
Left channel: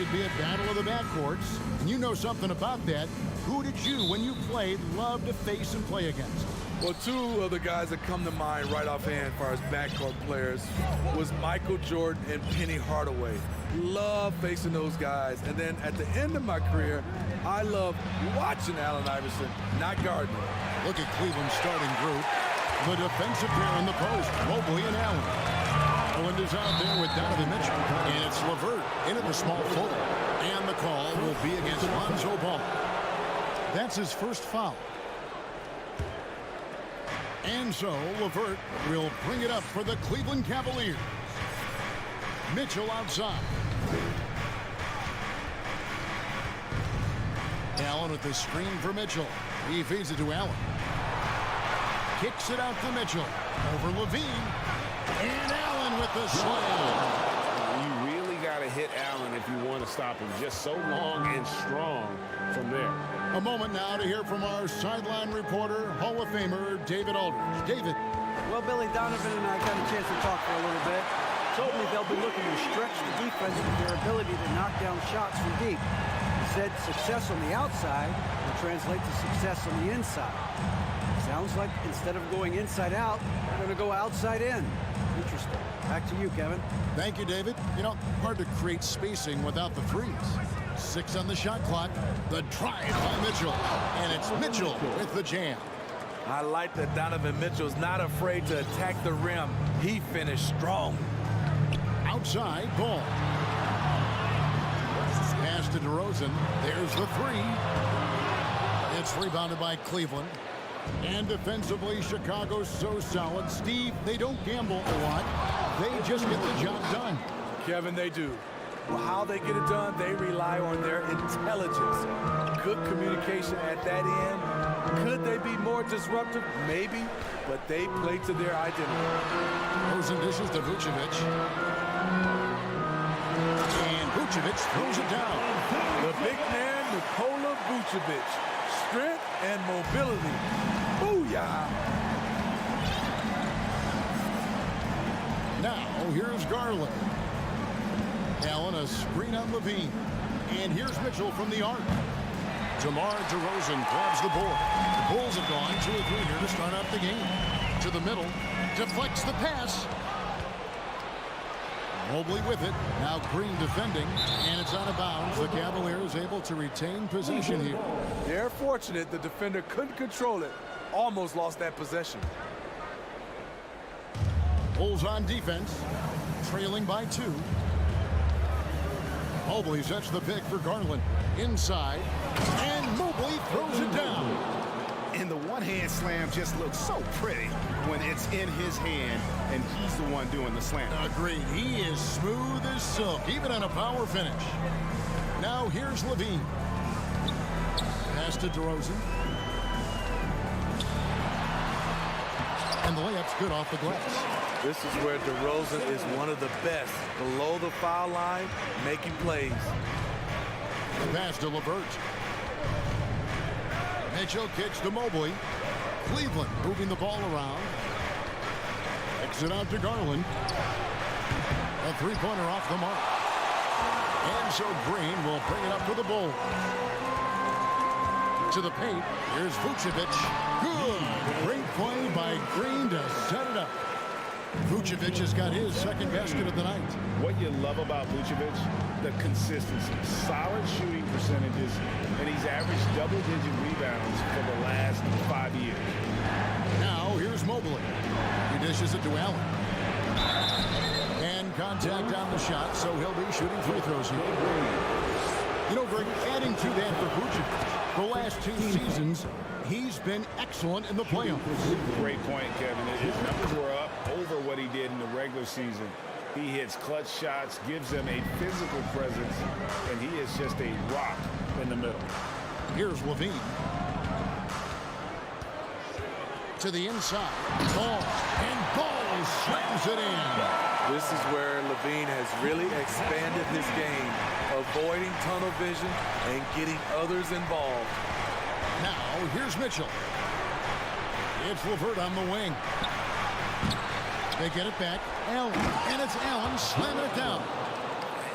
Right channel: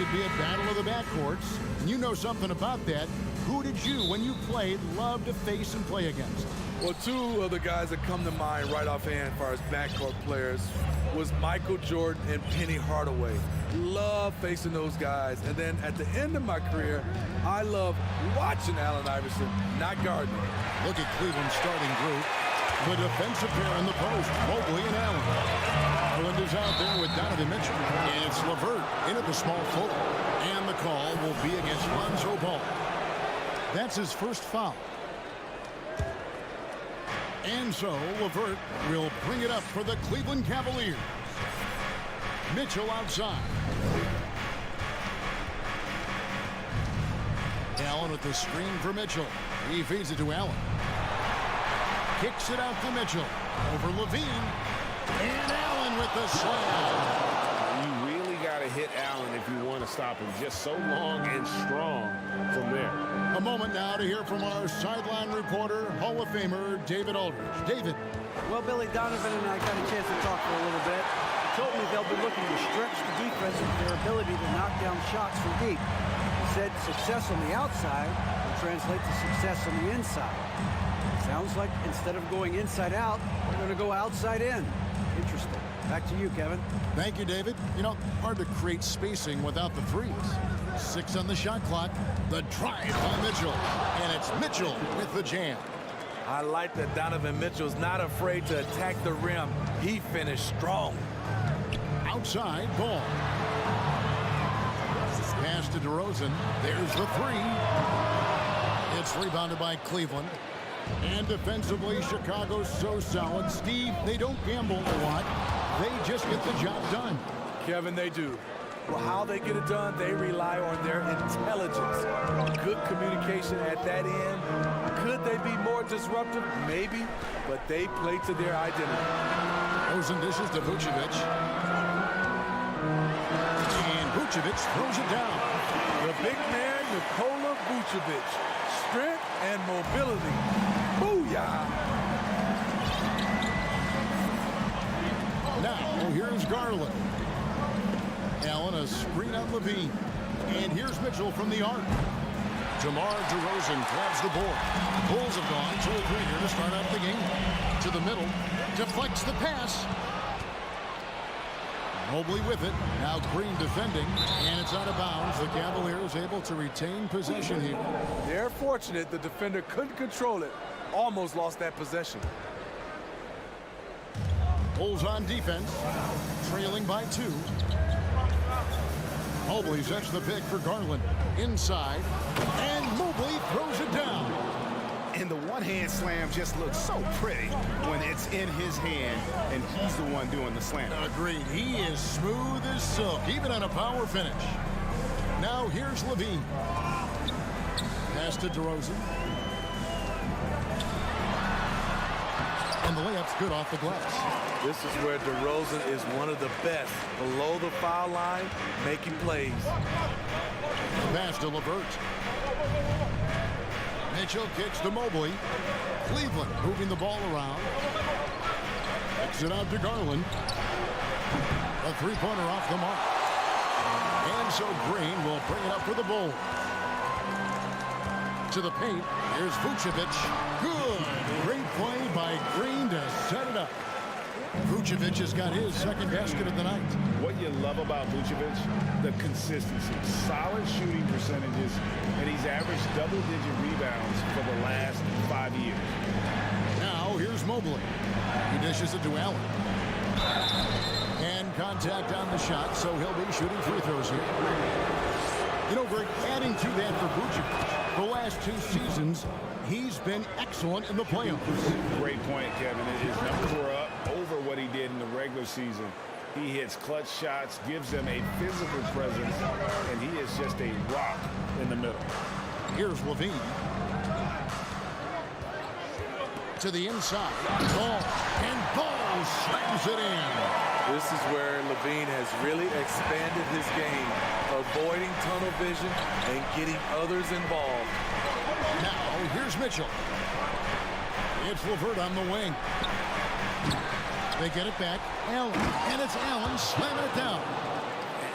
should be a battle of the backcourts. And you know something about that. Who did you, when you played, love to face and play against? Well, two of the guys that come to mind right offhand as far as backcourt players was Michael Jordan and Penny Hardaway. Love facing those guys. And then at the end of my career, I love watching Allen Iverson, not guarding him. Look at Cleveland's starting group. The defensive pair in the post, Mobley and Allen. Garland is out there with Donovan Mitchell. And it's LeVert in at the small forward. And the call will be against Lonzo Ball. That's his first foul. And so LeVert will bring it up for the Cleveland Cavaliers. Mitchell outside. Allen with the screen for Mitchell. He feeds it to Allen. Kicks it out to Mitchell. Over Levine. And Allen with the slam. You really got to hit Allen if you want to stop him. Just so long and strong from there. A moment now to hear from our sideline reporter, Hall of Famer David Aldridge. David. Well, Billy, Donovan and I got a chance to talk for a little bit. He told me they'll be looking to stretch the defense with their ability to knock down shots from deep. He said success on the outside will translate to success on the inside. Sounds like instead of going inside out, they're going to go outside in. Interesting. Back to you, Kevin. Thank you, David. You know, hard to create spacing without the threes. 6 on the shot clock. The drive by Mitchell. And it's Mitchell with the jam. I like that Donovan Mitchell's not afraid to attack the rim. He finished strong. Outside ball. Pass to DeRozan. There's the 3. It's rebounded by Cleveland. And defensively, Chicago's so solid. Steve, they don't gamble a lot. They just get the job done. Kevin, they do. Well, how they get it done, they rely on their intelligence. Good communication at that end. Could they be more disruptive? Maybe, but they play to their identity. Rosen dishes to Vucevic. And Vucevic throws it down. The big man, Nikola Vucevic. Strength and mobility. Booyah! Now, here's Garland. Allen, a screen on Levine. And here's Mitchell from the arc. DeMar DeRozan grabs the board. The Bulls have gone 2-3 here to start out the game. To the middle. Deflects the pass. Mobley with it. Now Green defending. And it's out of bounds. The Cavaliers able to retain possession here. They're fortunate the defender couldn't control it. Almost lost that possession. Bulls on defense. Trailing by 2. Mobley sets the pick for Garland. Inside. And Mobley throws it down. And the one-hand slam just looks so pretty when it's in his hand and he's the one doing the slam. Agreed. He is smooth as silk, even on a power finish. Now here's Levine. Pass to DeRozan. And the layup's good off the glass. This is where DeRozan is one of the best. Below the foul line, making plays. The pass to LeVert. Mitchell kicks to Mobley. Cleveland moving the ball around. Kicks it out to Garland. A three-pointer off the mark. And so Green will bring it up for the Bulls. To the paint. Here's Vucevic. Good. Great play by Green to set it up. Vucevic has got his second basket of the night. What you love about Vucevic, the consistency, solid shooting percentages, and he's averaged double-digit rebounds for the last 5 years. Now here's Mobley. He dishes it to Allen. And contact on the shot, so he'll be shooting free throws here. You know, Greg, adding to that for Vucevic, the last 2 seasons, he's been excellent in the playoffs. Great point, Kevin. His numbers were up over what he did in the regular season. He hits clutch shots, gives them a physical presence, and he is just a rock in the middle. Here's Levine. To the inside. Ball. And Ball slams it in. This is where Levine has really expanded his game, avoiding tunnel vision and getting others involved. Now, here's Mitchell. It's LeVert on the wing. They get it back. Allen. And it's Allen slamming it down.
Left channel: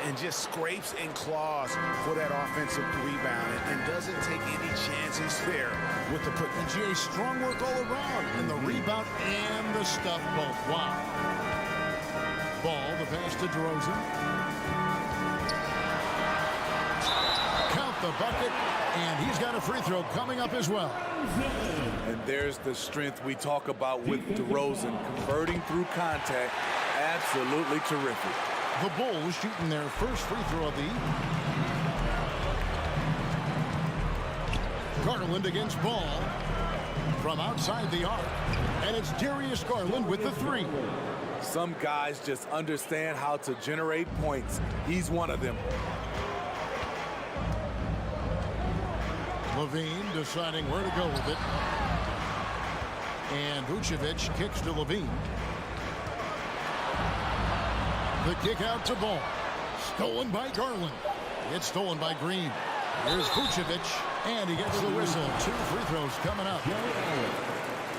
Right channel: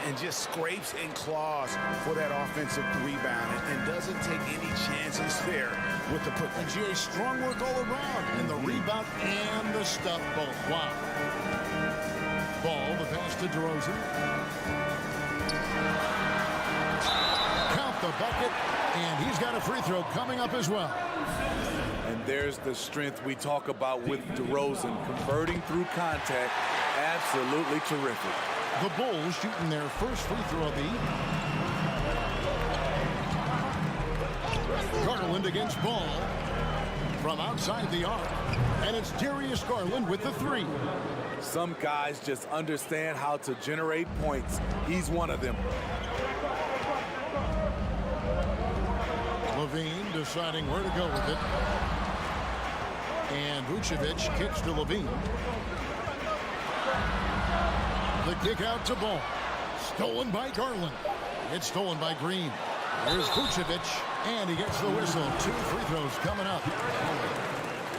and just scrapes and claws for that offensive rebound and doesn't take any chances there with the put. And GA, strong work all around in the rebound and the stuff both. Wow. Ball, the pass to DeRozan. Count the bucket, and he's got a free throw coming up as well. And there's the strength we talk about with DeRozan, converting through contact. Absolutely terrific. The Bulls shooting their first free throw of the evening. Garland against Ball from outside the arc, and it's Darius Garland with the three. Some guys just understand how to generate points. He's one of them. Levine deciding where to go with it. And Vucevic kicks to Levine. The kick out to Ball. Stolen by Garland. It's stolen by Green. Here's Vucevic, and he gets the whistle. 2 free throws coming up.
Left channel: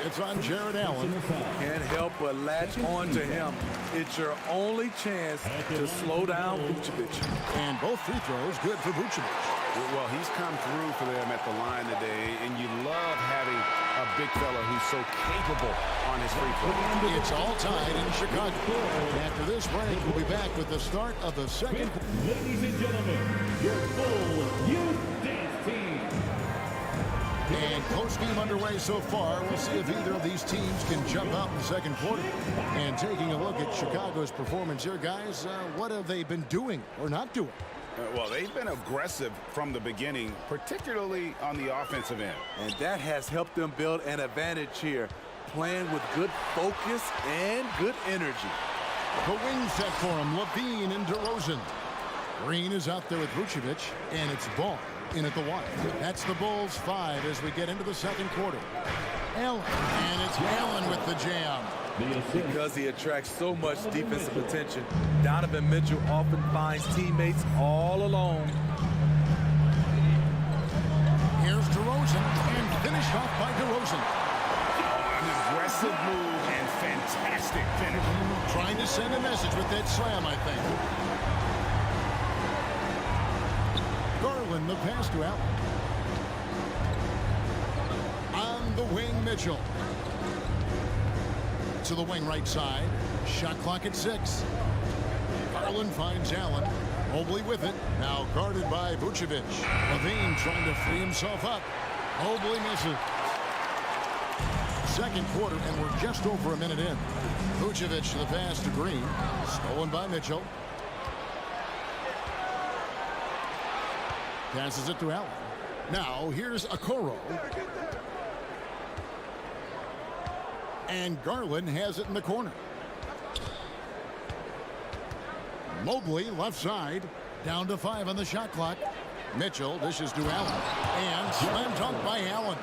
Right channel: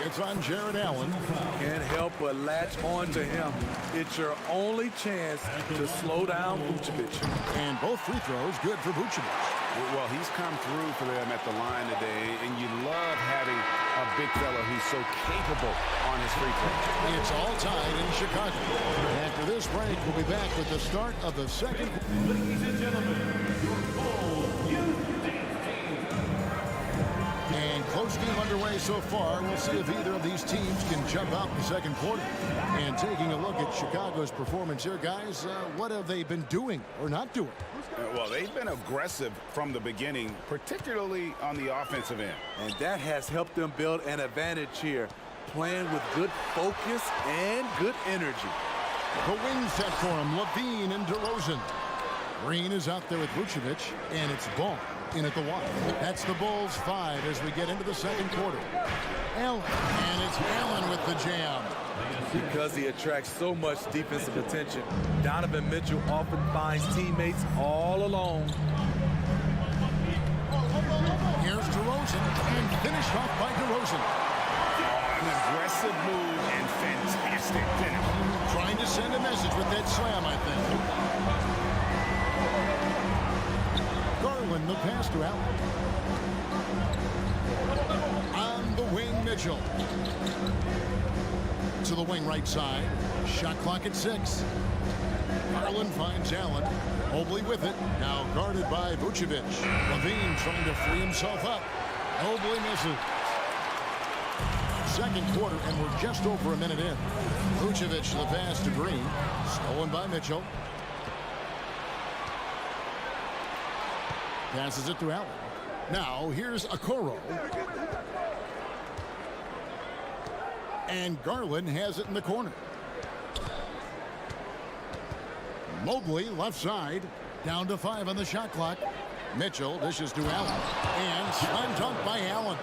It's on Jared Allen. Can't help but latch on to him. It's your only chance to slow down Vucevic. And both free throws good for Vucevic. Well, he's come through for them at the line today, and you love having a big fella who's so capable on his free throw. It's all tied in Chicago. After this break, we'll be back with the start of the second. Ladies and gentlemen, your full youth dance team. And close game underway so far. We'll see if either of these teams can jump out in the second quarter. And taking a look at Chicago's performance here, guys, what have they been doing or not doing? Well, they've been aggressive from the beginning, particularly on the offensive end. And that has helped them build an advantage here, playing with good focus and good energy. The wing set for him, Levine and DeRozan. Green is out there with Vucevic, and it's Ball in at the one. That's the Bulls 5 as we get into the second quarter. Allen, and it's Allen with the jam. Because he attracts so much defensive attention, Donovan Mitchell often finds teammates all alone. Here's DeRozan, and finished off by DeRozan. An aggressive move and fantastic finish. Trying to send a message with that slam, I think. Garland, the pass to Allen. On the wing, Mitchell. To the wing right side. Shot clock at 6. Garland finds Allen. Mobley with it. Now guarded by Vucevic. Levine trying to free himself up. Mobley misses. Second quarter, and we're just over a minute in. Vucevic the pass to Green. Stolen by Mitchell. Passes it to Allen. Now here's Okoro. And Garland has it in the corner. Mobley left side. Down to 5 on the shot clock. Mitchell dishes to Allen. And slam dunk by Allen.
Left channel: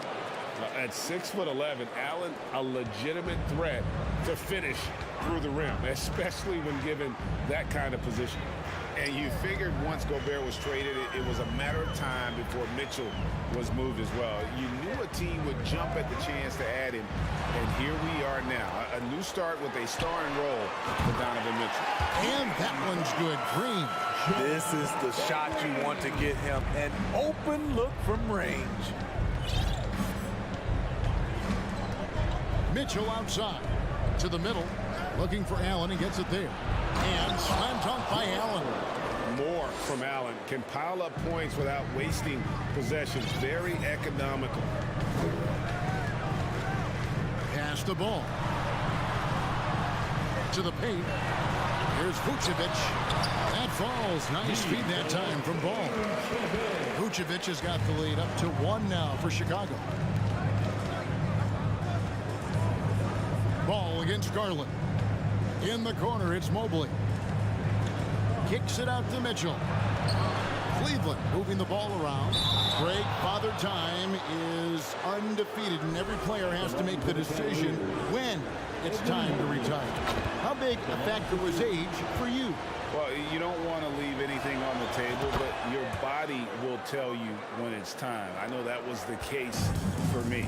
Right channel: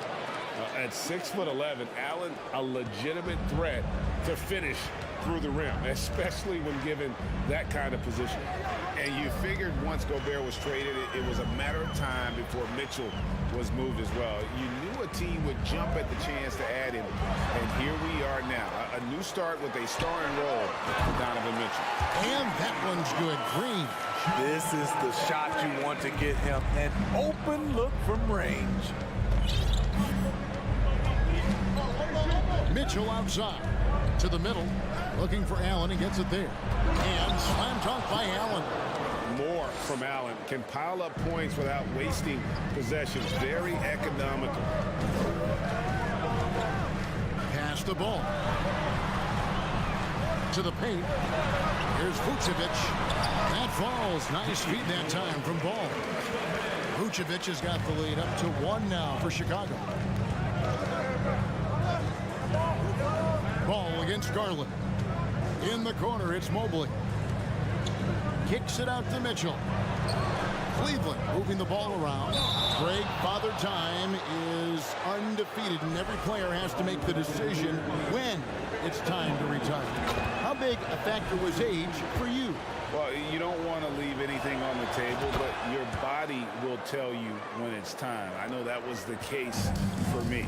At 6'11", Allen, a legitimate threat to finish through the rim, especially when given that kind of position. And you figured once Gobert was traded, it was a matter of time before Mitchell was moved as well. You knew a team would jump at the chance to add him, and here we are now. A new start with a starring role for Donovan Mitchell. And that one's good. Green. This is the shot you want to get him. An open look from range. Mitchell outside. To the middle. Looking for Allen. He gets it there. And slam dunk by Allen. More from Allen. Can pile up points without wasting possessions. Very economical. Pass the ball. To the paint. Here's Vucevic. That falls. Nice feed that time from Ball. Vucevic has got the lead up to 1 now for Chicago. Ball against Garland. In the corner, it's Mobley. Kicks it out to Mitchell. Cleveland moving the ball around. Greg, Father Time is undefeated, and every player has to make the decision when it's time to retire. How big a factor was age for you? Well, you don't want to leave anything on the table, but your body will tell you when it's time. I know that was the case for me.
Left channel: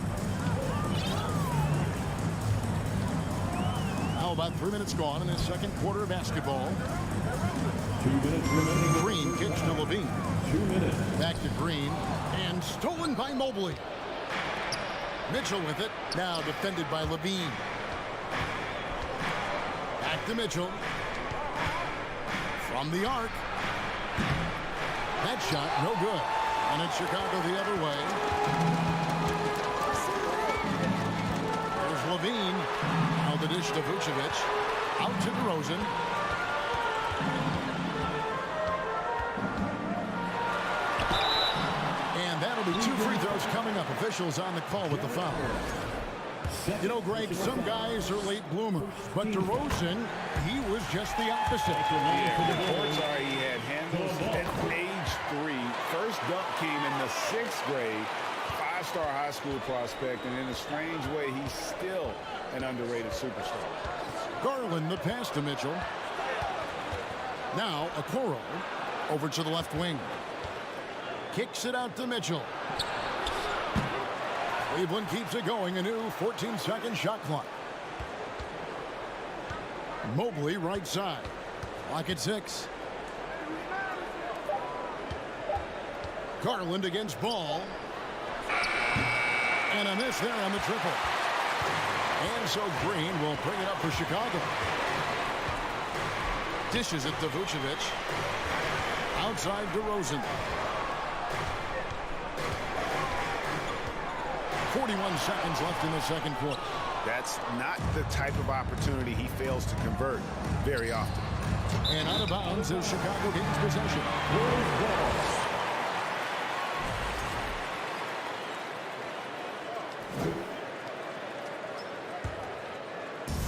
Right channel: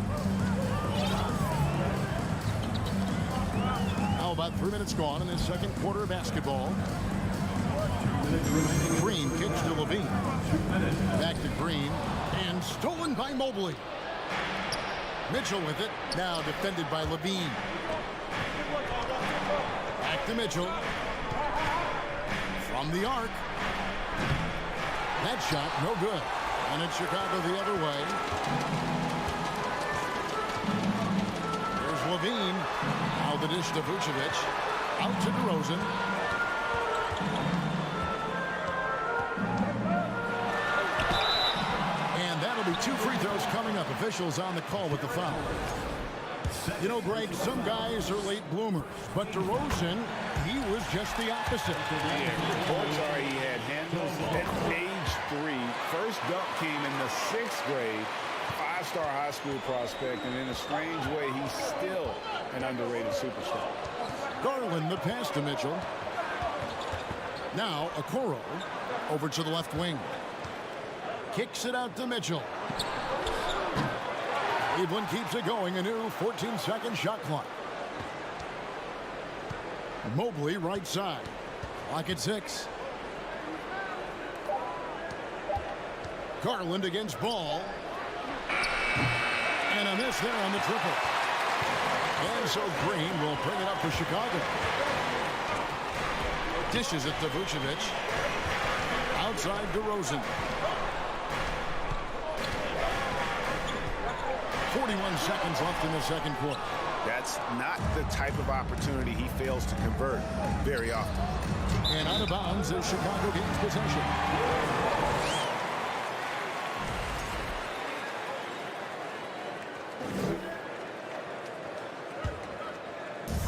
Now about 3 minutes gone in the second quarter of basketball. Green kicks to Levine. Back to Green, and stolen by Mobley. Mitchell with it, now defended by Levine. Back to Mitchell. From the arc. That shot, no good. And it's Chicago the other way. Here's Levine. Now the dish to Vucevic. Out to DeRozan. And that'll be 2 free throws coming up. Officials on the call with the foul. You know, Greg, some guys are late bloomers, but DeRozan, he was just the opposite. Yeah, reports are he had handles at age 3. First dunk came in the 6th grade. 5-star high school prospect, and in a strange way, he's still an underrated superstar. Garland, the pass to Mitchell. Now, Okoro over to the left wing. Kicks it out to Mitchell. Cleveland keeps it going. A new 14-second shot clock. Mobley right side. Clock at 6. Garland against Ball. And a miss there on the triple. And so Green will bring it up for Chicago. Dishes it to Vucevic. Outside DeRozan. 41 seconds left in the second quarter. That's not the type of opportunity he fails to convert very often. And out of bounds as Chicago gains possession.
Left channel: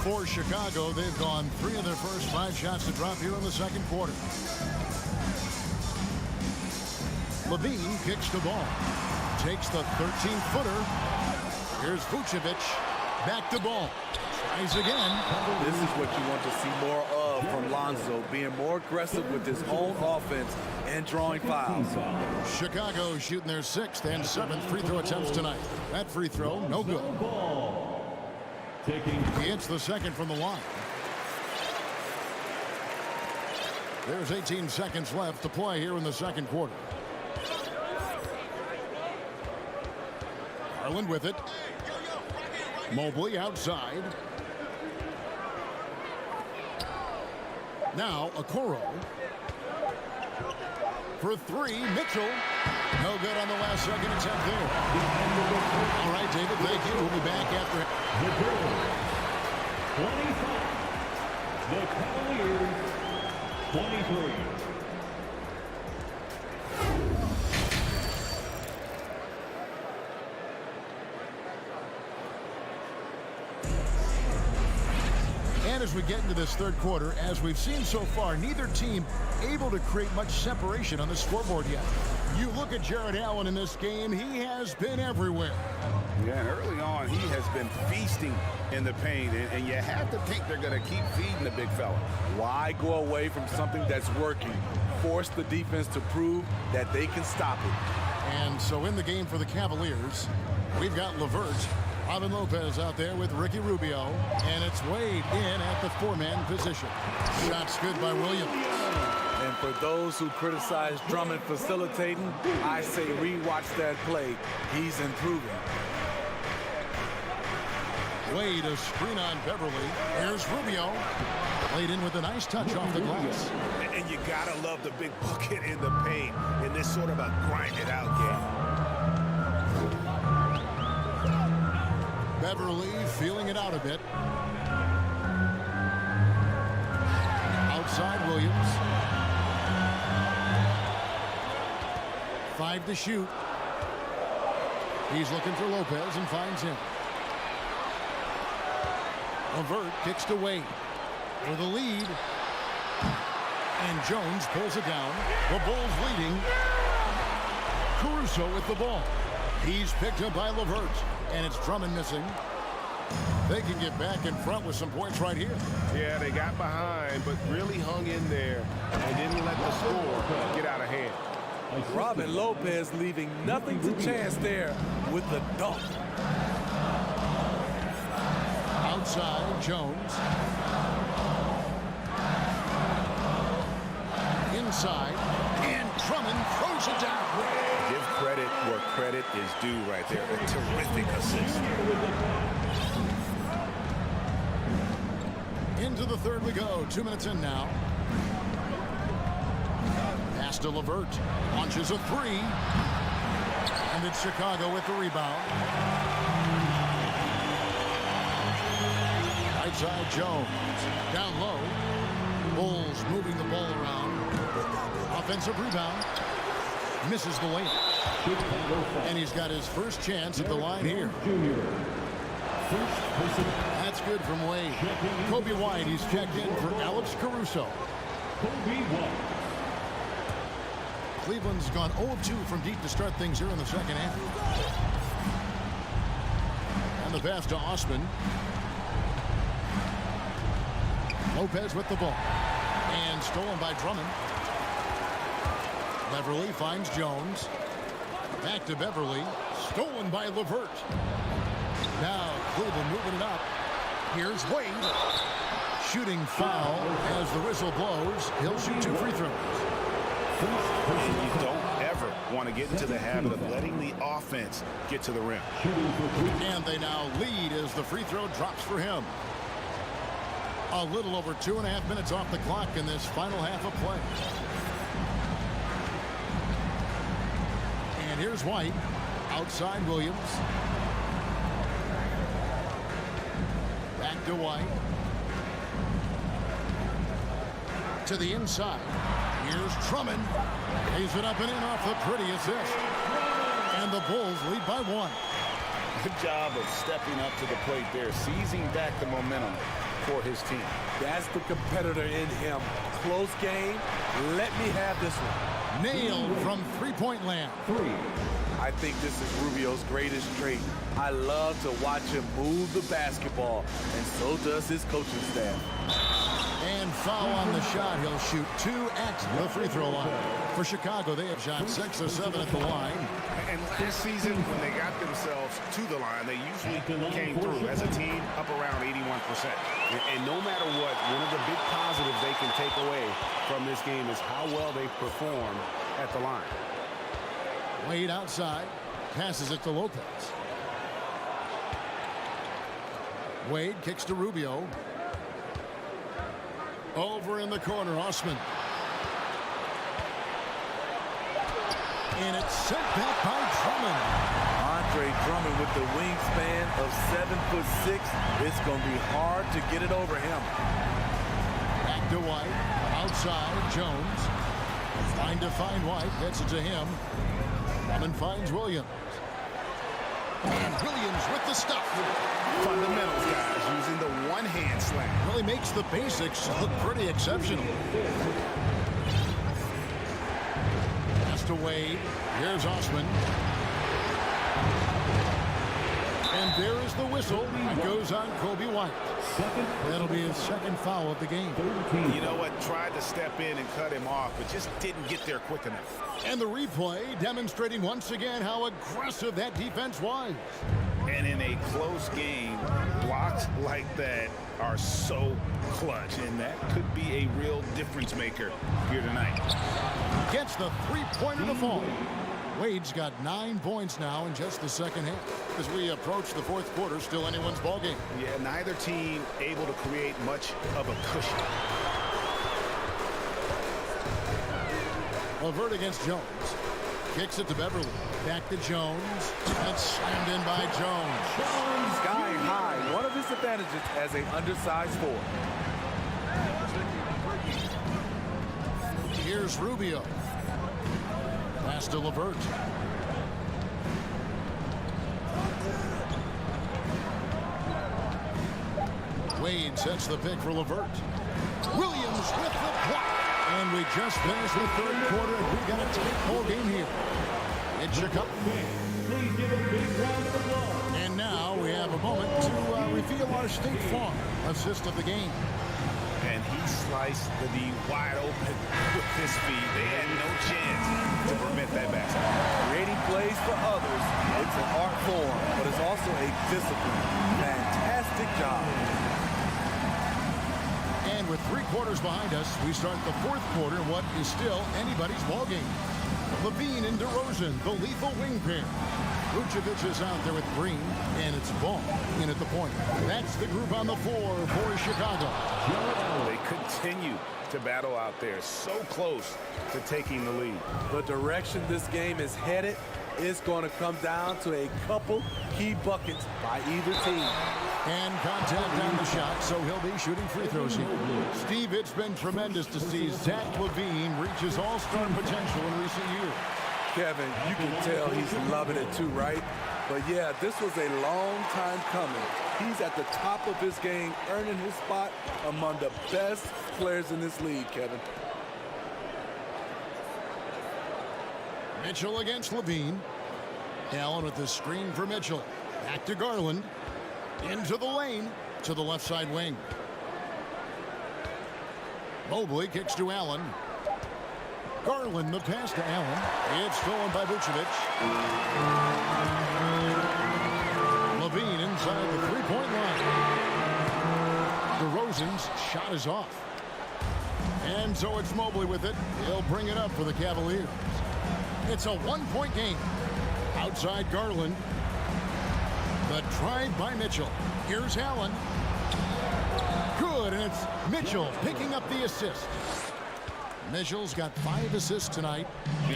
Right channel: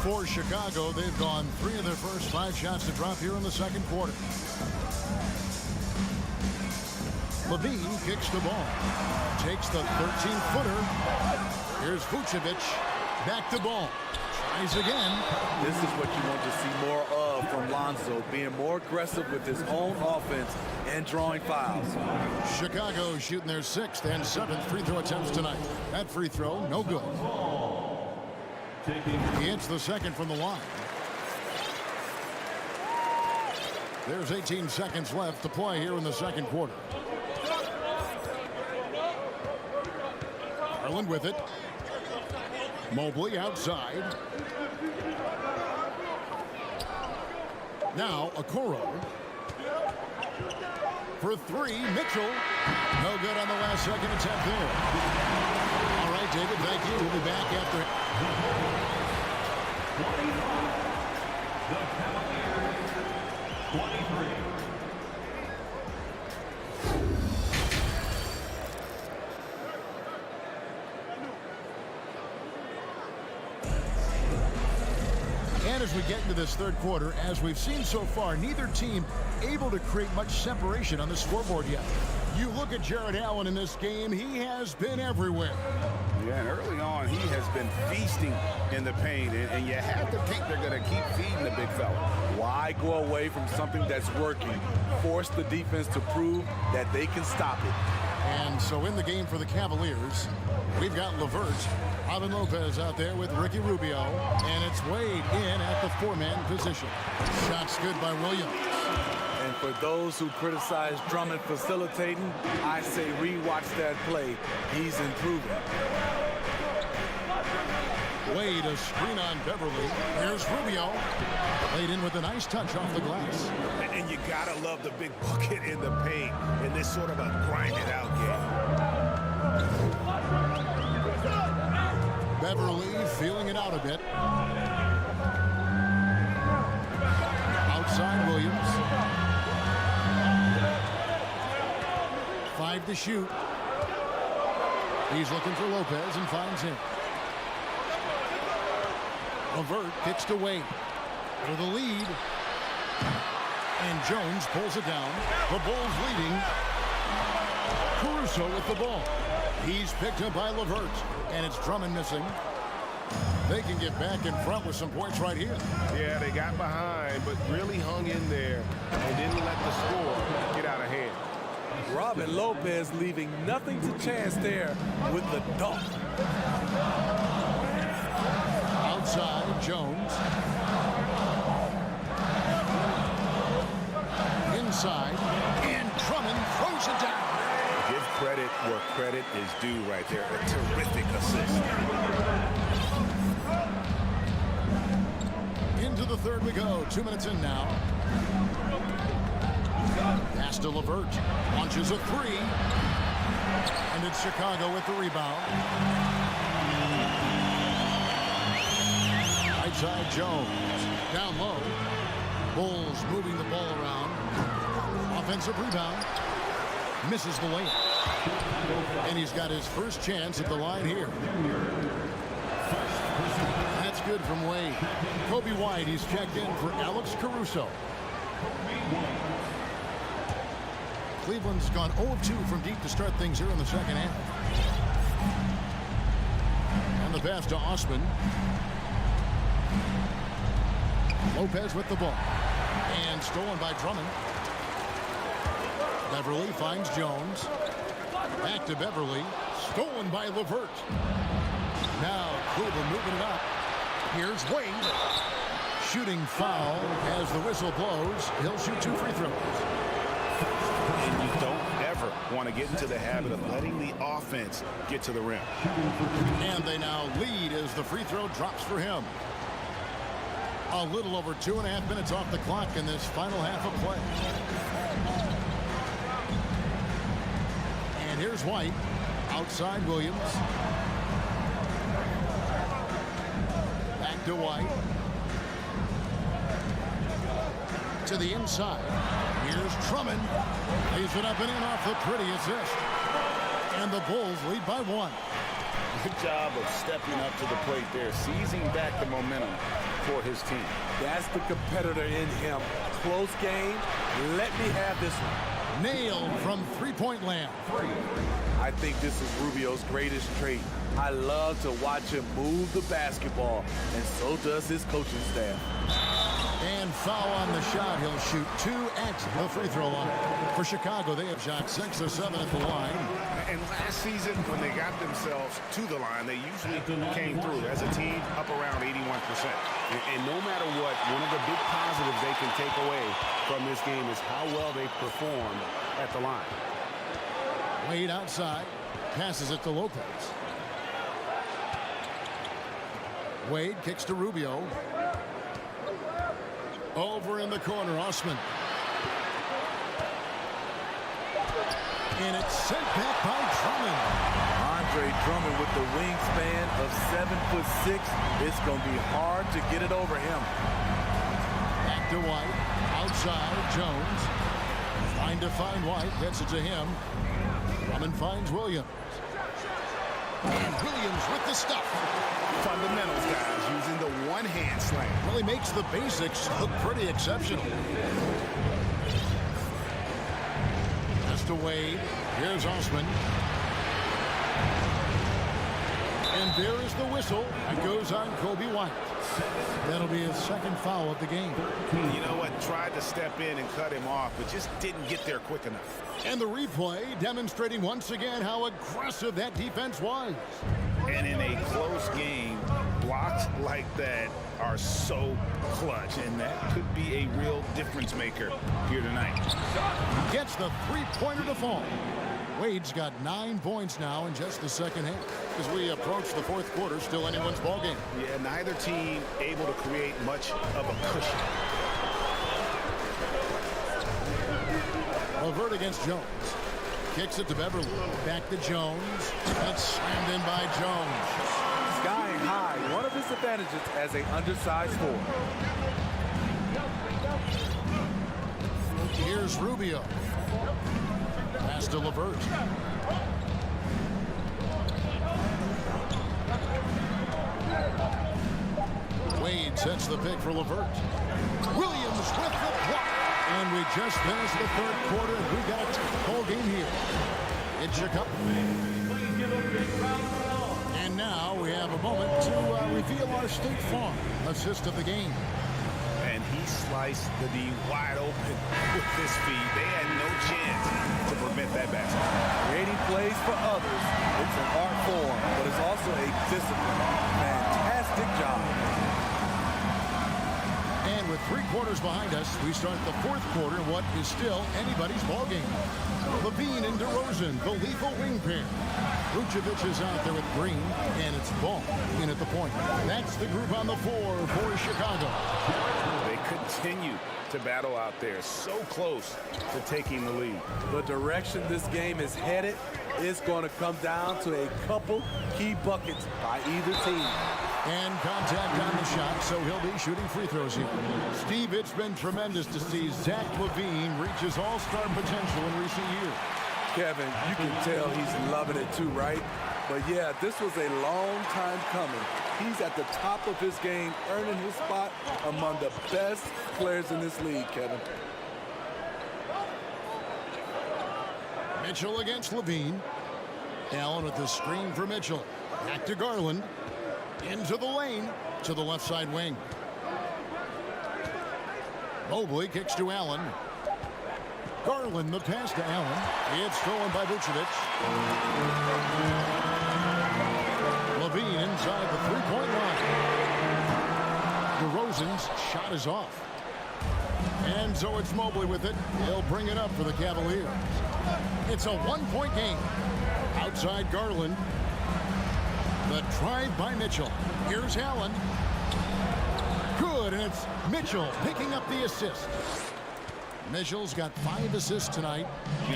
For Chicago, they've gone 3 of their first 5 shots to drop here in the second quarter. Levine kicks the ball. Takes the 13-footer. Here's Vucevic. Back to Ball. Tries again. This is what you want to see more of from Lonzo, being more aggressive with his own offense and drawing fouls. Chicago shooting their 6th and 7th free throw attempts tonight. That free throw, no good. He hits the second from the line. There's 18 seconds left to play here in the second quarter. Garland with it. Mobley outside. Now Okoro. For 3, Mitchell. No good on the last second attempt there. All right, David, thank you. We'll be back after. The Cavaliers, 23. And as we get into this third quarter, as we've seen so far, neither team able to create much separation on the scoreboard yet. You look at Jared Allen in this game, he has been everywhere. Yeah, and early on, he has been feasting in the paint, and you have to think they're going to keep feeding the big fella. Why go away from something that's working? Force the defense to prove that they can stop it. And so in the game for the Cavaliers, we've got LeVert, Robin Lopez out there with Ricky Rubio, and it's Wade in at the 4-man position. Shots good by Williams. And for those who criticize Drummond facilitating, I say rewatch that play. He's improving. Wade, a screen on Beverly. Here's Rubio. Laid in with a nice touch off the glass. And you gotta love the big bucket in the paint in this sort of a grind-it-out game. Beverly feeling it out a bit. Outside Williams. 5 to shoot. He's looking for Lopez and finds him. LeVert kicks to Wade for the lead. And Jones pulls it down. The Bulls leading. Caruso with the ball. He's picked up by LeVert. And it's Drummond missing. They can get back in front with some points right here. Yeah, they got behind, but really hung in there and didn't let the score get out of hand. Robin Lopez leaving nothing to chance there with the dunk. Outside, Jones. inside, and Drummond throws it down. Give credit where credit is due right there. A terrific assist. Into the third we go. 2 minutes in now. Pass to LeVert. Launches a three. And it's Chicago with the rebound. Right side Jones. Down low. Bulls moving the ball around. Offensive rebound. Misses the layup. And he's got his first chance at the line here. That's good from Wade. Kobe White, he's checked in for Alex Caruso. Cleveland's gone 0 of 2 from deep to start things here in the second half. And the pass to Osman. Lopez with the ball. And stolen by Drummond. Beverly finds Jones. Back to Beverly. Stolen by LeVert. Now Cleveland moving it up. Here's Wade. Shooting foul as the whistle blows. He'll shoot 2 free throws. And you don't ever want to get into the habit of letting the offense get to the rim. And they now lead as the free throw drops for him. A little over 2.5 minutes off the clock in this final half of play. And here's White. Outside Williams. Back to White. To the inside. Here's Drummond. Lays it up and in off the pretty assist. And the Bulls lead by 1. Good job of stepping up to the plate there, seizing back the momentum for his team. That's the competitor in him. Close game. Let me have this one. Nailed from three-point land. I think this is Rubio's greatest trait. I love to watch him move the basketball, and so does his coaching staff. And foul on the shot. He'll shoot 2 at the free throw line. For Chicago, they have shot 6 or 7 at the line. And last season, when they got themselves to the line, they usually came through as a team up around 81%. And no matter what, one of the big positives they can take away from this game is how well they perform at the line. Wade outside. Passes it to Lopez. Wade kicks to Rubio. Over in the corner, Osman. And it's sent back by Drummond. Andre Drummond with the wingspan of 7'6". It's going to be hard to get it over him. Back to White. Outside, Jones. Trying to find White. Gets it to him. Drummond finds Williams. And Williams with the stuff. Fundamentals, guys, using the one-hand slam. Really makes the basics look pretty exceptional. Pass to Wade. Here's Osman. And there is the whistle. That goes on Kobe White. That'll be his second foul of the game. You know what? Tried to step in and cut him off, but just didn't get there quick enough. And the replay demonstrating once again how aggressive that defense was. And in a close game, blocks like that are so clutch, and that could be a real difference maker here tonight. Gets the three-pointer to fall. Wade's got 9 points now in just the second half. As we approach the fourth quarter, still anyone's ballgame. Yeah, neither team able to create much of a cushion. LeVert against Jones. Kicks it to Beverly. Back to Jones. That's slammed in by Jones. Sky high, one of his advantages as an undersized forward. Here's Rubio. Pass to LeVert. Wade sets the pick for LeVert. Williams with the block. And we just finished the third quarter, and we've got a tight ball game here in Chicago. And now we have a moment to reveal our State Farm assist of the game. And he sliced the D wide open with his feet. They had no chance to prevent that basket. Creating plays for others, it's an art form, but it's also a discipline. Fantastic job. And with 3 quarters behind us, we start the 4th quarter in what is still anybody's ballgame. Levine and DeRozan, the lethal wing pair. Vucevic is out there with Green, and it's Ball in at the point. That's the group on the floor for Chicago. They continue to battle out there, so close to taking the lead. The direction this game is headed is going to come down to a couple key buckets by either team. And contact on the shot, so he'll be shooting free throws here. Steve, it's been tremendous to see Zach LaVine reach his all-star potential in recent years. Kevin, you can tell he's loving it too, right? But yeah, this was a long time coming. He's at the top of his game, earning his spot among the best players in this league, Kevin. Mitchell against Levine. Allen with the screen for Mitchell. Back to Garland. Into the lane to the left side wing. Mobley kicks to Allen. Garland the pass to Allen. It's stolen by Vucevic. Levine inside the three-point line. DeRozan's shot is off. And so it's Mobley with it. He'll bring it up for the Cavaliers. It's a one-point game. Outside Garland. The drive by Mitchell. Here's Allen. Good, and it's Mitchell picking up the assist. Mitchell's got 5 assists tonight.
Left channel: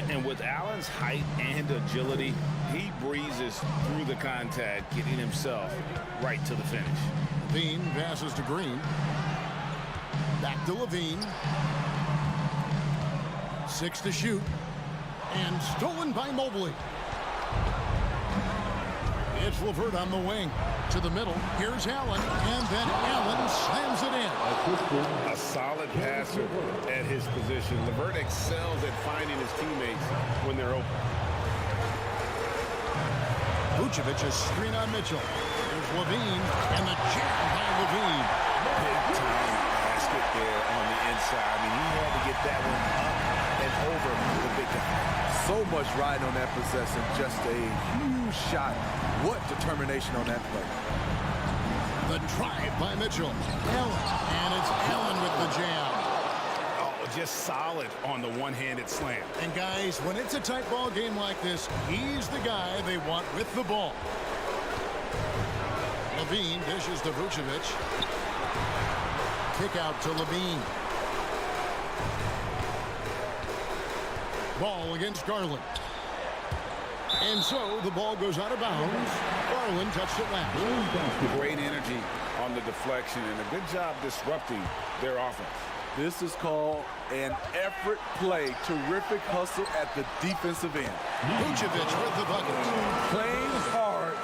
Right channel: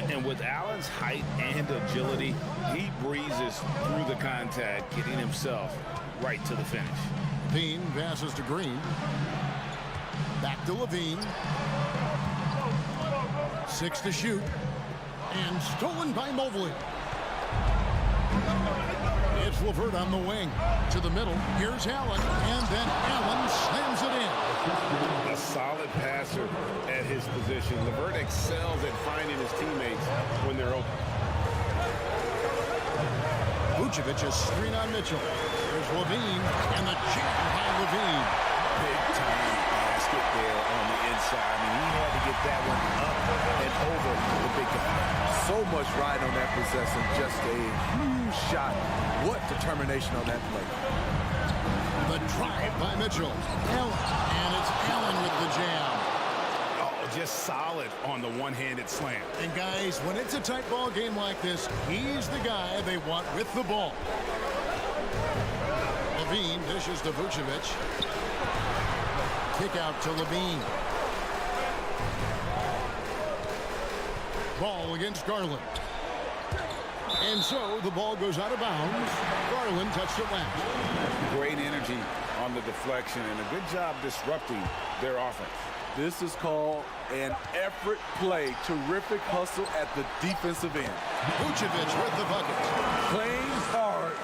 And with Allen's height and agility, he breezes through the contact, getting himself right to the finish. Levine passes to Green. Back to Levine. 6 to shoot. And stolen by Mobley. It's LeVert on the wing. To the middle. Here's Allen. And then Allen slams it in. A solid passer at his position. LeVert excels at finding his teammates when they're open. Vucevic is screen on Mitchell. Here's Levine. And the jam by Levine. Big time basket there on the inside. I mean, he had to get that one up and over the big guy. So much riding on that possession. Just a huge shot. What determination on that play. The drive by Mitchell. Allen. And it's Allen with the jam. Oh, just solid on the one-handed slam. And guys, when it's a tight ball game like this, he's the guy they want with the ball. Levine dishes to Vucevic. Kick out to Levine. Ball against Garland. And so the ball goes out of bounds. Garland touched it last. Great energy on the deflection and a good job disrupting their offense. This is called an effort play. Terrific hustle at the defensive end. Vucevic with the bucket. Playing hard.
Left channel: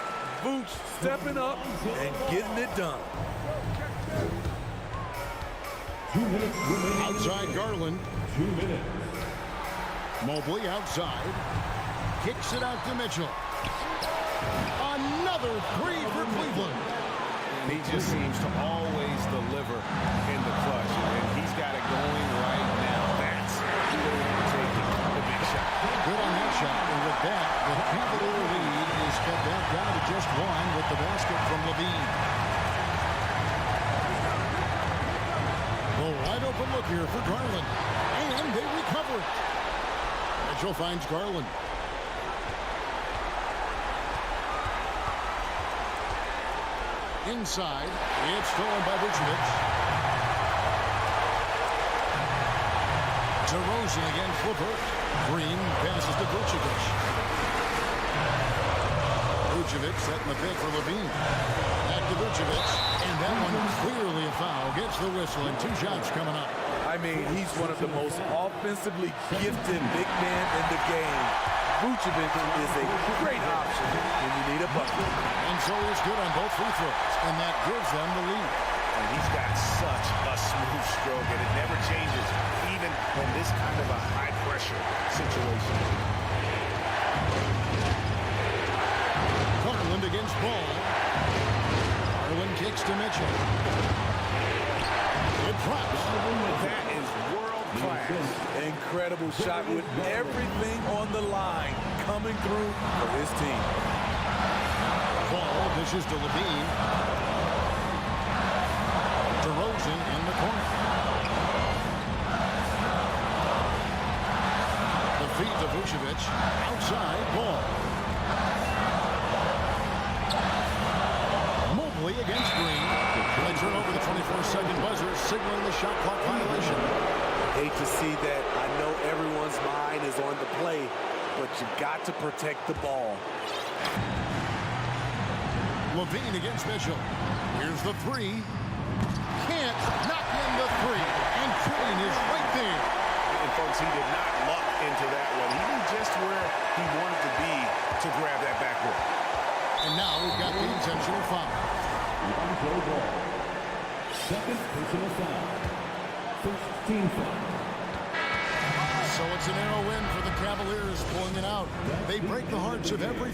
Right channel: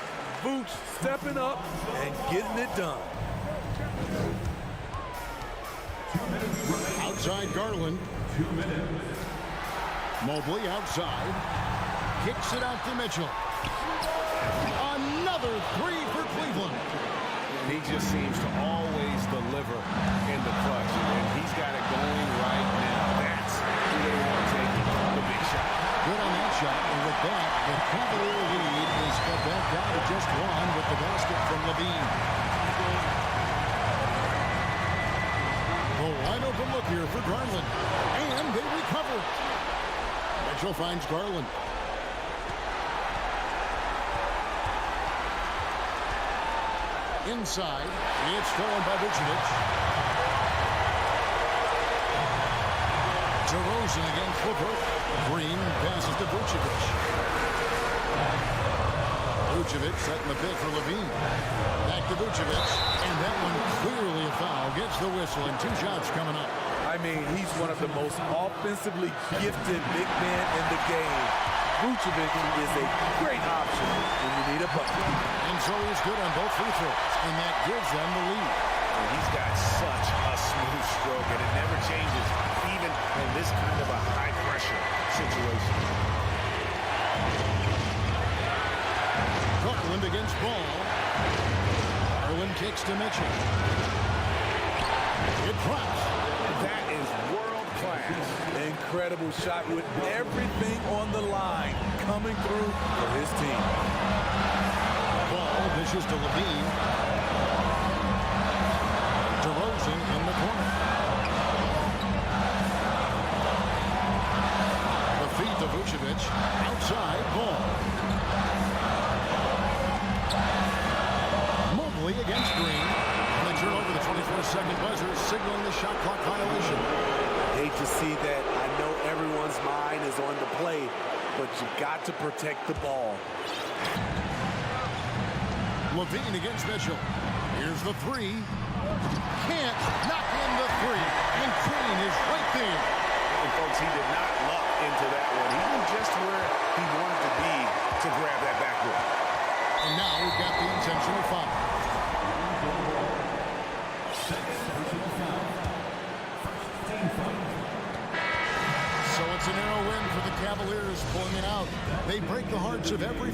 Vooch stepping up and getting it done. Outside Garland. 2 minutes. Mobley outside. Kicks it out to Mitchell. Another 3 for Cleveland. And he just seems to always deliver in the clutch. And he's got it going right now. That's who they want taking the big shot. Good on that shot. And with that, the Cavalier lead is cut back down to just 1 with the basket from Levine. The wide open look here for Garland. And they recover it. Mitchell finds Garland. Inside, it's stolen by Vucevic. DeRozan against LeVert. Green passes to Vucevic. Vucevic setting the pick for Levine. Back to Vucevic. And that one clearly a foul. Gets the whistle and 2 shots coming up. I mean, he's one of the most offensively gifted big men in the game. Vucevic is a great option when you need a bucket. And so he's good on both free throws, and that gives them the lead. And he's got such a smooth stroke, and it never changes, even in this kind of a high-pressure situation. Garland against Ball. Garland kicks to Mitchell. It drops. That is world-class. Incredible shot with everything on the line coming through for his team. Ball dishes to Levine. DeRozan in the corner. The feed to Vucevic. Outside ball. Mobley against Green. And they turn over the 24-second buzzer, signaling the shot clock violation. Hate to see that. I know everyone's mind is on the play, but you got to protect the ball. Levine against Mitchell. Here's the three. Can't knock in the three. And Green is right there. And folks, he did not luck into that one. He knew just where he wanted to be to grab that backboard. And now we've got the intentional foul. Second personal foul. First team foul. So it's a narrow win for the Cavaliers, pulling it out. They break the hearts of every